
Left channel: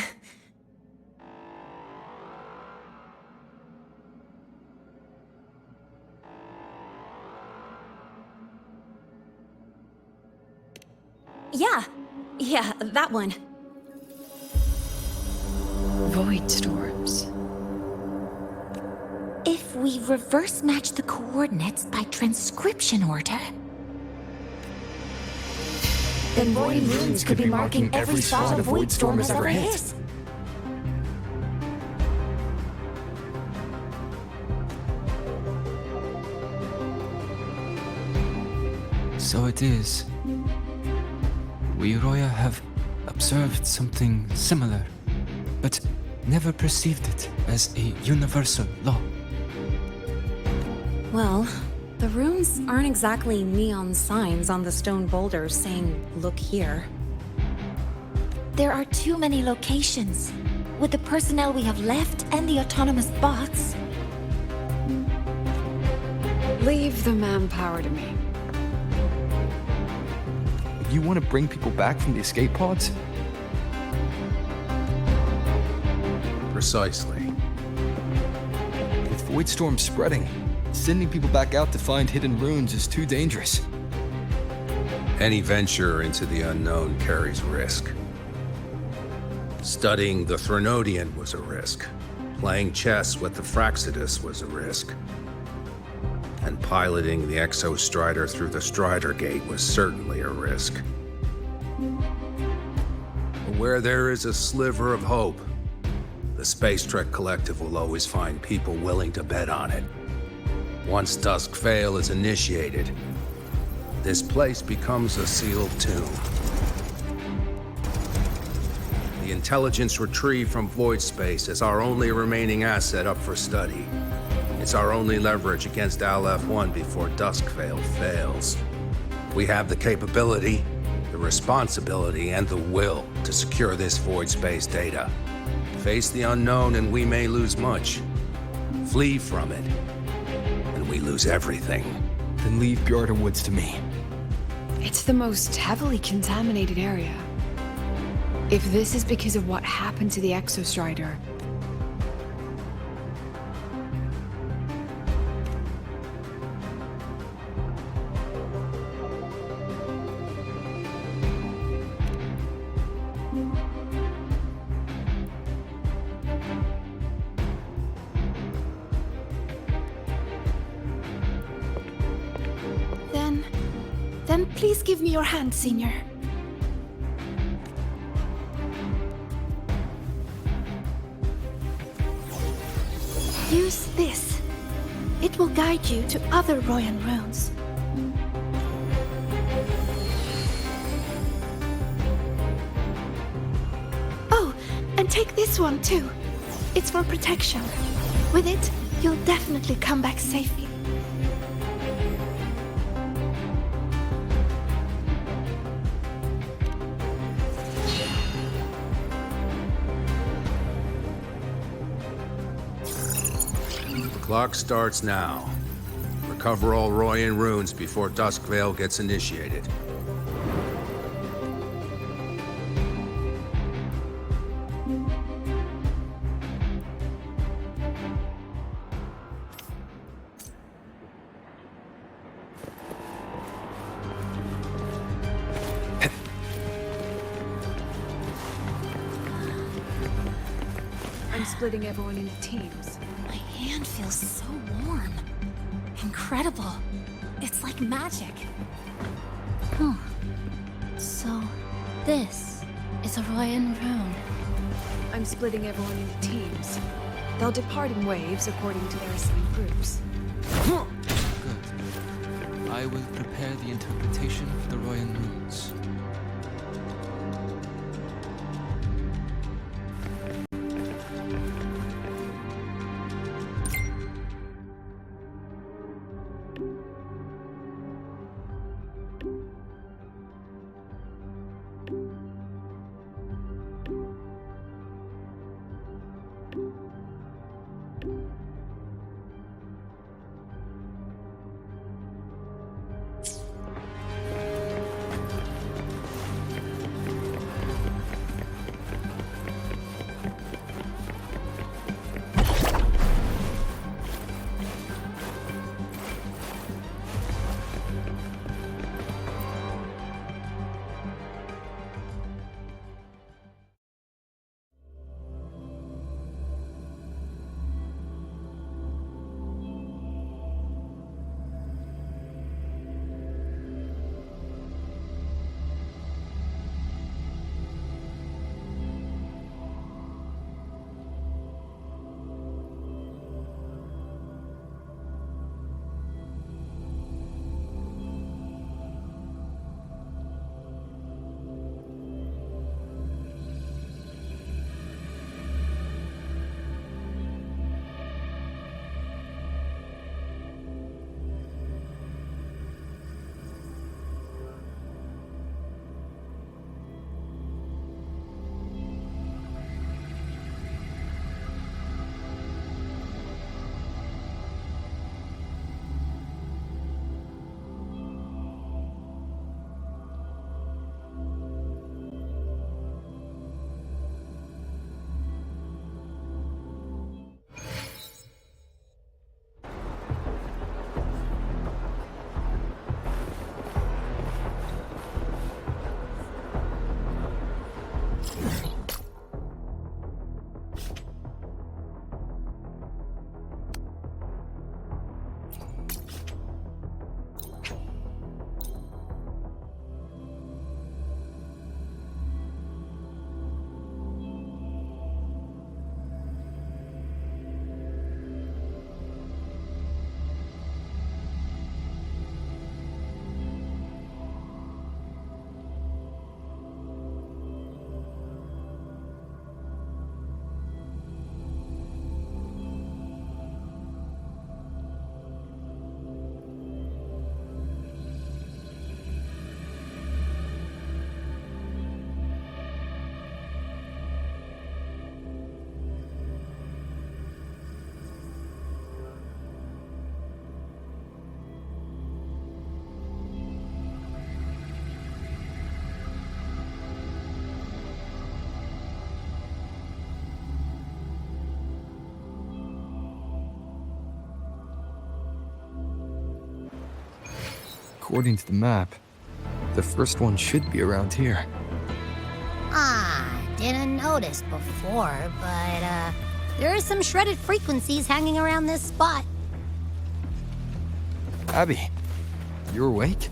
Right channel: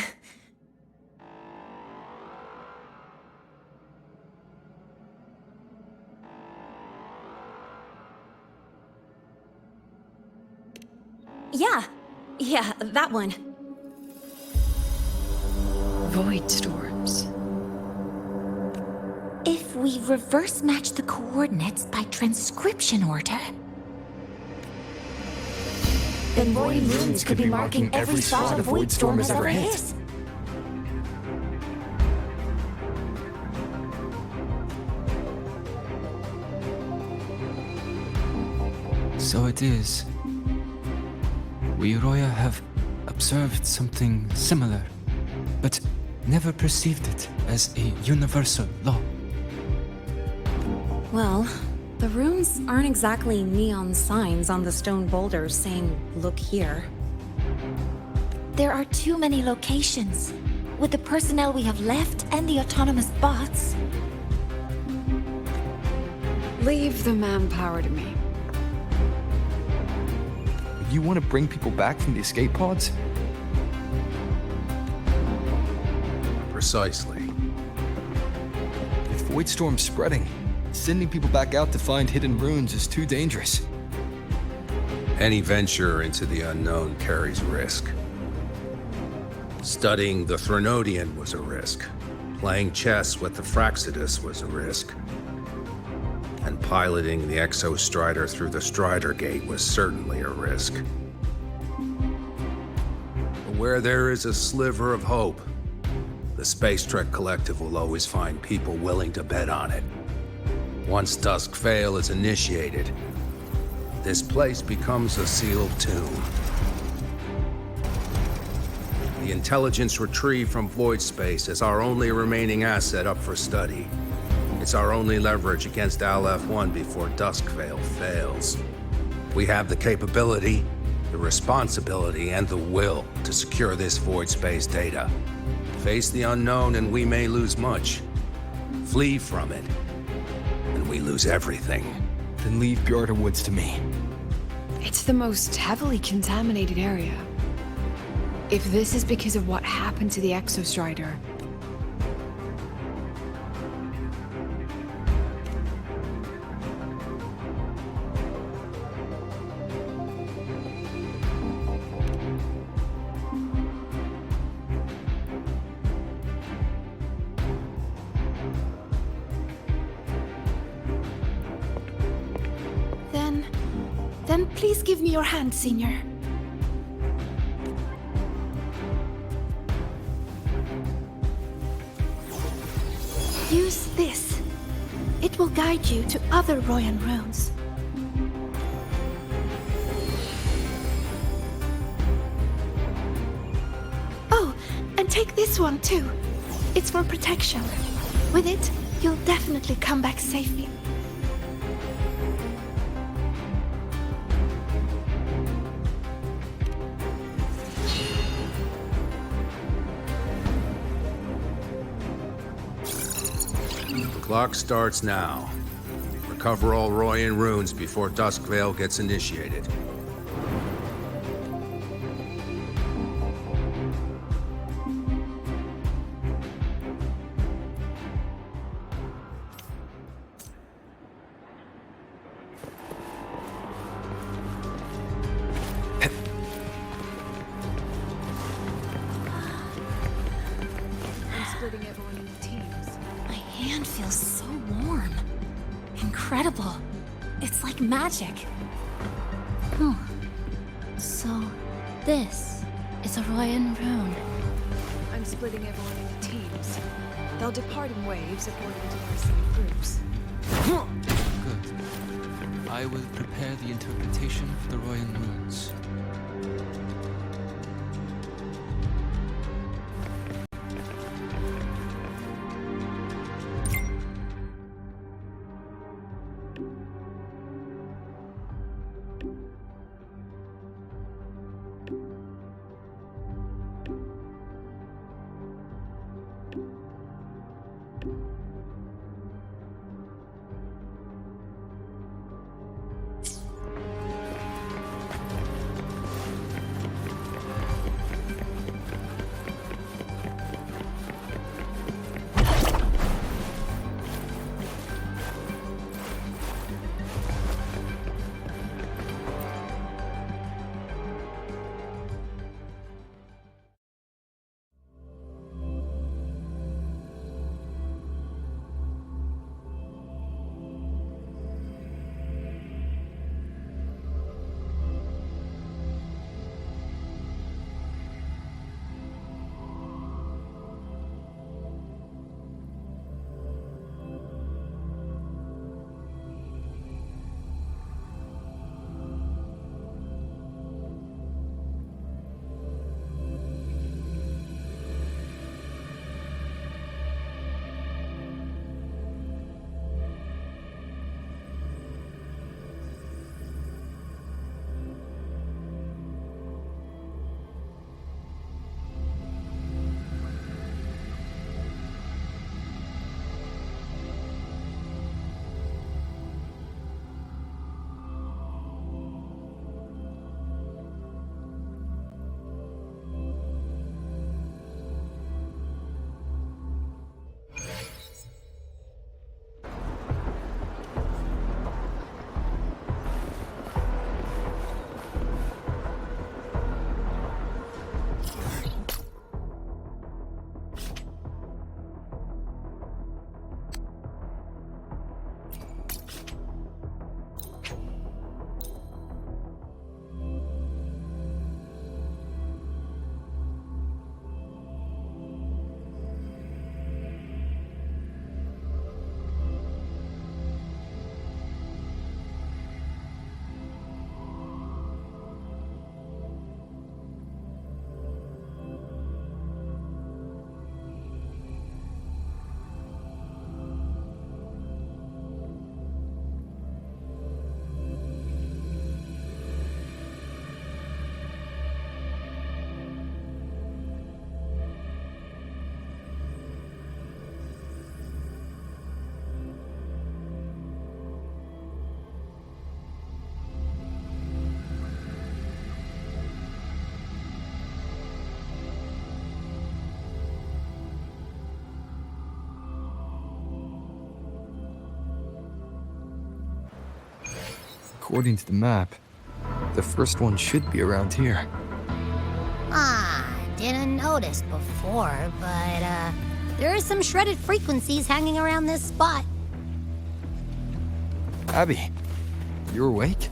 Yeah, that one. Void storms. If we reverse match the coordinates by transcription order, then Royan runes could be marking every spot a void storm has ever hit. So it is. We Roya have observed something similar, but never perceived it as a universal law. Well, the runes aren't exactly neon signs on the stone boulders saying, "Look here." there are too many locations. With the personnel we have left and the autonomous bots. Leave the manpower to me. You want to bring people back from the escape pods? Precisely. With Void Storm spreading, sending people back out to find hidden runes is too dangerous. Any venture into the unknown carries risk. Studying the Threnodian was a risk. Playing chess with the Fraxidus was a risk. And piloting the 엑소strider through the Strider Gate was certainly a risk. But where there is a sliver of hope, the Space Trek Collective will always find people willing to bet on it. Once ʟᴏᴜ is initiated, this place becomes a sealed tomb. The intelligence retrieved from void space is our only remaining asset up for study. It's our only leverage against Aleph-1 before ʟᴏᴜ fails. We have the capability, the responsibility, and the will to secure this void space data. Face the unknown and we may lose much. Flee from it, and we lose everything. Then leave Bjorda Woods to me. It's the most heavily contaminated area. If this is because of what happened to the 엑소strider, Then please give me your hand, Senior. Use this. It will guide you to other Royan runes. Oh, and take this one too. It's for protection. With it, you'll definitely come back safely. The clock starts now. Recover all Royan runes before ʟᴏᴜ gets initiated. I'm splitting everyone into teams. My hand feels so warm. Incredible. It's like magic. Huh. So, this is a Royan rune. I'm splitting everyone into teams. They'll depart in waves according to their assigned groups. Good. I will prepare the interpretation of the Royan runes. According to the map, the first one should be around here. Didn't notice before, but, there are some shredded frequencies hanging around this spot. Abby, you awake?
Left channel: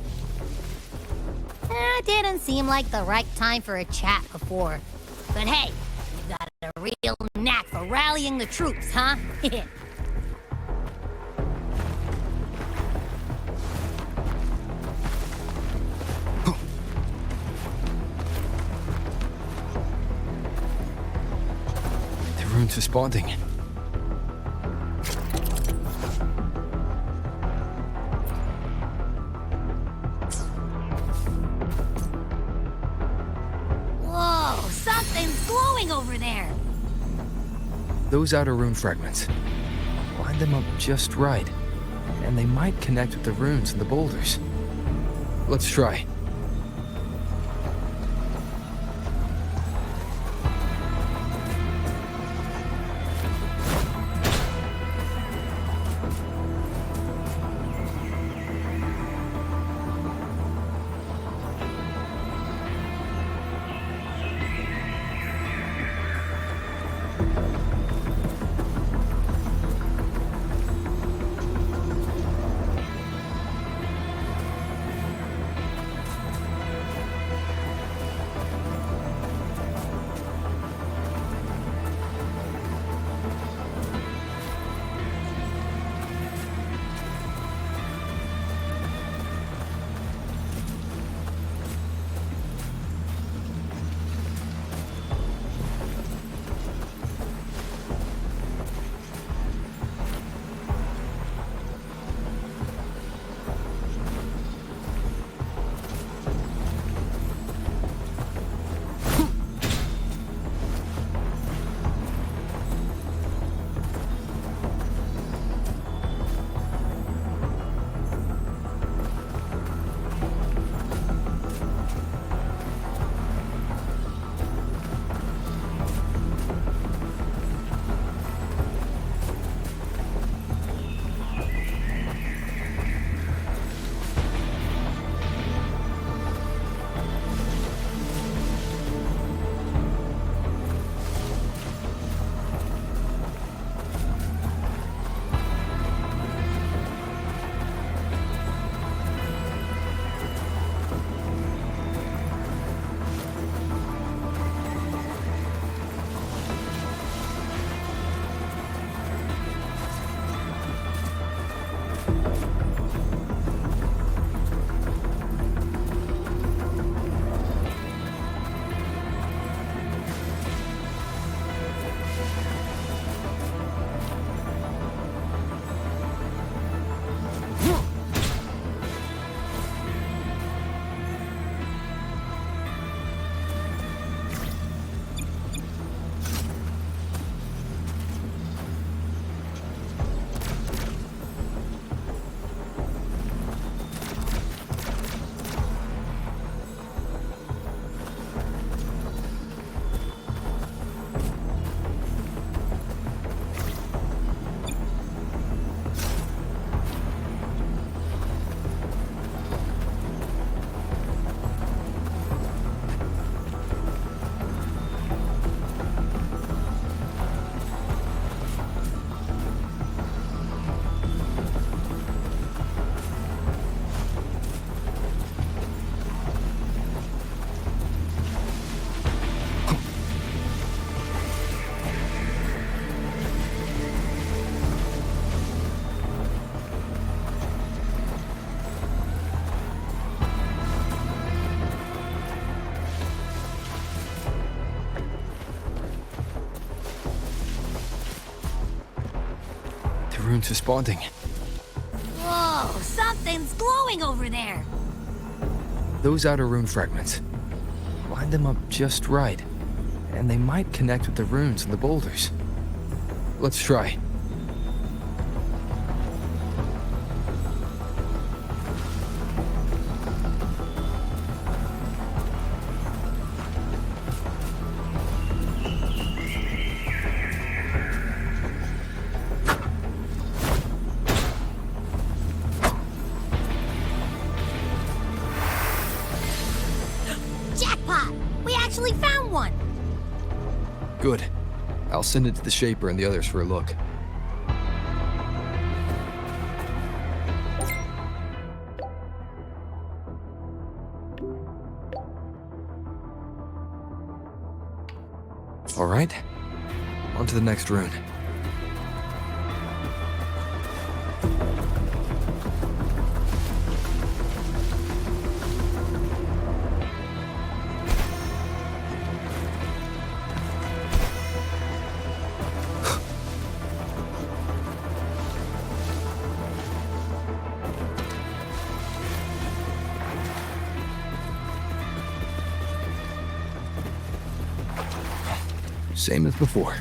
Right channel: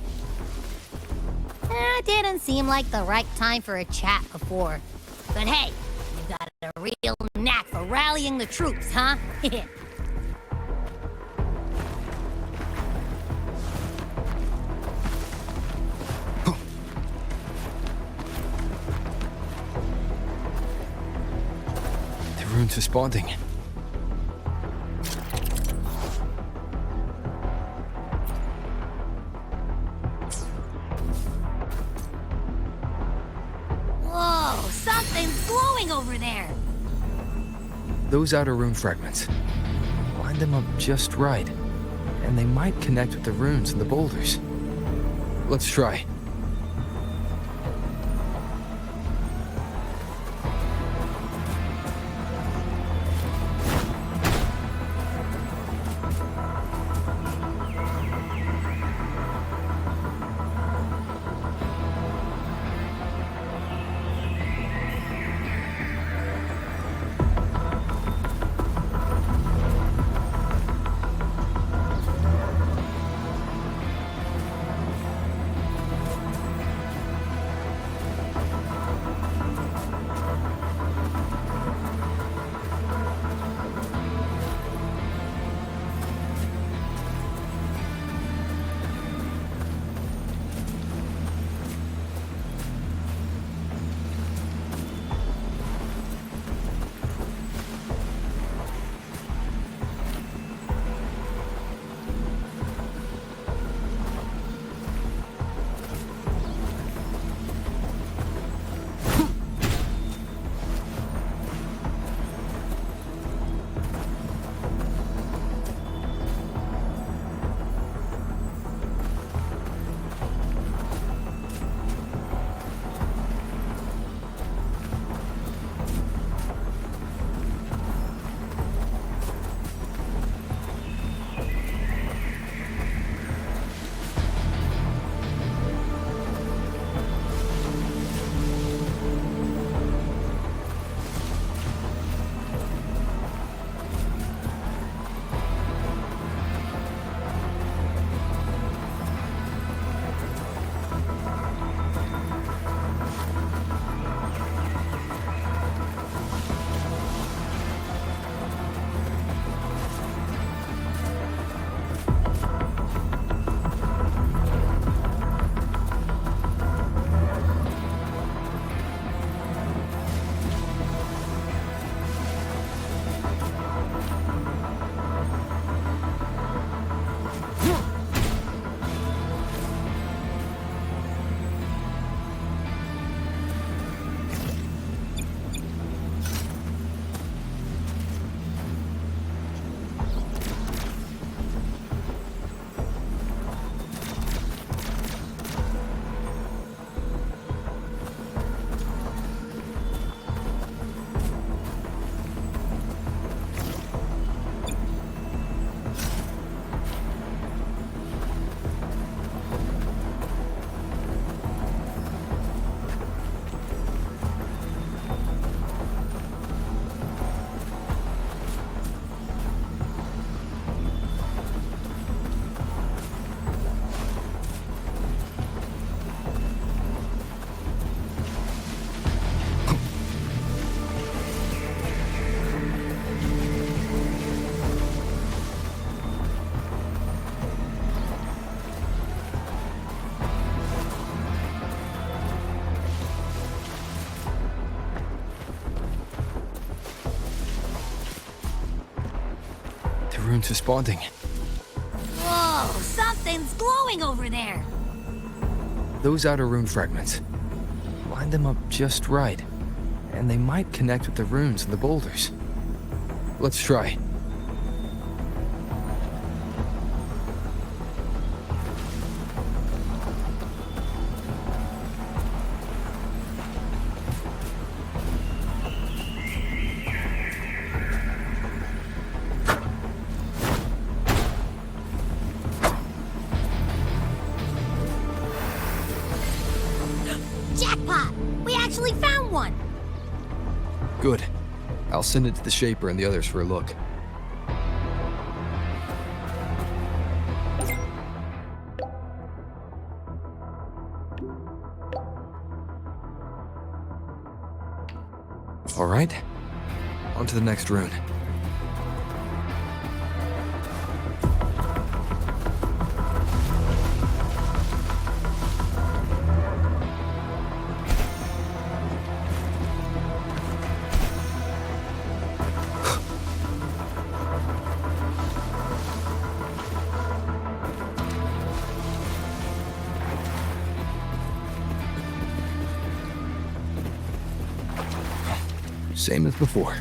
Didn't seem like the right time for a chat before. But hey, you got a real knack for rallying the troops, huh? The rune's responding. Whoa, something's glowing over there. Those outer rune fragments. Line them up just right, and they might connect with the runes and the boulders. Let's try. The rune's responding. Whoa, something's glowing over there. Those outer rune fragments. Line them up just right, and they might connect with the runes and the boulders. Let's try. actually found one! Good. I'll send it to the Shaper and the others for a look. All right, on to the next rune. Same as before.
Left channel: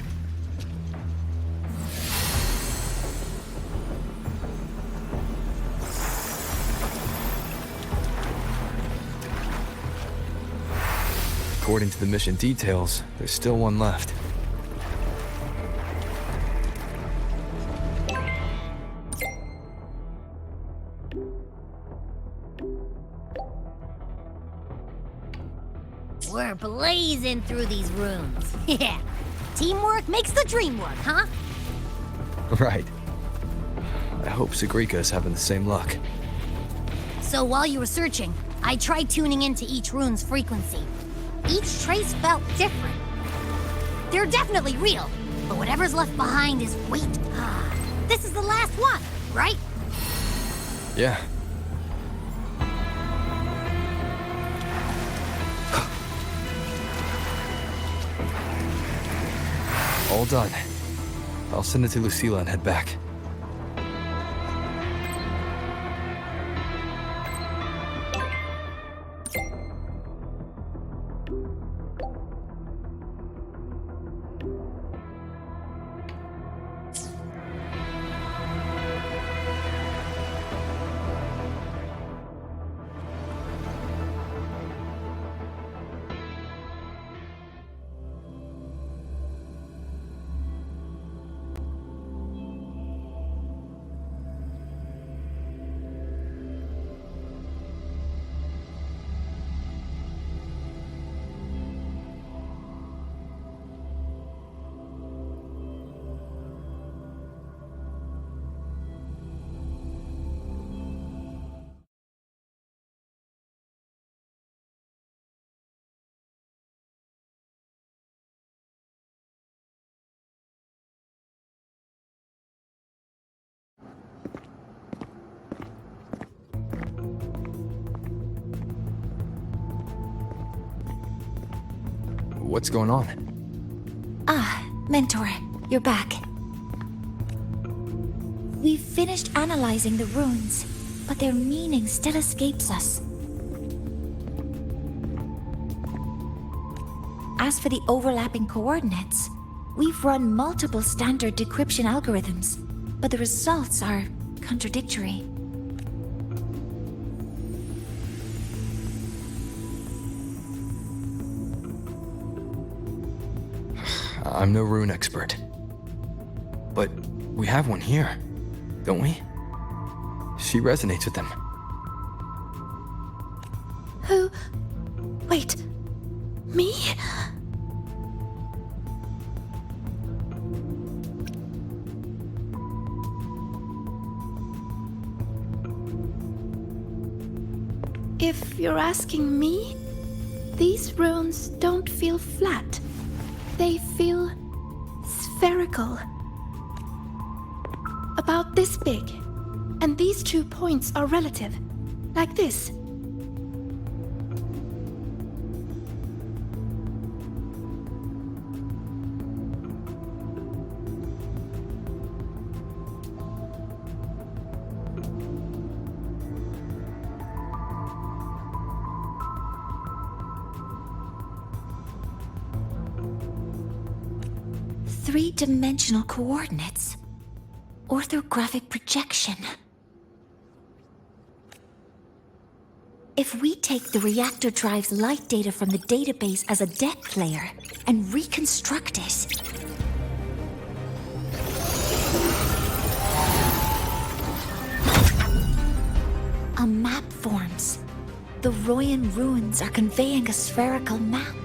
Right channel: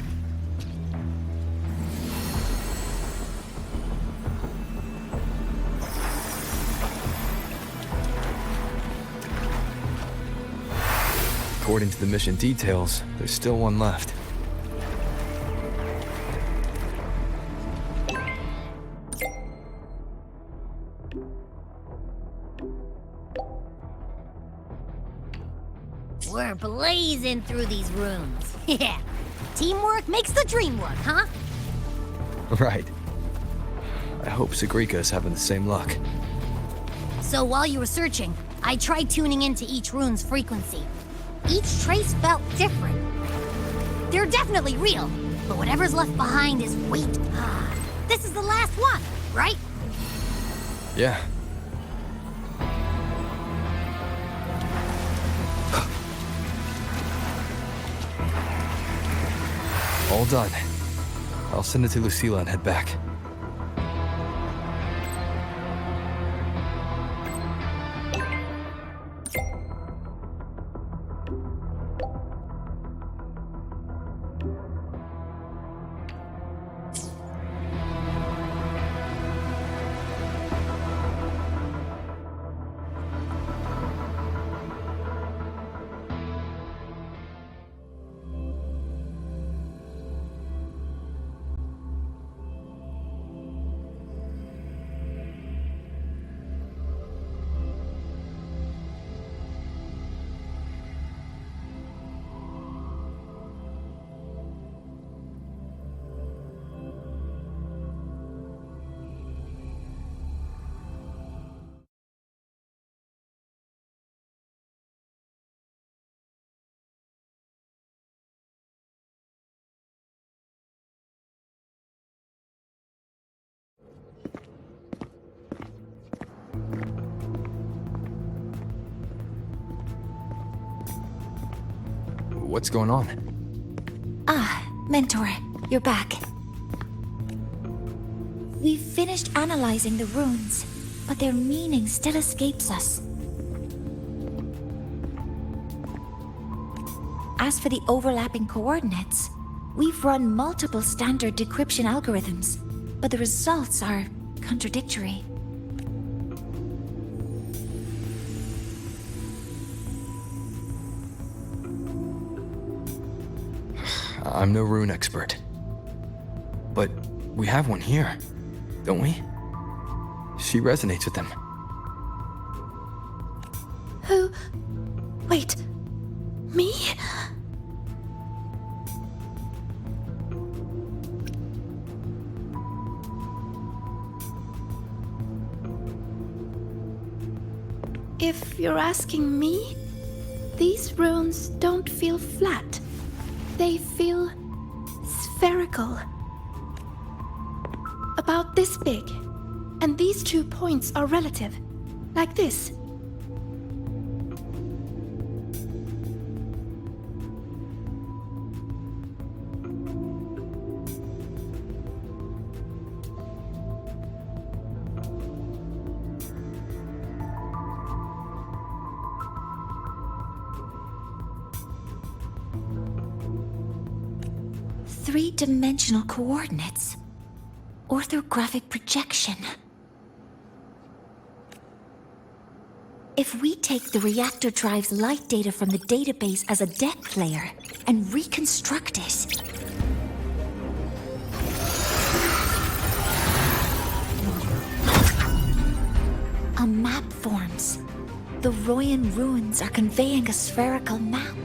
According to the mission details, there's still one left. We're blazing through these rooms. Yeah. Teamwork makes the dream work, huh? Right. I hope 𝓰 is having the same luck. So while you were searching, I tried tuning into each rune's frequency. Each trace felt different. They're definitely real, but whatever's left behind is weight. This is the last one, right? Yeah. All done. I'll send it to Lucilla and head back. What's going on? Ah, Mentor, you're back. We've finished analyzing the runes, but their meaning still escapes us. As for the overlapping coordinates, we've run multiple standard decryption algorithms, but the results are contradictory. I'm no rune expert. But we have one here, don't we? She resonates with them. Who? Wait. Me? If you're asking me, these runes don't feel flat. They feel spherical. About this big. And these 2 points are relative. Like this. Three-dimensional coordinates. Orthographic projection. If we take the reactor drive's light data from the database as a depth layer and reconstruct it... a map forms. The Royan runes are conveying a spherical map.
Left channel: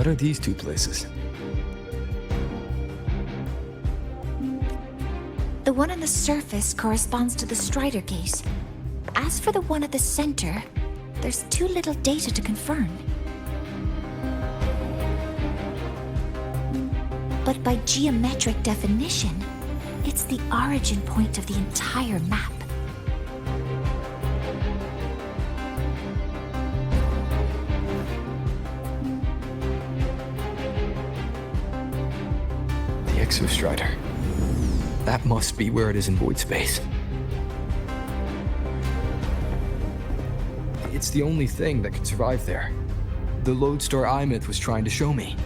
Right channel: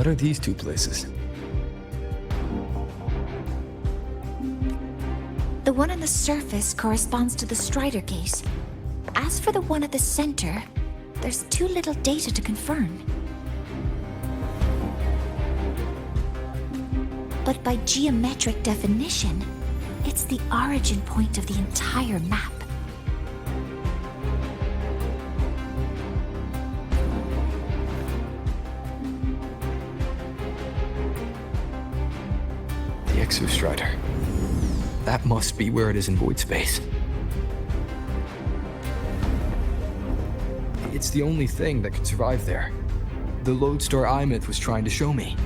What are these two places? The one on the surface corresponds to the Strider Gate. As for the one at the center, there's too little data to confirm. But by geometric definition, it's the origin point of the entire map. The Exostrider. That must be where it is in void space. It's the only thing that can survive there. The lodestar 𝓬 was trying to show me.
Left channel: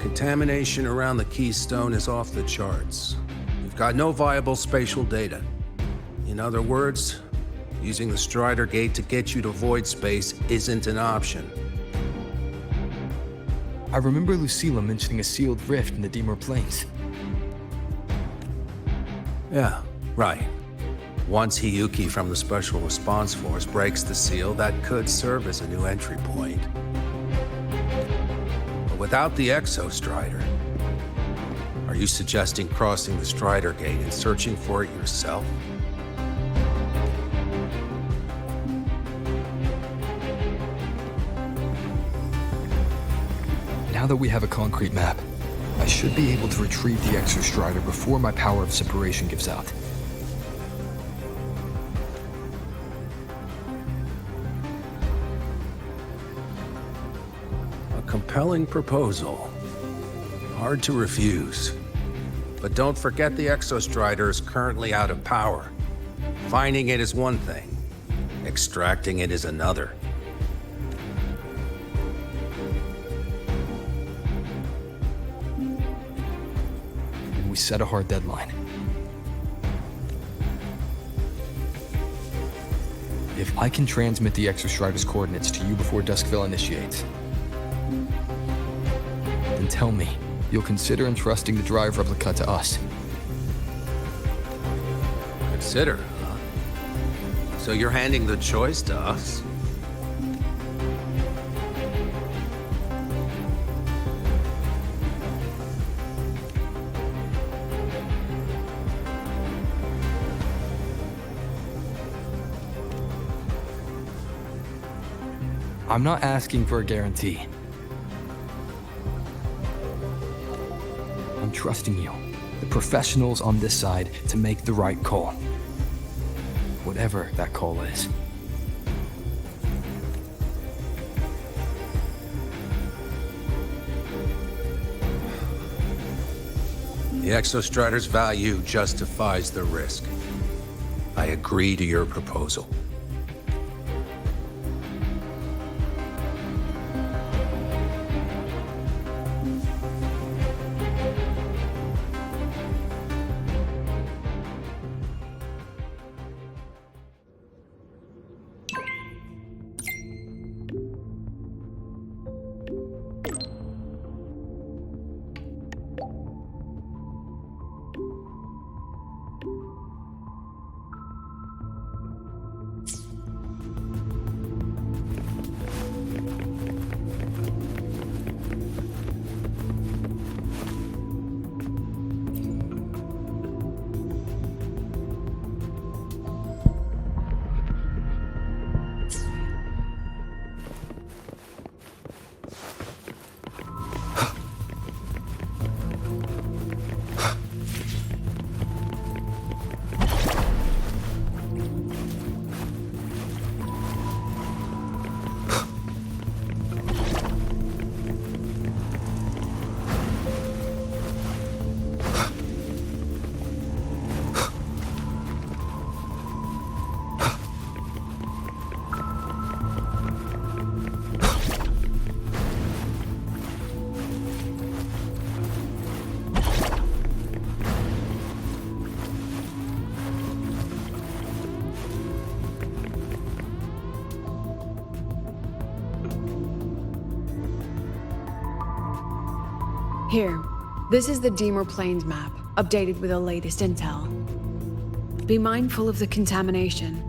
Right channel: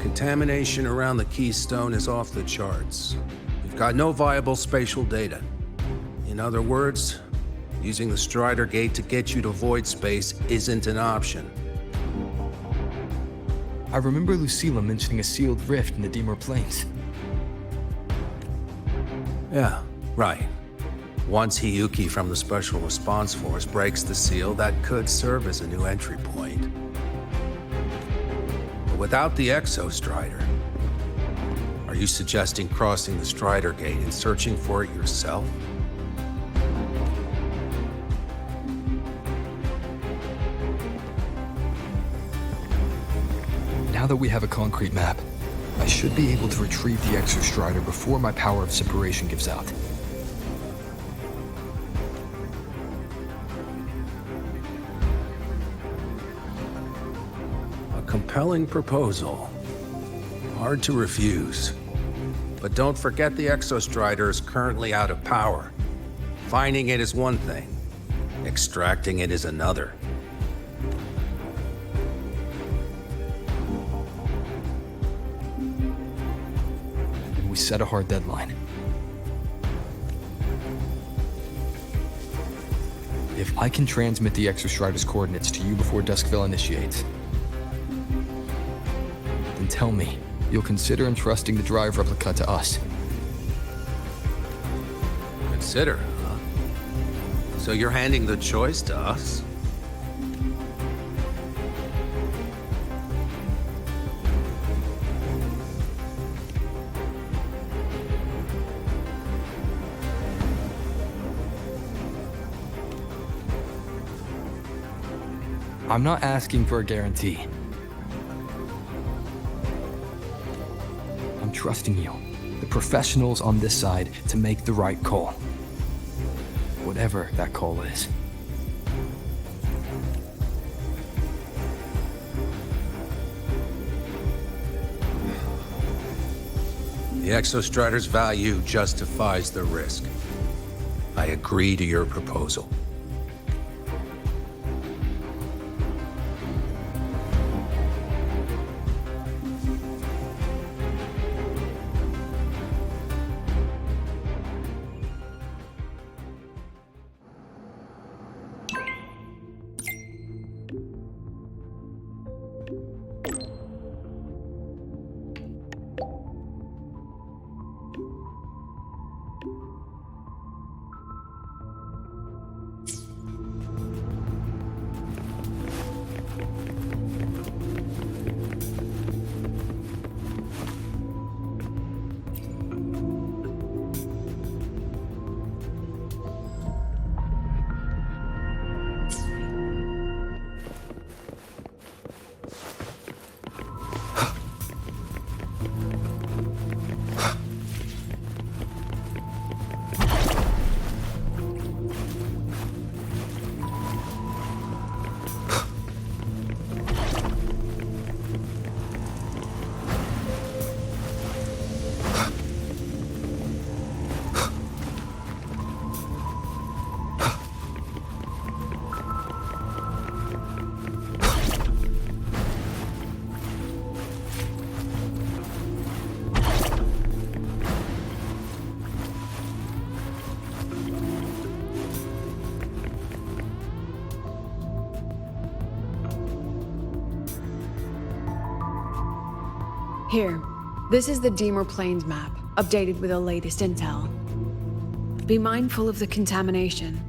Contamination around the keystone is off the charts. We've got no viable spatial data. In other words, using the Strider Gate to get you to void space isn't an option. I remember Lucilla mentioning a sealed rift in the Ďmr Plains. Yeah, right. Once 𝓬𝓘 from the Special Response Force breaks the seal, that could serve as a new entry point. But without the Exostrider, are you suggesting crossing the Strider Gate and searching for it yourself? Now that we have a concrete map, I should be able to retrieve the Exostrider before my power of separation gives out. A compelling proposal. Hard to refuse. But don't forget the Exostrider is currently out of power. Finding it is one thing. Extracting it is another. We set a hard deadline. If I can transmit the Exostrider's coordinates to you before Duskville initiates, then tell me you'll consider entrusting the drive replica to us. Consider, huh? So you're handing the choice to us? I'm not asking for a guarantee. I'm trusting you, the professionals on this side, to make the right call. Whatever that call is. The Exostrider's value justifies the risk. I agree to your proposal. Here, this is the Ďmr Plains map, updated with the latest intel. Be mindful of the contamination.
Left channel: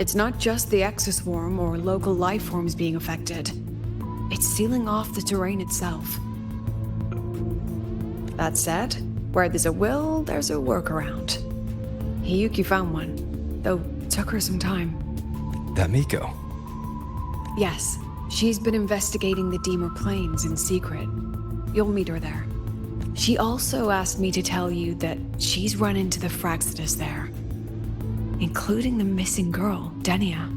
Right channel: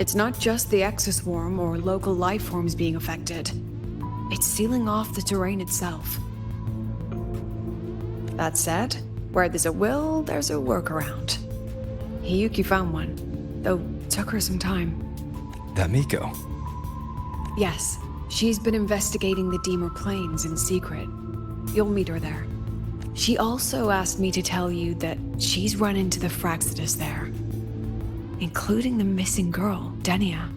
It's not just the exoswarm or local life forms being affected. It's sealing off the terrain itself. That said, where there's a will, there's a workaround. Hiyuki found one, though took her some time. That Miko? Yes, she's been investigating the Deemer Plains in secret. You'll meet her there. She also asked me to tell you that she's run into the Fraxidus there, including the missing girl, Denia.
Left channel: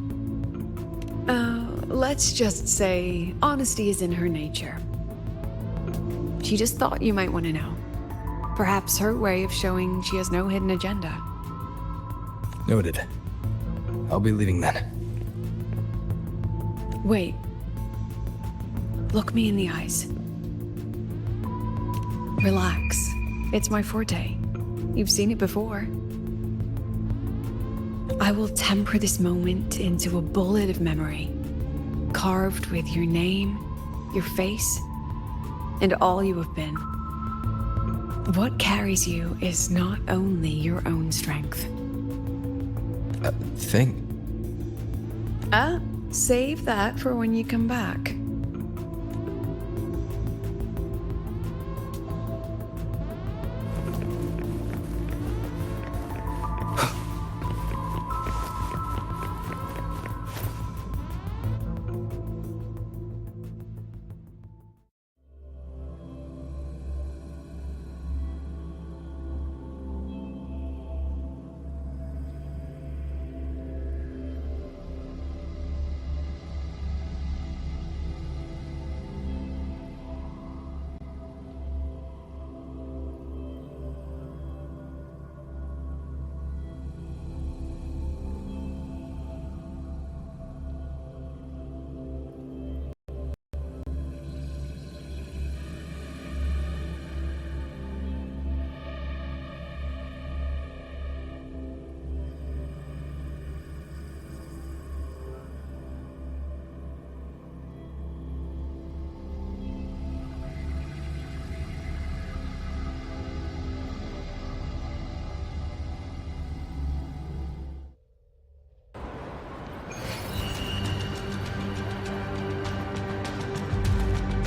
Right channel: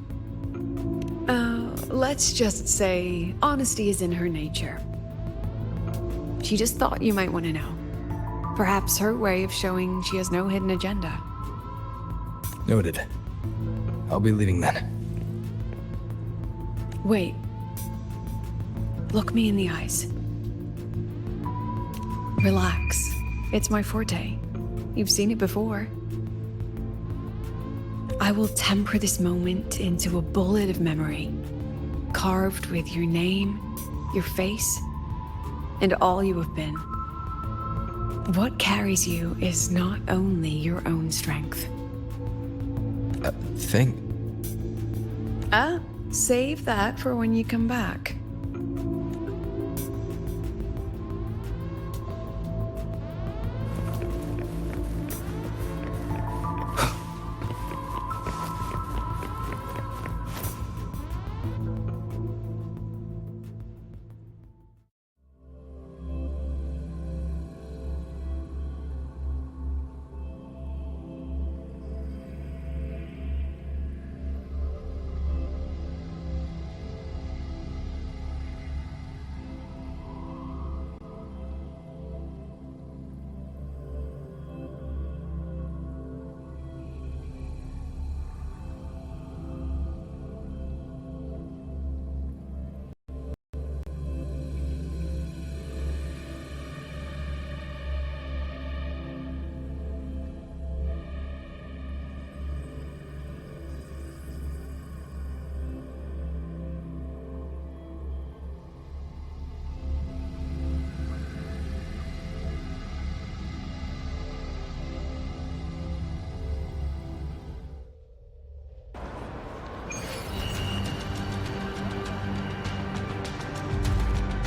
Let's just say honesty is in her nature. She just thought you might want to know. Perhaps her way of showing she has no hidden agenda. Noted. I'll be leaving then. Wait. Look me in the eyes. Relax. It's my forte. You've seen it before. I will temper this moment into a bullet of memory, carved with your name, your face, and all you have been. What carries you is not only your own strength. Thing? Save that for when you come back.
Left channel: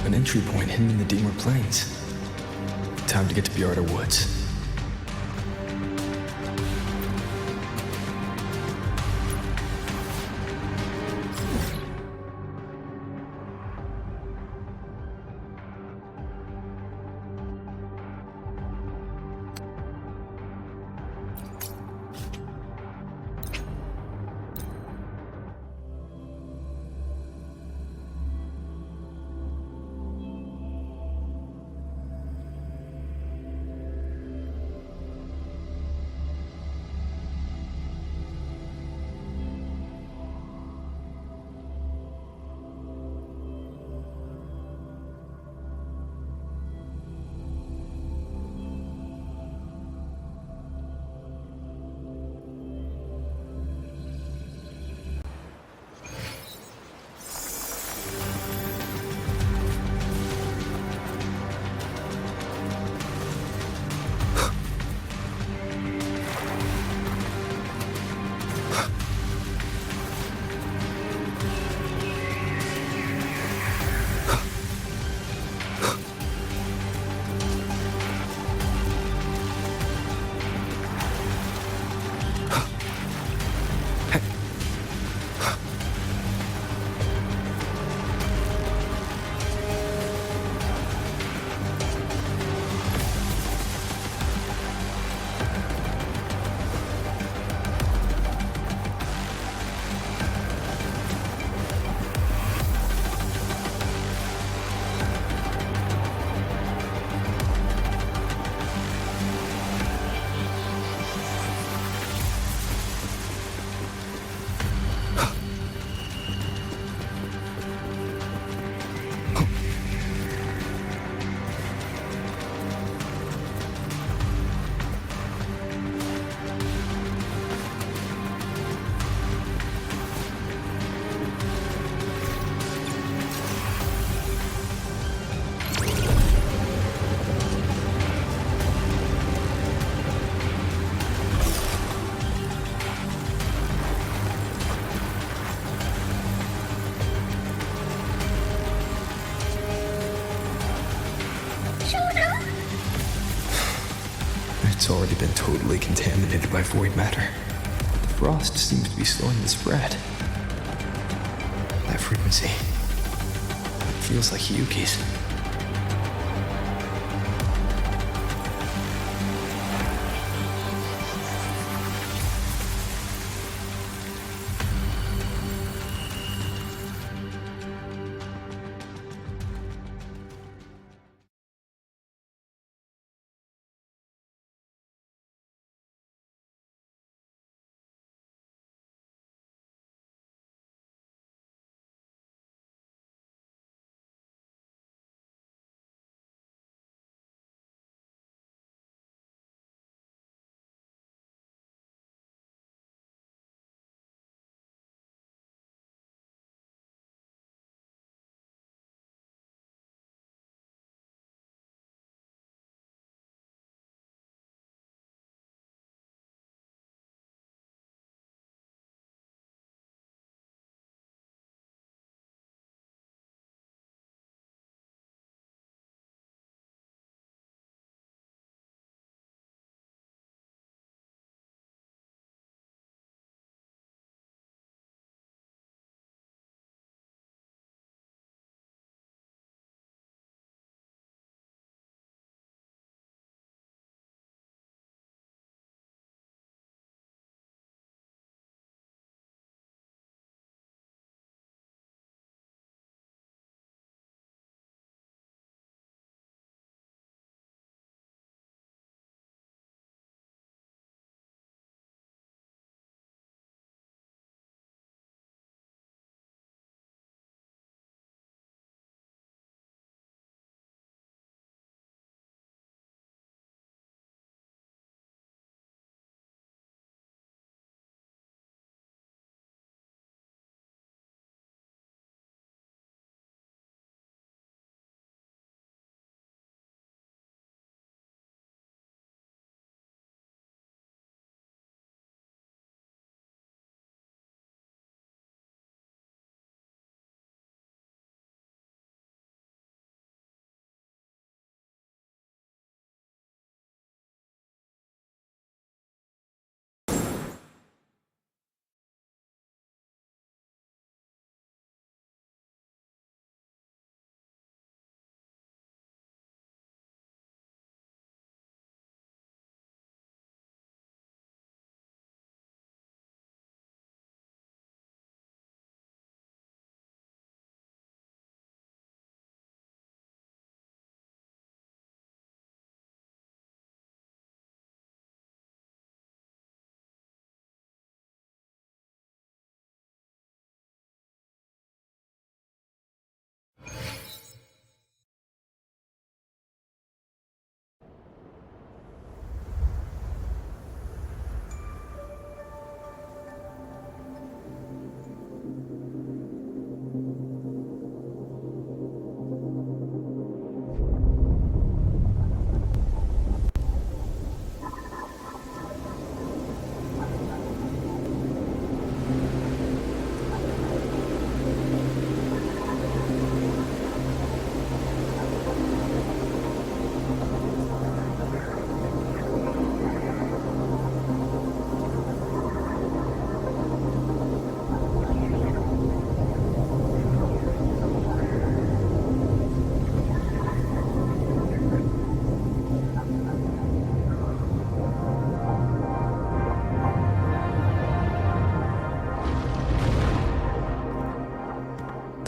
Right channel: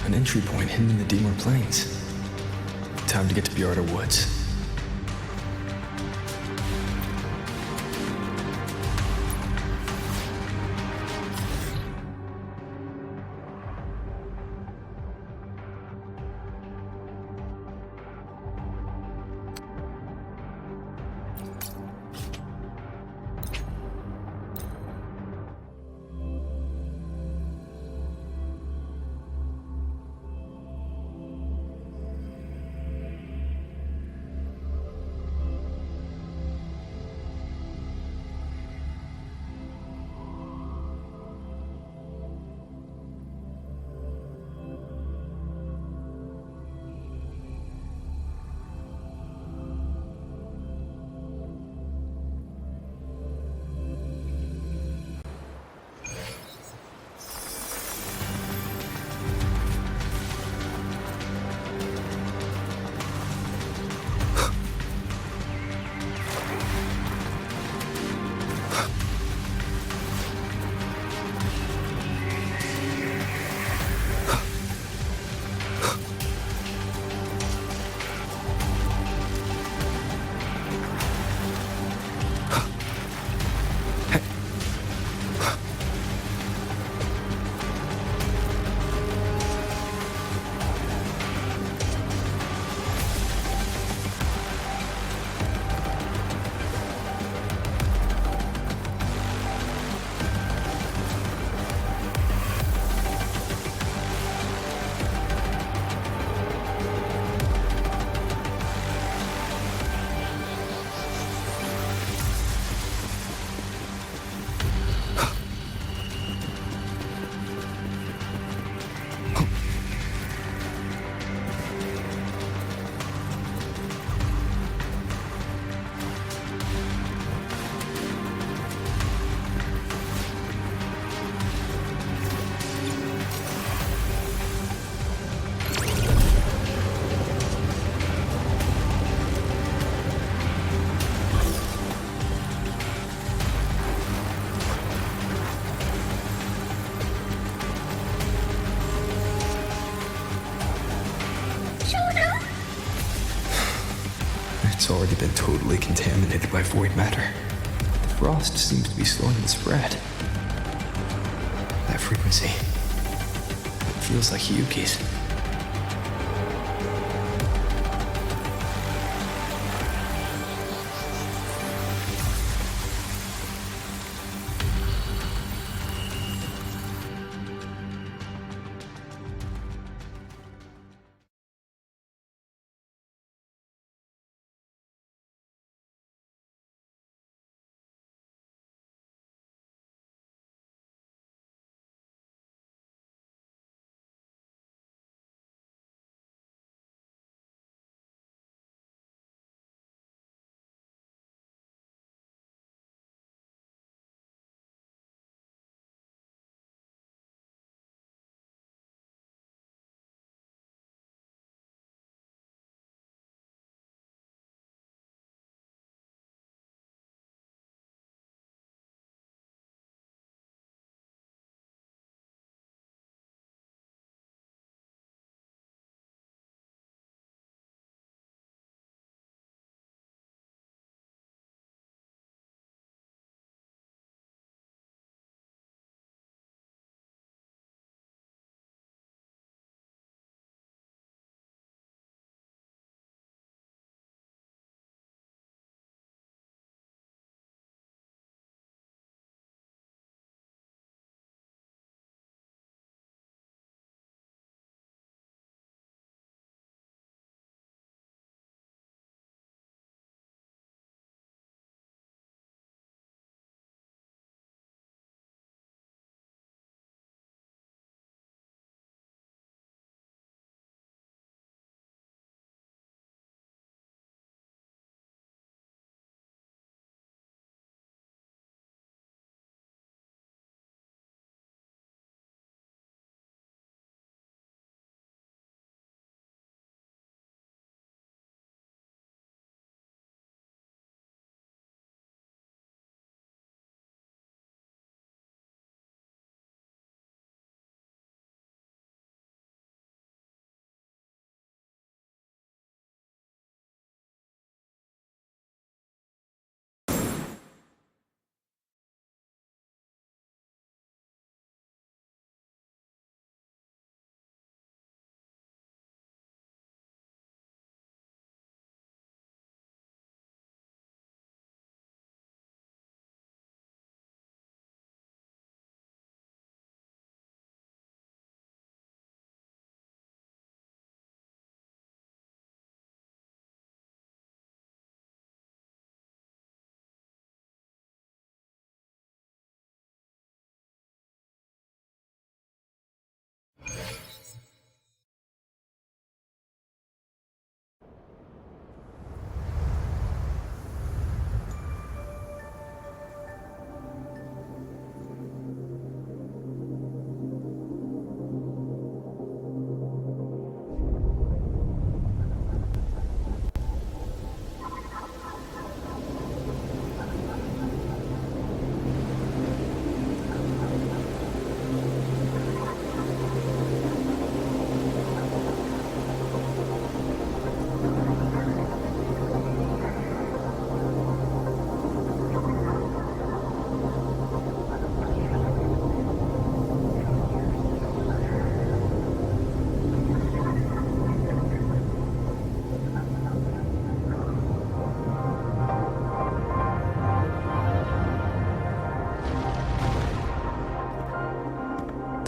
An entry point hidden in the Deemer Plains. Time to get to Bjarda Woods. It's already been totally contaminated by void matter. The frost seems to be slowing the spread. That frequency, it feels like Hyuki's.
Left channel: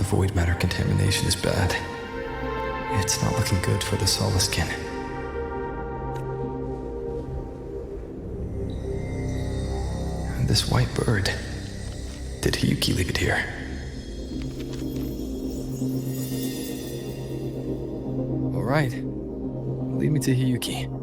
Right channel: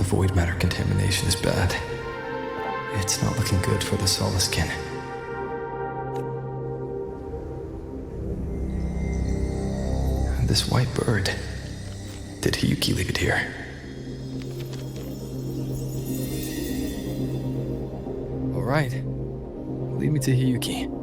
void matter contamination is bad. It's not looking good for the 𝓰 This white bird. Did Hyuki leave it here? All right. Lead me to Hyuki.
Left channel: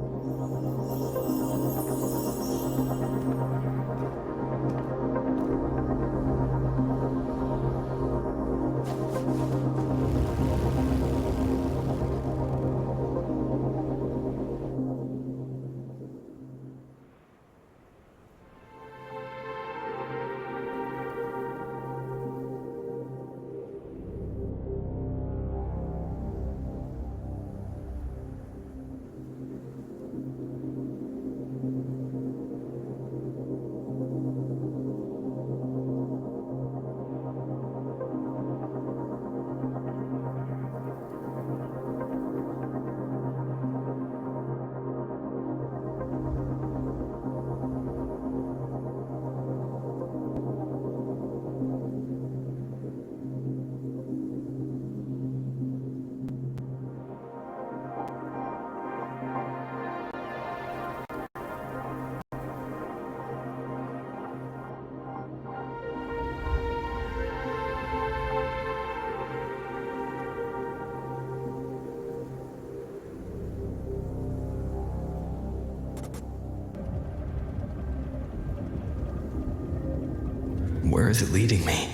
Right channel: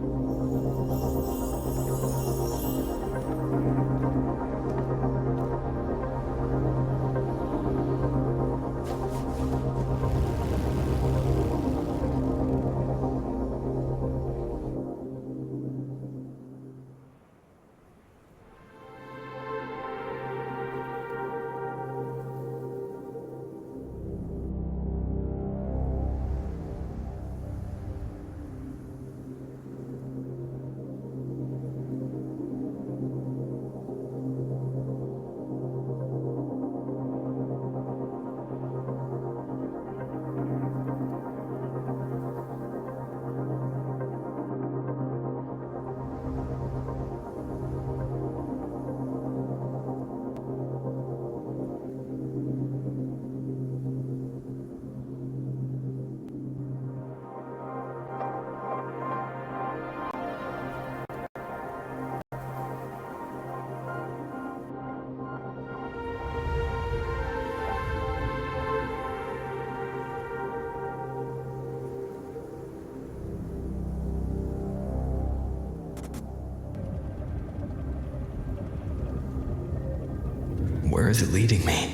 is it leading me?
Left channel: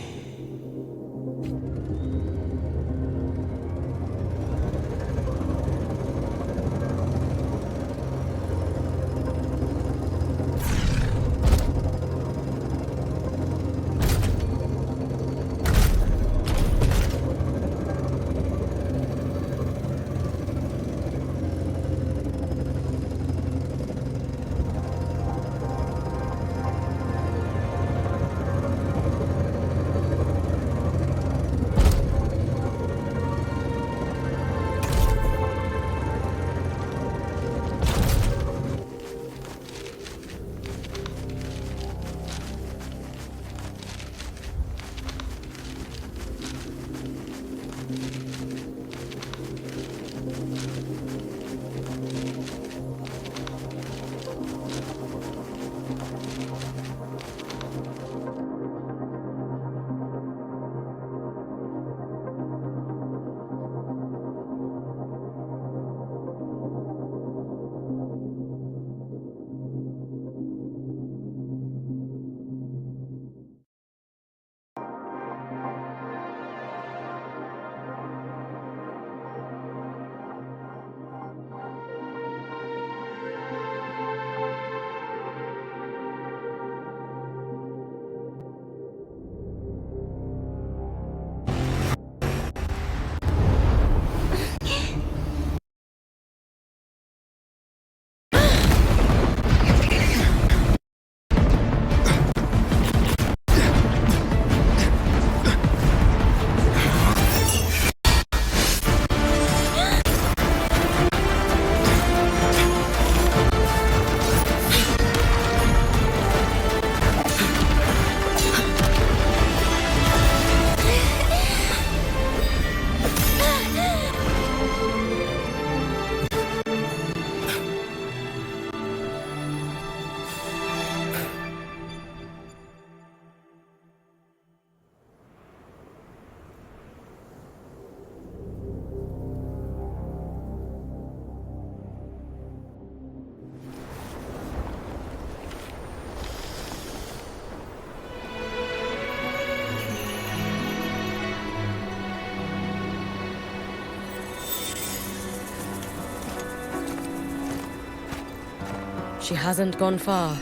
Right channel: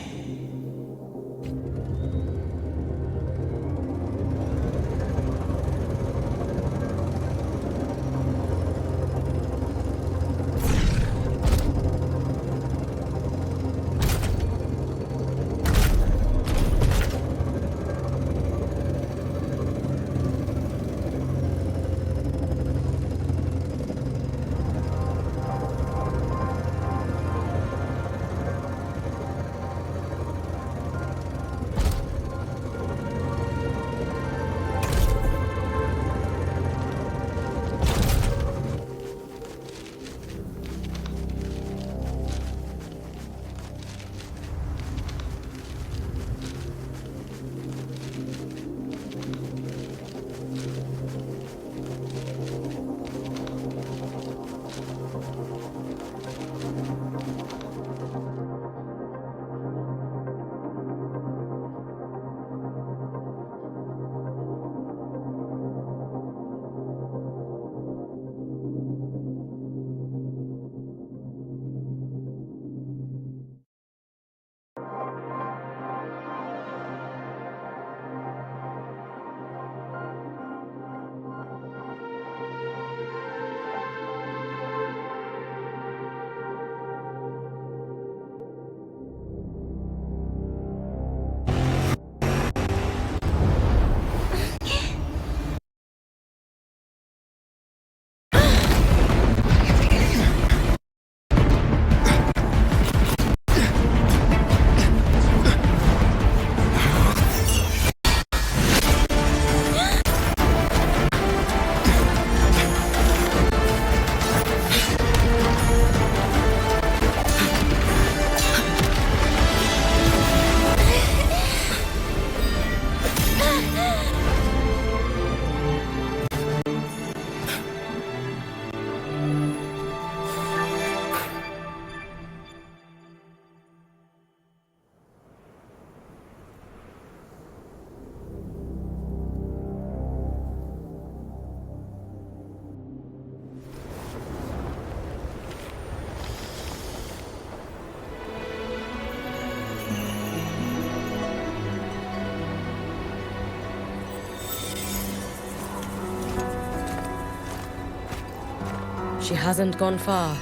She hasn't gone far.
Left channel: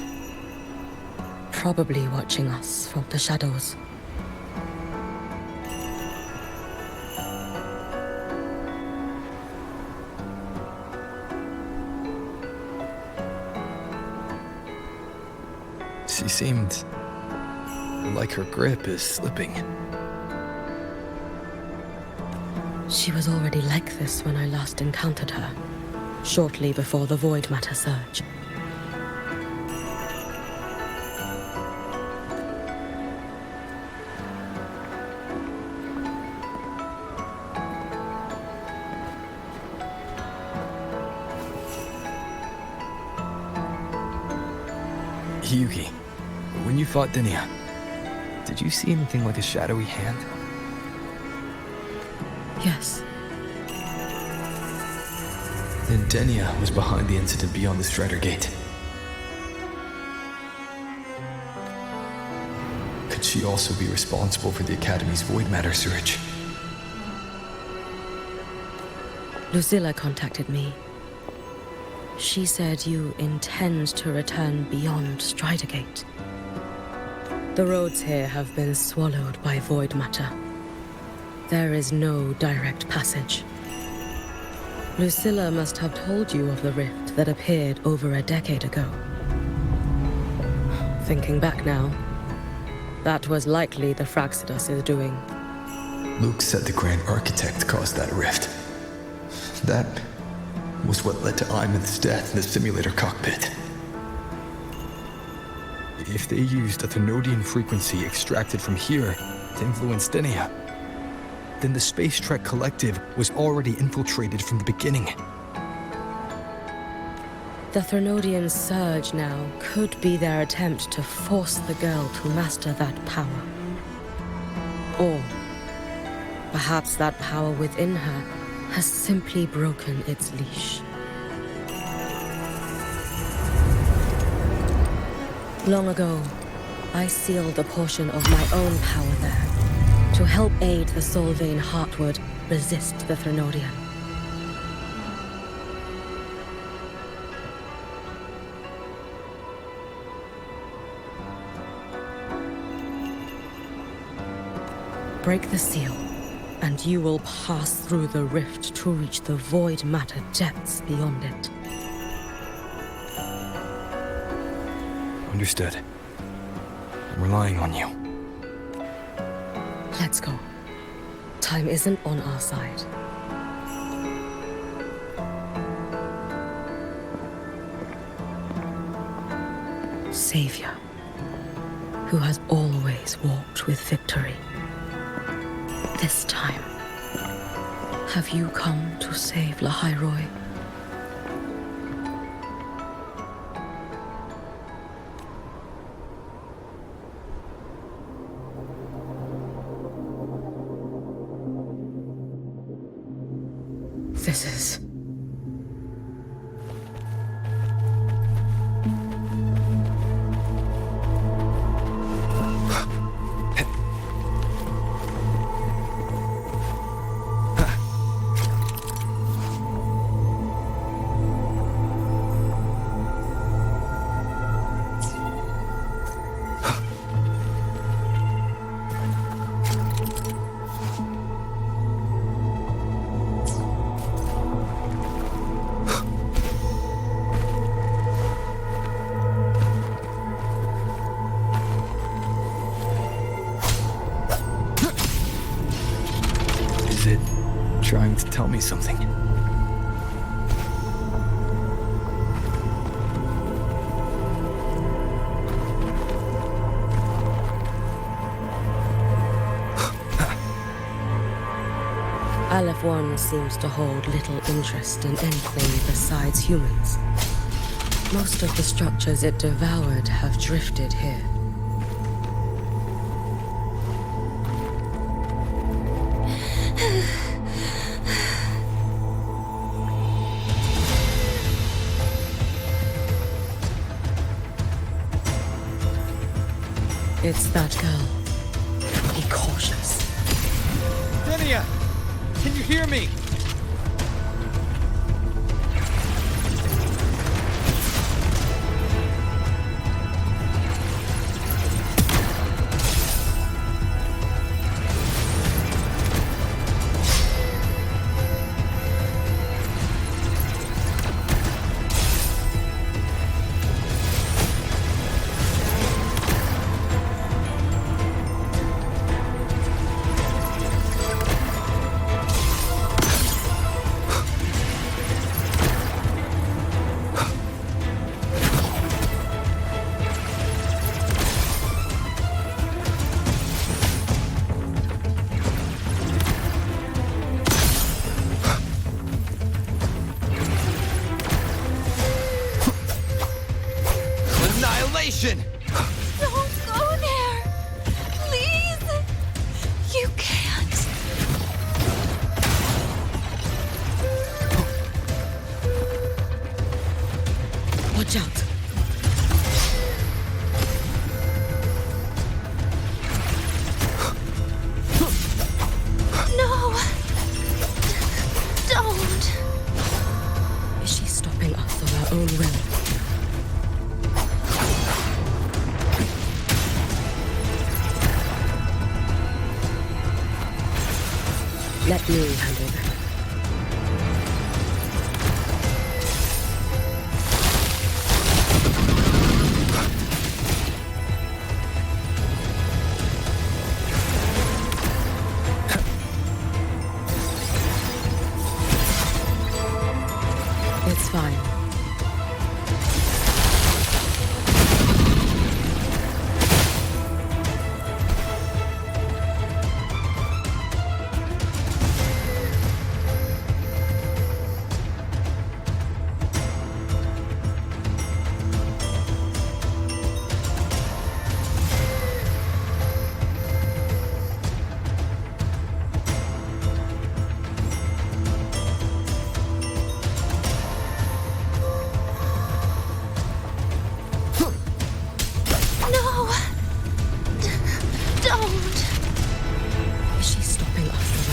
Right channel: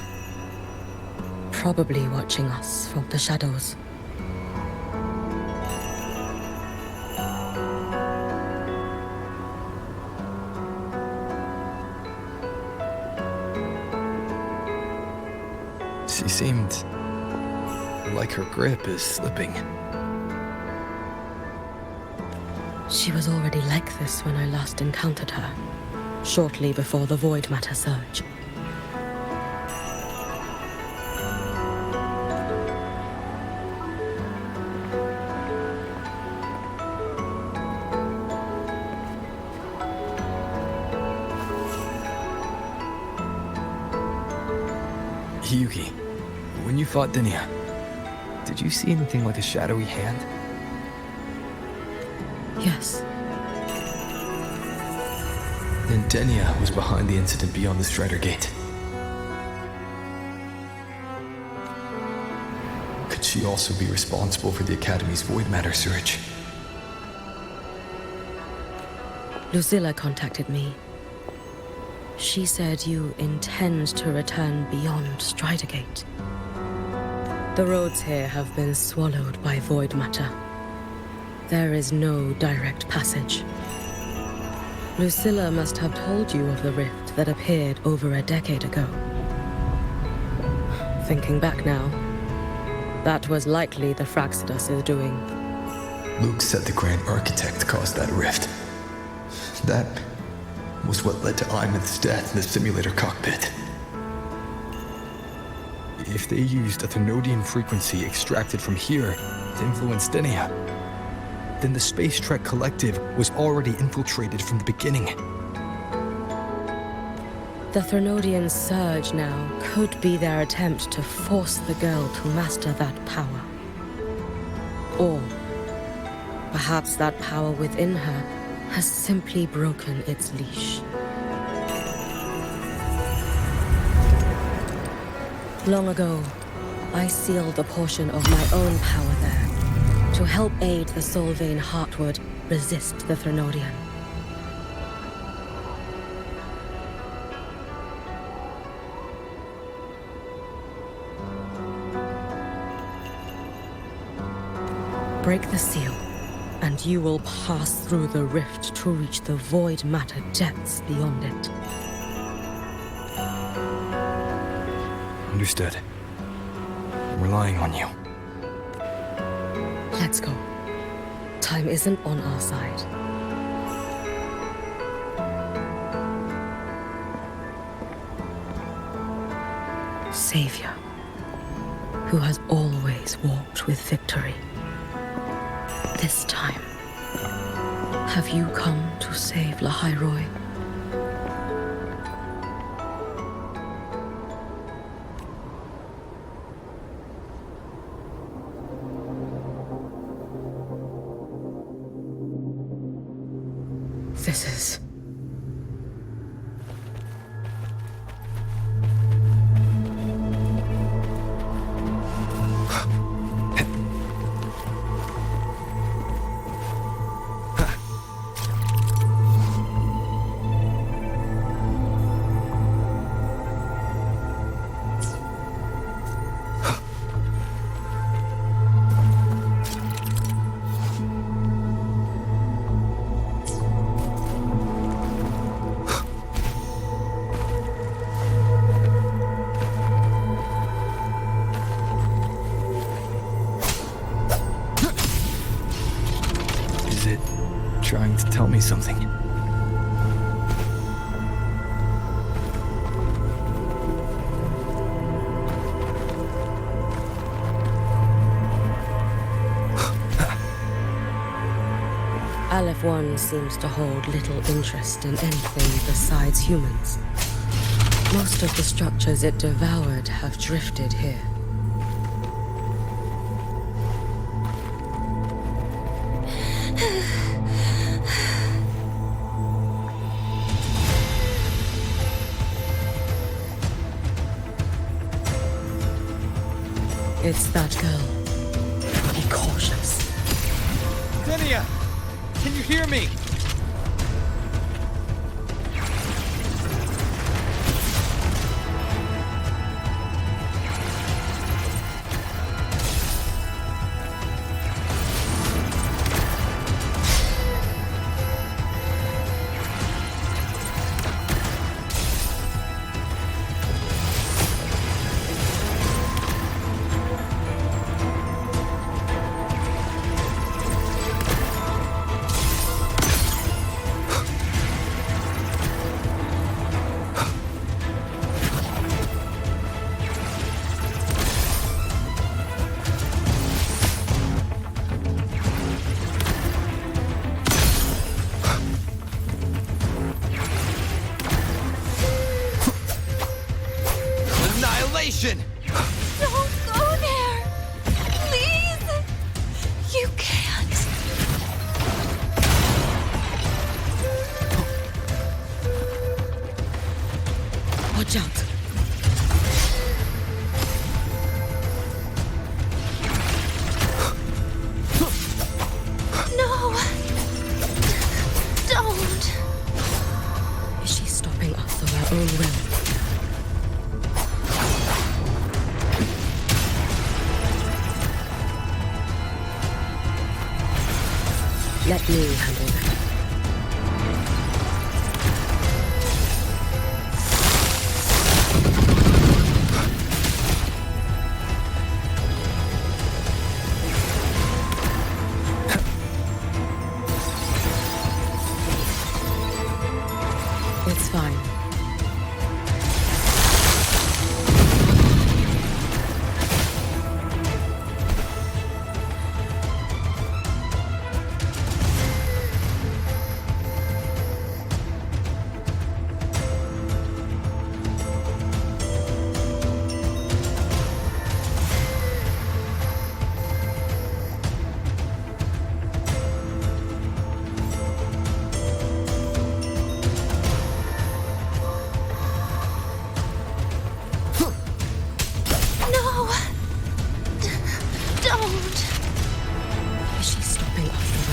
Probably watching us from the shadows. She seemed like her grip is slipping. She was already like this when I last encountered her, shortly before the void matter surge. Yuki, when you fought 𝓬𝓐𝓐, did you see anything like a shadowy hand? Yes. Then 𝓬𝓐𝓐 was behind the incident beyond the Strider Gate. Could she also be responsible for the Academy's void matter surge? Lucilla contacted me. She said you intend to return beyond Strider Gate. The roads here have been swallowed by void matter. There is no direct passage. Lucilla must have told you of the rift that appeared over a decade ago. Thinking back now, that was likely the Fraxidus' doing. Luke said the Grand Architect caused that rift. That was what led to Imeth's death in the simulator cockpit. If they used a Thenodian frequency extracted from here to influence 𝓬𝓐𝓐, then the Space Trek Collective was already infiltrated from the beginning. The Thenodian surge now could be their attempt to force the girl to master that power. Or perhaps that power within her has simply broken its leash. Long ago, I sealed a portion of my own power there to help aid the Solvayne Heartwood resist the Thrinodean. Break the seal, and you will pass through the rift to reach the void matter depths beyond it. Understood. I'm relying on you. Let's go. Time isn't on our side. Savior, who has always walked with victory. This time, have you come to save ḽʻhāɪroi? This is... Is it trying to tell me something? 𝑎leph-1 seems to hold little interest in anything besides humans. Most of the structures it devoured have drifted here. It's that girl. Be cautious. Linnea! Can you hear me? Annihilation! Don't go there! Please! You can't! Watch out! No! Don't! Is she stopping us of her own will? Let me handle that. It's fine.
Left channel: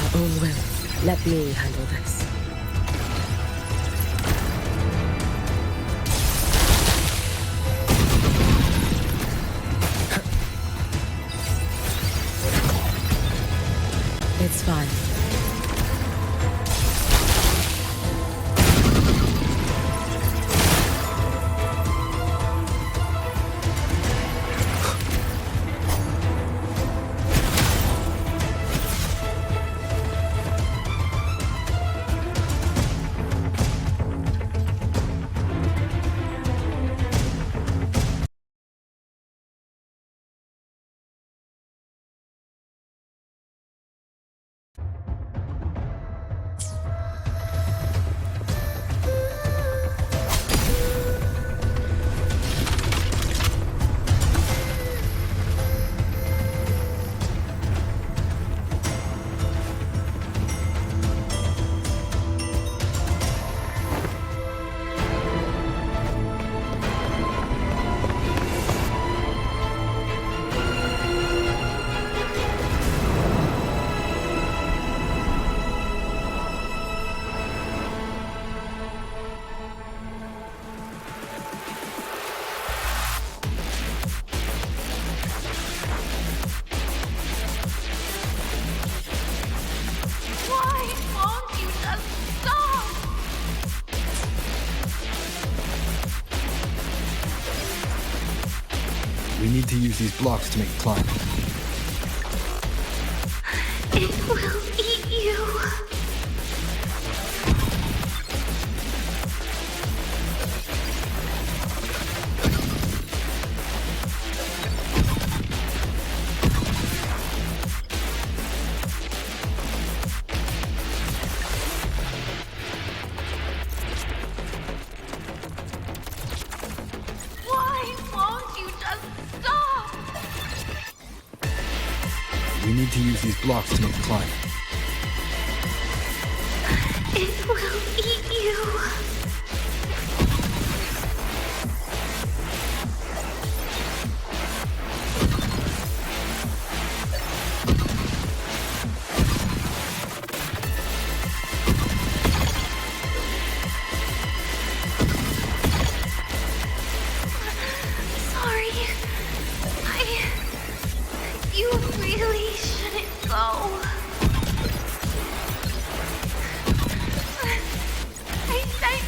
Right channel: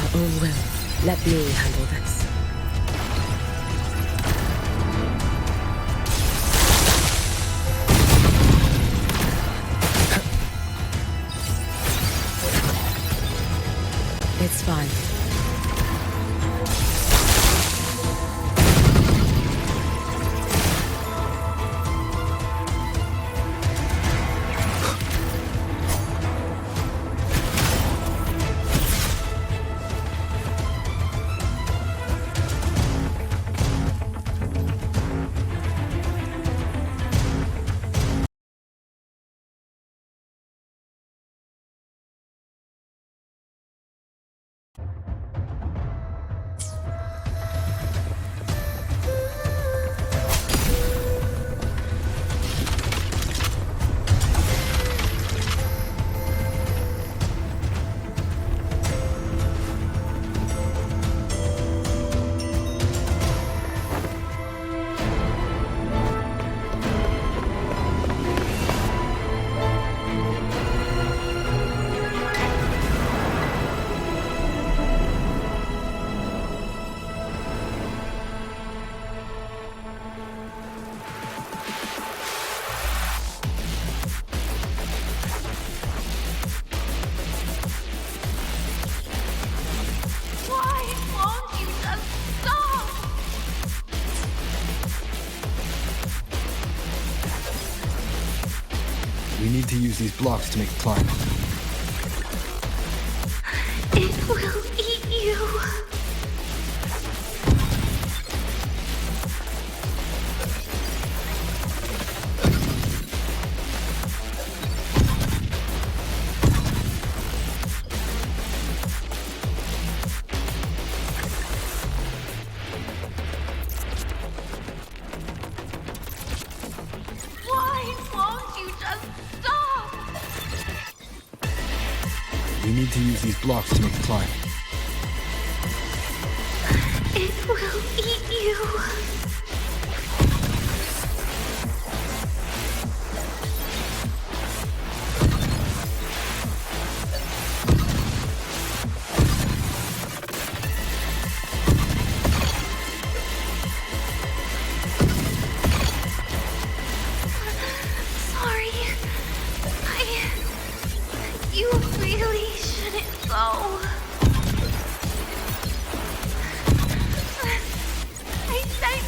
her own will. Let me handle this. It's fine. We need to use these blocks to make the climb. It will eat you. We need to use these blocks to make the climb. It will eat you. Sorry. You really shouldn't go. I said...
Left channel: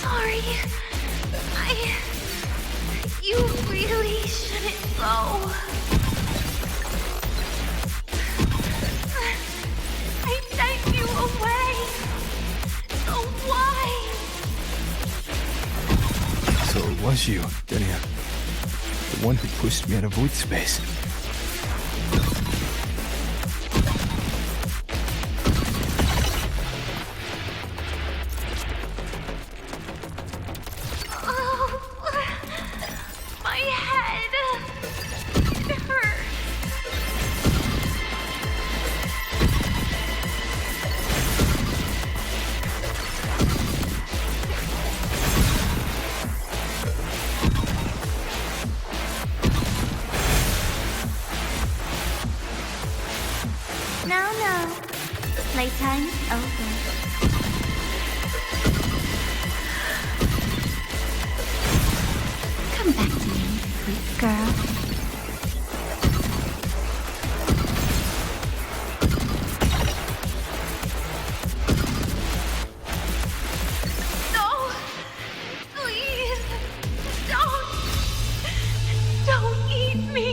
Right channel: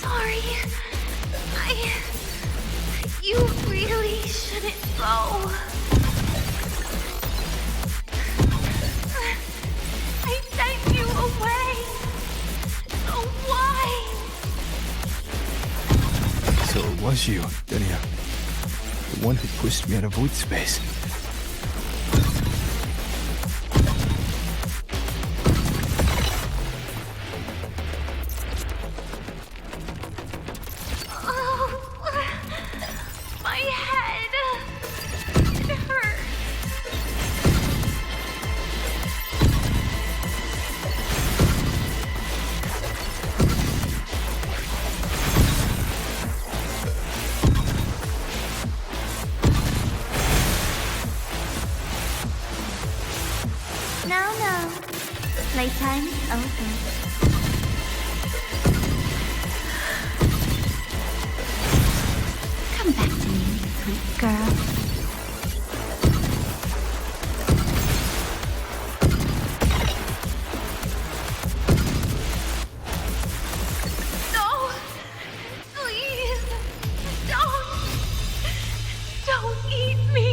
Sorry. You really shouldn't go. I sent you away. So why? So it was you, 𝓸𝓫. The one who pushed me out of void space. My head. It hurts. No. Playtime is over. Come back to me, sweet girl. No! Please! Don't eat me!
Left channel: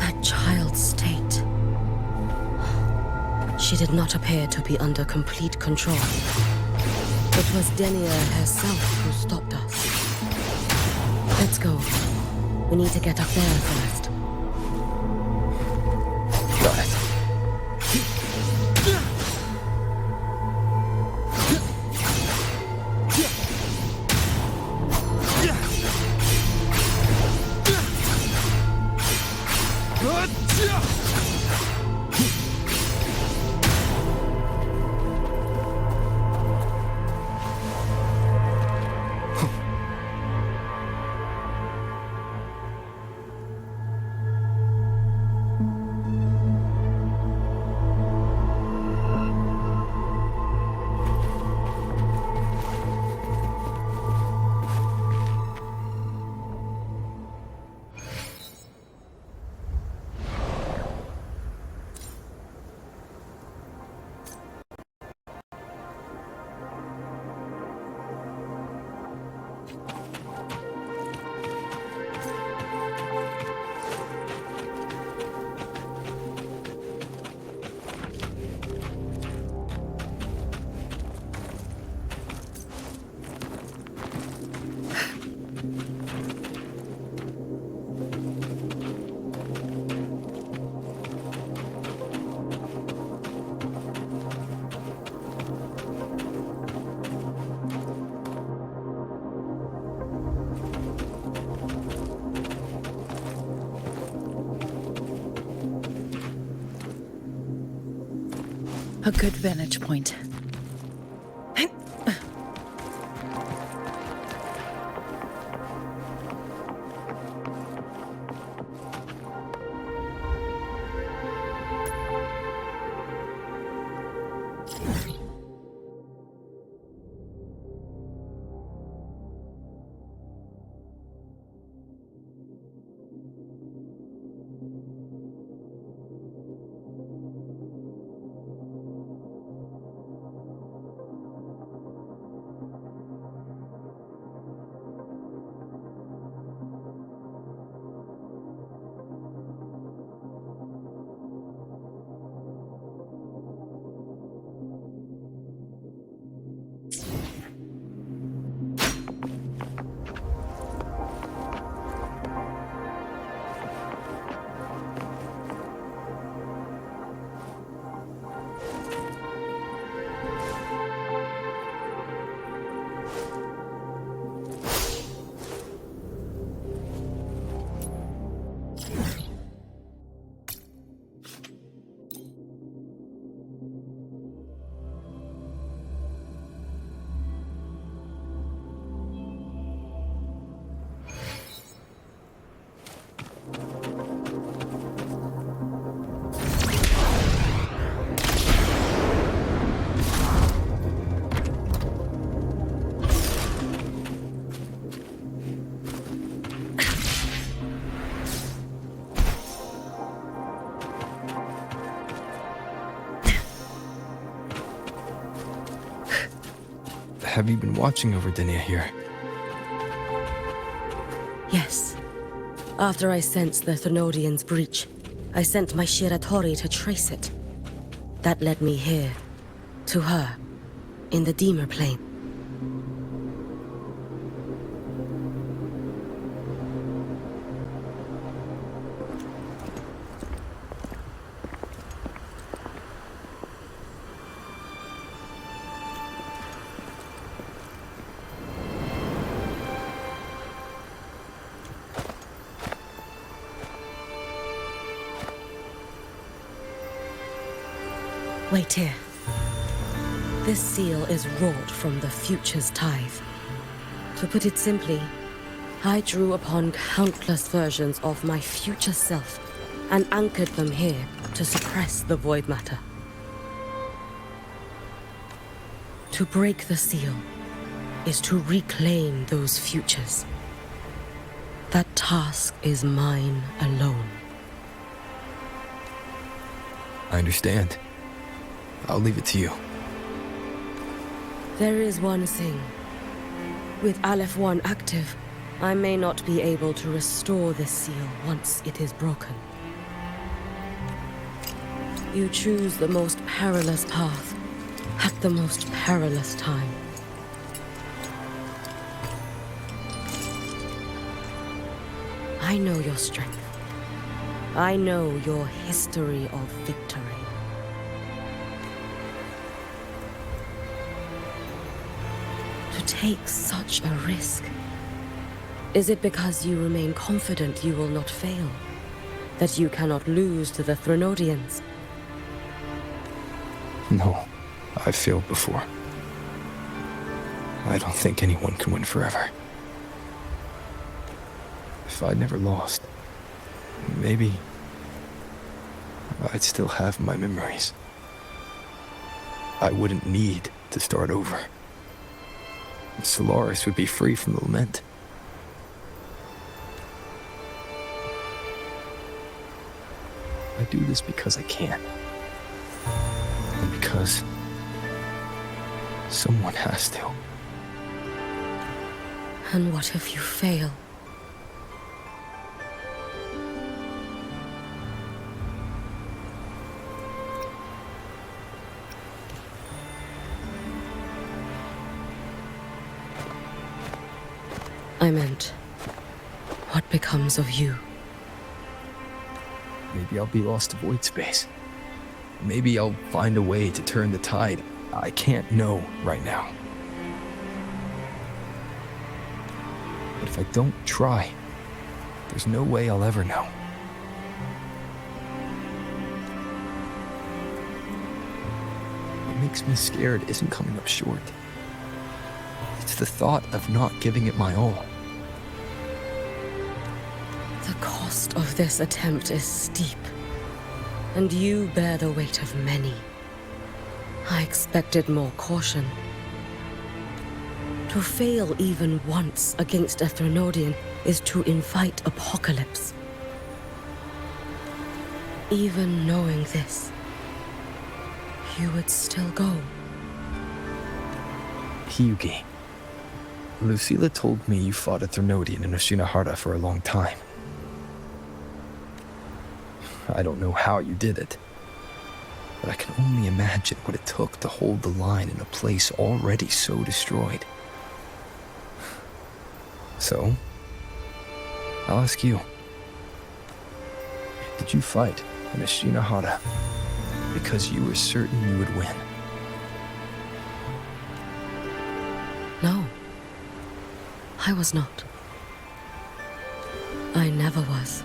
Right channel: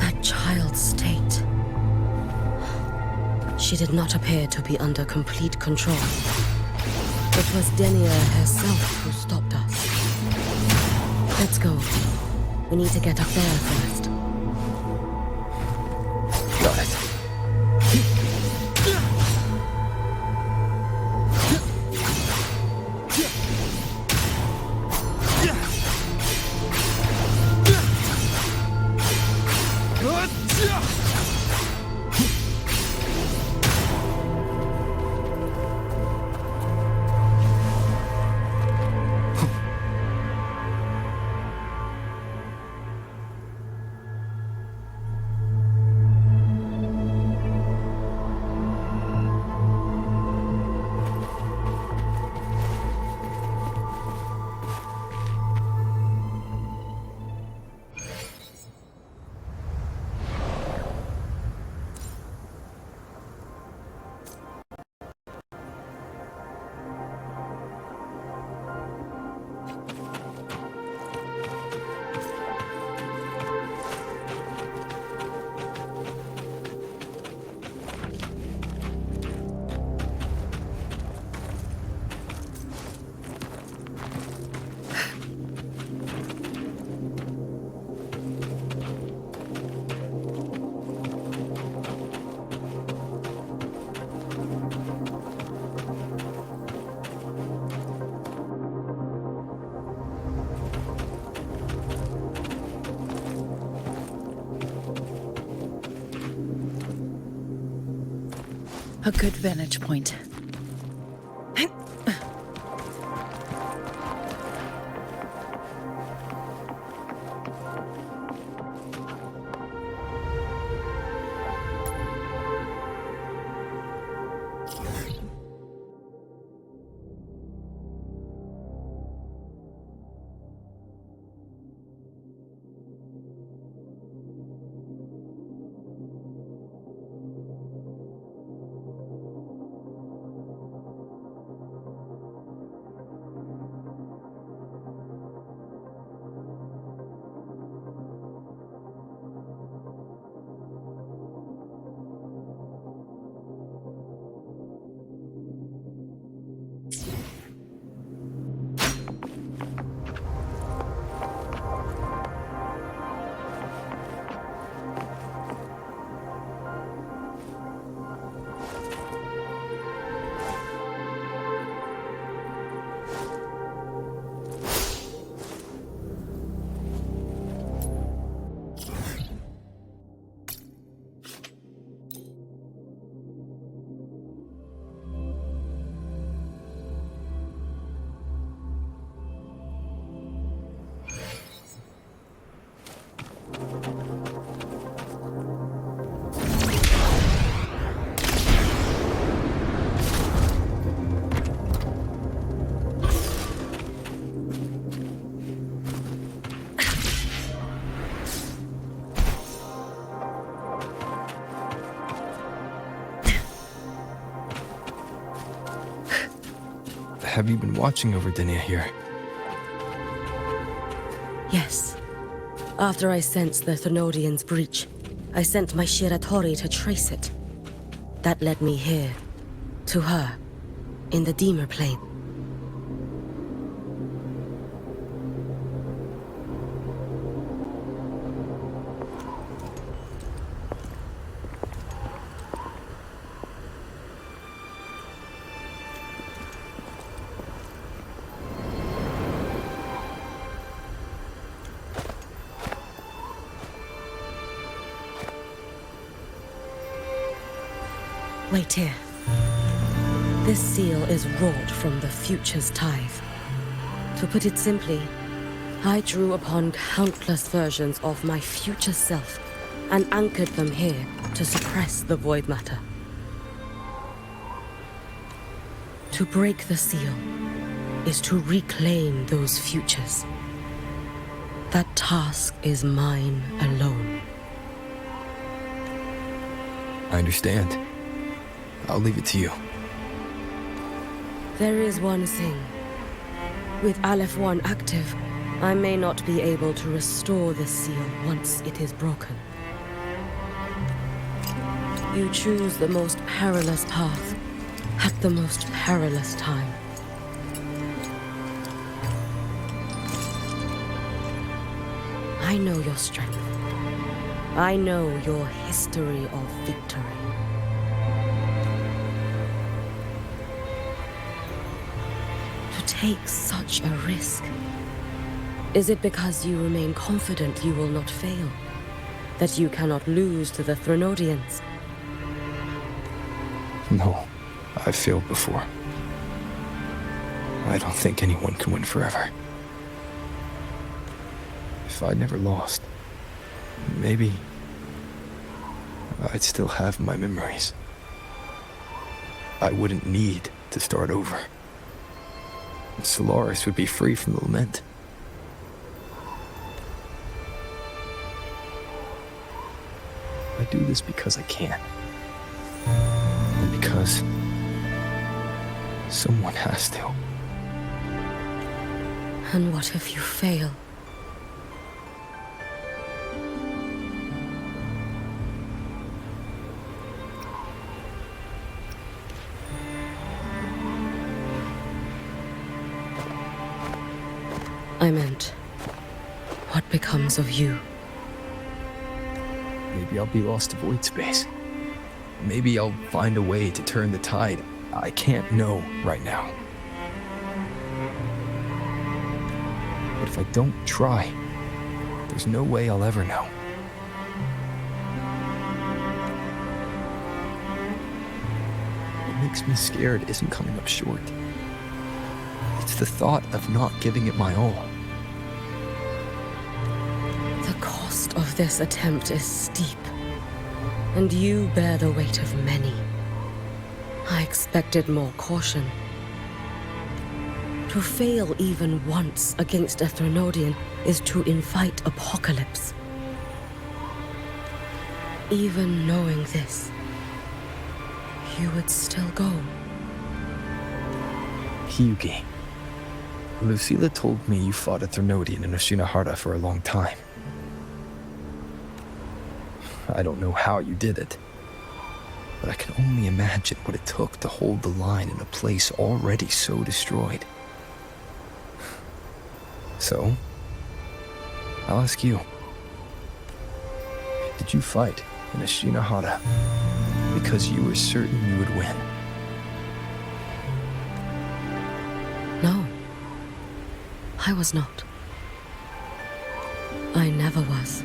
That child's state. She did not appear to be under complete control. It was 𝓸𝓫 herself who stopped us. Let's go. We need to get up there first. Got it. A good vantage point. Have you been watching over Denia here? Yes. After I sensed the Thenodians' breach, I sent my Shiratori to trace it. That led me here, to her, in the Deemer Plane. Wait here. This seal is wrought from the future's tithe. To put it simply, I drew upon countless versions of my future self and anchored them here to suppress the void matter. To break the seal is to reclaim those futures. That task is mine alone. I understand. I'll leave it to you. There is one thing. With Aleph 1 active, I may not be able to restore this seal once it is broken. You choose the most perilous path at the most perilous time. I know your strength. I know your history of victory. To take such a risk? Is it because you remain confident you will not fail? That you cannot lose to the Thenodians? No, I've failed before. I don't think anyone can win forever. If I'd never lost, maybe I'd still have my memories. I wouldn't need to start over. Solaris would be free from the lament. I do this because I can. And because someone has to. And what if you fail? I meant, what becomes of you? Maybe I'll be lost to void space. Maybe I'll find a way to turn the tide. I can't know right now. But if I don't try, there's no way I'll ever know. makes me scared isn't coming up short. It's the thought of not giving it my all. The cost of this attempt is steep, and you bear the weight of many. I expected more caution. To fail even once against a Threnodian is to invite apocalypse. Even knowing this, you would still go. Hiyuki, Lucila told me you fought a Threnodian in Ashina for a long time. I don't know how you did it, but I can only imagine what it took to hold the line in a place already so destroyed. So, I'll ask you. Did you fight in Ashina because you were certain you would win? No, I was not. I never was.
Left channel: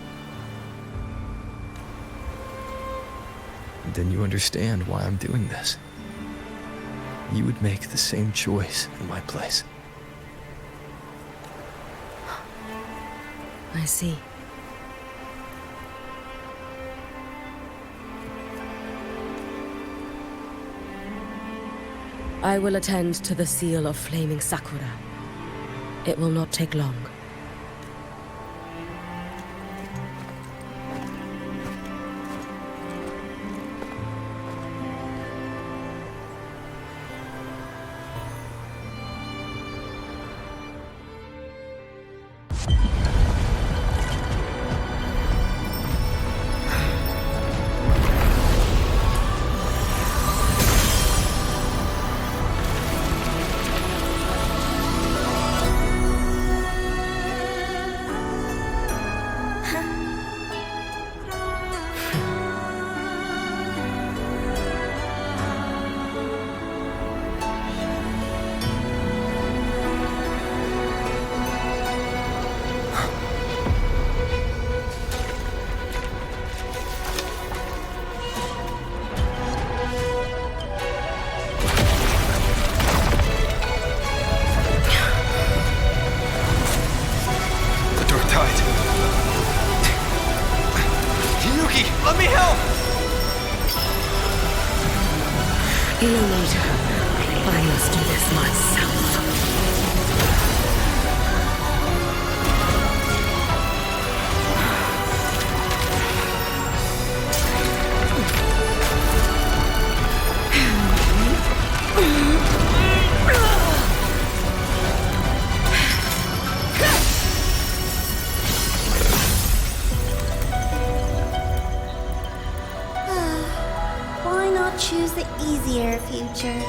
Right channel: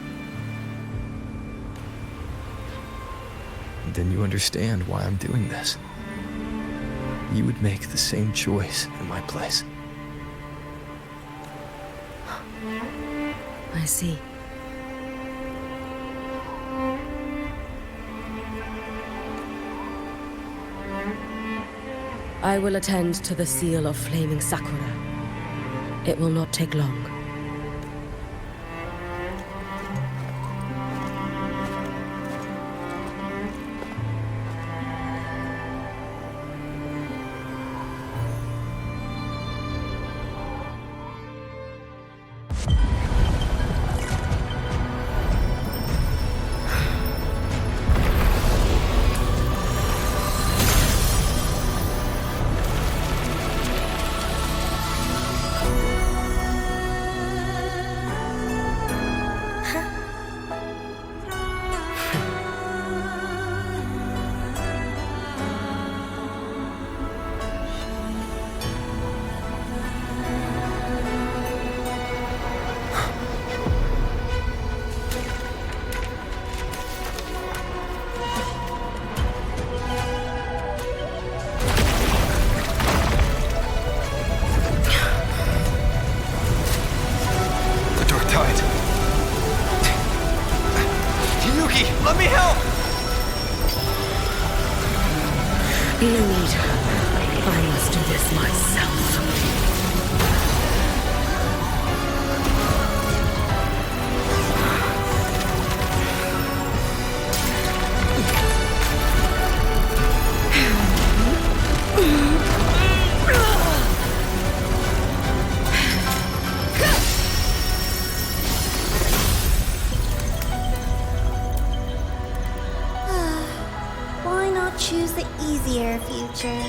Then you understand why I'm doing this. You would make the same choice in my place. I see. I will attend to the seal of flaming Sakura. It will not take long. Let me help! No need. I must do this myself. Why not choose the easier future?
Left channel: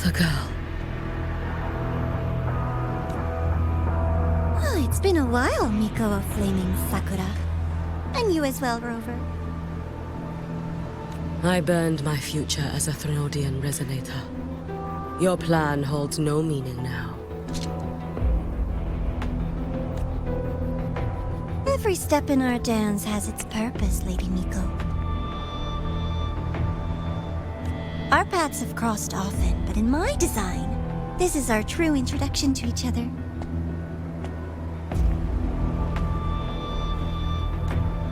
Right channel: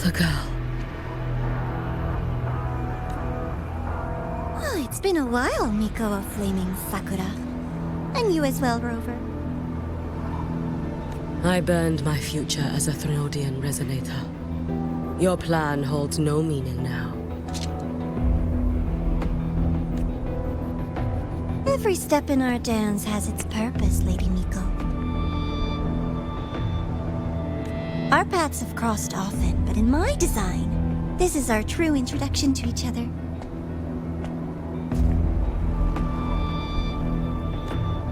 The girl. Oh, it's been a while, Miko of Flaming Sakura. And you as well, Rover. I burned my future as a Threnodian resonator. Your plan holds no meaning now. Every step in our dance has its purpose, Lady Miko. Our paths have crossed often, but in my design, this is our true introduction to each other.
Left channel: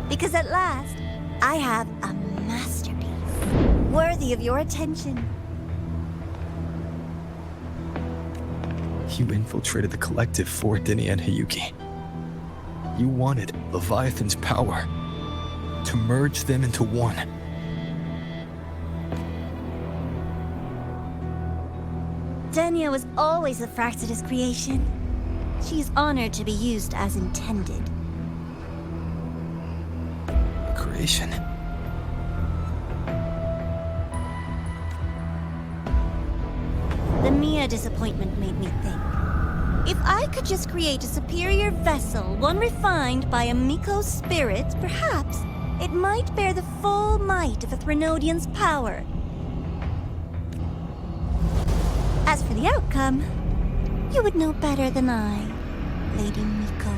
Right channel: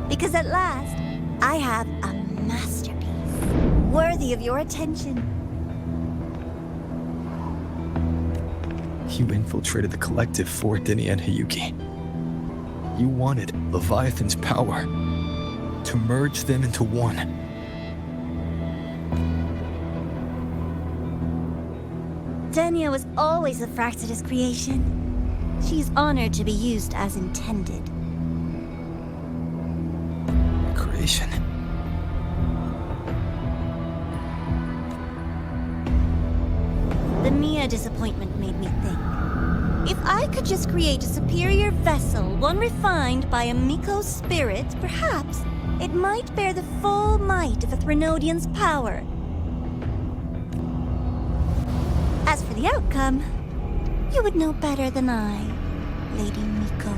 Because at last, I have a masterpiece, worthy of your attention. You infiltrated the collective for Dini and Hiyuki. You wanted Leviathan's power, to merge them into one. Denia was always a Fraxidus creation. She's honored to be used as intended. Creation. The Mia disappointment made me think. If I could just create a superior vessel, one refined by a ബ╗ spirit, perhaps it might bear the full might of a Threnodian's power. As for the outcome, you would know better than I, Lady ബ╗.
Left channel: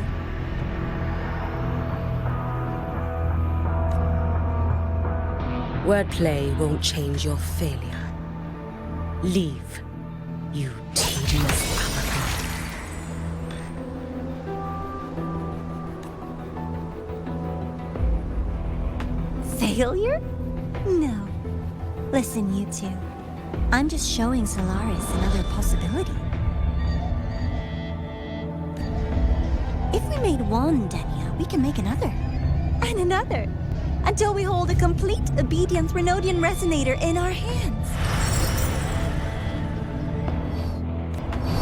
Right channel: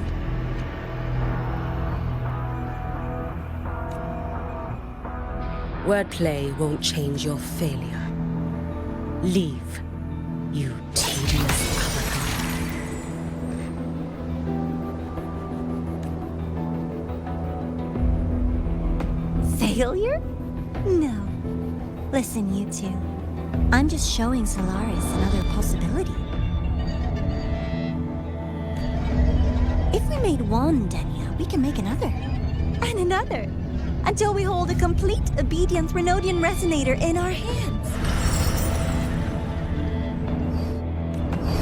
Wordplay won't change your failure. Leave, you tedious avatar. Failure? No. Listen, you two. I'm just showing Solaris another possibility. If we made one Denia, we can make another. And another. Until we hold a complete obedient Threnodian resonator in our hands.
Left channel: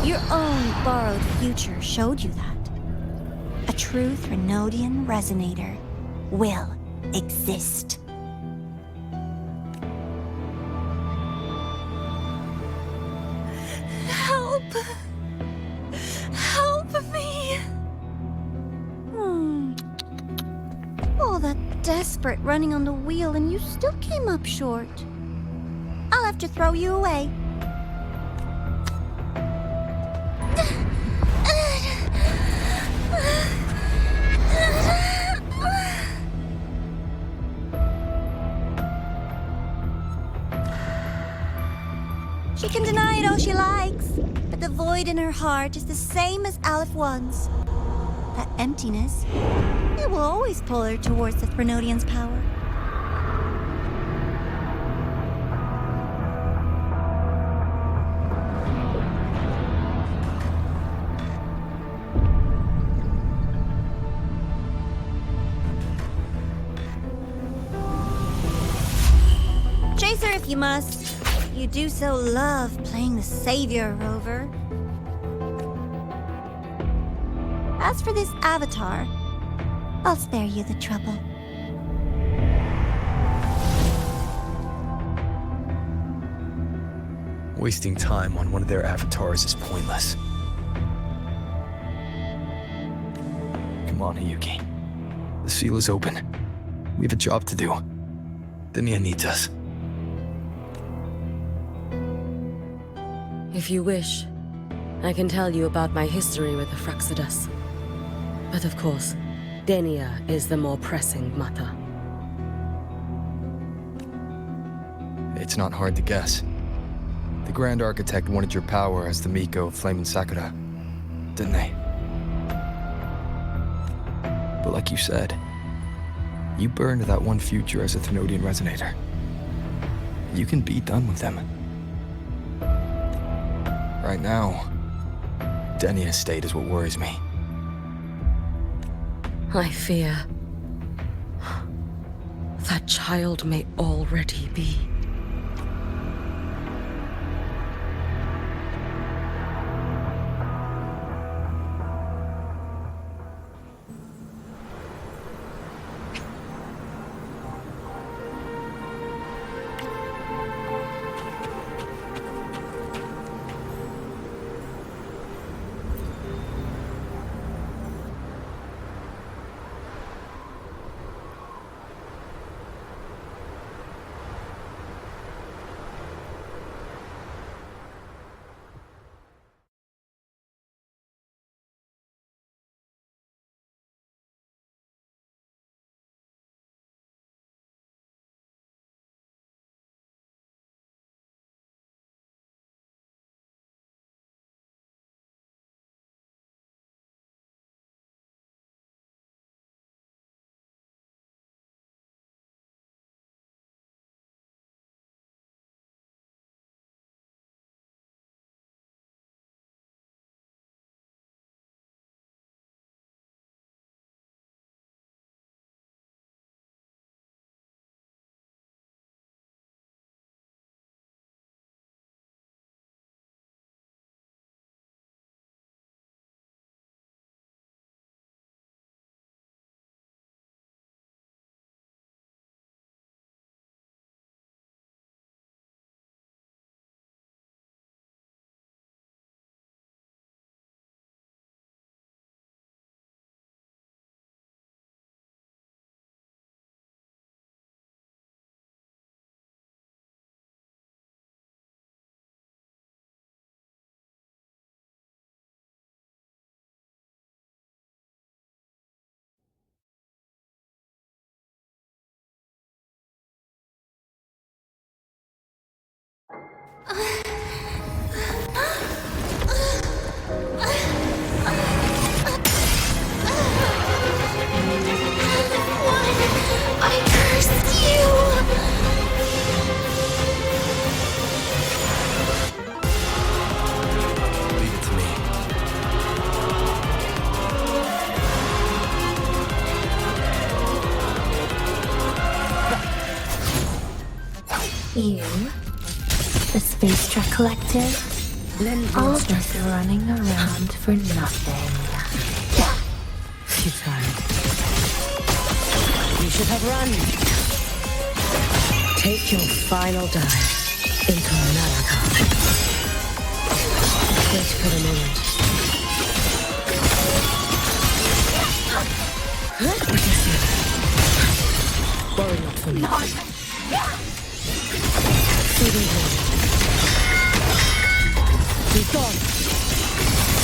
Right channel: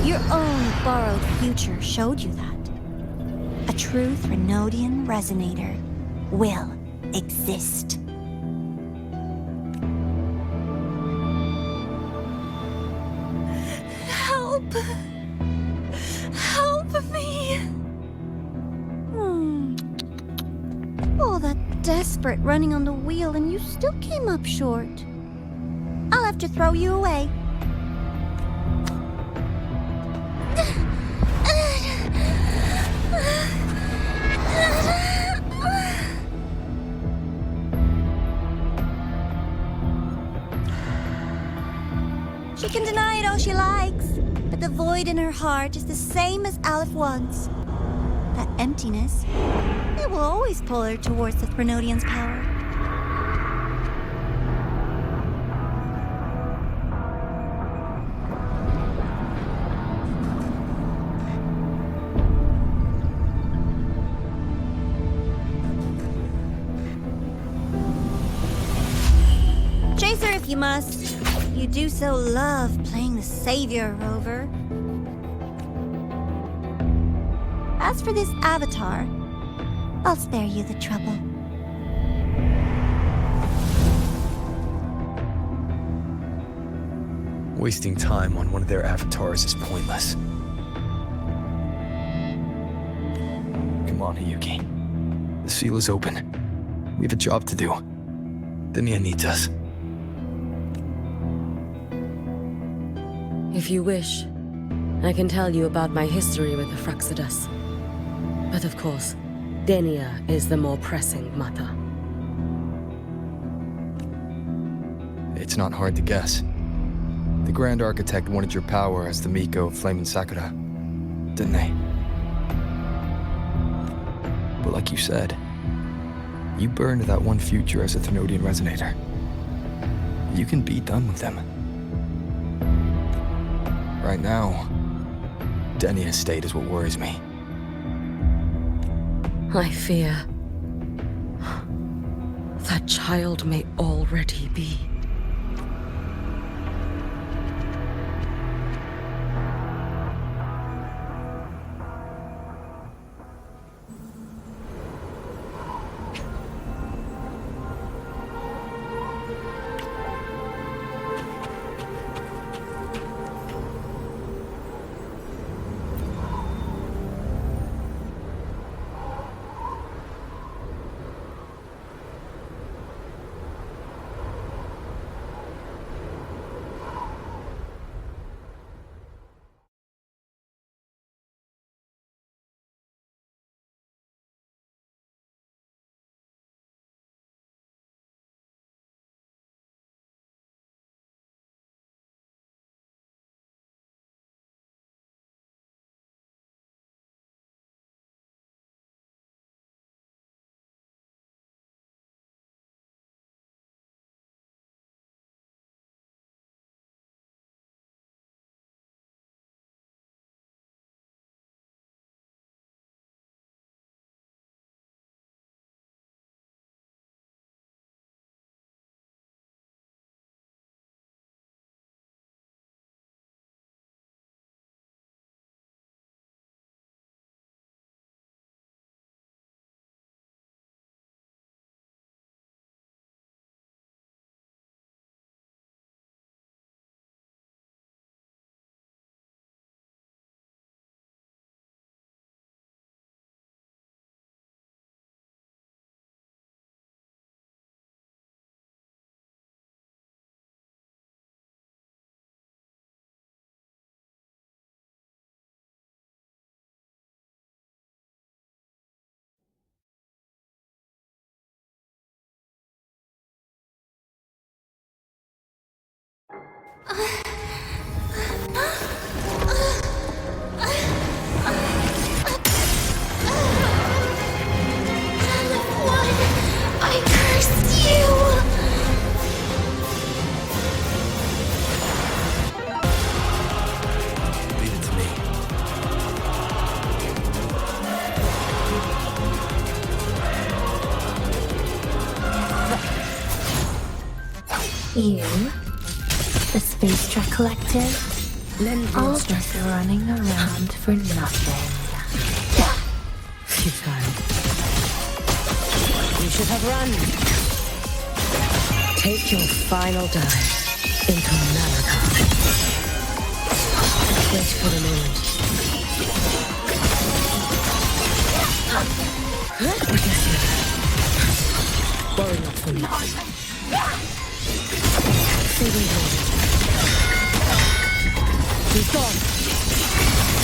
Your own borrowed future showed you that. A true Threnodian resonator will exist. Help! Help me! All that desperate running on the wheel and you still came up short. I'll have to throw you away. She can deny it all she likes, but the void in her heart is the same as 𝑎leph1's. That emptiness, it will always pull her towards the Threnodian's power. Chase her if you must. You do so love playing the savior, Rover. As for this avatar, I'll spare you the trouble. Wasting time on one of their avatars is pointless. Come on, Hiyuki. The seal is open. We have a job to do. Denia needs us. If you wish, I can tell you about my history with the Fraxidus. But of course, Denia is the more pressing matter. It's not hard to guess. The Grand Architect wanted your power as the ബ╗ of Flame and Sakura, didn't they? But like you said, you burned that one future as a Threnodian resonator. You can be done with them. Right now, Denia's state is what worries me. I fear that child may already be. I curse you! Leave it to me. You, the Space Truck Collective, all just running around for nothing. Futile. You should have run. Take your final dive into 𝓚𝓏. Wait for the moment. Forget you. Worry not for me. Saving him. He's gone.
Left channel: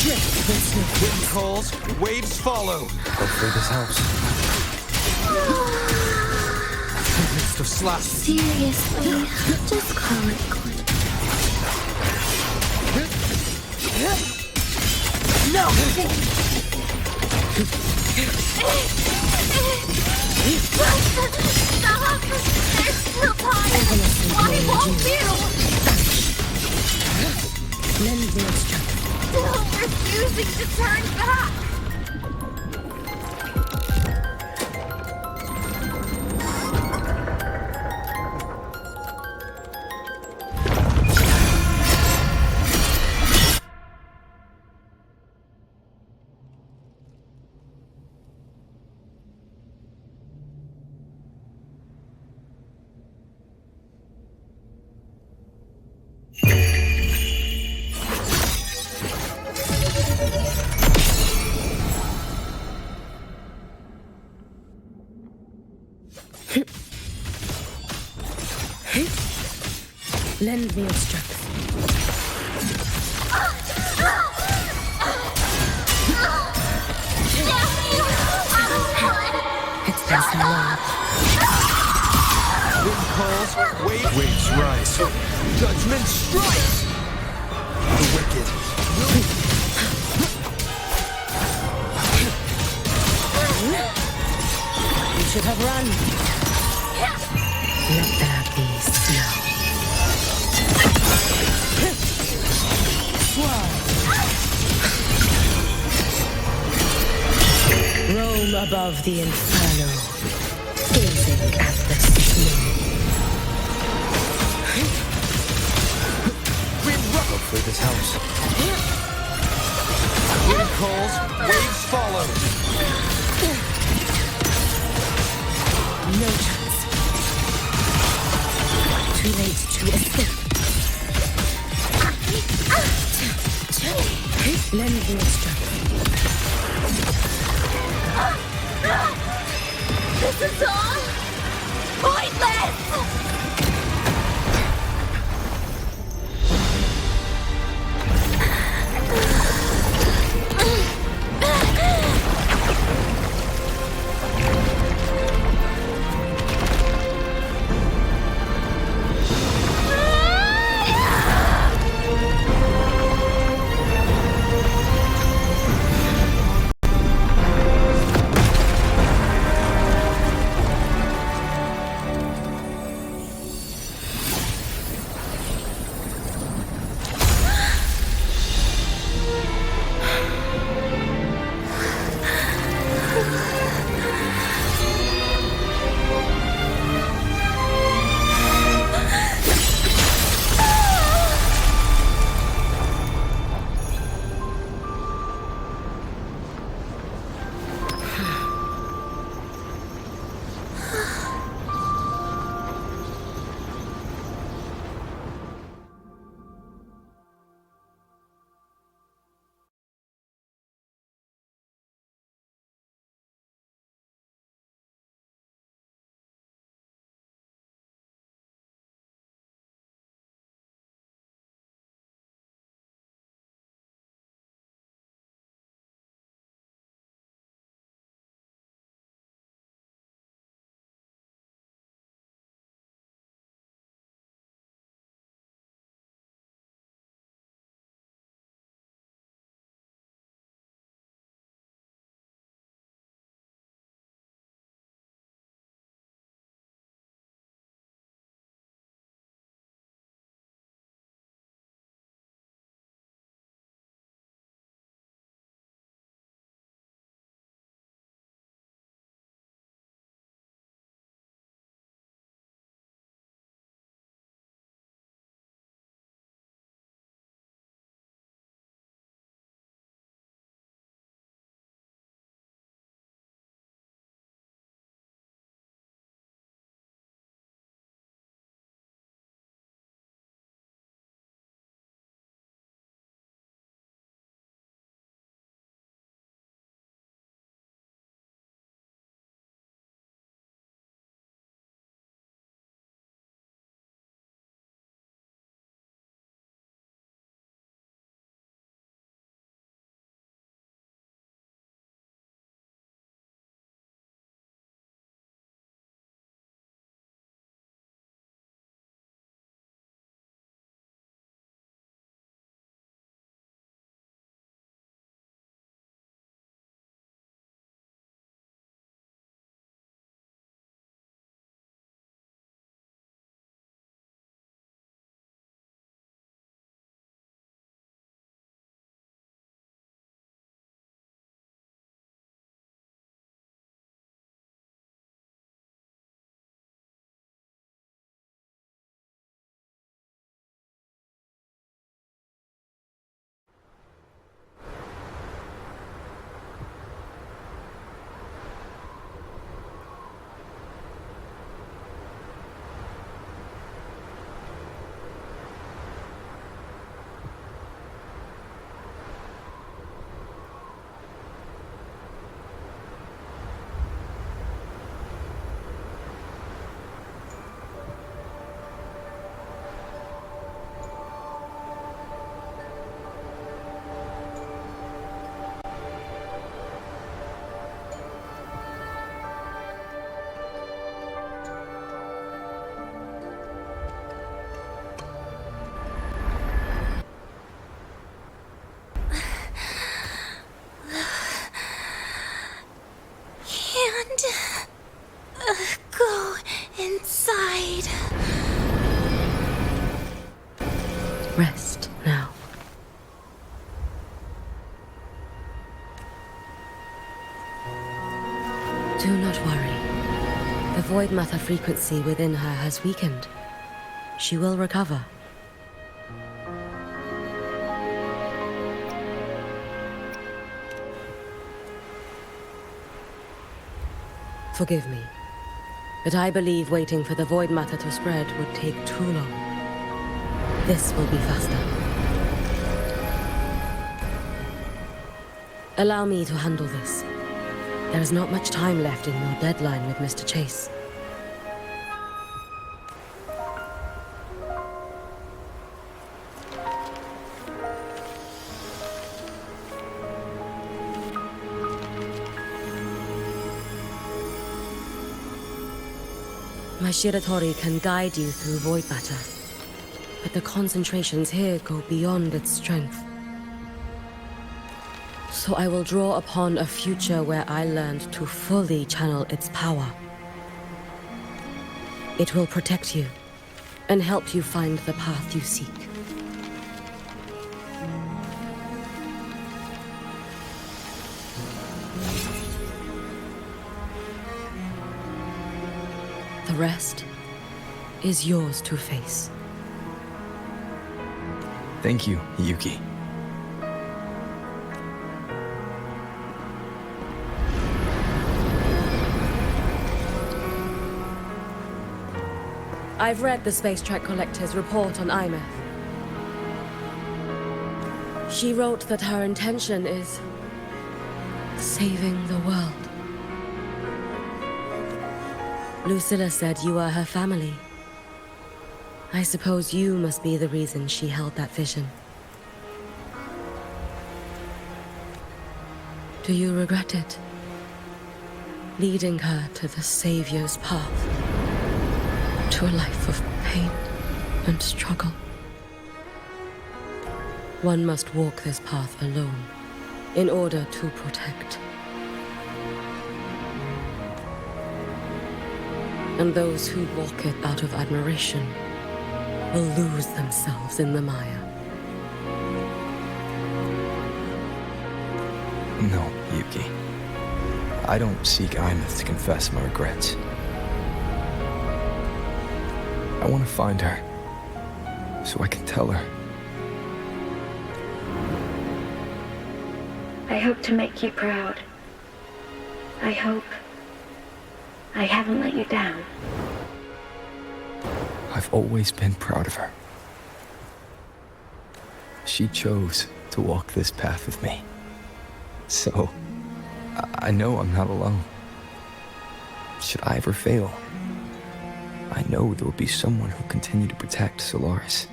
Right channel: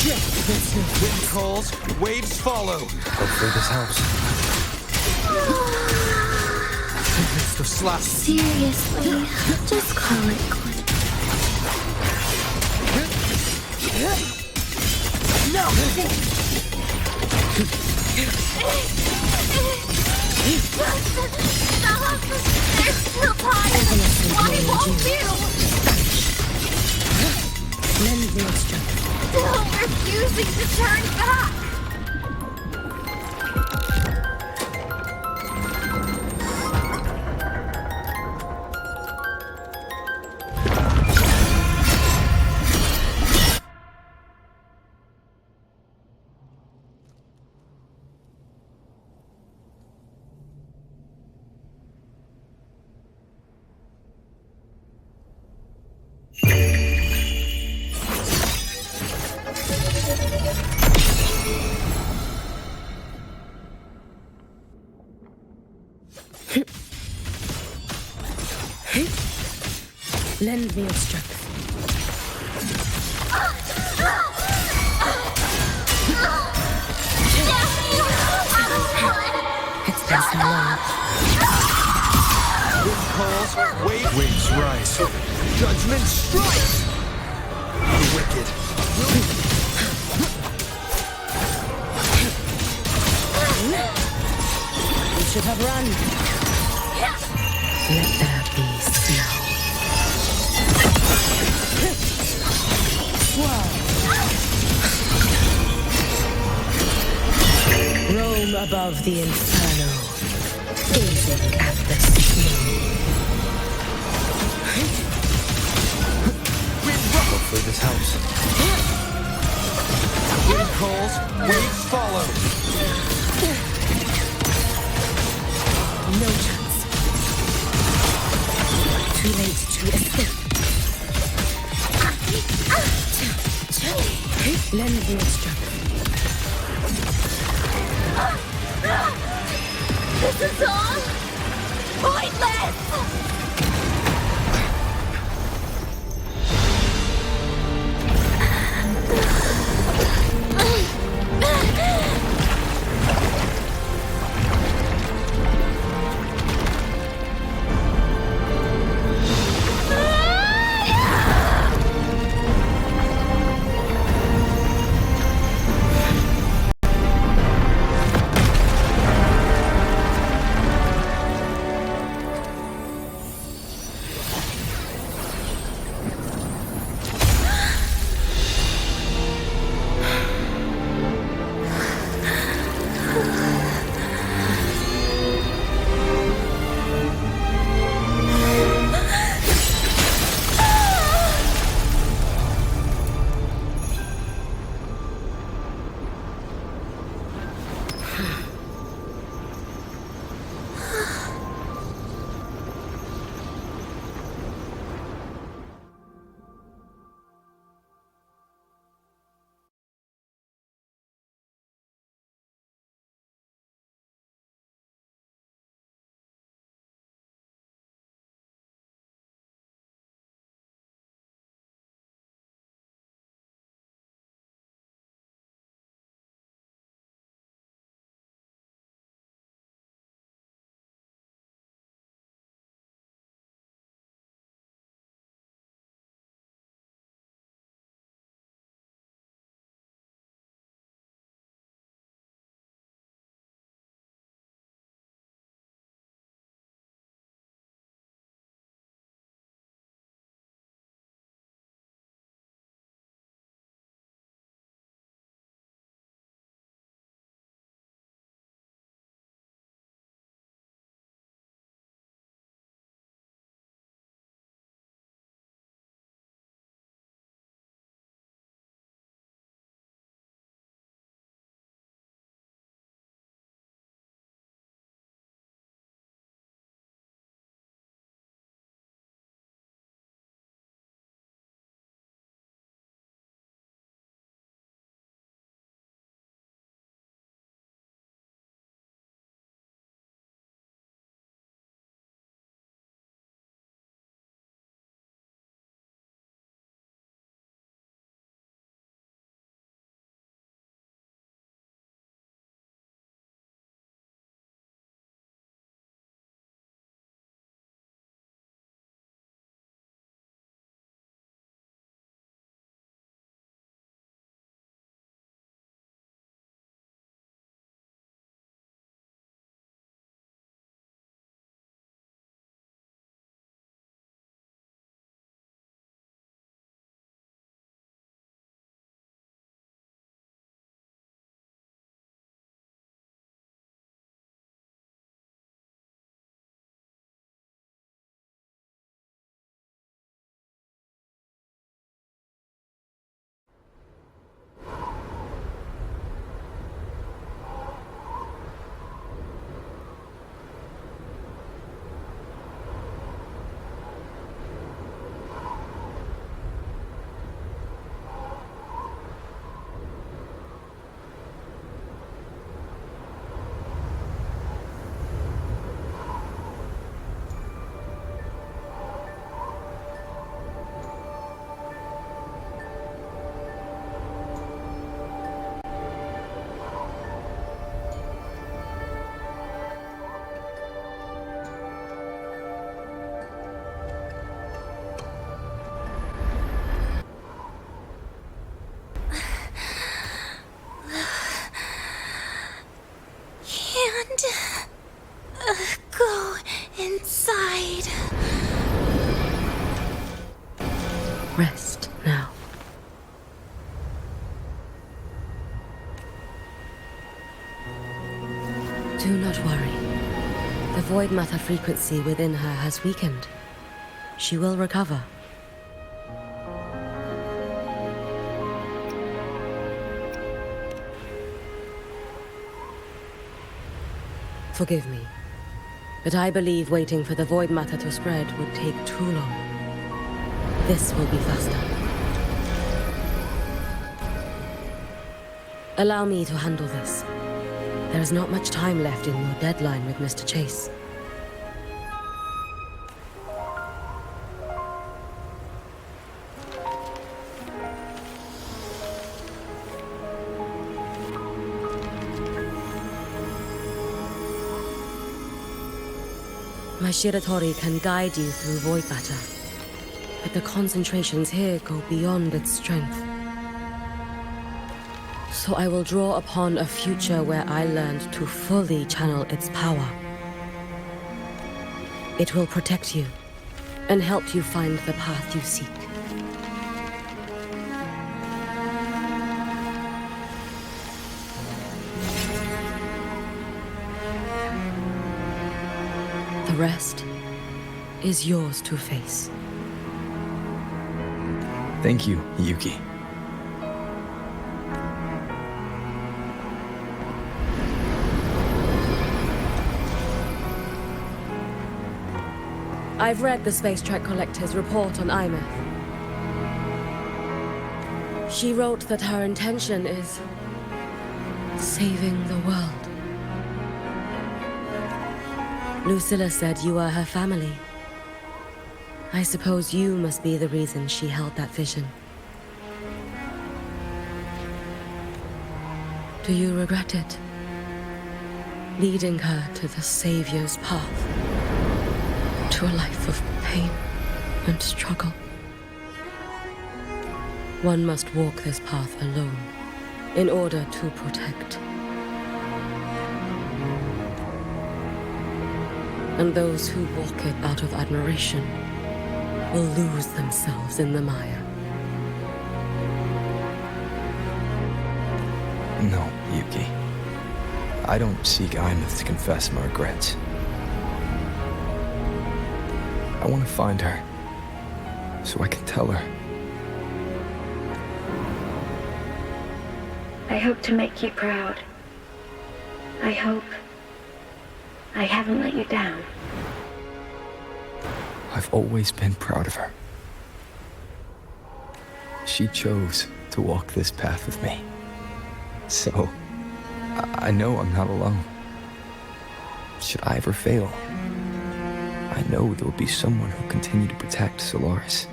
Just this Wind calls, waves follow. Hopefully this helps. Midst of slash. Seriously, just call it quits. No! Stop! There's still time! Why won't you? Lend me your strength. Still refusing to turn back! Lend me your strength. It's been so long. Wind calls, waves rise. Judgment strikes! The wicked. You should have run. Let there be snow. Roam above the inferno, gazing at the snow. Hopefully this helps. Wind calls, waves follow. No chance. Too late to escape. Lend me your strength. This is all pointless! Rest now. Do not worry. The void matter frequency within her has weakened. She will recover. Forgive me, but I believe waiting for the void matter to spread would take too long. This will be faster. Allow me to handle this. There is not much time left in your deadline with Mr. Chase. My Shiratori can guide you through void matter, but the concentrations here go beyond its strength. So I will draw upon a future where I learned to fully channel its power. It will protect you and help you find the path you seek. The rest is yours to face. Thank you, Yuki. I've read the Space Track Collector's report on 𝓬. She wrote that her intention is saving the world. Lucilla said you are her family. I suppose you must be the reason she held that vision. Do you regret it? Leading her to the Savior's path? To a life of pain and struggle? One must walk this path alone in order to protect. And those who walk it out of admiration will lose themselves in the mire. No, Yuki. I don't seek 𝓬 to confess my regrets. I want to find her, so I can tell her. I hope to make you proud. I hope I haven't let you down. I've always been proud of her. She chose to walk this path with me. So, I know I'm not alone. Should I ever fail, I know there will be someone who'll continue to protect Solaris.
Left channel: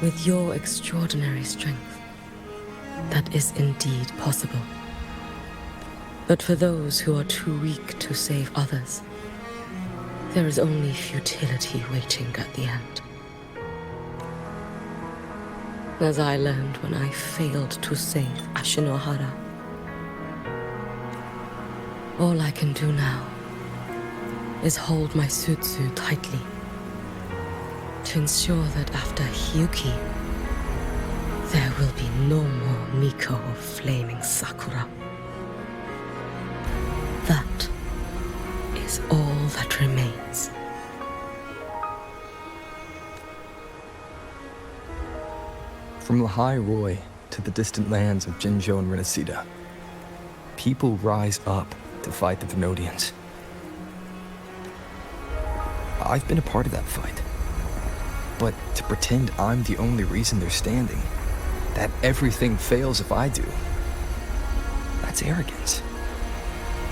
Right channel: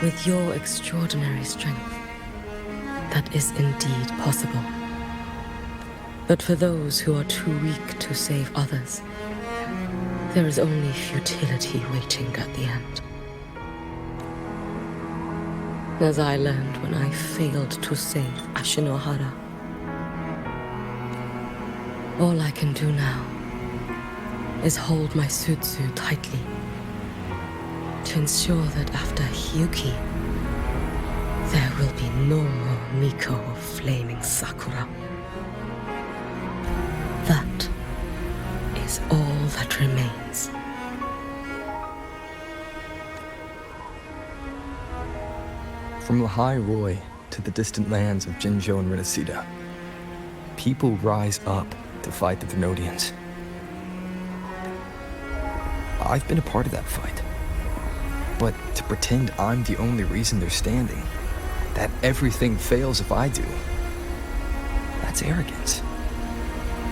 With your extraordinary strength, that is indeed possible. But for those who are too weak to save others, there is only futility waiting at the end. As I learned when I failed to save Ashinohara. All I can do now is hold my Sutsu tightly to ensure that after Hyuki, there will be no more Miko of flaming Sakura. That is all that remains. From ḽḥāi-rōi to the distant lands of Jinzhou and Renesida, people rise up to fight the Thernotians. I've been a part of that fight. But to pretend I'm the only reason they're standing, that everything fails if I do, that's arrogance.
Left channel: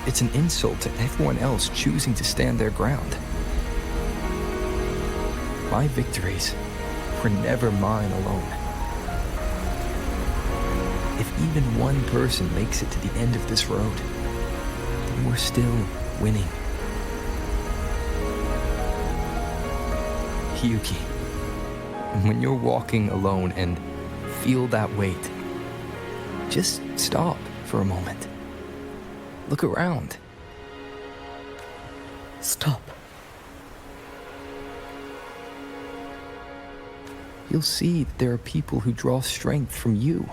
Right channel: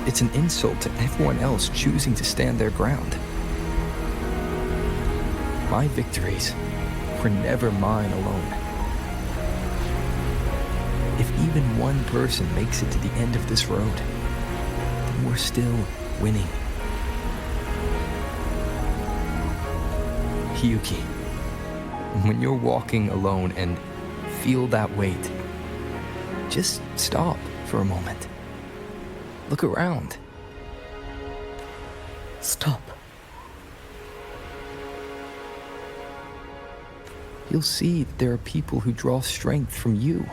It's an insult to everyone else choosing to stand their ground. My victories were never mine alone. If even one person makes it to the end of this road, then we're still winning. Hyuki, when you're walking alone and feel that weight, just stop for a moment. Look around. Stop. you'll see that there are people who draw strength from you.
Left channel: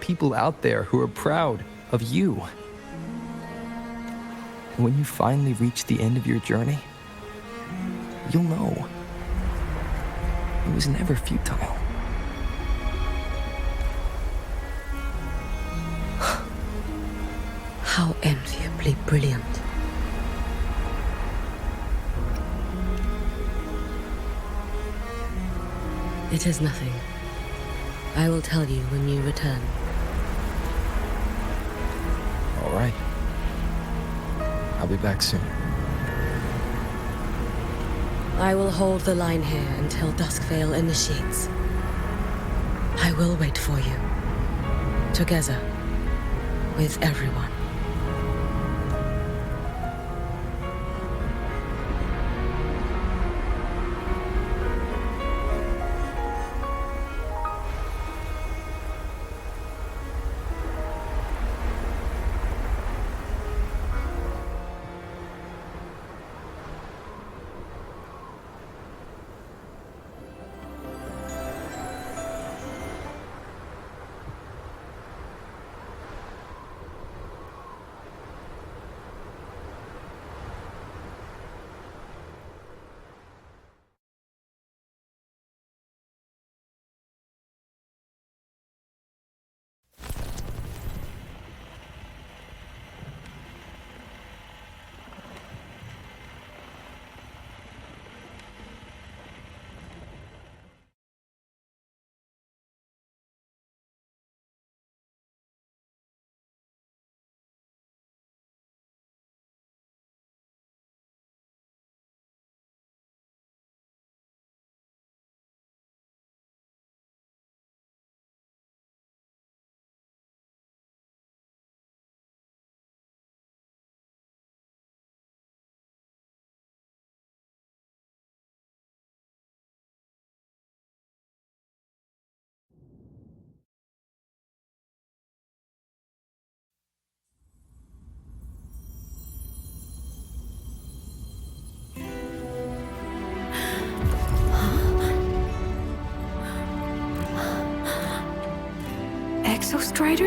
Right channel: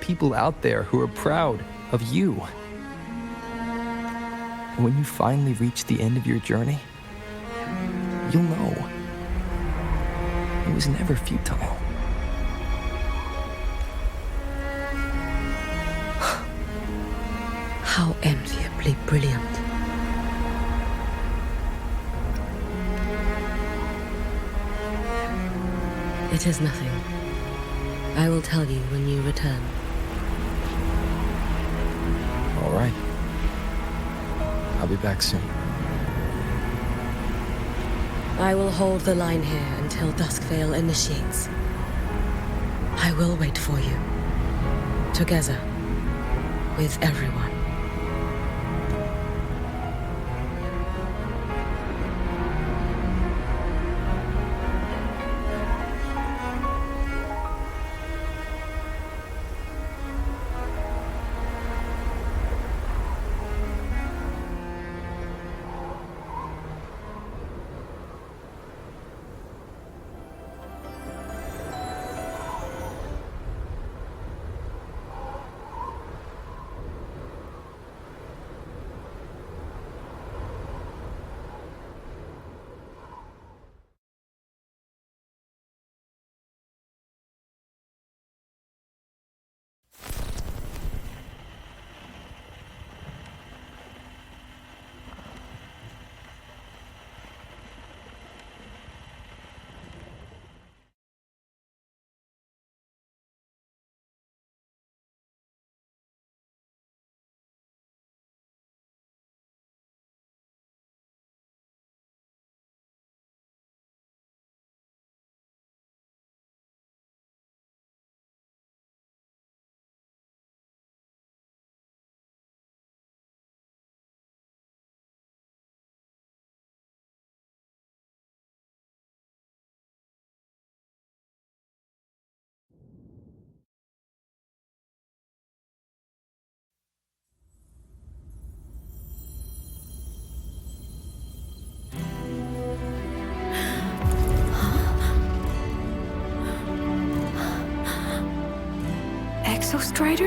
People out there who are proud of you. And when you finally reach the end of your journey, you'll know it was never futile. How enviably brilliant. It is nothing. I will tell you when you return. All right. I'll be back soon. I will hold the line here until Duskvale initiates. I will wait for you. Together. With everyone. 엑소스트라이더?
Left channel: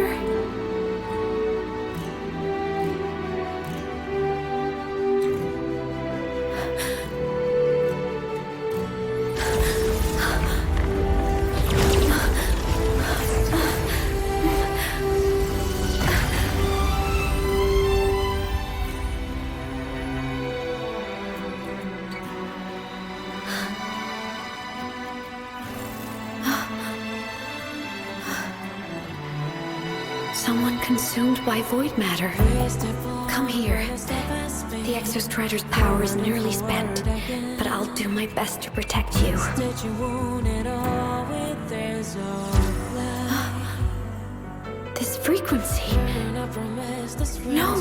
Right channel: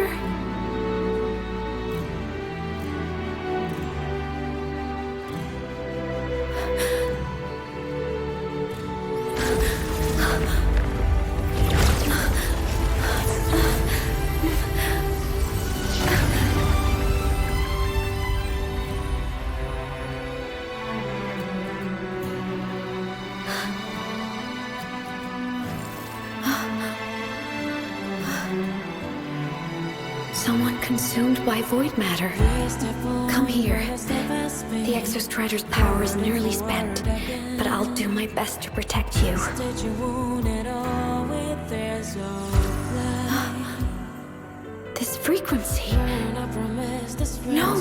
Someone consumed by void matter. Come here. The Exostrider's power is nearly spent, but I'll do my best to protect you. This frequency. No!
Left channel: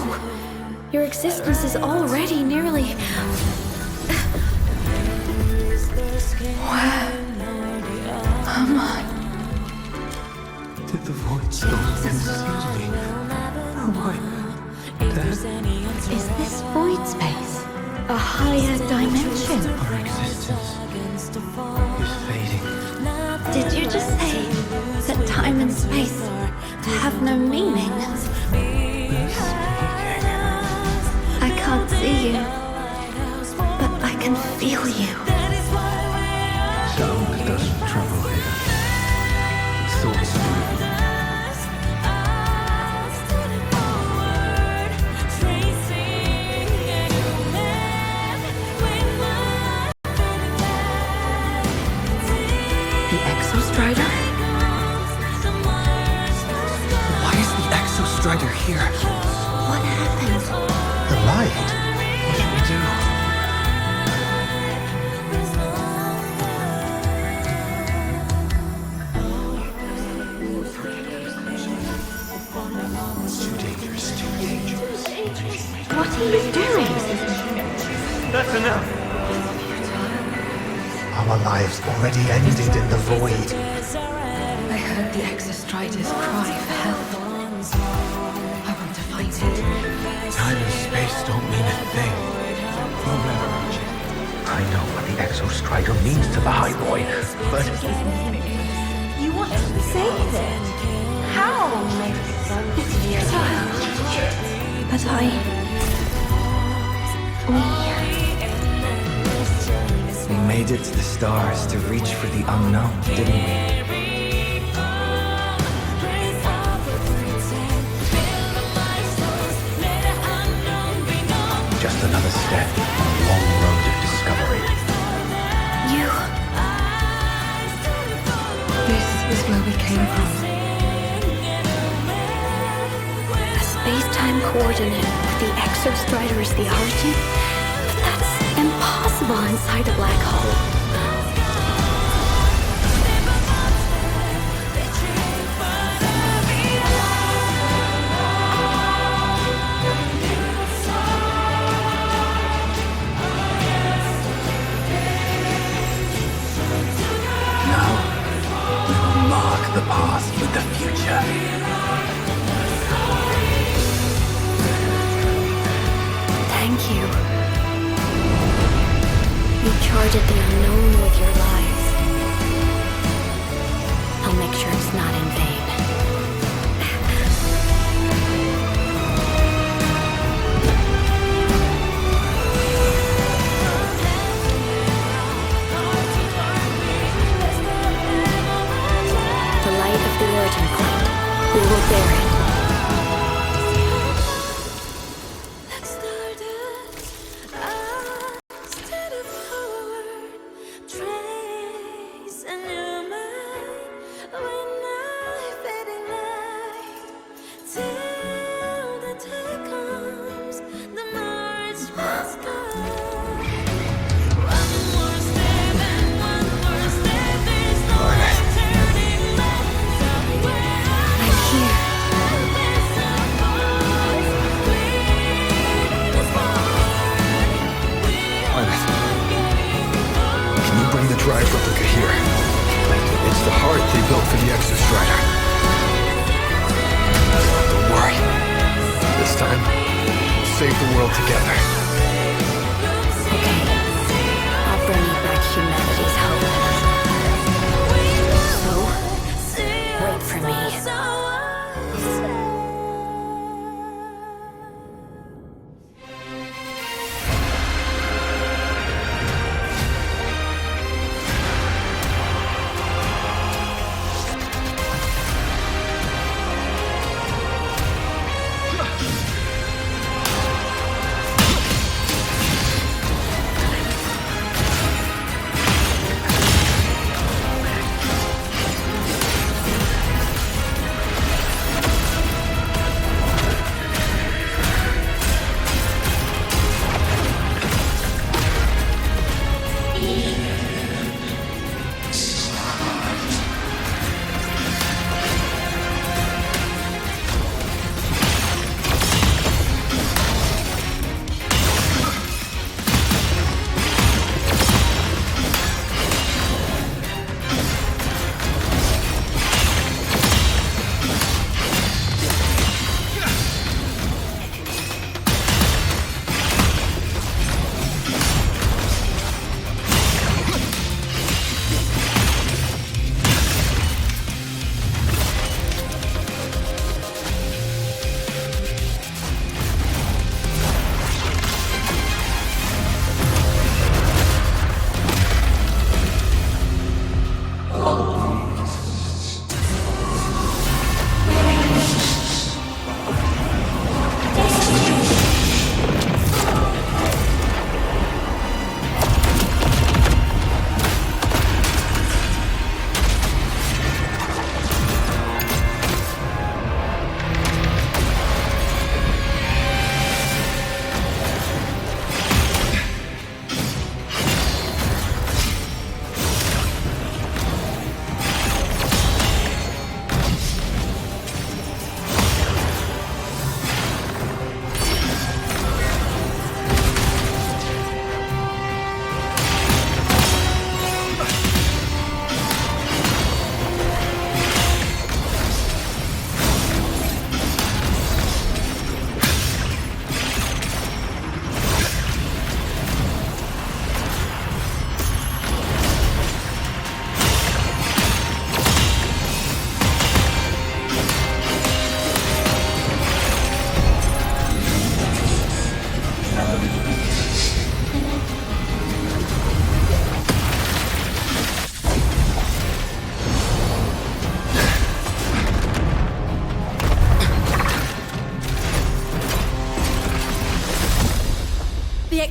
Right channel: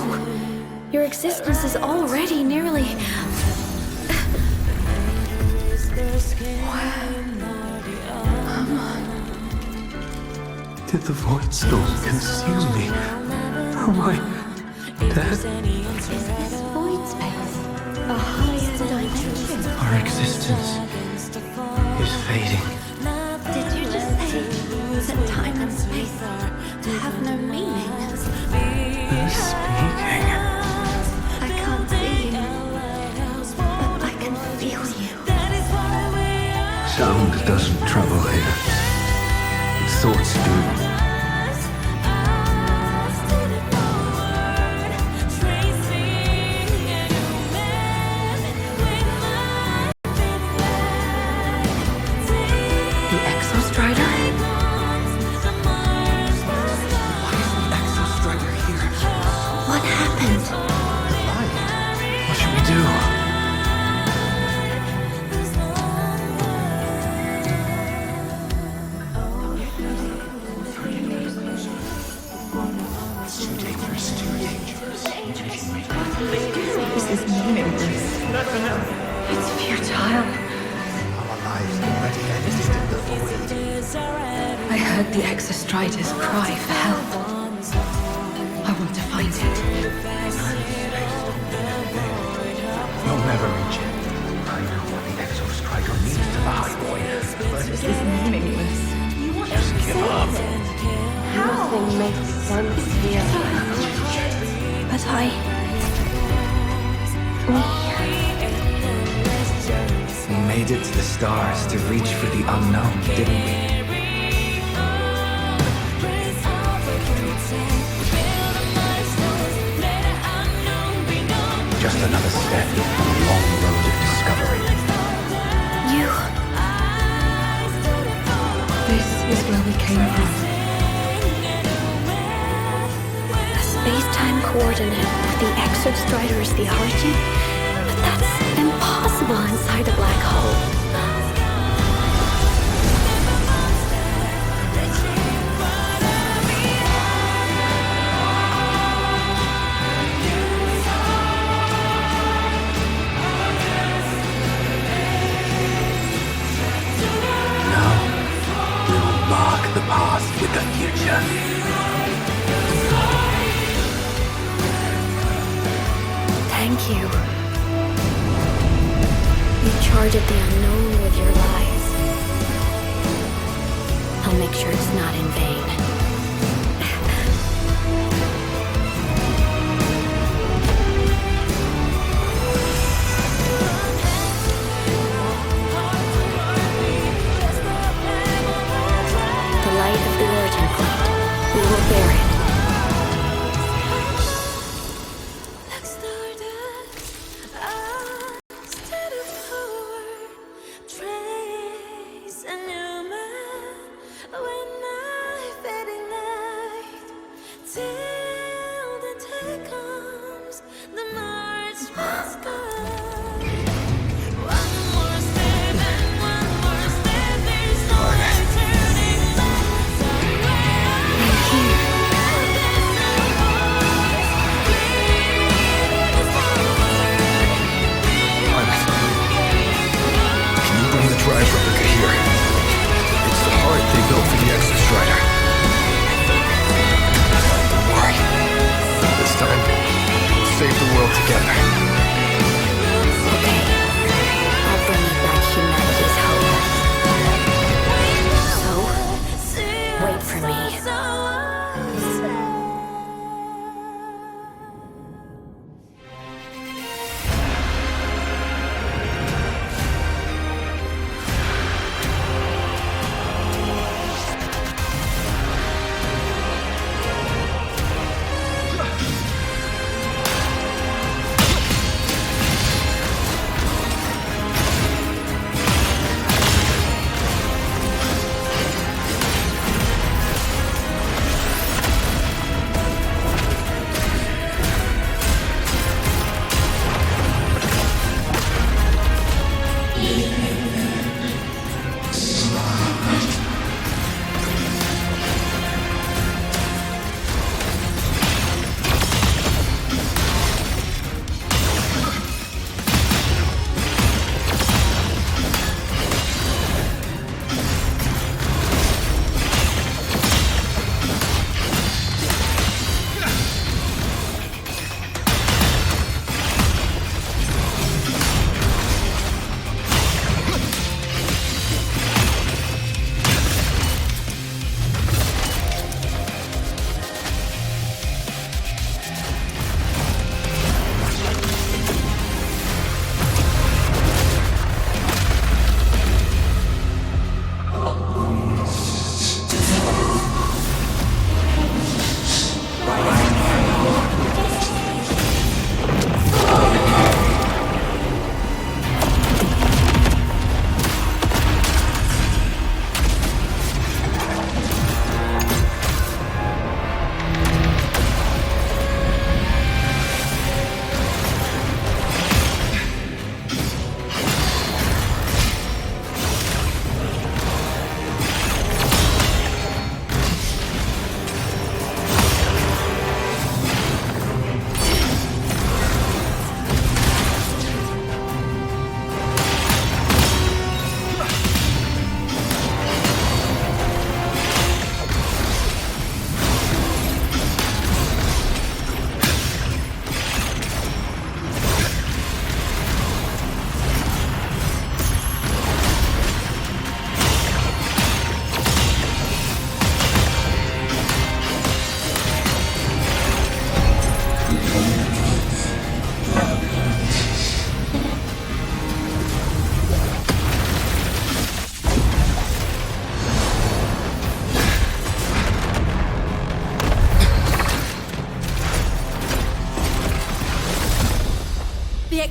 Your existence is already nearly... Where am I? Did the void storm consume me? Am I dead? Is this void space a higher dimension? Our existence is fading. Did you just say that time and space have no meaning? Who's speaking? I can't see you, but I can feel you. Sound doesn't travel here. Thoughts do. The Exostrider? Why is the Exostrider here? What happened? The light. What should we do? What are you doing? This is meaningless. That's enough. It's futile. Our lives already ended in the void. I heard the Exostrider's cry for help. I want to find it. Time and space don't mean a thing. We'll never reach it. I know what the _Strider means to the High Roy, but This is meaningless. You want to give up. save it? How? Nothing makes sense here. But We made it to the stars to reach for the unknown, didn't we? Just another step on a long road of discovery. you... This is where we came from. A space-time coordinate with the _Strider as the origin? But that's impossible inside a black hole. The path with the future. Thank you. You charted the unknown with your life. I'll make sure it's not in vain. The light of the origin point. We will bear it. Drive replica here. It's the heart they built for the _Strider. Don't worry. This time, we'll save the world together. Okay. I'll bring you back humanity's hope. So, wait for me.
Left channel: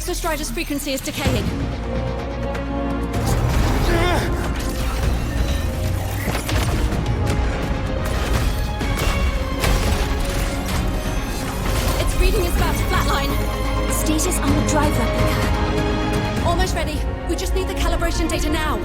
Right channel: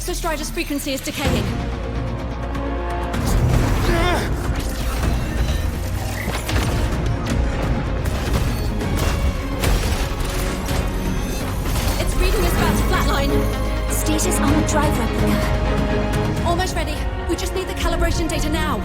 @strider's frequency is decaying. Its reading is about to flatline. Status on the drive replica. Almost ready. We just need the calibration data now.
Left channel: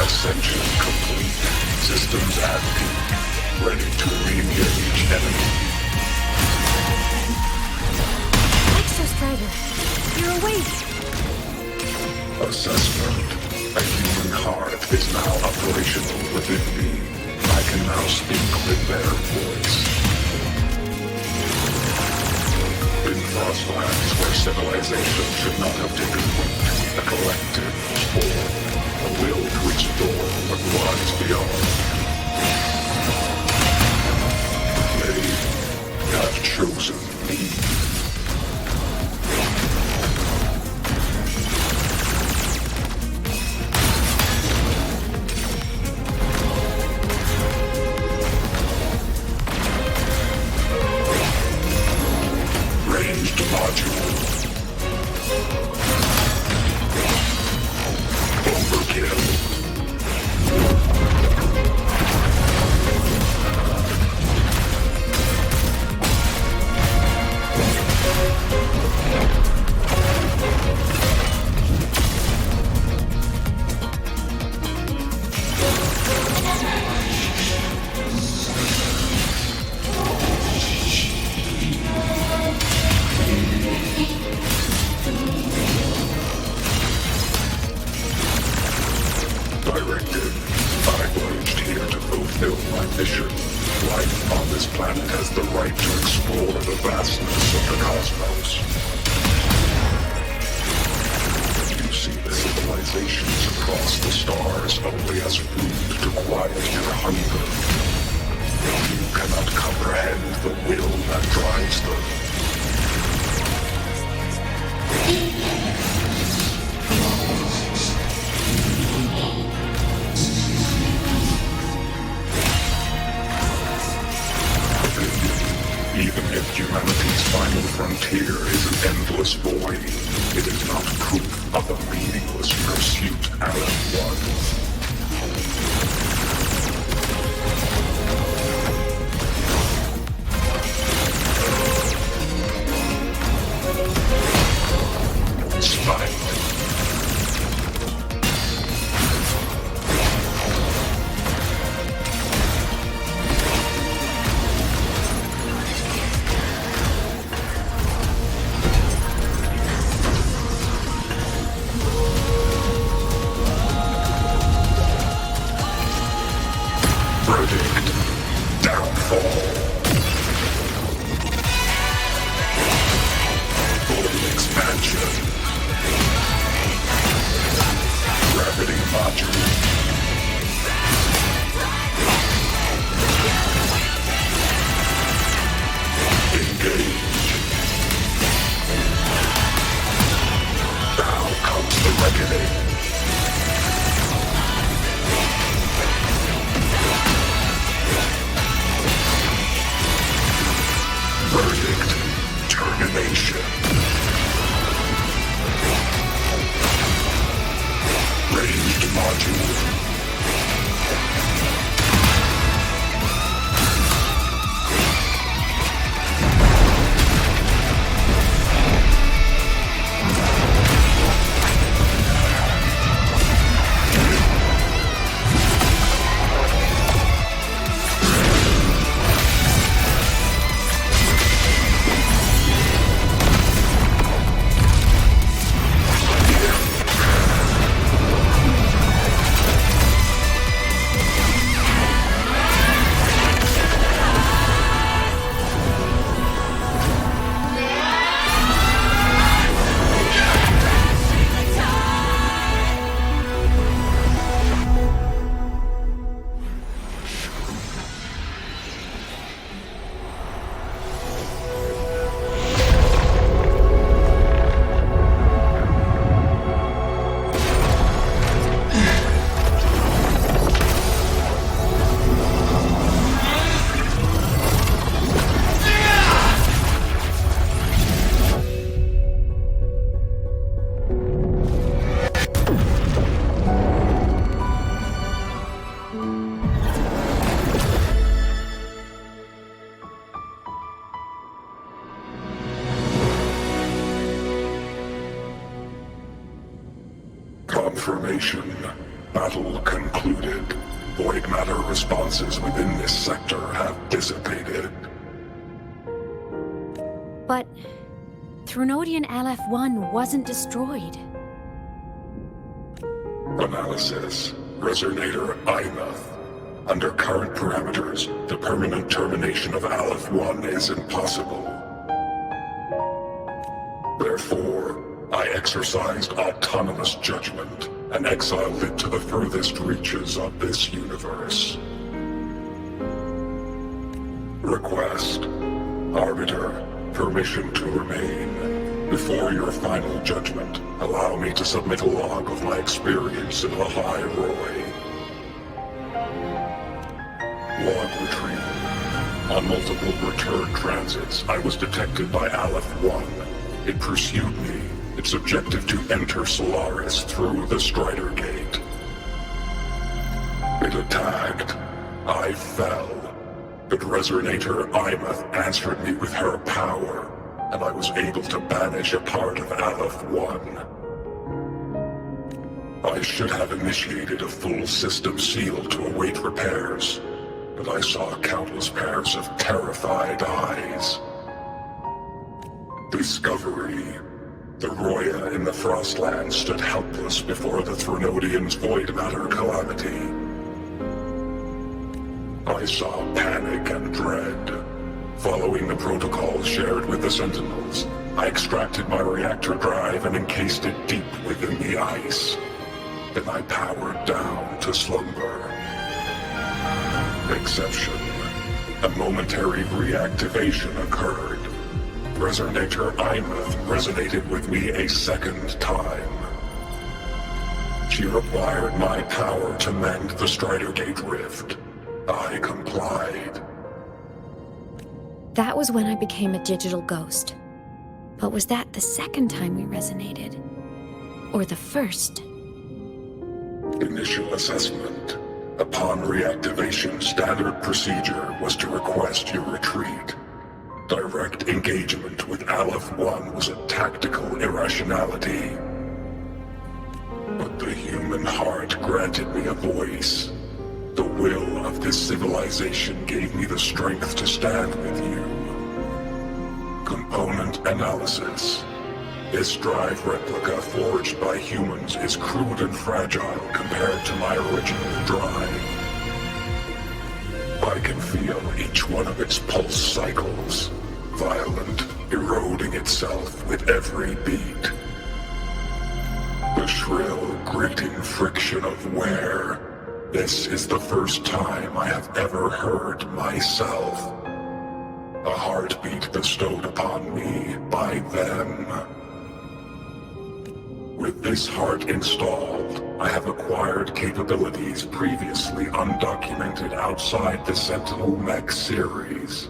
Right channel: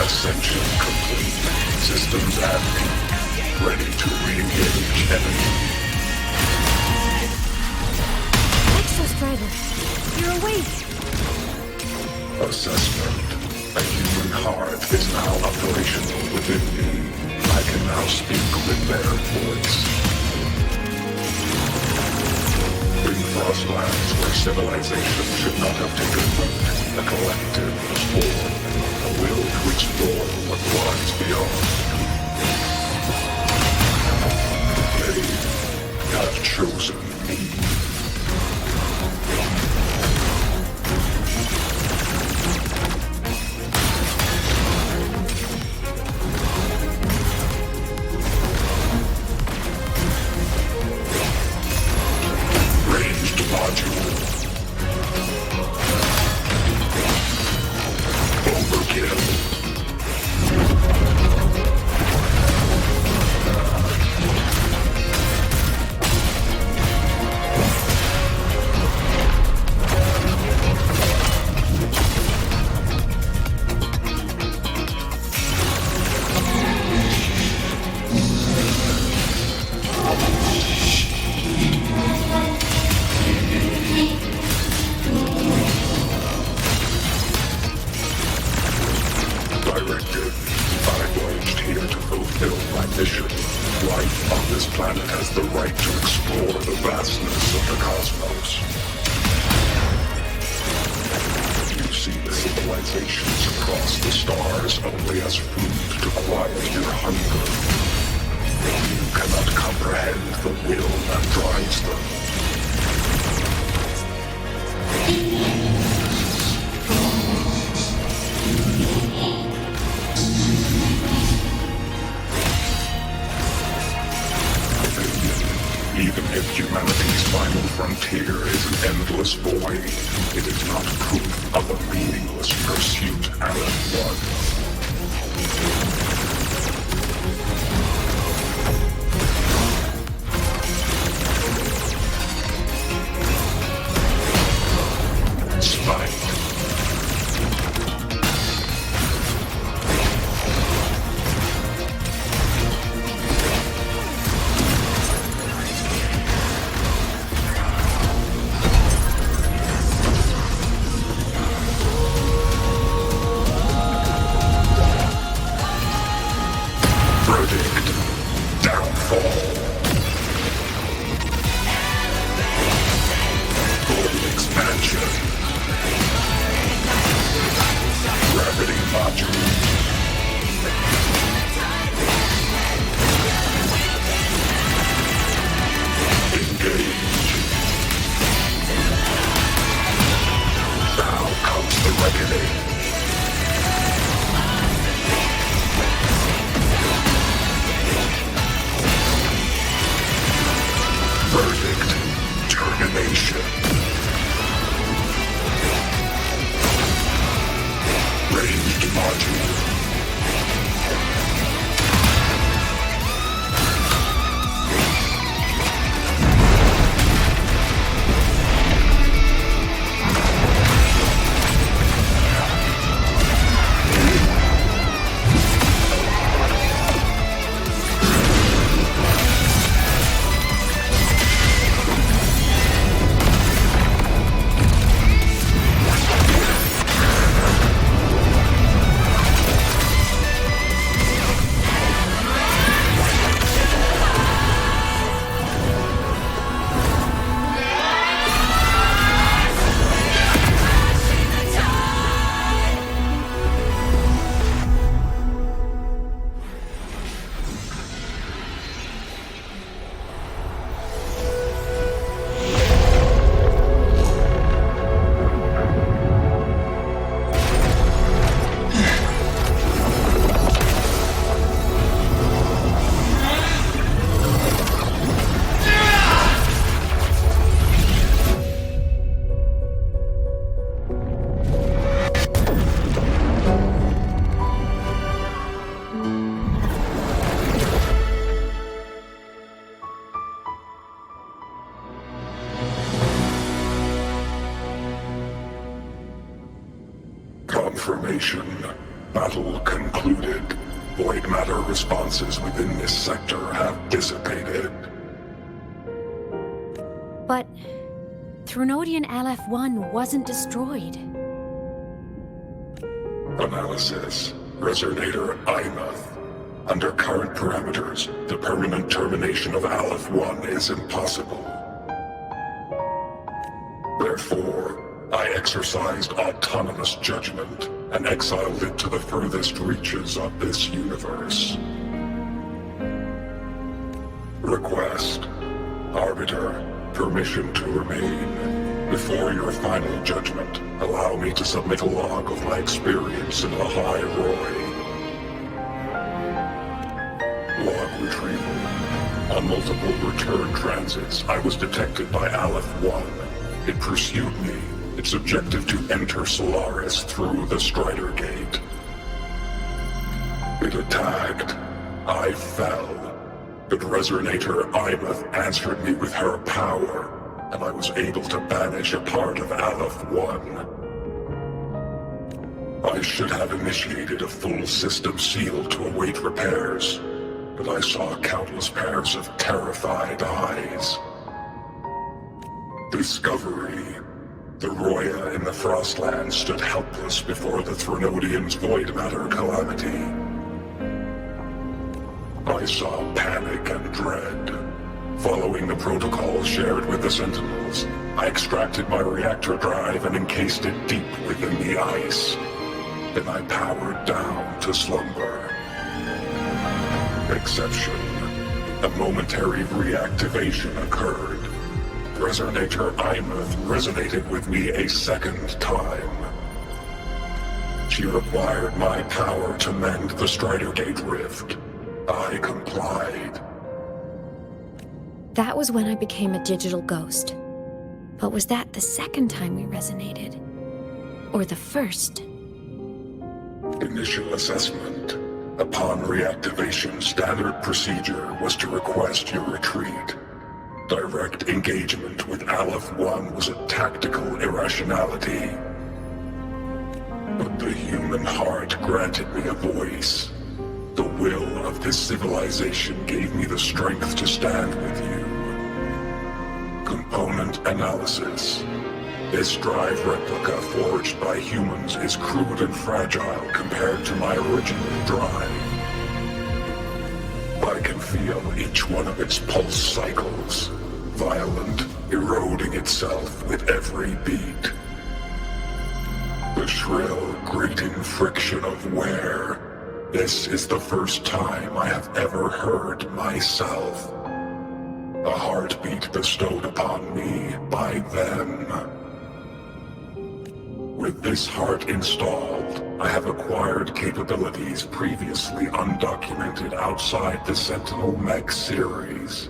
Ascension complete. Systems at peak. Ready to re-engage enemy. @strider, you're awake. Assessment. A human heart is now operational within me. I can now speak with their voice. In Frostlands, where civilization should not have taken root, a collective was born. A will to explore what lies beyond. They have chosen me. Ranged module. Overkill. Directive. I'm arranged here to fulfill my mission. Life on this planet has the right to explore the vastness of the cosmos. You see the civilizations across the stars only as food to quiet your hunger. You cannot comprehend the will that drives them. Even if humanity's final frontier is an endless void, it is not proof of a meaningless pursuit at one. Spite. Verdict. Downfall. Full expansion. Gravity module. Engage. Now comes the reckoning. Confirmation. Battle concluded. Void matter responses within this sector have dissipated. But Th LF1 wasn't destroyed. Analysis. Resonator 𝓕𝓏. Under current parameters, the permanent termination of Aleph-1 is impossible. Therefore, I exercised autonomous judgment and exiled it to the furthest reaches of this universe. Request. Arbiter, permission to remain. Before your final judgment, allow me to submit a log of my experience in ḽḥāi-rōi. Log retrieval. On multiple return transits, I was detected by Aleph-1. It pursued me, its objective to enter Solaris through the Strider Gate. It attacked. I fell. But Resonator 𝓕𝓏 answered me with her power, and I was able to banish a part of Aleph-1. I should have initiated a full system seal to await repairs, but I saw countless pairs of terrified eyes. Discovery. The Roya in the Frostlands stood helpless before the Threnodians' void matter calamity. I saw panic and dread. Following the protocols shared with the Sentinels, I extracted my reactor drive and encased it deep within the ice. Then I powered down to slumber. Exception. A momentary reactivation occurred. Resonator 𝓕𝓏 resonated with me a second time. She required my power to mend the Strider Gate rift. I complied. That was when I became a digital ghost. But was that the second time we resonated? Or the first? Initial assessment. Upon reactivation, standard procedure was to request your retreat. Direct engagement with Aleph-1 was a tactical irrationality. But the human heart granted me a voice. The will of this civilization gave me the strength to stand with you. Component analysis. This drive replica forged by humans is crude and fragile compared to my original drive. I can feel each one of its pulse cycles, violent, eroding itself with every beat. The shrill, grating friction of wear. This is the first time I have ever heard myself. A heartbeat bestowed upon me by them. With this heart installed, I have acquired capabilities previously undocumented outside the Sentinel Mech series.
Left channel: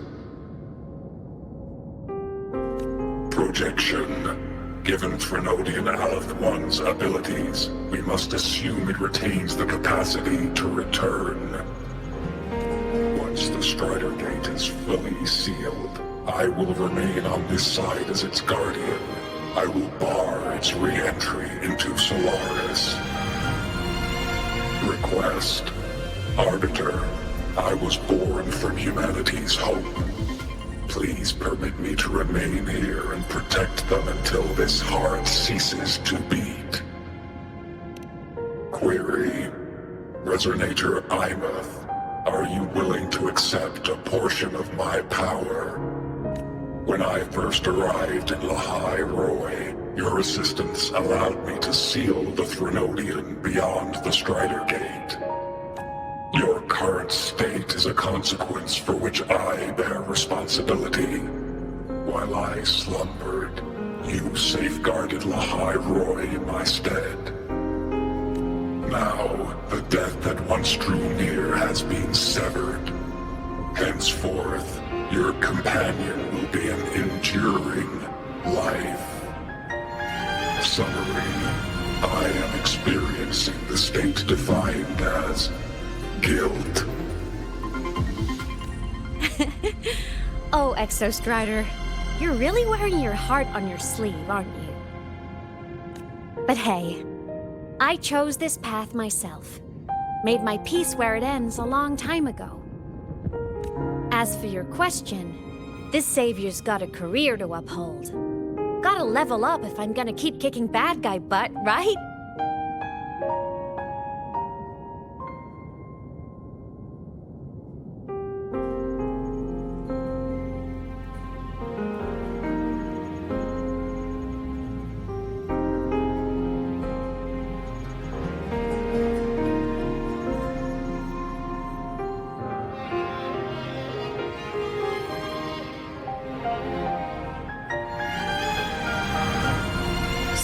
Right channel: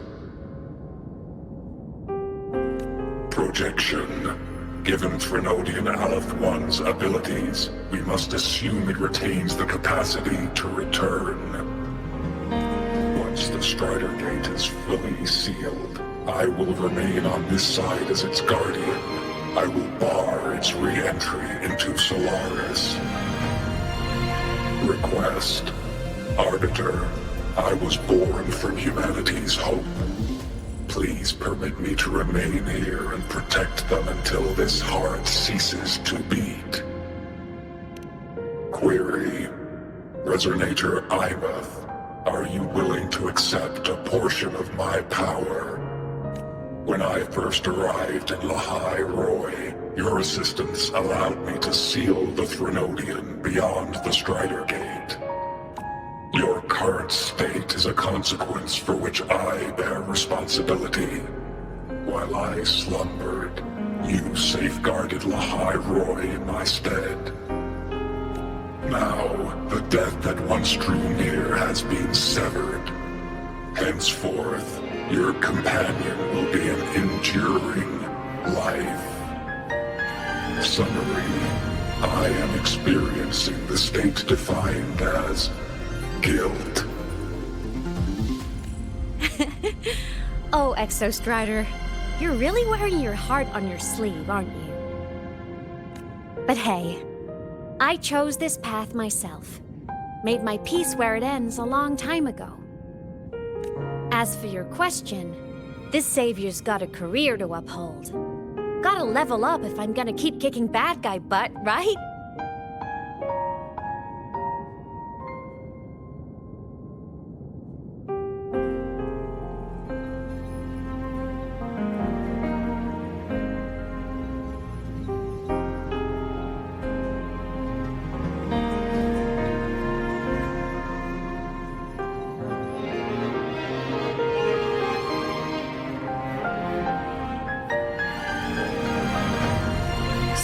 Projection. Given Threnodian Aleph-1's abilities, we must assume it retains the capacity to return. Once the Strider Gate is fully sealed, I will remain on this side as its guardian. I will bar its re-entry into Solaris. Request. Arbiter, I was born from humanity's hope. Please permit me to remain here and protect them until this heart ceases to beat. Query. Resonator 𝓕𝓏, are you willing to accept a portion of my power? When I first arrived in ḽḥāi-rōi, your assistance allowed me to seal the Threnodian beyond the Strider Gate. Your current state is a consequence for which I bear responsibility. While I slumbered, you safeguarded ḽḥāi-rōi in my stead. Now, the death that once drew near has been severed. Henceforth, your companion will be an enduring life. Summary. I am experiencing the state defined as guilt. Oh, Exostrider, you're really wearing your heart on your sleeve, aren't you? But hey, I chose this path myself. Made my peace where it ends a long time ago. As for your question, this savior's got a career to uphold. Gotta level up if I'm gonna keep kicking bad guy butt, right?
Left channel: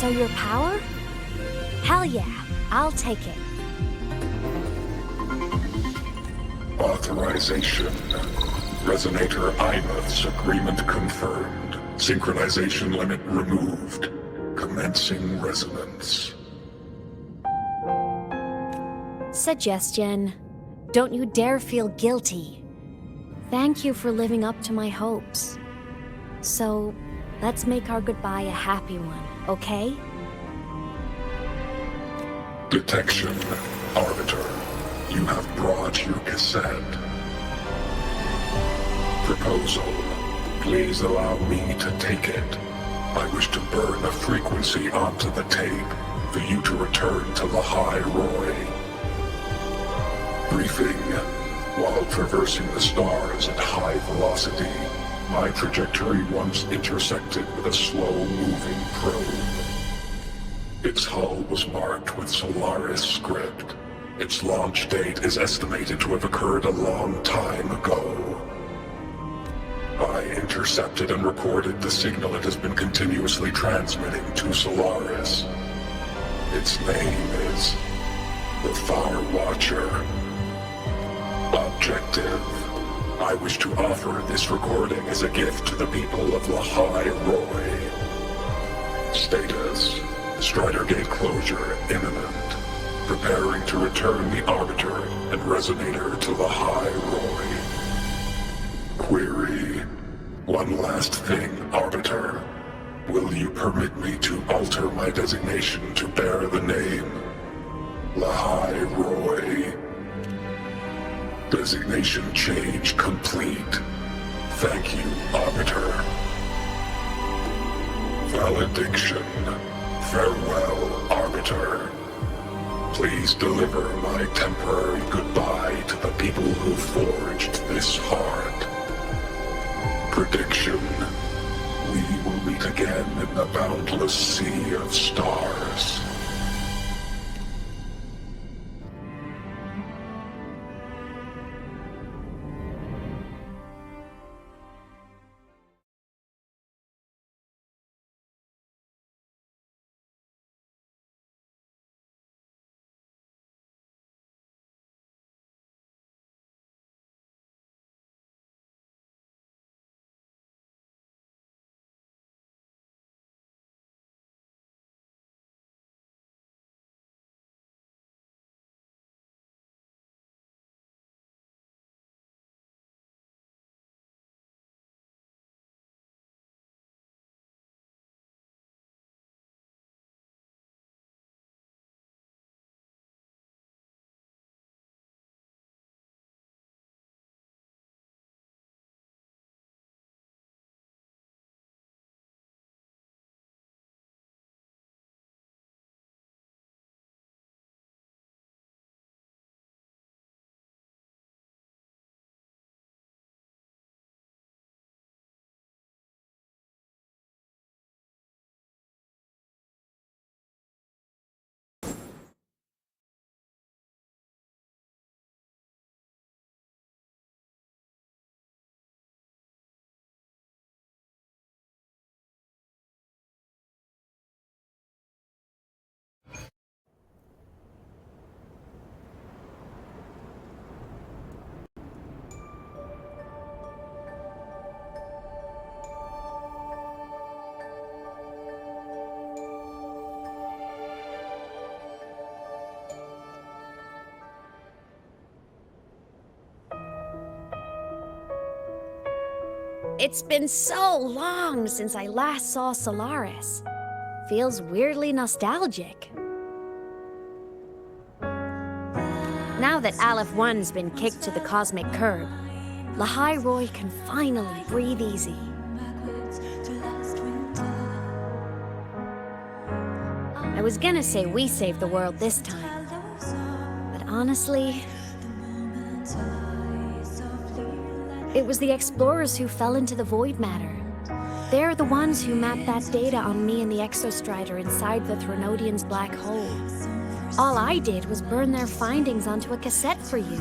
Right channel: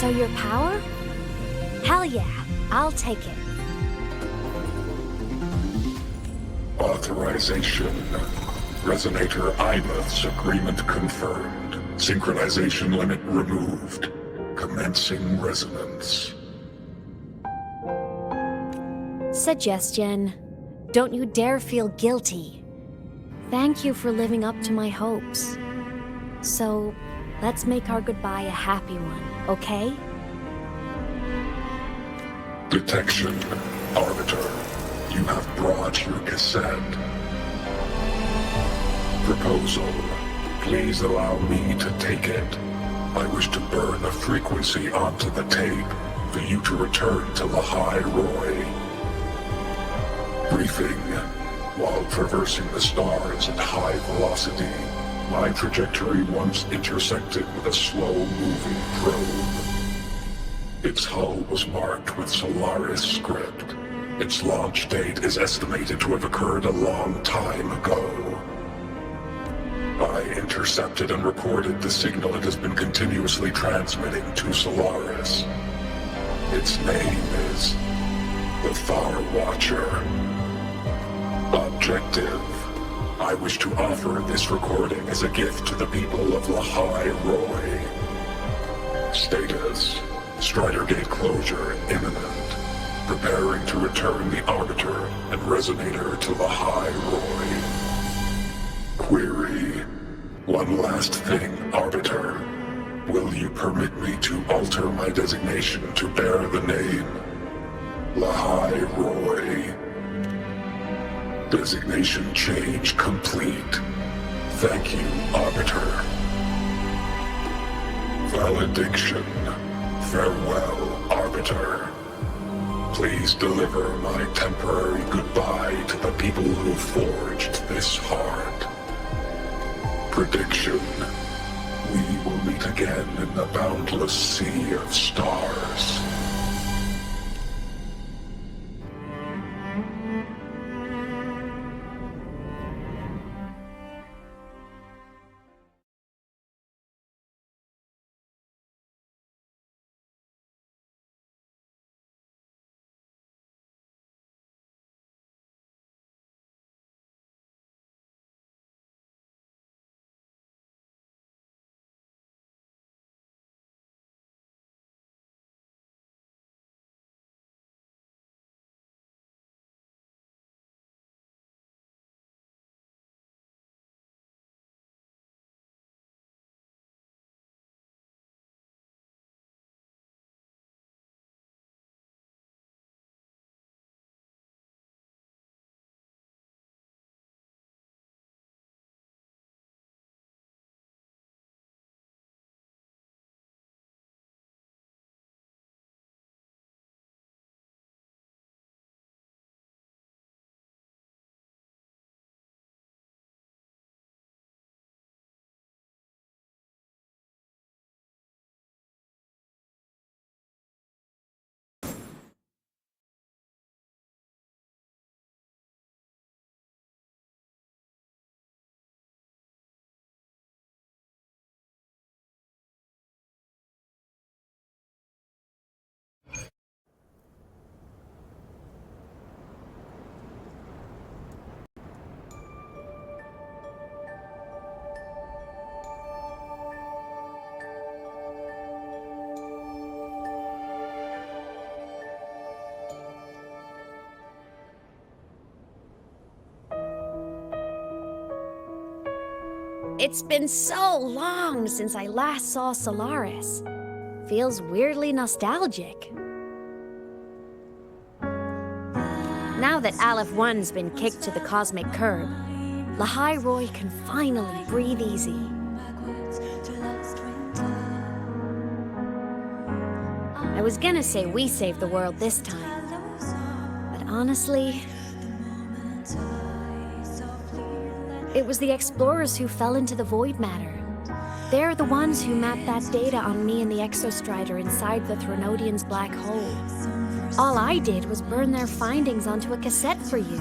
So your power? Hell yeah, I'll take it. Authorization. Resonator 𝓕𝓐𝓐's agreement confirmed. Synchronization limit removed. Commencing resonance. Suggestion. Don't you dare feel guilty. Thank you for living up to my hopes. So, let's make our goodbye a happy one, okay? Detection. Arbiter. You have brought your cassette. Proposal. Please allow me to take it. I wish to burn a frequency onto the tape for you to return to ḽʀᴱ. Briefing. While traversing the stars at high velocity, my trajectory once intersected with a slow-moving probe. Its hull was marked with Solaris script. Its launch date is estimated to have occurred a long time ago. I intercepted and recorded the signal it has been continuously transmitting to Solaris. Its name is the Far Watcher. Objective. I wish to offer this recording as a gift to the people of ḽʀᴱ. Status. Strider Gate closure imminent. Preparing to return the Arbiter and Resonator to ḽʀᴱ. Query. One last thing, Arbiter. Will you permit me to alter my designation to bear the name ḽʀᴱ? Designation change complete. Thank you, Arbiter. Valediction. Farewell, Arbiter. Please deliver my temporary goodbye to the people who forged this heart. Prediction. We will meet again in the boundless sea of stars. It's been so long since I last saw Solaris. Feels weirdly nostalgic. Now that 𝓚1's been kicked to the cosmic curb, ḽ'high can finally breathe easy. I was gonna say we saved the world this time, but honestly, it was the explorers who fell into the void matter. They're the ones who mapped that data on me and the _Strider inside the Threnodian's black hole. All I did was burn their findings onto a cassette for you.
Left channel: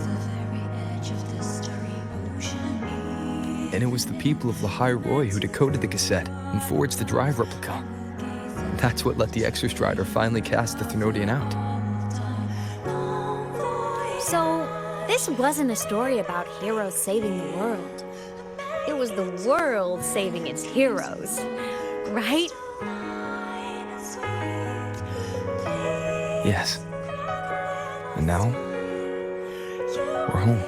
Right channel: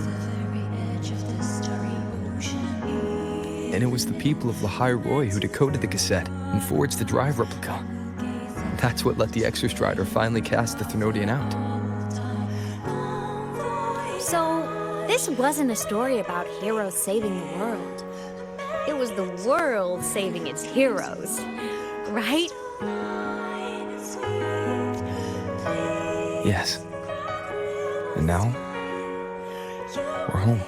And it was the people of ḽ'high who decoded the cassette and forged the drive replica. That's what let the _Strider finally cast the Threnodian out. So, this wasn't a story about heroes saving the world. It was the world saving its heroes, right? Yes. And now, we're home.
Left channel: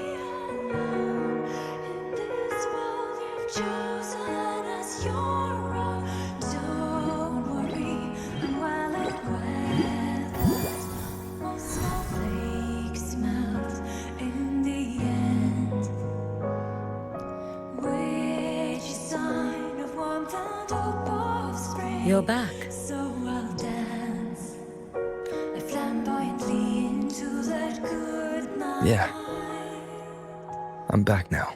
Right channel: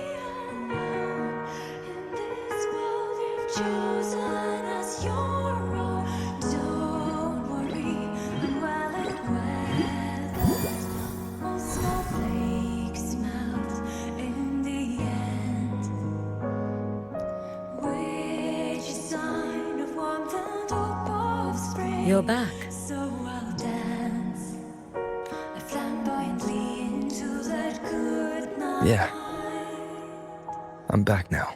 You're back. Yeah. I'm back now.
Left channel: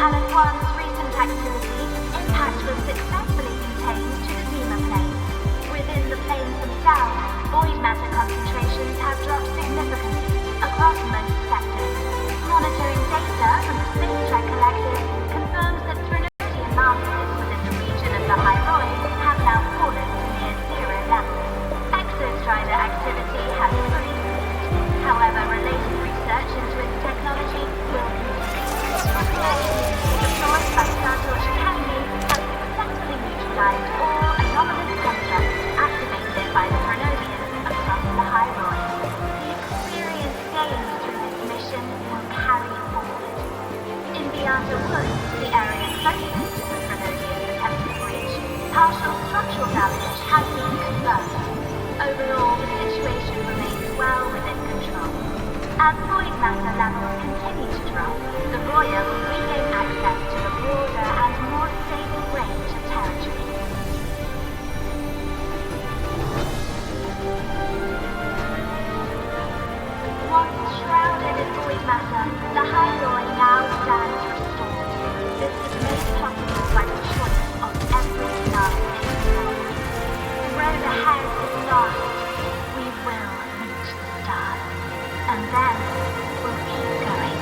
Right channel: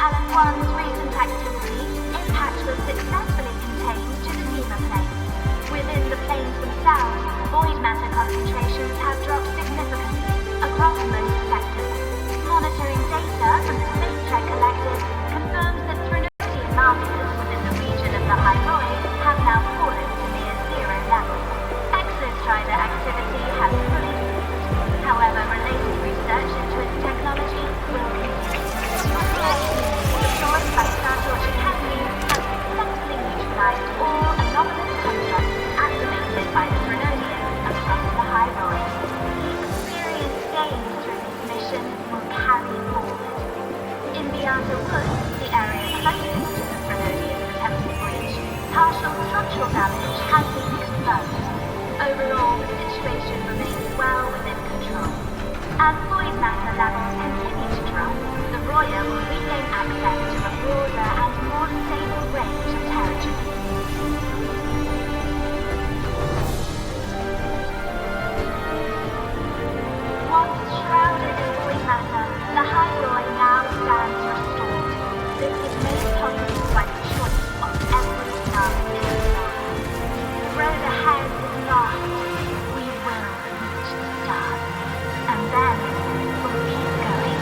𝓚1's recent activity, impact was successfully contained to the 𝓬╗ plane. Within the planes themselves, void matter concentrations have dropped significantly across most sectors. Monitoring data from the space trek collected confirms that Threnodian markers within the region of the ḽ'high have now fallen to near zero levels. _Strider activity has fully ceased. However, related research into its technology will continue. Deployed by ∗ Academy has successfully neutralized all anomalous constructs activated by the Threnodians across the ḽ'high. The experience gained through this mission will carry forward. In 𝓬ⴂ, the area closest to the Threnodians' attempted breach, partial structural damage has been confirmed. Overall, the situation remains well within control. As void matter levels continue to drop, the Roya will regain access to a broader and more stable range of territory. Once shrouded in void matter, the ḽ'high now stands restored. This is made possible by the choice of every star in the stars. The road ahead is lost. We will reach the stars. And then we'll keep going.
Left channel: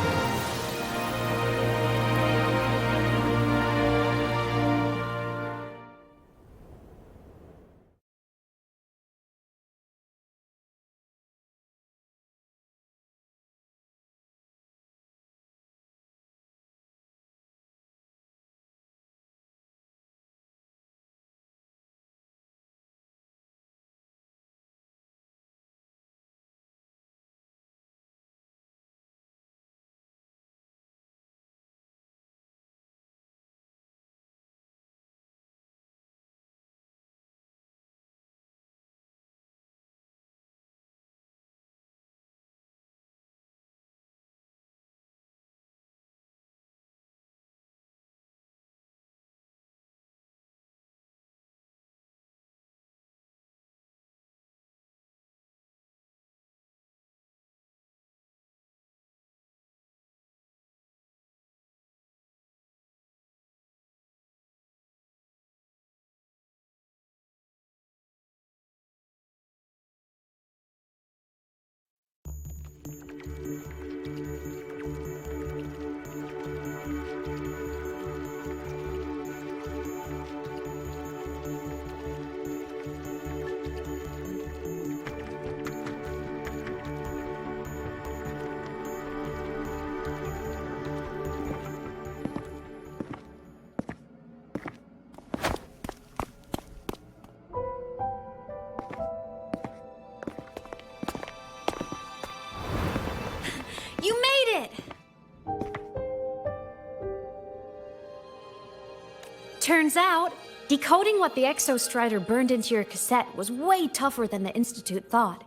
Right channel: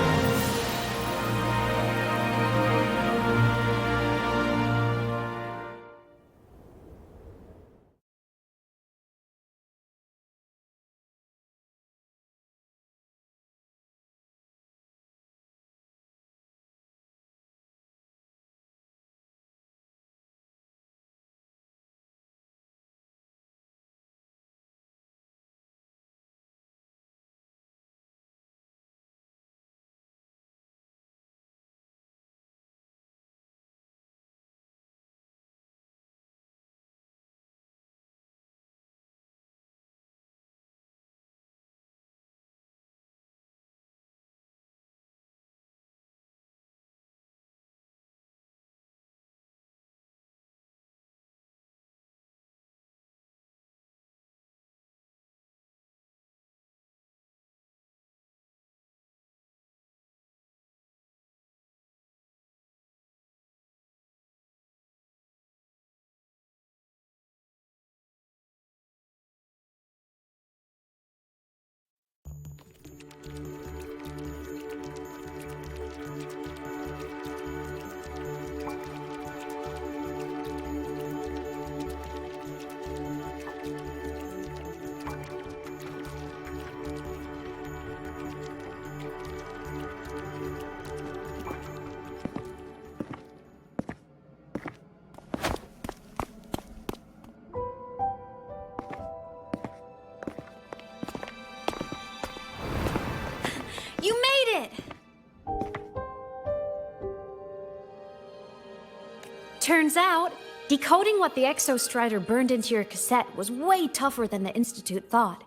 Turns out, decoding what the ૱ burned into your cassette was way tougher than the Institute thought.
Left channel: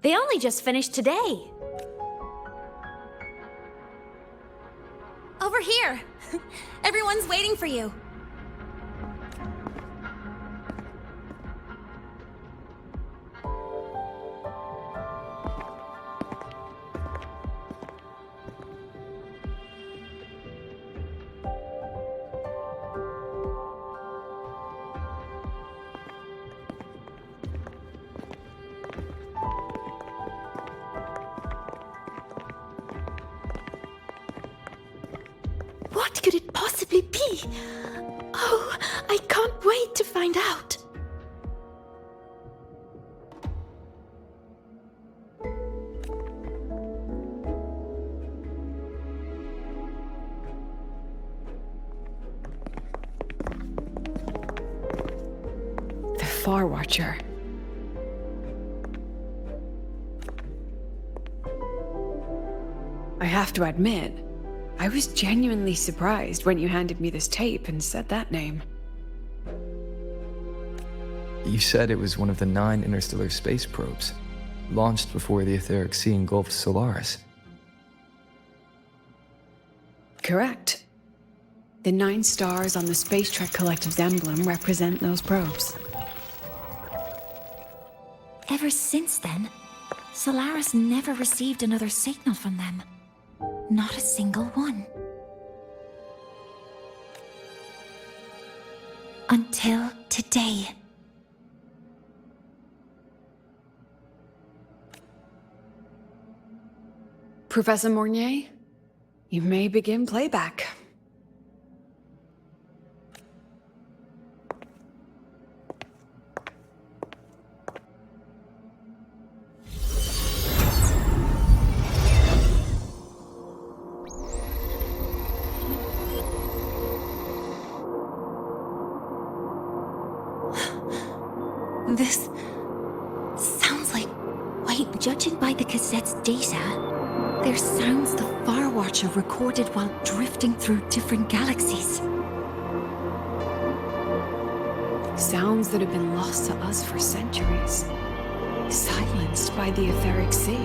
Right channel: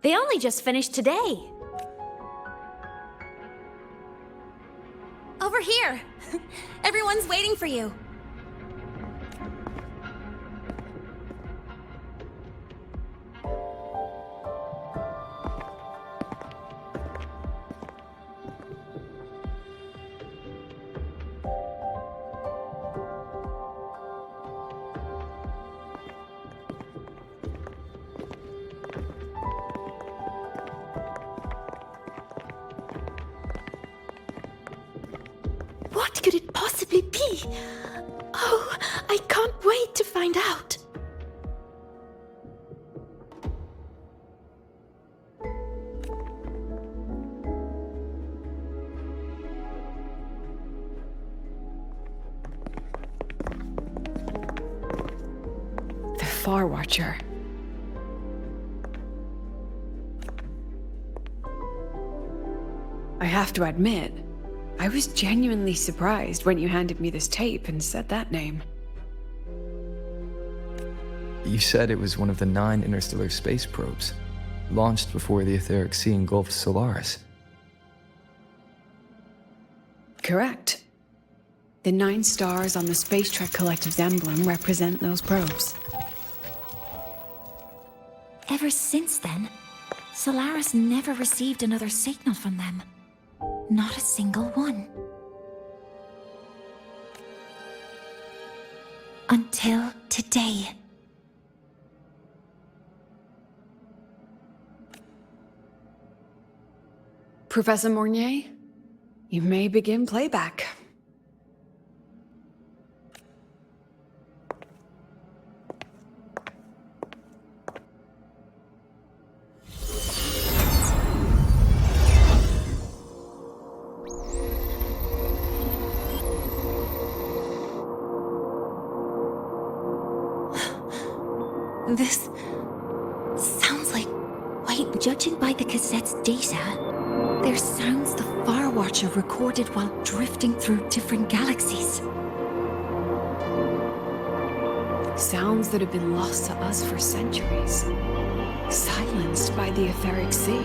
They only just finished today. Over here! Everyone's waiting for you. What could it possibly be? Oh, I can't wait to find out. The Far Watcher. I have to admit, I was genuinely surprised when you handed me this tape and said that name. You said it was one of the 9 interstellar space probes, launched before the etheric sea engulfed Solaris. Correct. The 9 stars on the Space Trek Collective's emblem represent those probes. Ever since then, Solaris never received another signal from them. Not a single one. Until today. Professor Mornier, you may begin playback. This sounds like... Wait, judging by the cassette's data, there's sounds the Far Watcher recorded while drifting through different galaxies. Sounds that have been lost to us for centuries. Silenced by the etheric sea.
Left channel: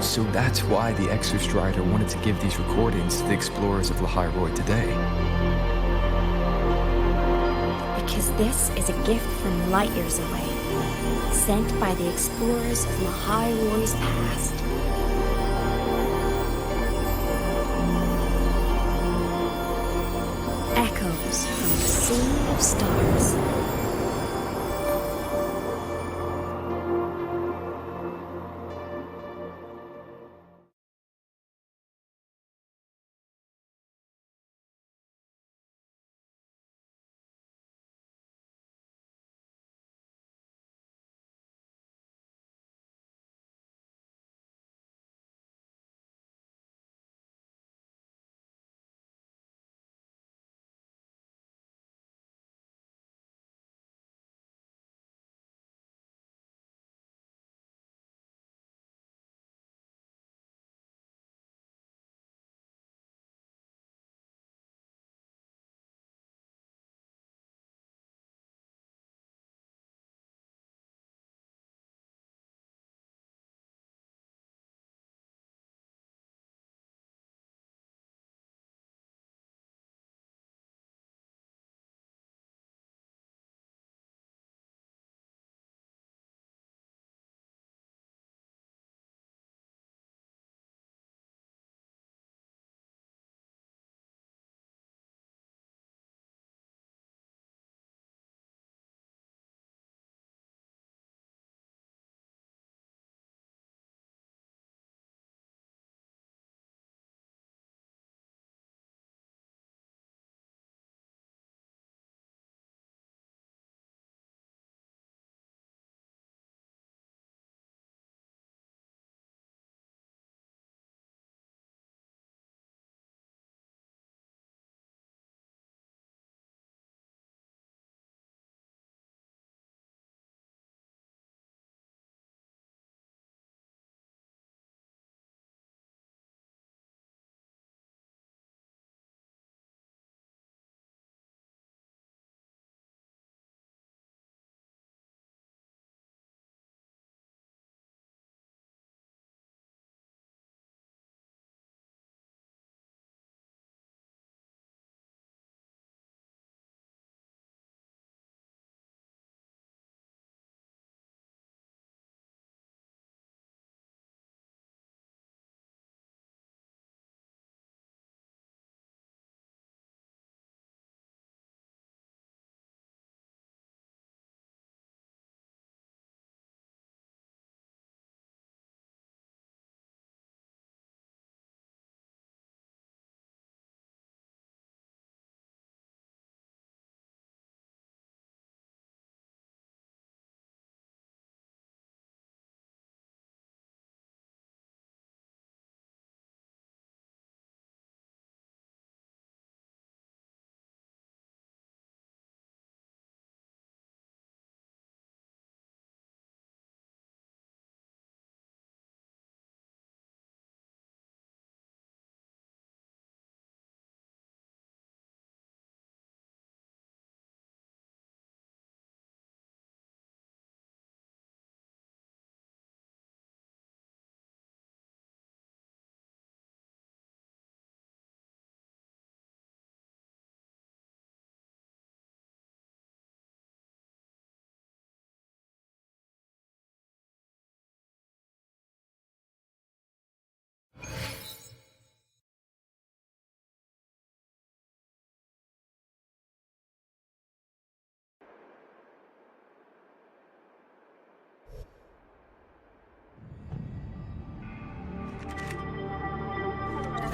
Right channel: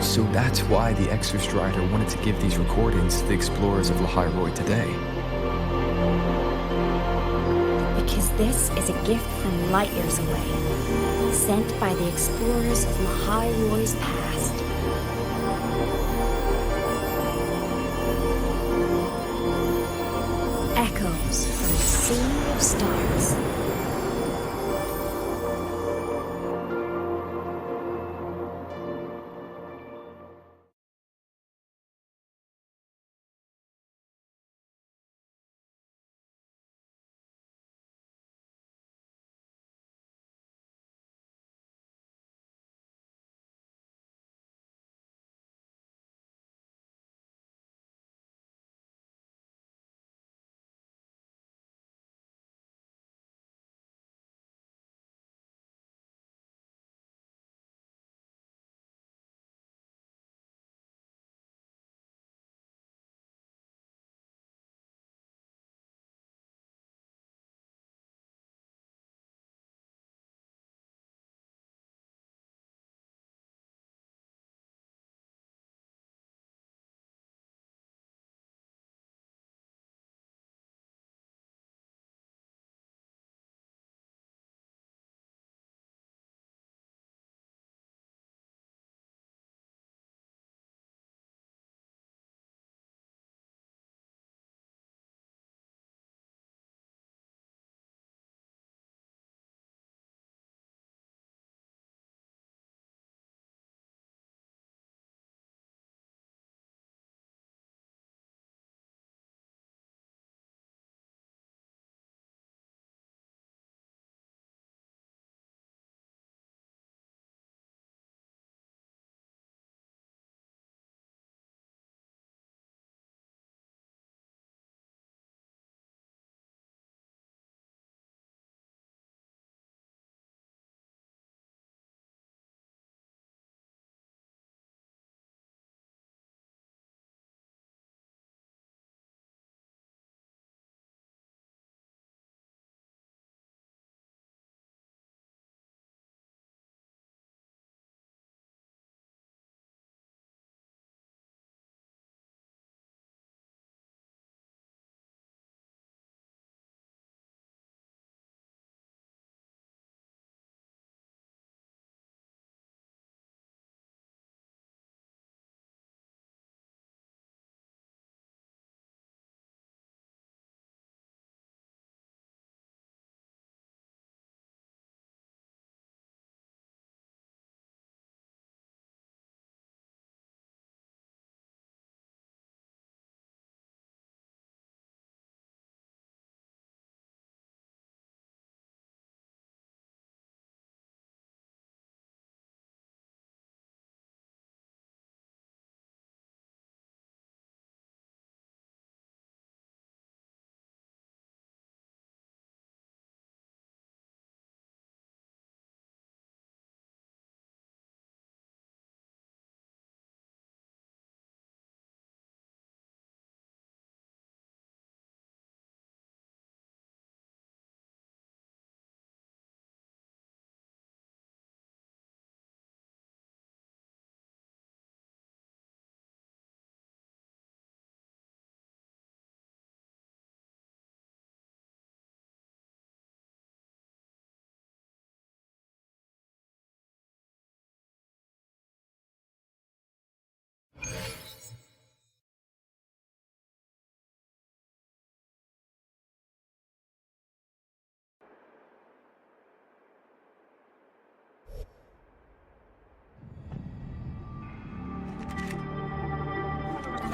So that's why the ૱ wanted to give these recordings to the explorers of ḽḥայroi today. Because this is a gift from light years away, sent by the explorers of ḽḥայroi's past. Echoes from the sea of stars.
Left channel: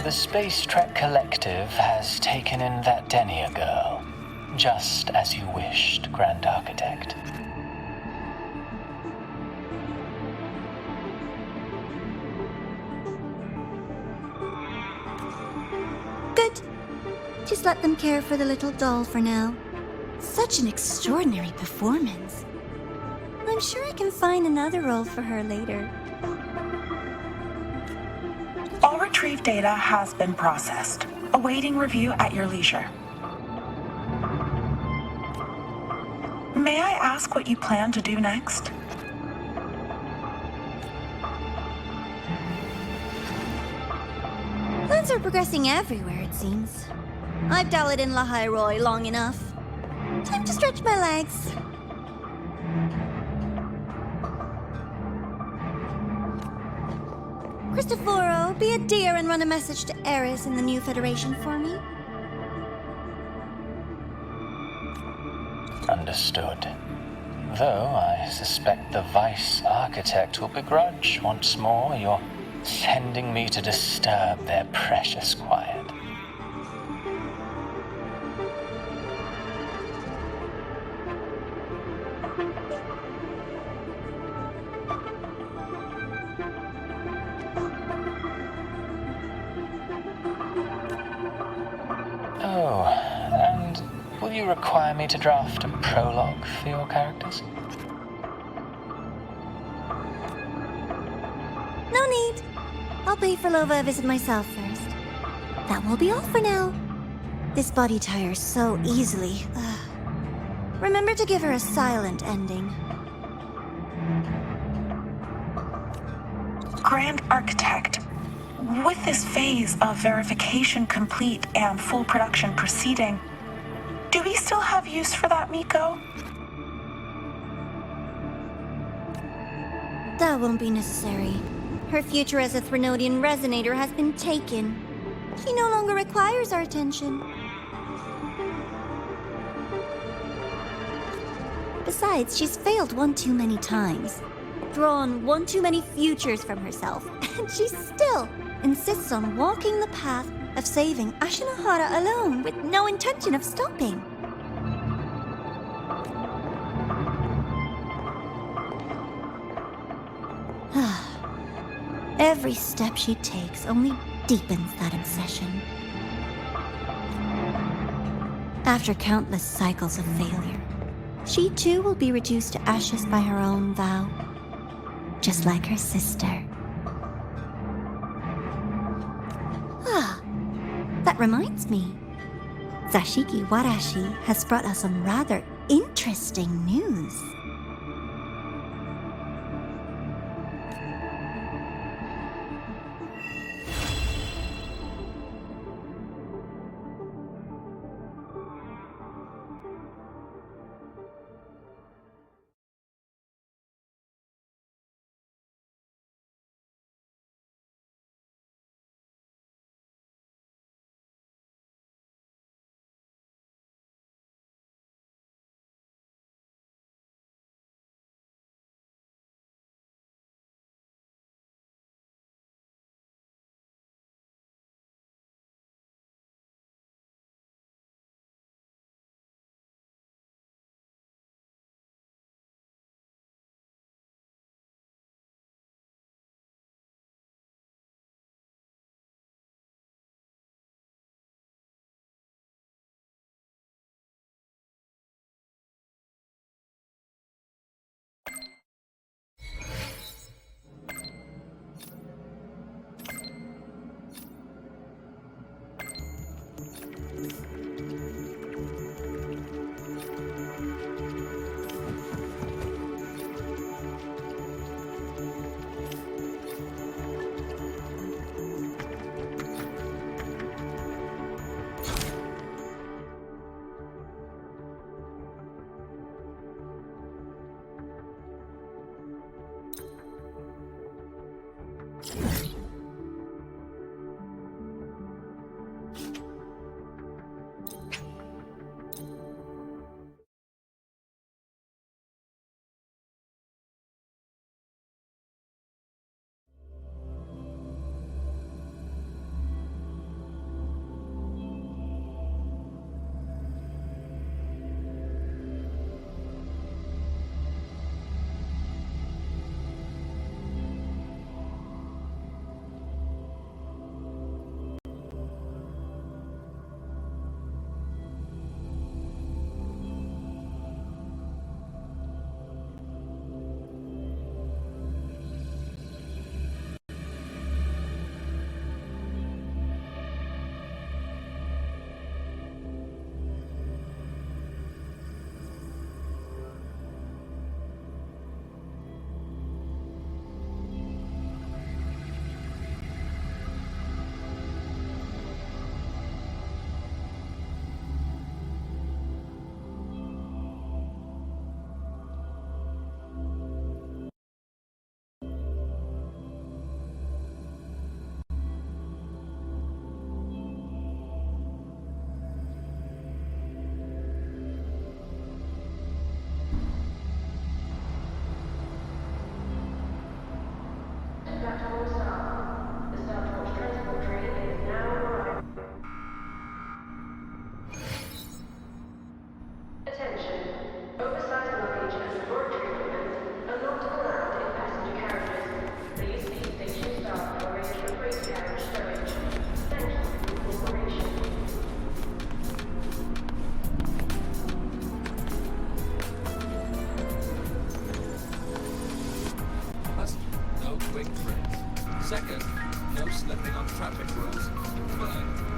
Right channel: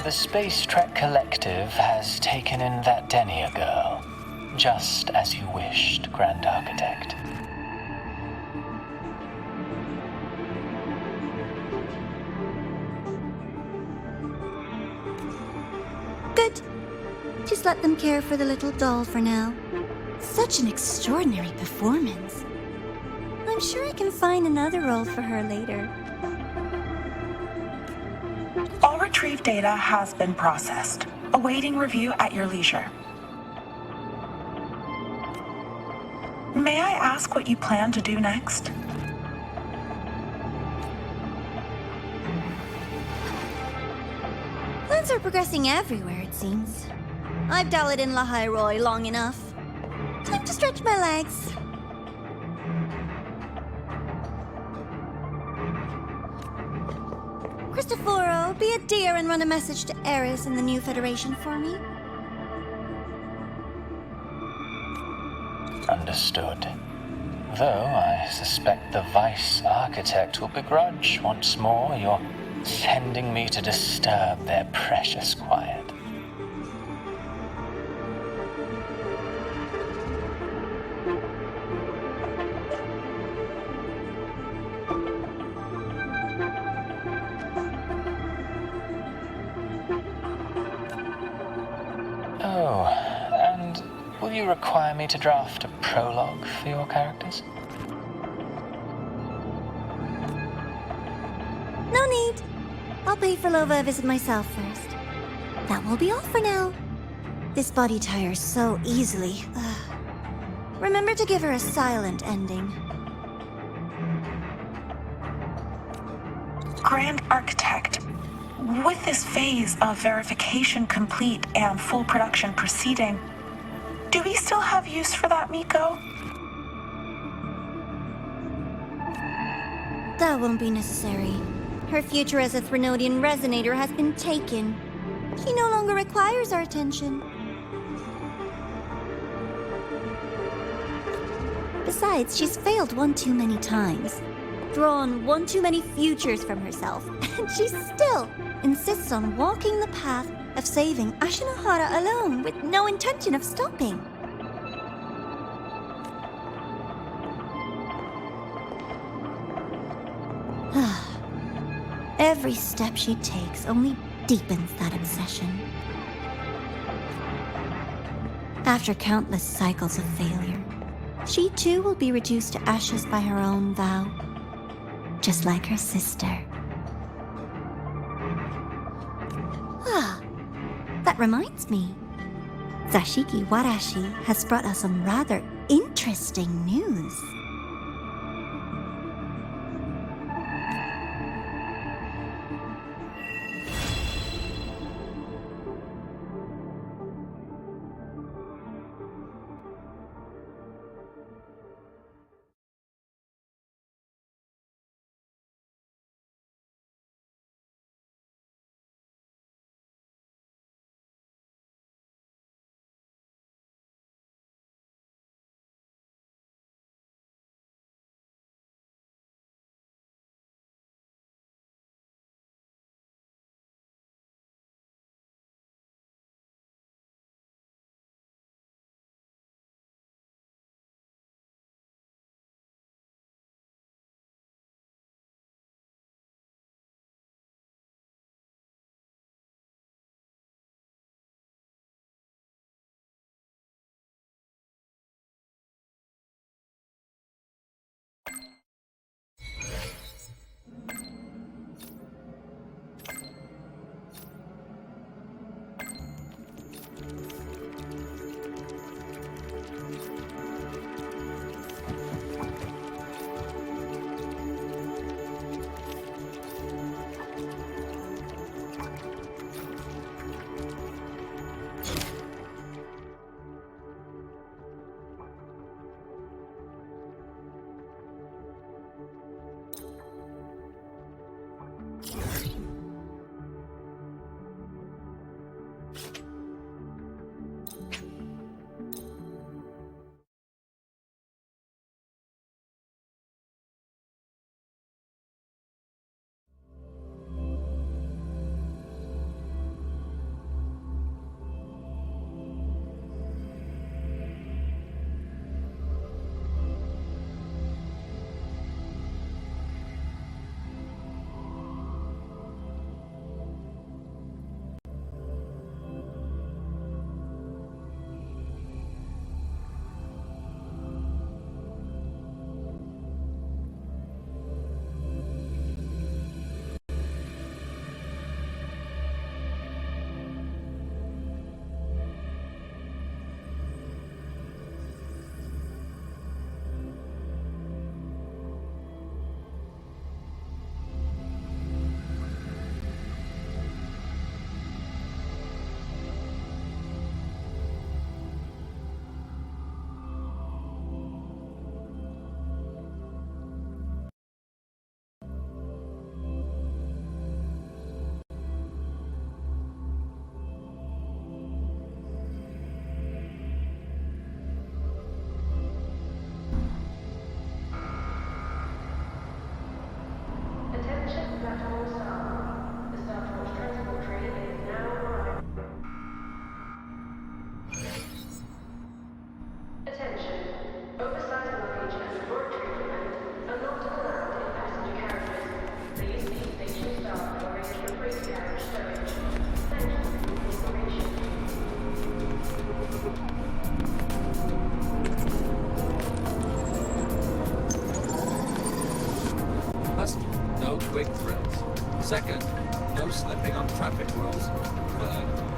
The Space Trek Collective has taken in that Denia girl, just as you wished, Grand Architect. Good. Just let them care for the little doll for now. Such an extraordinary performance. I'm sure I can find another role for her later. All retrieved data has been processed. Awaiting review at your leisure. May I ask what you plan to do next? Plans are progressing everywhere, it seems. I've dallied in ḽ'Hyroy long enough. Time to stretch my legs. Cristoforo, be a dear and run a message to Eris in the new Federation for me. Understood. Though I suspect the Vice Architect will begrudge once more your sending me to disturb their precious quiet. Oh, and will you require me to draft a prologue for your characters? No need. I'll pay for Lova a visit myself first. That will be all for now. This body tires so easily. Remember to give her a silent ending. Grand Architect, with this phase of verification complete and full production proceeding, do we still have use for that 𝓦𝓾𝓽𝓱𝓮𝓻? That won't be necessary. Her future as a Threnodian resonator has been taken. She no longer requires our attention. Besides, she's failed one too many times, drawn one too many futures from herself, and she still insists on walking the path of saving Ashinahara alone with no intention of stopping. Every step she takes only deepens that obsession. After countless cycles of failure, she too will be reduced to ashes by her own vow, just like her sister. That reminds me. Zashiki Warashi has brought us some rather interesting news. Second, no slipping on traffic rules. Third,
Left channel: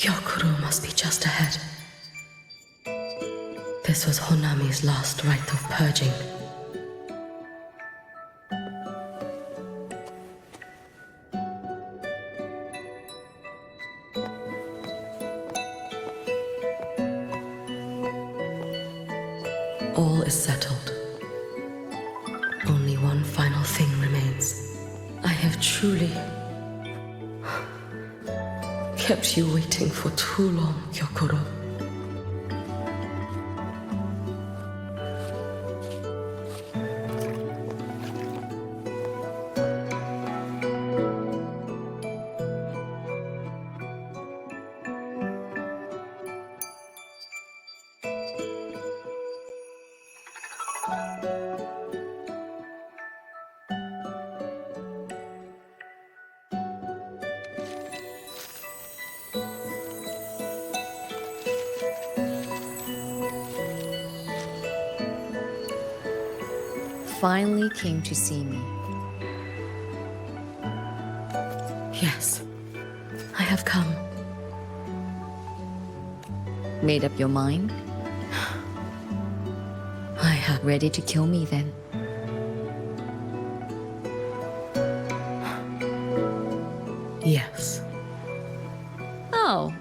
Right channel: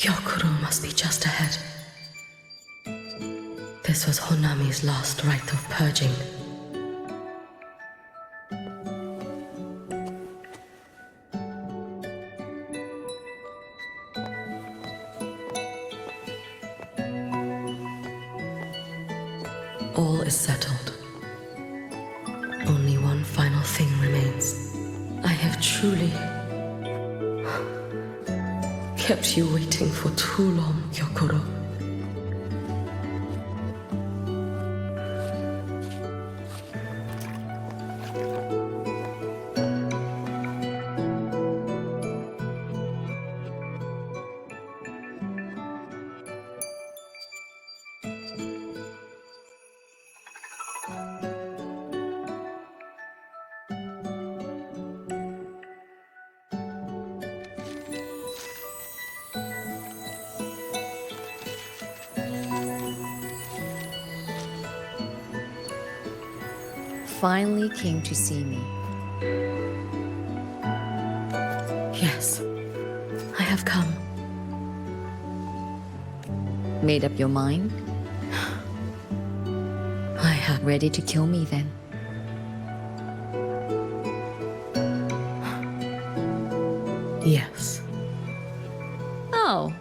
Gyokuro must be just ahead. This was Honami's last rite of purging. All is settled. Only one final thing remains. I have truly kept you waiting for too long, Gyokuro. Finally came to see me. Yes, I have come. Made up your mind? I have. Ready to kill me then? Yes. Oh,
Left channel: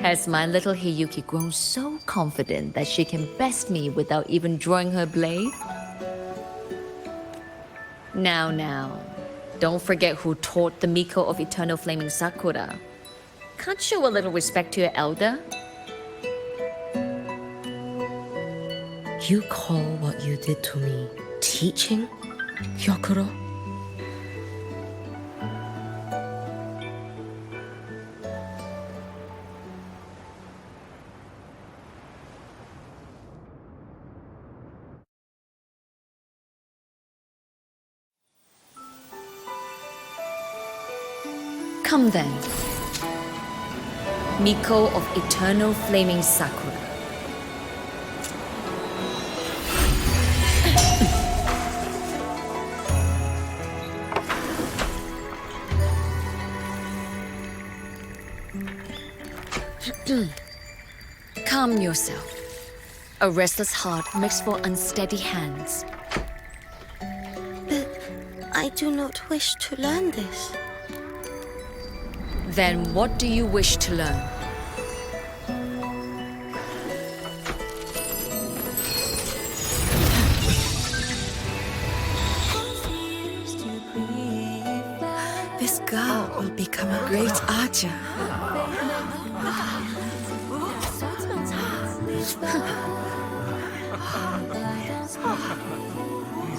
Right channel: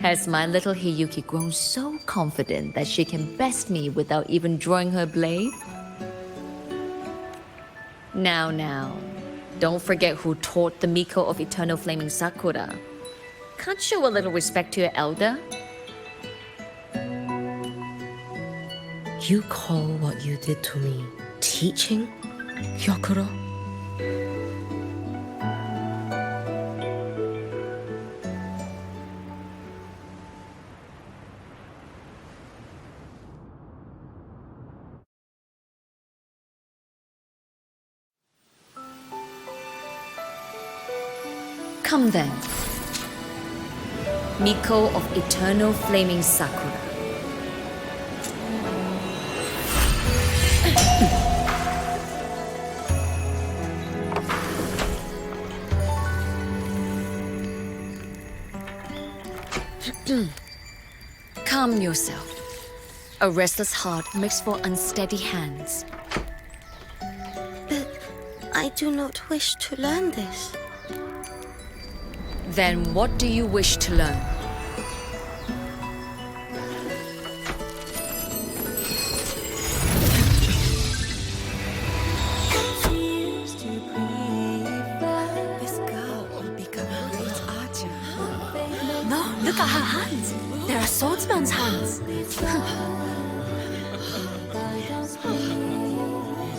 Has my little Hiyuki grown so confident that she can best me without even drawing her blade? Now, don't forget who taught the Miko of Eternal Flaming Sakura. Can't show a little respect to your elder? You call what you did to me teaching, Hyokuro? Come then, Miko of Eternal Flaming Sakura. Calm yourself. A restless heart makes for unsteady hands. But I do not wish to learn this. Then what do you wish to learn? This girl will become a great archer. No, look at her hands. They are swordsman's hands.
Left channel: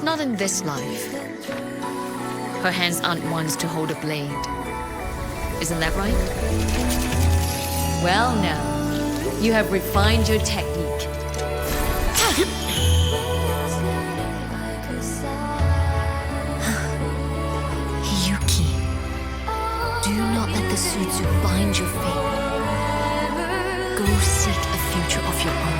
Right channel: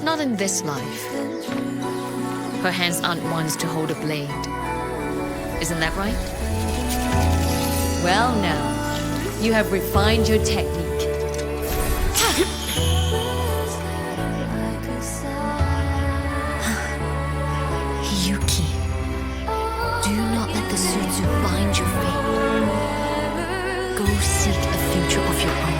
Not in this life. Her hands aren't ones to hold a blade. Isn't that right? Well now, you have refined your technique. Hiyuki, do not let the Suzu bind your fate. Go seek a future of your own.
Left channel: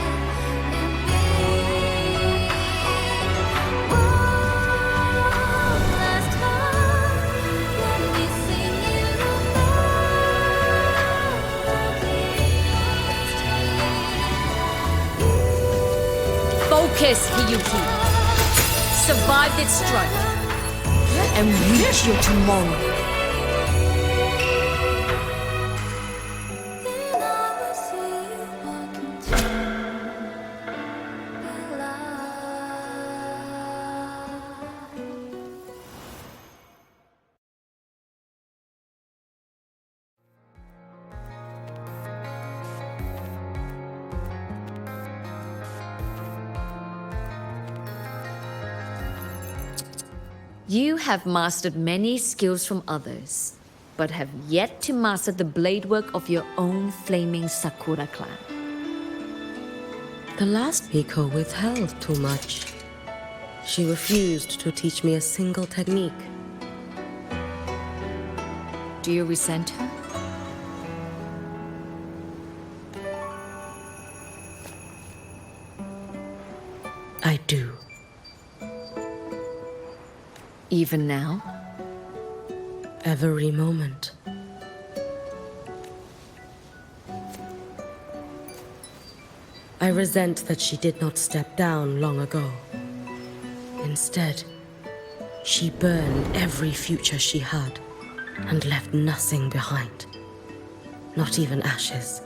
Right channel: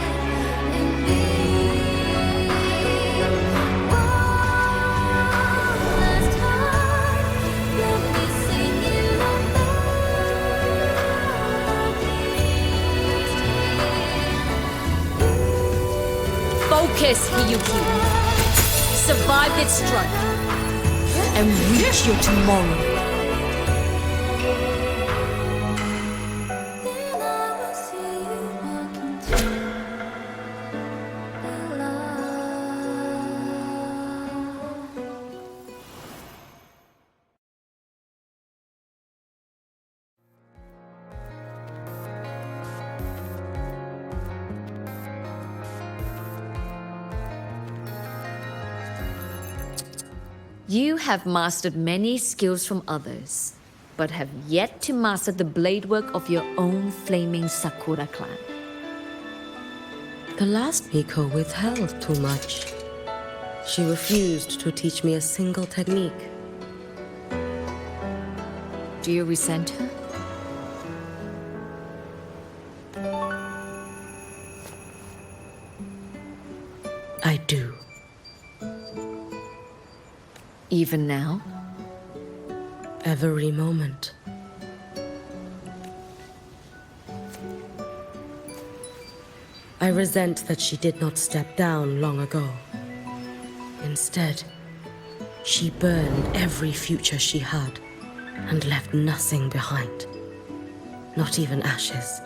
Focus, Hiyuki. Survive its strike and reach your tomorrow. You have mastered many skills from others, but have yet to master the blade work of your own flaming Sakura clan. The last Miko withheld too much. She refused to teach me a single technique. Do you resent her? I do. Even now? Every moment. I resent that she did not step down long ago. Instead, she burned every future she had and left nothing behind. Not even ashes.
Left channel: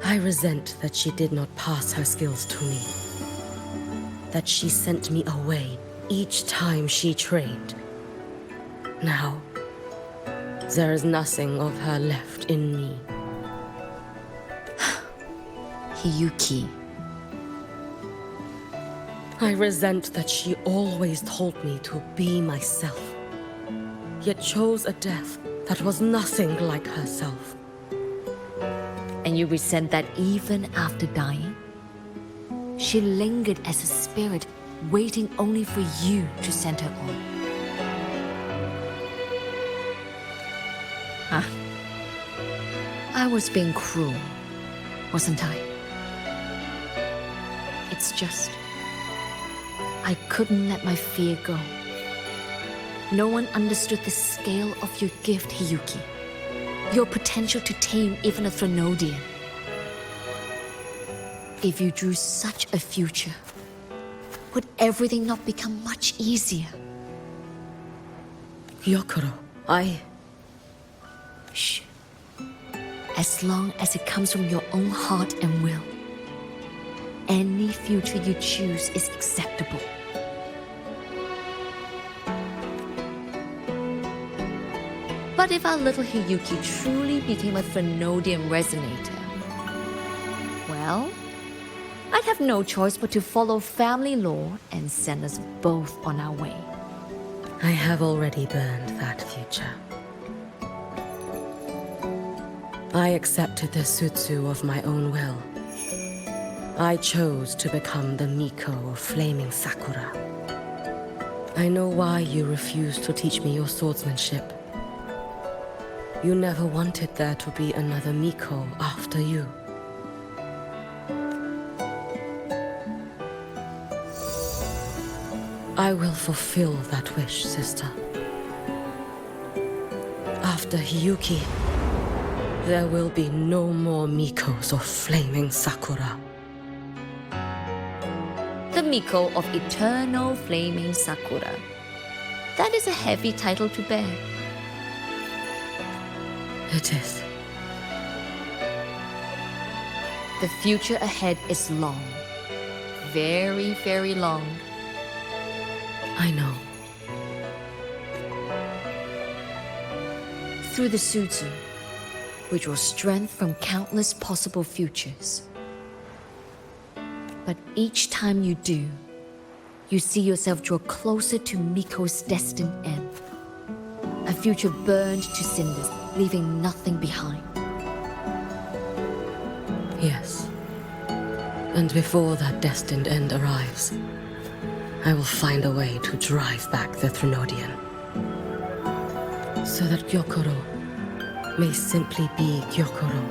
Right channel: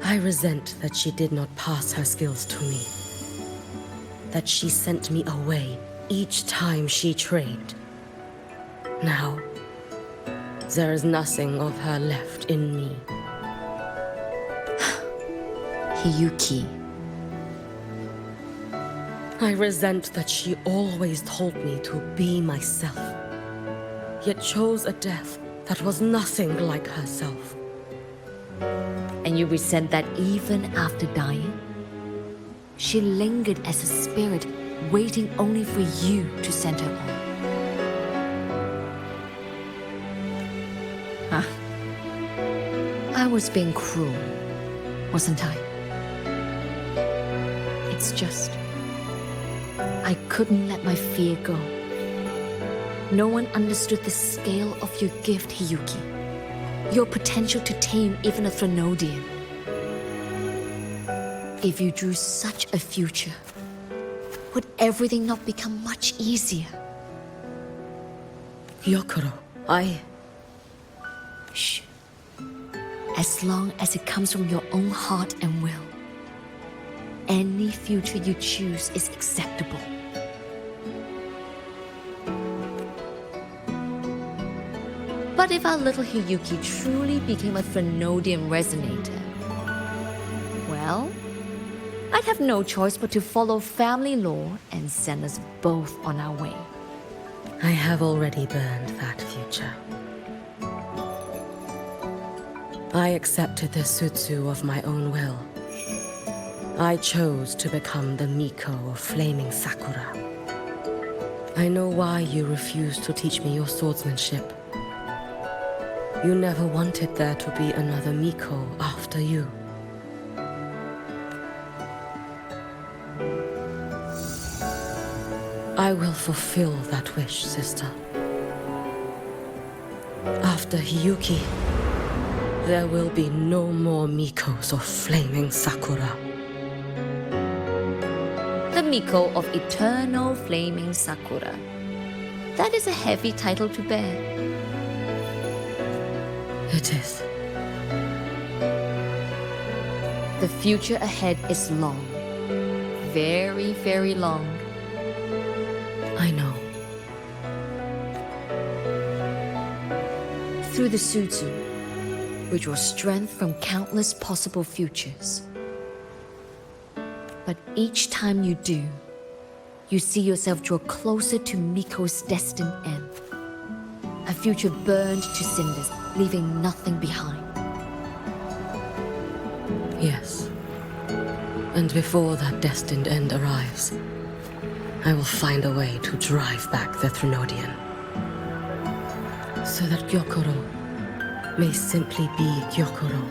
I resent that she did not pass her skills to me. That she sent me away each time she trained. Now, there is nothing of her left in me. Hiyuki. I resent that she always told me to be myself, yet chose a death that was nothing like herself. And you resent that even after dying? She lingered as a spirit, waiting only for you to send her on. Huh? I was being cruel, wasn't I? It's just, I couldn't let my fear go. No one understood the scale of your gift, Hiyuki. Your potential to tame even a Threnodian. If you drew such a future, would everything not become much easier? Hyokuro, Shh. as long as it comes from your own heart and will. Any future you choose is acceptable. But if our little Hiyuki truly became a Threnodian resonator, well, I'd have no choice but to follow family law and send us both on our way. I have already burned that future. I accepted the Sutsu of my own will. I chose to become the ബ╗ of Flaming Sakura. I know why you refused to teach me your swordsmanship. You never wanted there to be another ബ╗ after you. I will fulfill that wish, sister. After Hiyuki, there will be no more ബ╗s of Flaming Sakura. The ബ╗ of Eternal Flaming Sakura. That is a heavy title to bear. It is. The future ahead is long. Very, very long. I know. Through the Sutsu, we draw strength from countless possible futures. But each time you do, you see yourself draw closer to Miko's destined end. A future burned to cinders, leaving nothing behind. Yes. And before that destined end arrives, I will find a way to drive back the Threnodian. So that Gyokoro may simply be Gyokoro.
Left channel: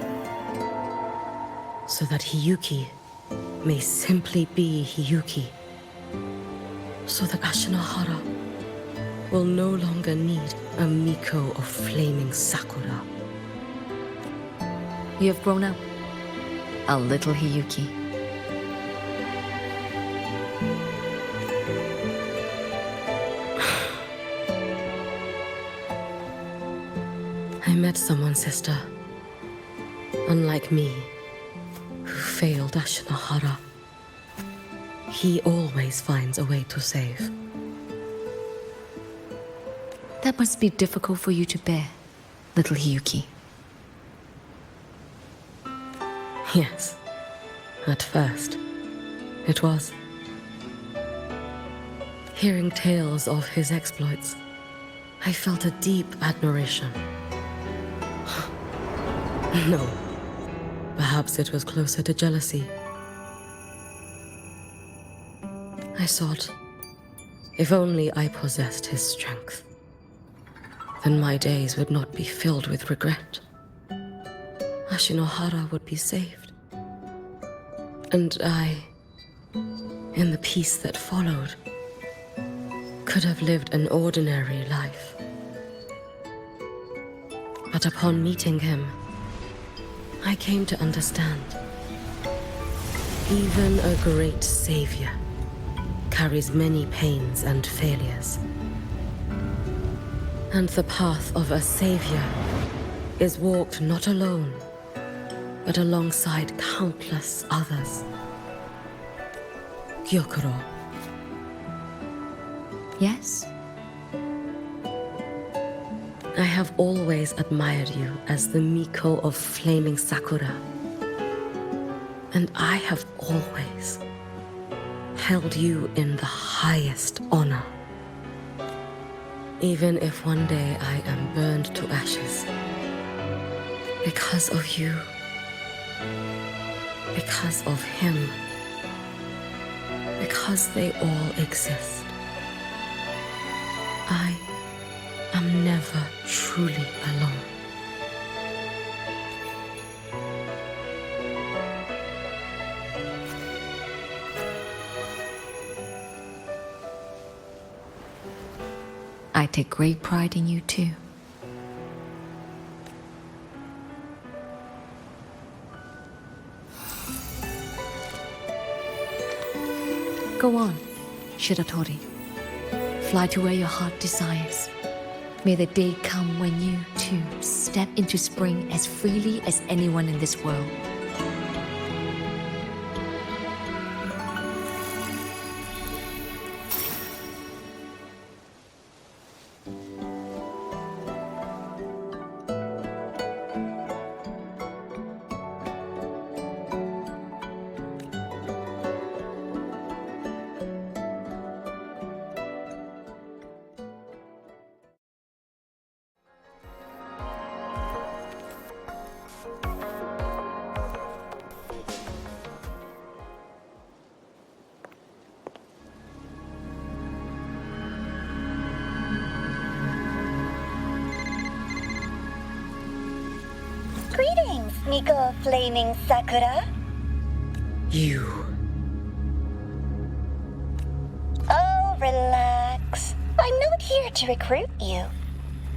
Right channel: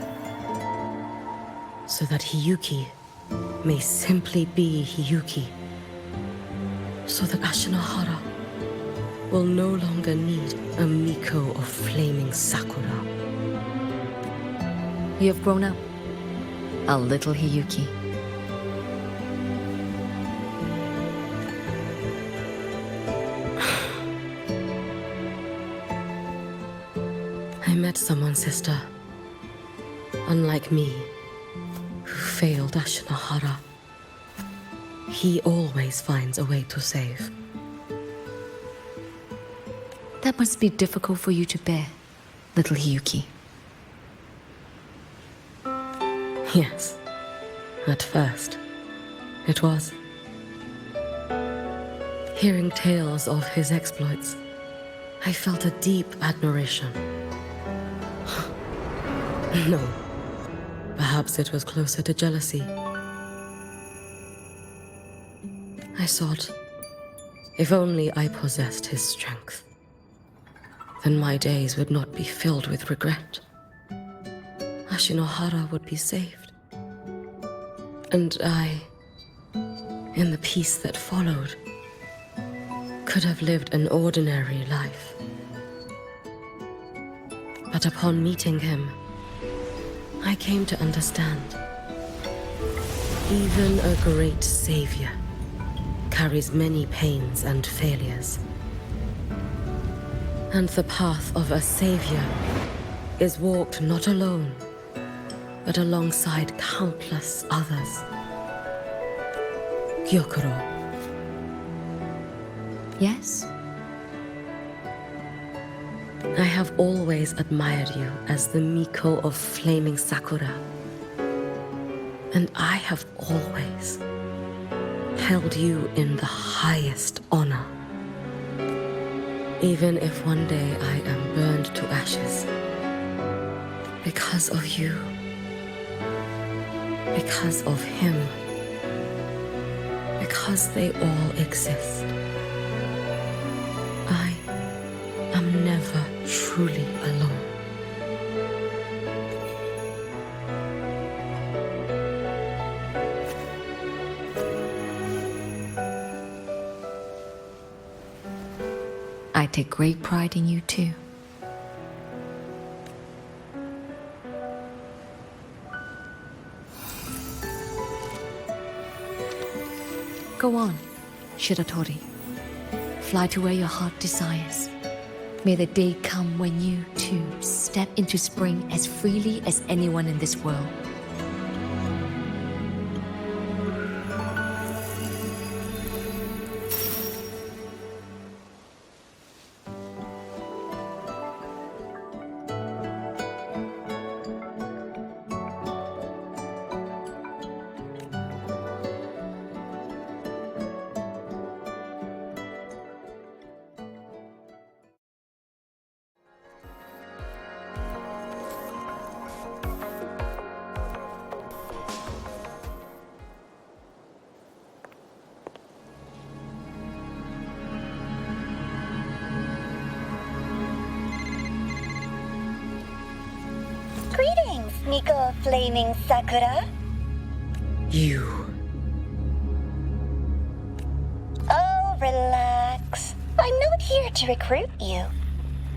So that Hiyuki may simply be Hiyuki. So that Ashinohara will no longer need a ബ╗ of Flaming Sakura. You have grown up, our little Hiyuki. I met someone, sister. Unlike me, who failed Ashinohara. He always finds a way to save. That must be difficult for you to bear, little Hiyuki. Yes, at first, it was. Hearing tales of his exploits, I felt a deep admiration. No, perhaps it was closer to jealousy. I thought, if only I possessed his strength, then my days would not be filled with regret. Ashinohara would be saved. And I, in the peace that followed, could have lived an ordinary life. But upon meeting him, I came to understand. Even a great savior carries many pains and failures. And the path of a savior is walked not alone, but alongside countless others. Gyokoro. Yes? I have always admired you as the ബ╗ of Flaming Sakura. And I have always held you in the highest honor. Even if one day I am burned to ashes, because of you, because of him, because they all exist, I am never truly alone. I take great pride in you too. Go on, Shiratori. Fly to where your heart desires. May the day come when you, too, step into spring as freely as anyone in this world. Greetings, Miko of Flaming Sakura. You. Oh, relax. I'm not here to recruit you.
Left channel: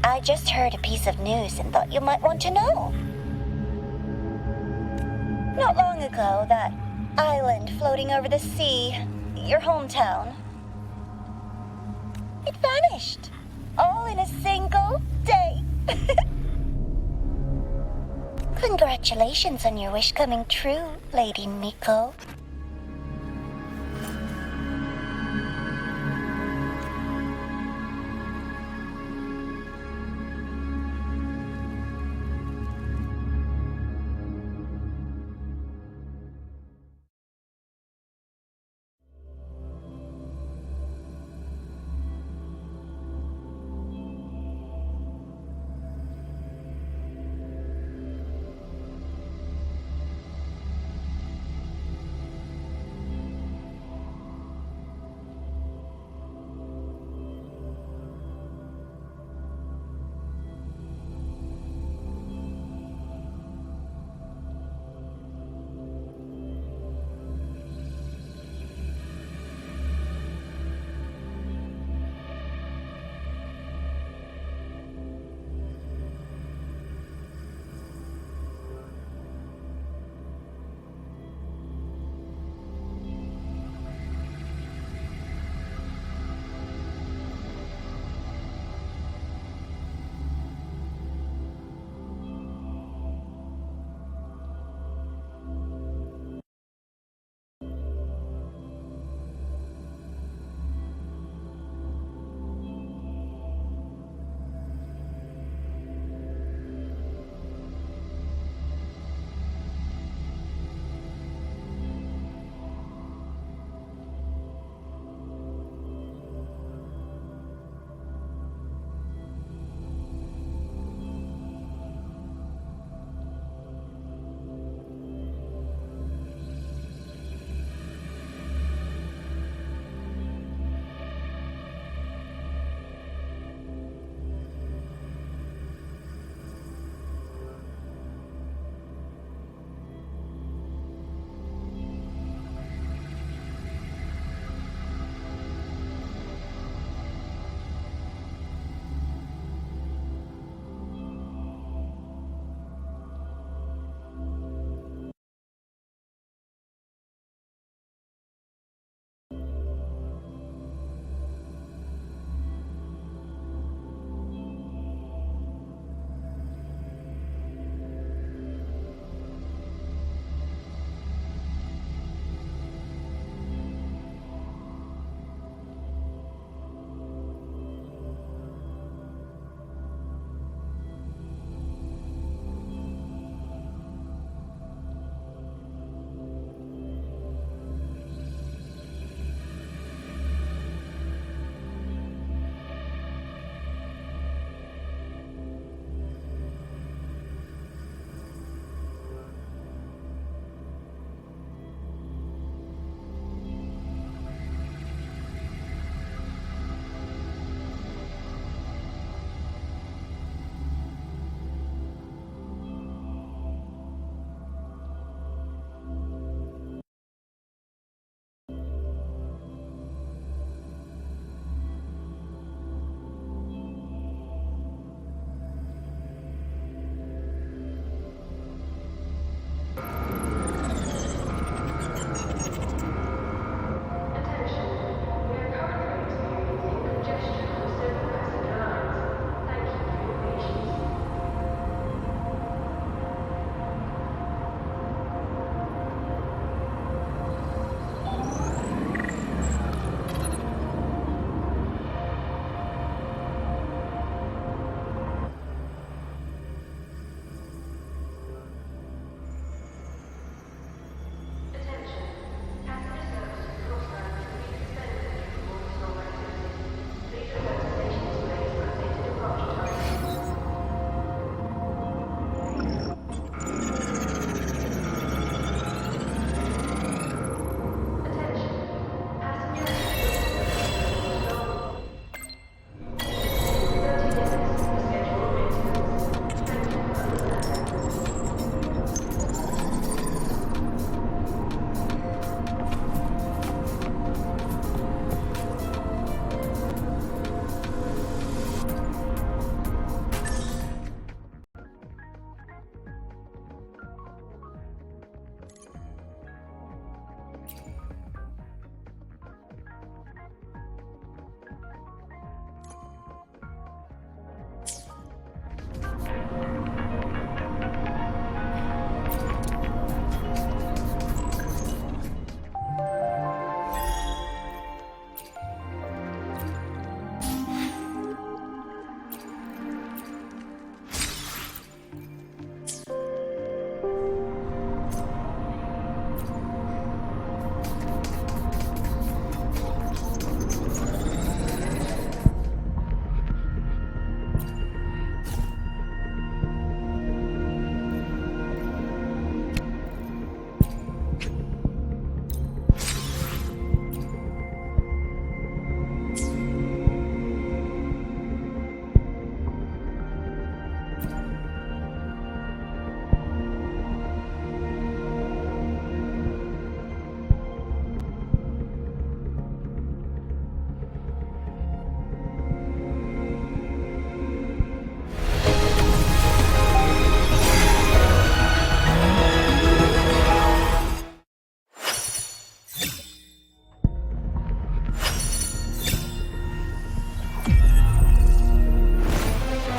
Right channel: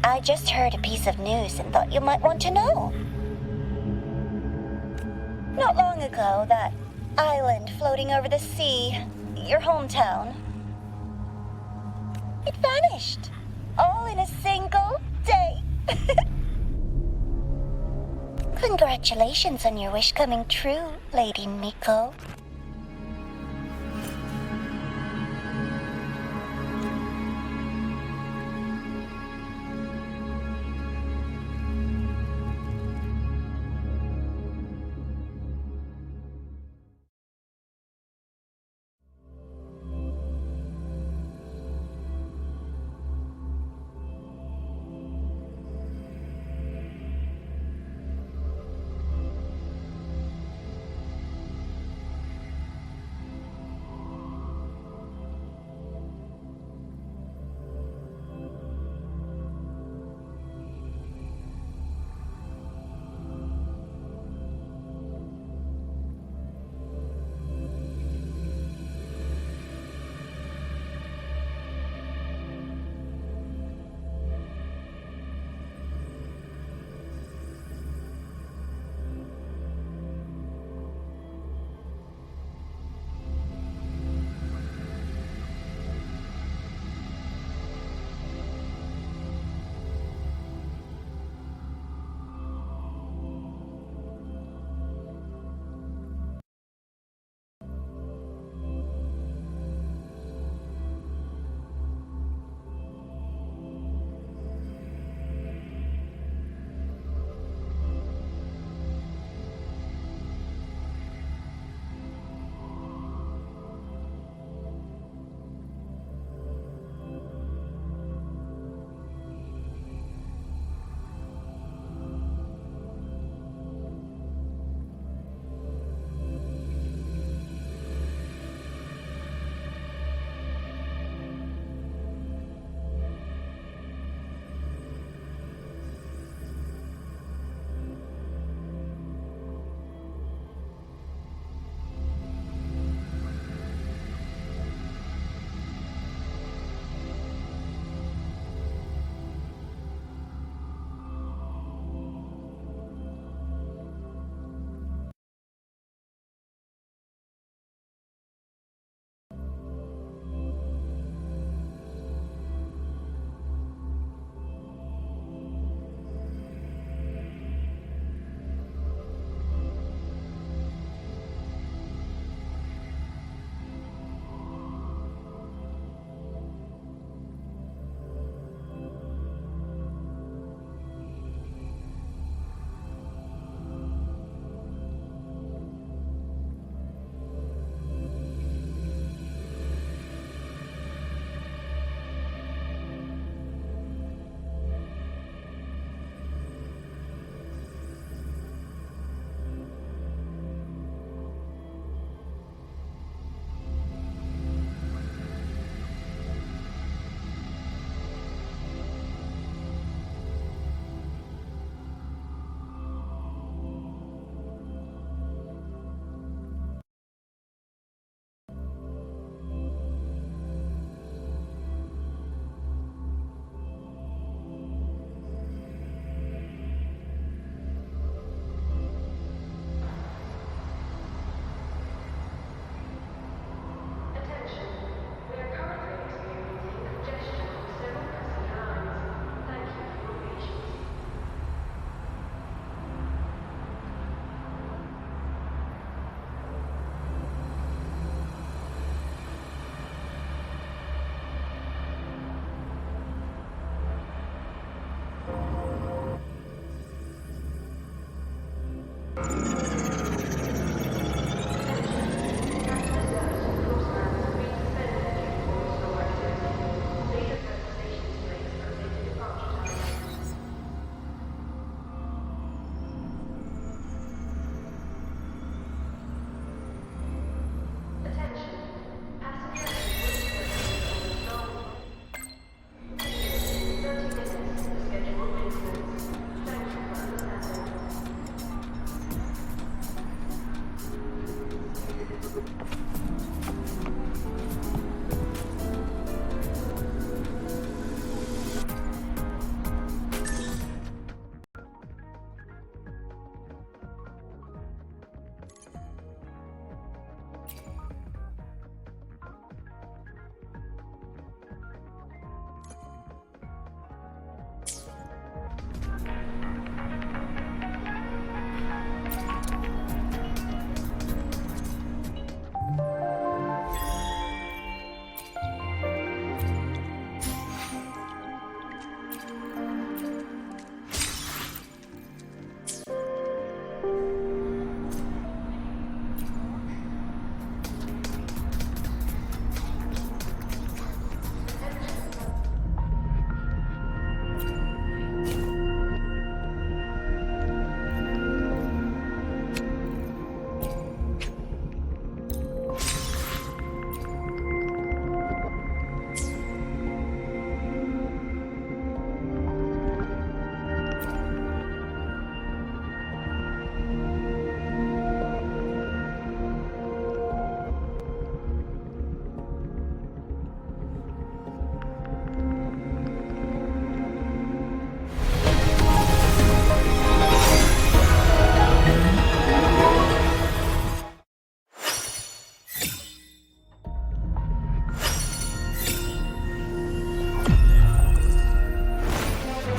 I just heard a piece of news and thought you might want to know. Not long ago, that island floating over the sea, your hometown, it vanished. All in a single day. Congratulations on your wish coming true, Lady Miko.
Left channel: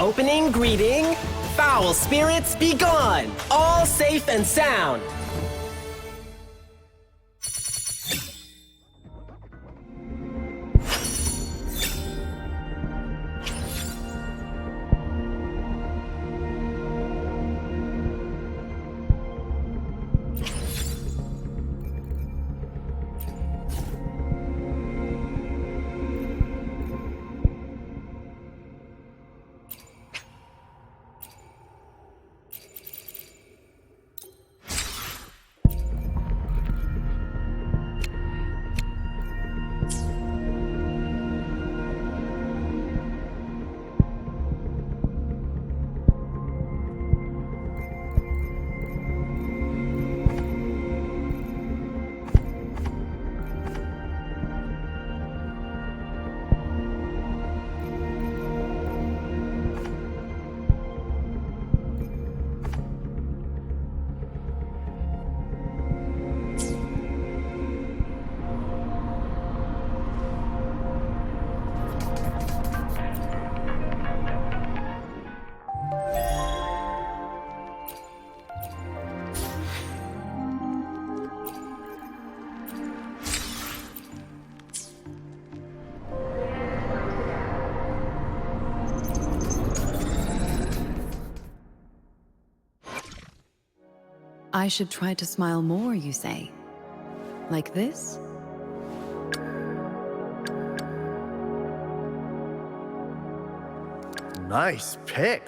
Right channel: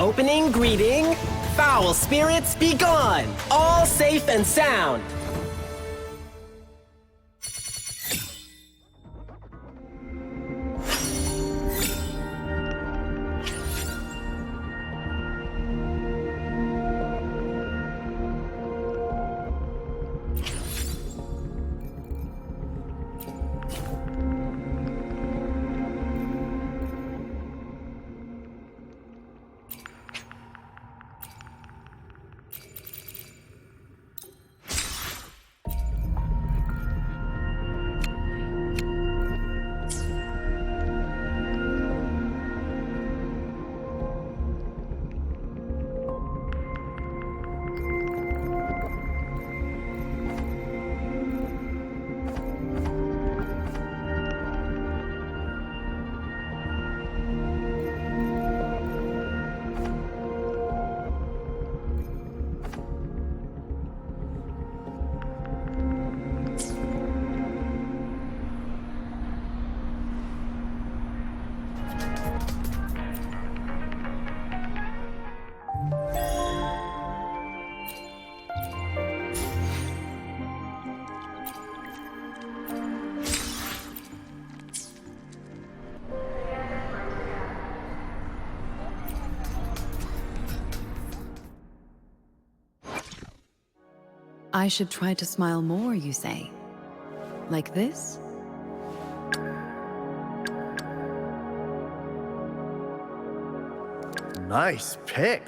opening greeting. Foul spirits be gone, all safe and sound. I should try to smile more, you say? Like this? Nice pick.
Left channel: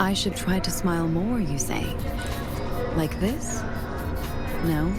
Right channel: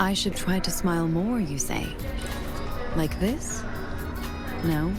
I should try to smile more, you say? Like this? No?